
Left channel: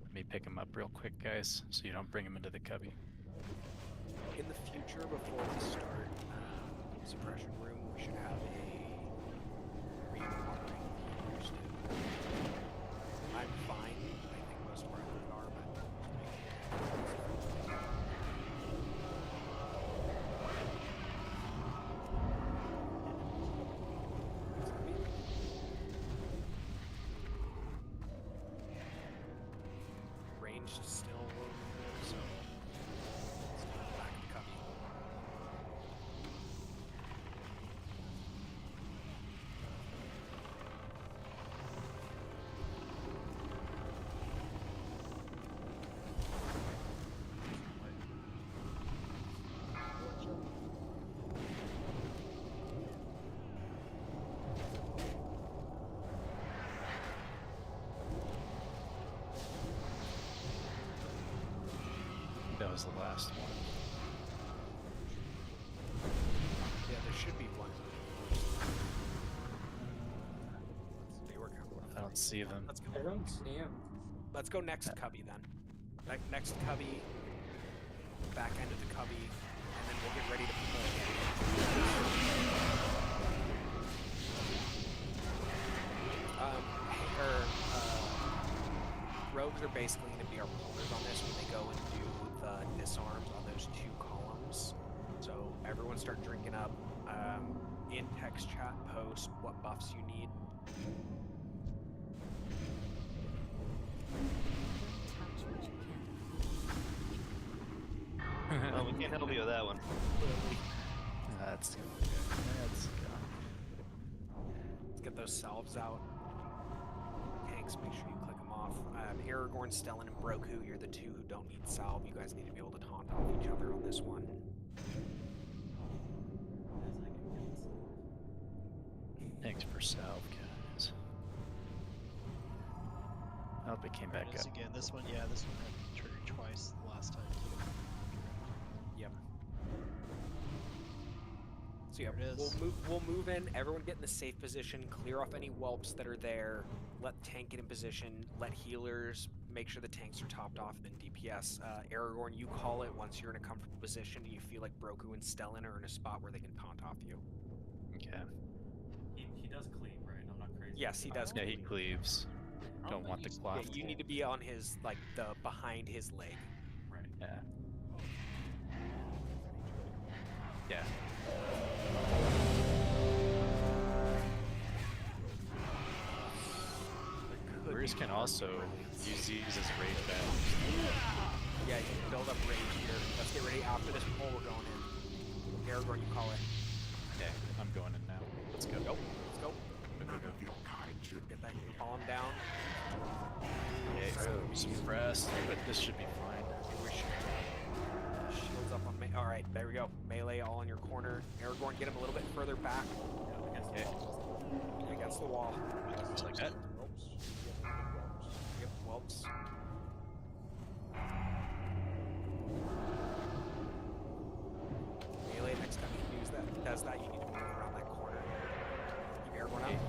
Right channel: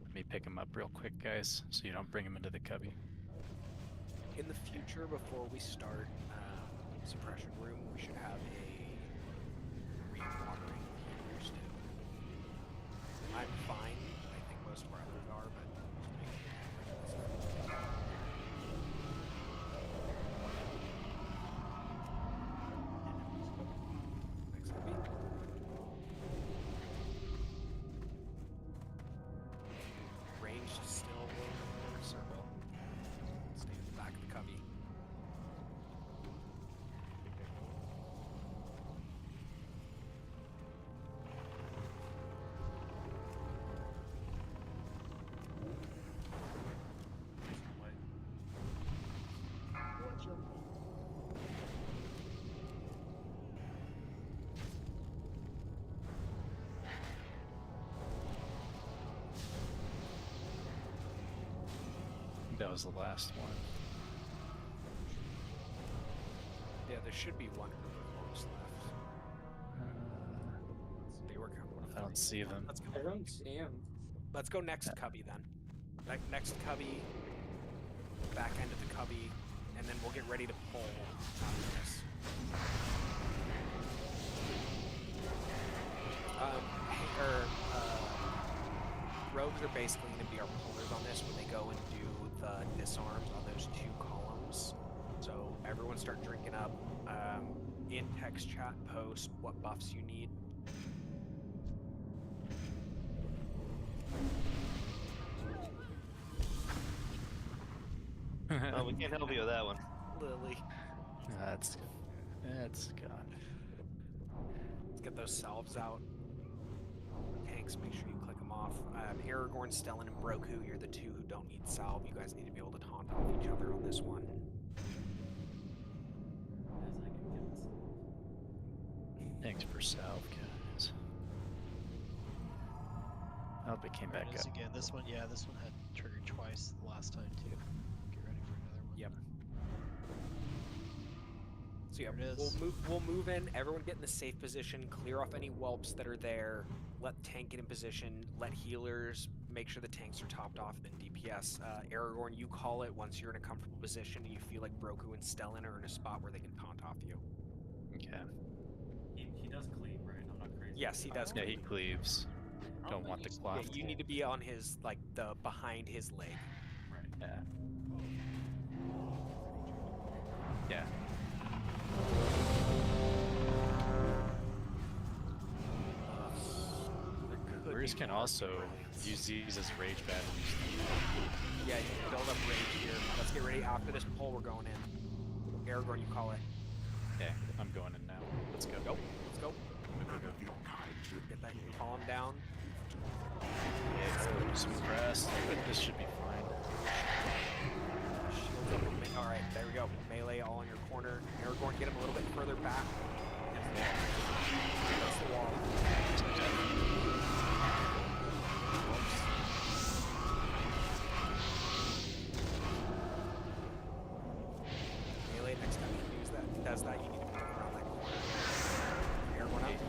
Let me pick him up real quick, guys, so you don't bring him into the cubby. In the future, before we start suppression room, we should have a re-watering healers too. I'm fine. I think most of our others are, but ranged still so stay in the back of the cubby. That was the last one. Yeah, there should be one. They were coming. I don't see them. Let's go. I don't see him. Let's go next cubby then. Next cubby, back end of the cubby, and then we'll get ready to pull. Rogues are basically going to be our pullers on this when they go and do the disarms on those two columns. So everyone start drinking up. In text chat, post what buffs you need. Oh, we can't help you with that one. Lily. That's gone. Let's get those salves out. Tanks, make sure you click them off. Aragorn, Stellan, and Broku, you're the two who don't need salve. You guys need to be able to taunt off each other on this one. Thanks for salve, guys. I hope it came There back it is up. again. This one, yeah, this one had triggered twice the last time too. Get ready So yeah, There it we'll is. move in. Everyone get in the safe position. Clear off any whelps that are there. Let tank get in position. Let healers make sure the tanks are topped off. Then DPS. Aragorn, you call it once you're in a comfortable position and you feel like Broku and Stellan are in a spot where they can taunt off you. Okay. He does cleave, right? I'm not crazy. Yes, he does. Yeah, he cleave. cleaves. I Don't think want the he's- cloth. Yeah, you need to be on his the behind his leg. Right. Yeah. Yeah. Warriors can also use these as rage battles. Yeah, you can build up rage here. Let's get ready. After this pull, we're going in. Aragorn, you call it. Okay, I'm going in now. Let's go. Go. Let's go. None of your kind should Get that column down. Yeah, suppressed, but this should be fine. Shields up on me. All right, there we go. Melee all in your corner. Aragorn, get him a little bit further back. Yeah. That's the wall. Just like that. Whoops. Melee, next time you use that, does that, you need to move around that corner. Aragorn up.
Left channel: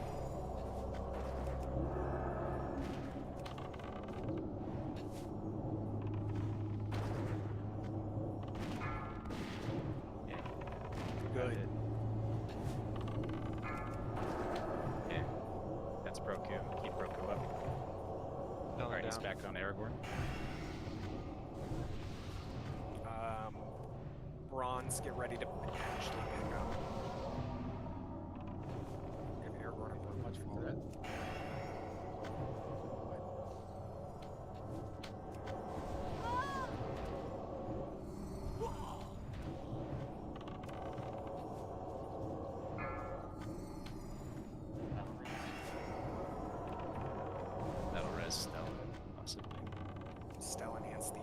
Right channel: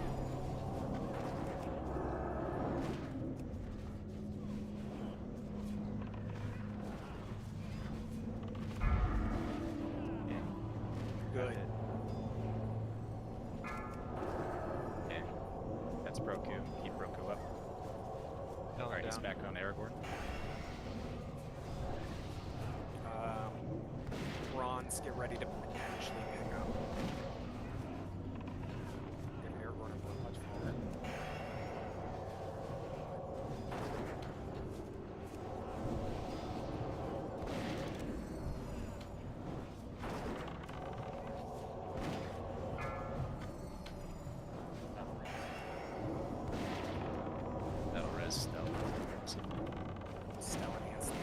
Good. Okay. That's Broku. Keep Broku up. Alright, he's back on Aragorn. Bronze, get ready to potentially pick up. Give Aragorn a blood much for that. That'll res Stellan, possibly. Stellan and Steve.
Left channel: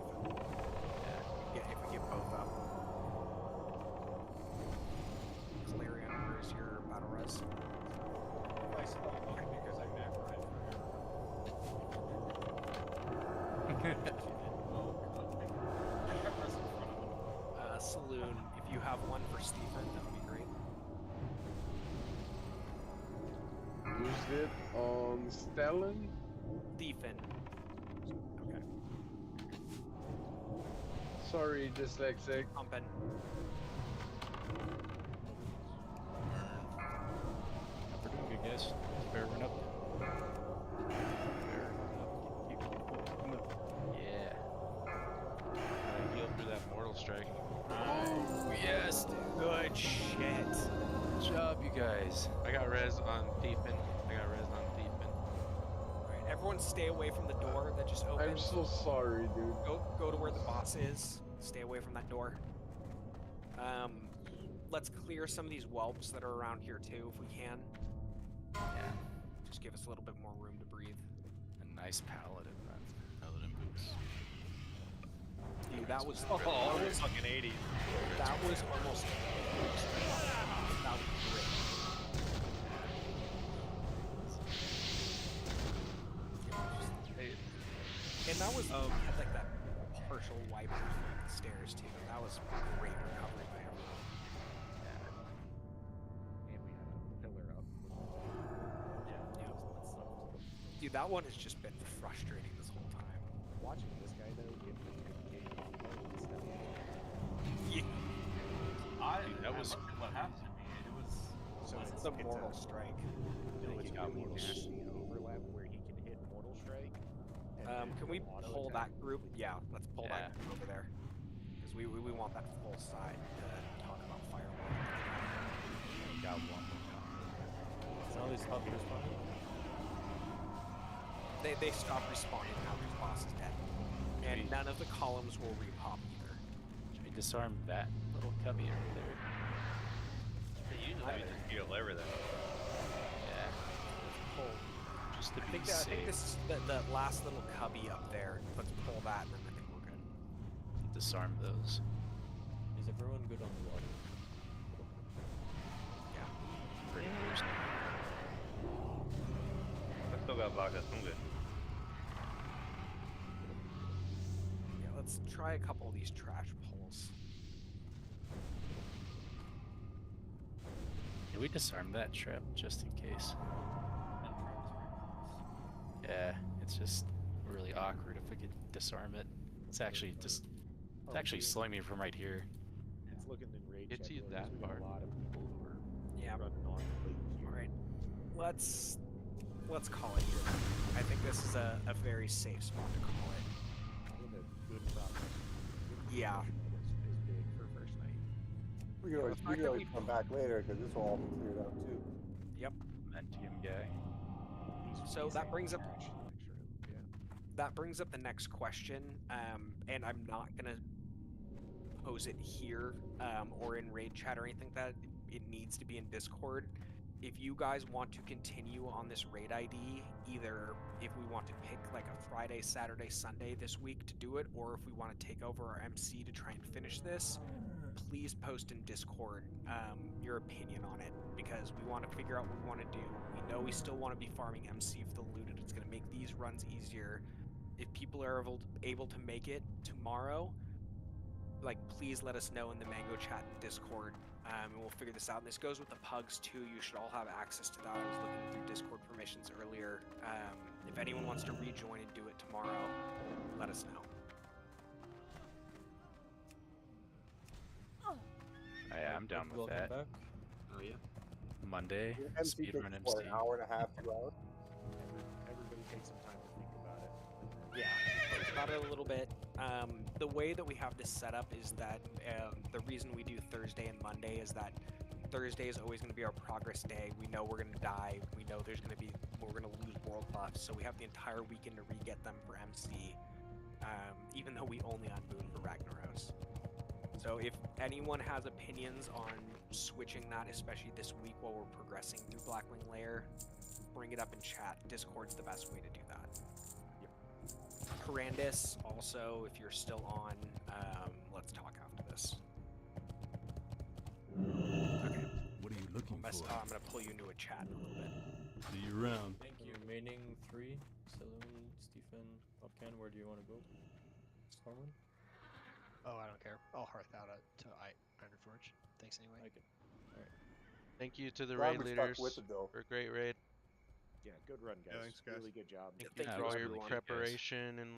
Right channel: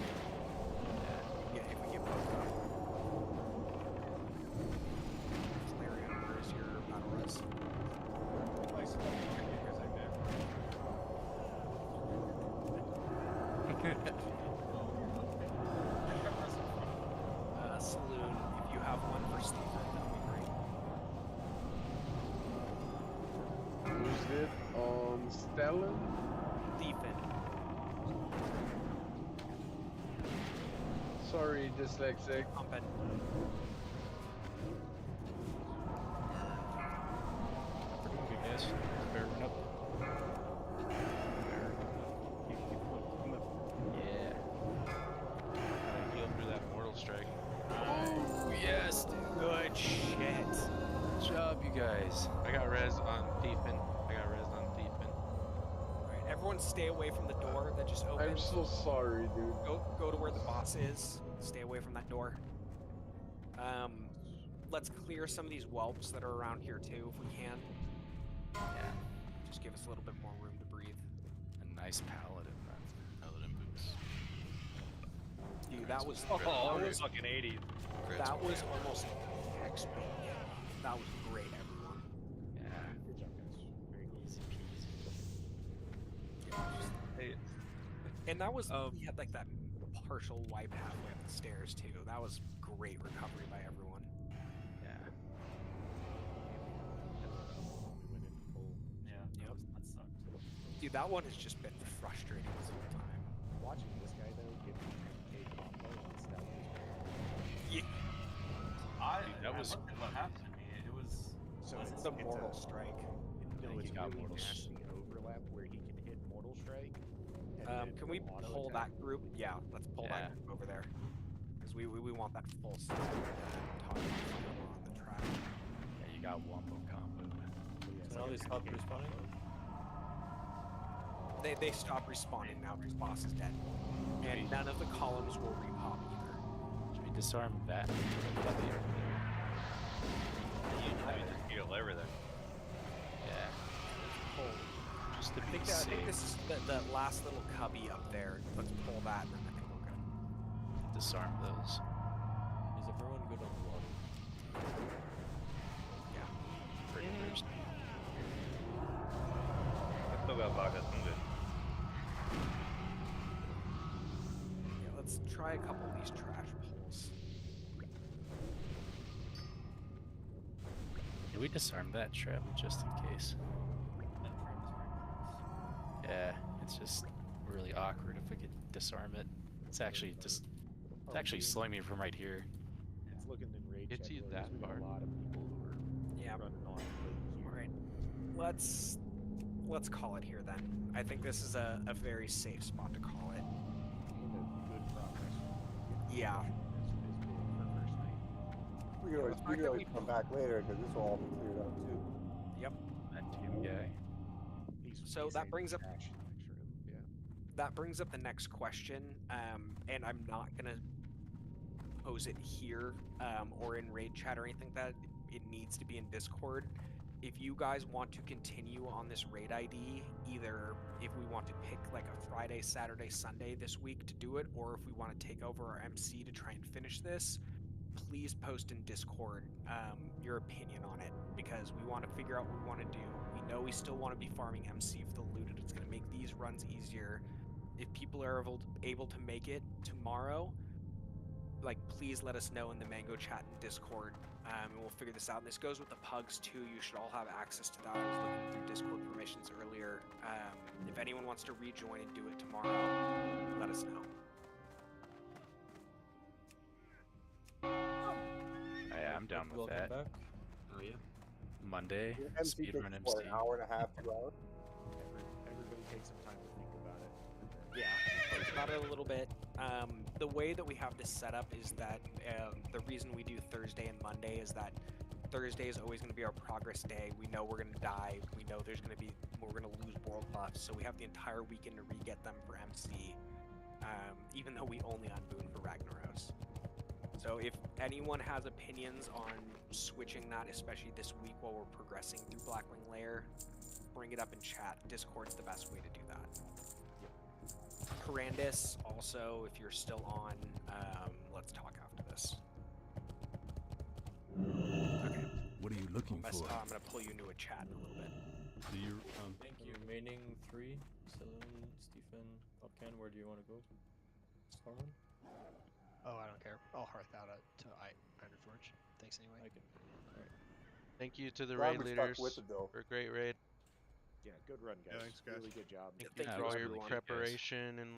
Yeah, if we get both up. Clarion, where's your battle res? I stuck here because I macro. Saloon, if you have one for Stephen, that would be great. Who's it on Stellan? Stephen. Sorry, dyslexic. Pumping. We're doing good, guys. Bear run up. Yeah. I healed through that mortal strike. Oh, yes, dude. Good shit. Good job, you guys. I got res on Thiefin. Alright, everyone stay away from the door that just opened. I'm so sorry, dude. Go to where the boss is. Stay away from that door. Let's clear some of these whelps that are around here too, if we can. Yeah. Just give us a little bit more room to breathe. A nice paladin, man. Paladin boots. Dude, that was that was fucking 80s. that was almost that was great. And that was we had like that partial wipe halfway up the stairs too. That was great recovery by everyone. Yeah. Yeah. Yep. That sucked. Dude, that one has just been frustrating this whole time. Watching this guy though get the 10k combo with Stellan. Yeah. Dude, that was I looked at what happened to me. It was So It's it's the it's mortal a, strike. No, he it's got really Mortal nasty overlap where he can hit Mortal Strike. And Can we auto pull attack. that group? Yeah, let's pull Yeah. that group over there. Because we want that full side to talk about fireball. Yeah, you got one more combo. So now they stop respawning? They stop respawning now because boss is dead. And none of the columns will repop either. Should we disarm that little cubby over there? You just heal everything. Yeah. Pull. Just to I be think safe. this is the last little cubby up there. Let's pull that and then I think we're good. Disarm those. Is everyone good on the water? Yeah. Pretty first. I still got vodka. I'm good. Yeah, let's try a couple of these trash pulls. Can we disarm that trap just in case? That trap is very close. Yeah, it's just really awkward if we could disarm it. It's actually just it's actually slowing me from right here. It's looking in raid Gets check you orders. that We got far. a lot of people who are Yeah. running on late queue. All right, let's call it here then. I think this is a very safe spot to call it. In a good progress. Yeah. Is big for first night. We can always, the we fact can that always we- come back later because this will all be cleared out too. Yep. Momentum guy. So that brings up Cash in the next room. Yeah. that brings up the next question, and I'm not gonna pose it here or in raid chat or anything like that. It needs to be in Discord. If you guys want to continue on this raid ID, either if we want to pick like a Friday, Saturday, Sunday this week to do it, or if we want to take over our MC to try and finish this, please post in Discord your opinion on it, because we want to figure out what we want to do. We know we still want to be farming MC for the looted. It's going to make these runs easier. If people are able to make it tomorrow, like, please let us know in the Mango chat and Discord, and we'll figure this out. And this goes with the pugs too. You should all have access to that. I was looking through Discord permissions earlier. If anyone wants to rejoin and do it tomorrow, let us know. Yeah, I'm down with Welcome that. back. Oh yeah. Monday, MC takes speedrun what, MC. an hour and a half, 2 hours. Everybody take some time to think about it. Yeah, think about it a little bit. The way that we have this set up is that the reason we do Thursday and Monday is that Thursday is always going to be our progress day. We know we're going to die. We know we're going to lose world buffs, so we have the entire weekend to re-get them for MC, even though we only unboon for Ragnaros. So if anyone has opinions on switching that, especially this week while we're progressing through Blackwing Lair, bring it up in chat. Discord's the best way to do that. Corandis, also, if you're still on, let's talk after this. Okay. What are you looking for? I'm gonna pull you into a chat in a little bit. See you around. Thank you. Remaining 3, Saloon, Stephen, Popcan, where do you want to go? Stormwind? Oh, I don't care. I'll hearth out to Ironforge. Thanks anyway. I can. Alright. Thank you to the Glad raid we stuck leaders with it, though. for a great raid. Yeah, good run, guys. Yeah, thanks, guys. Really good job. Thank Thank you you, for all your everyone. preparation and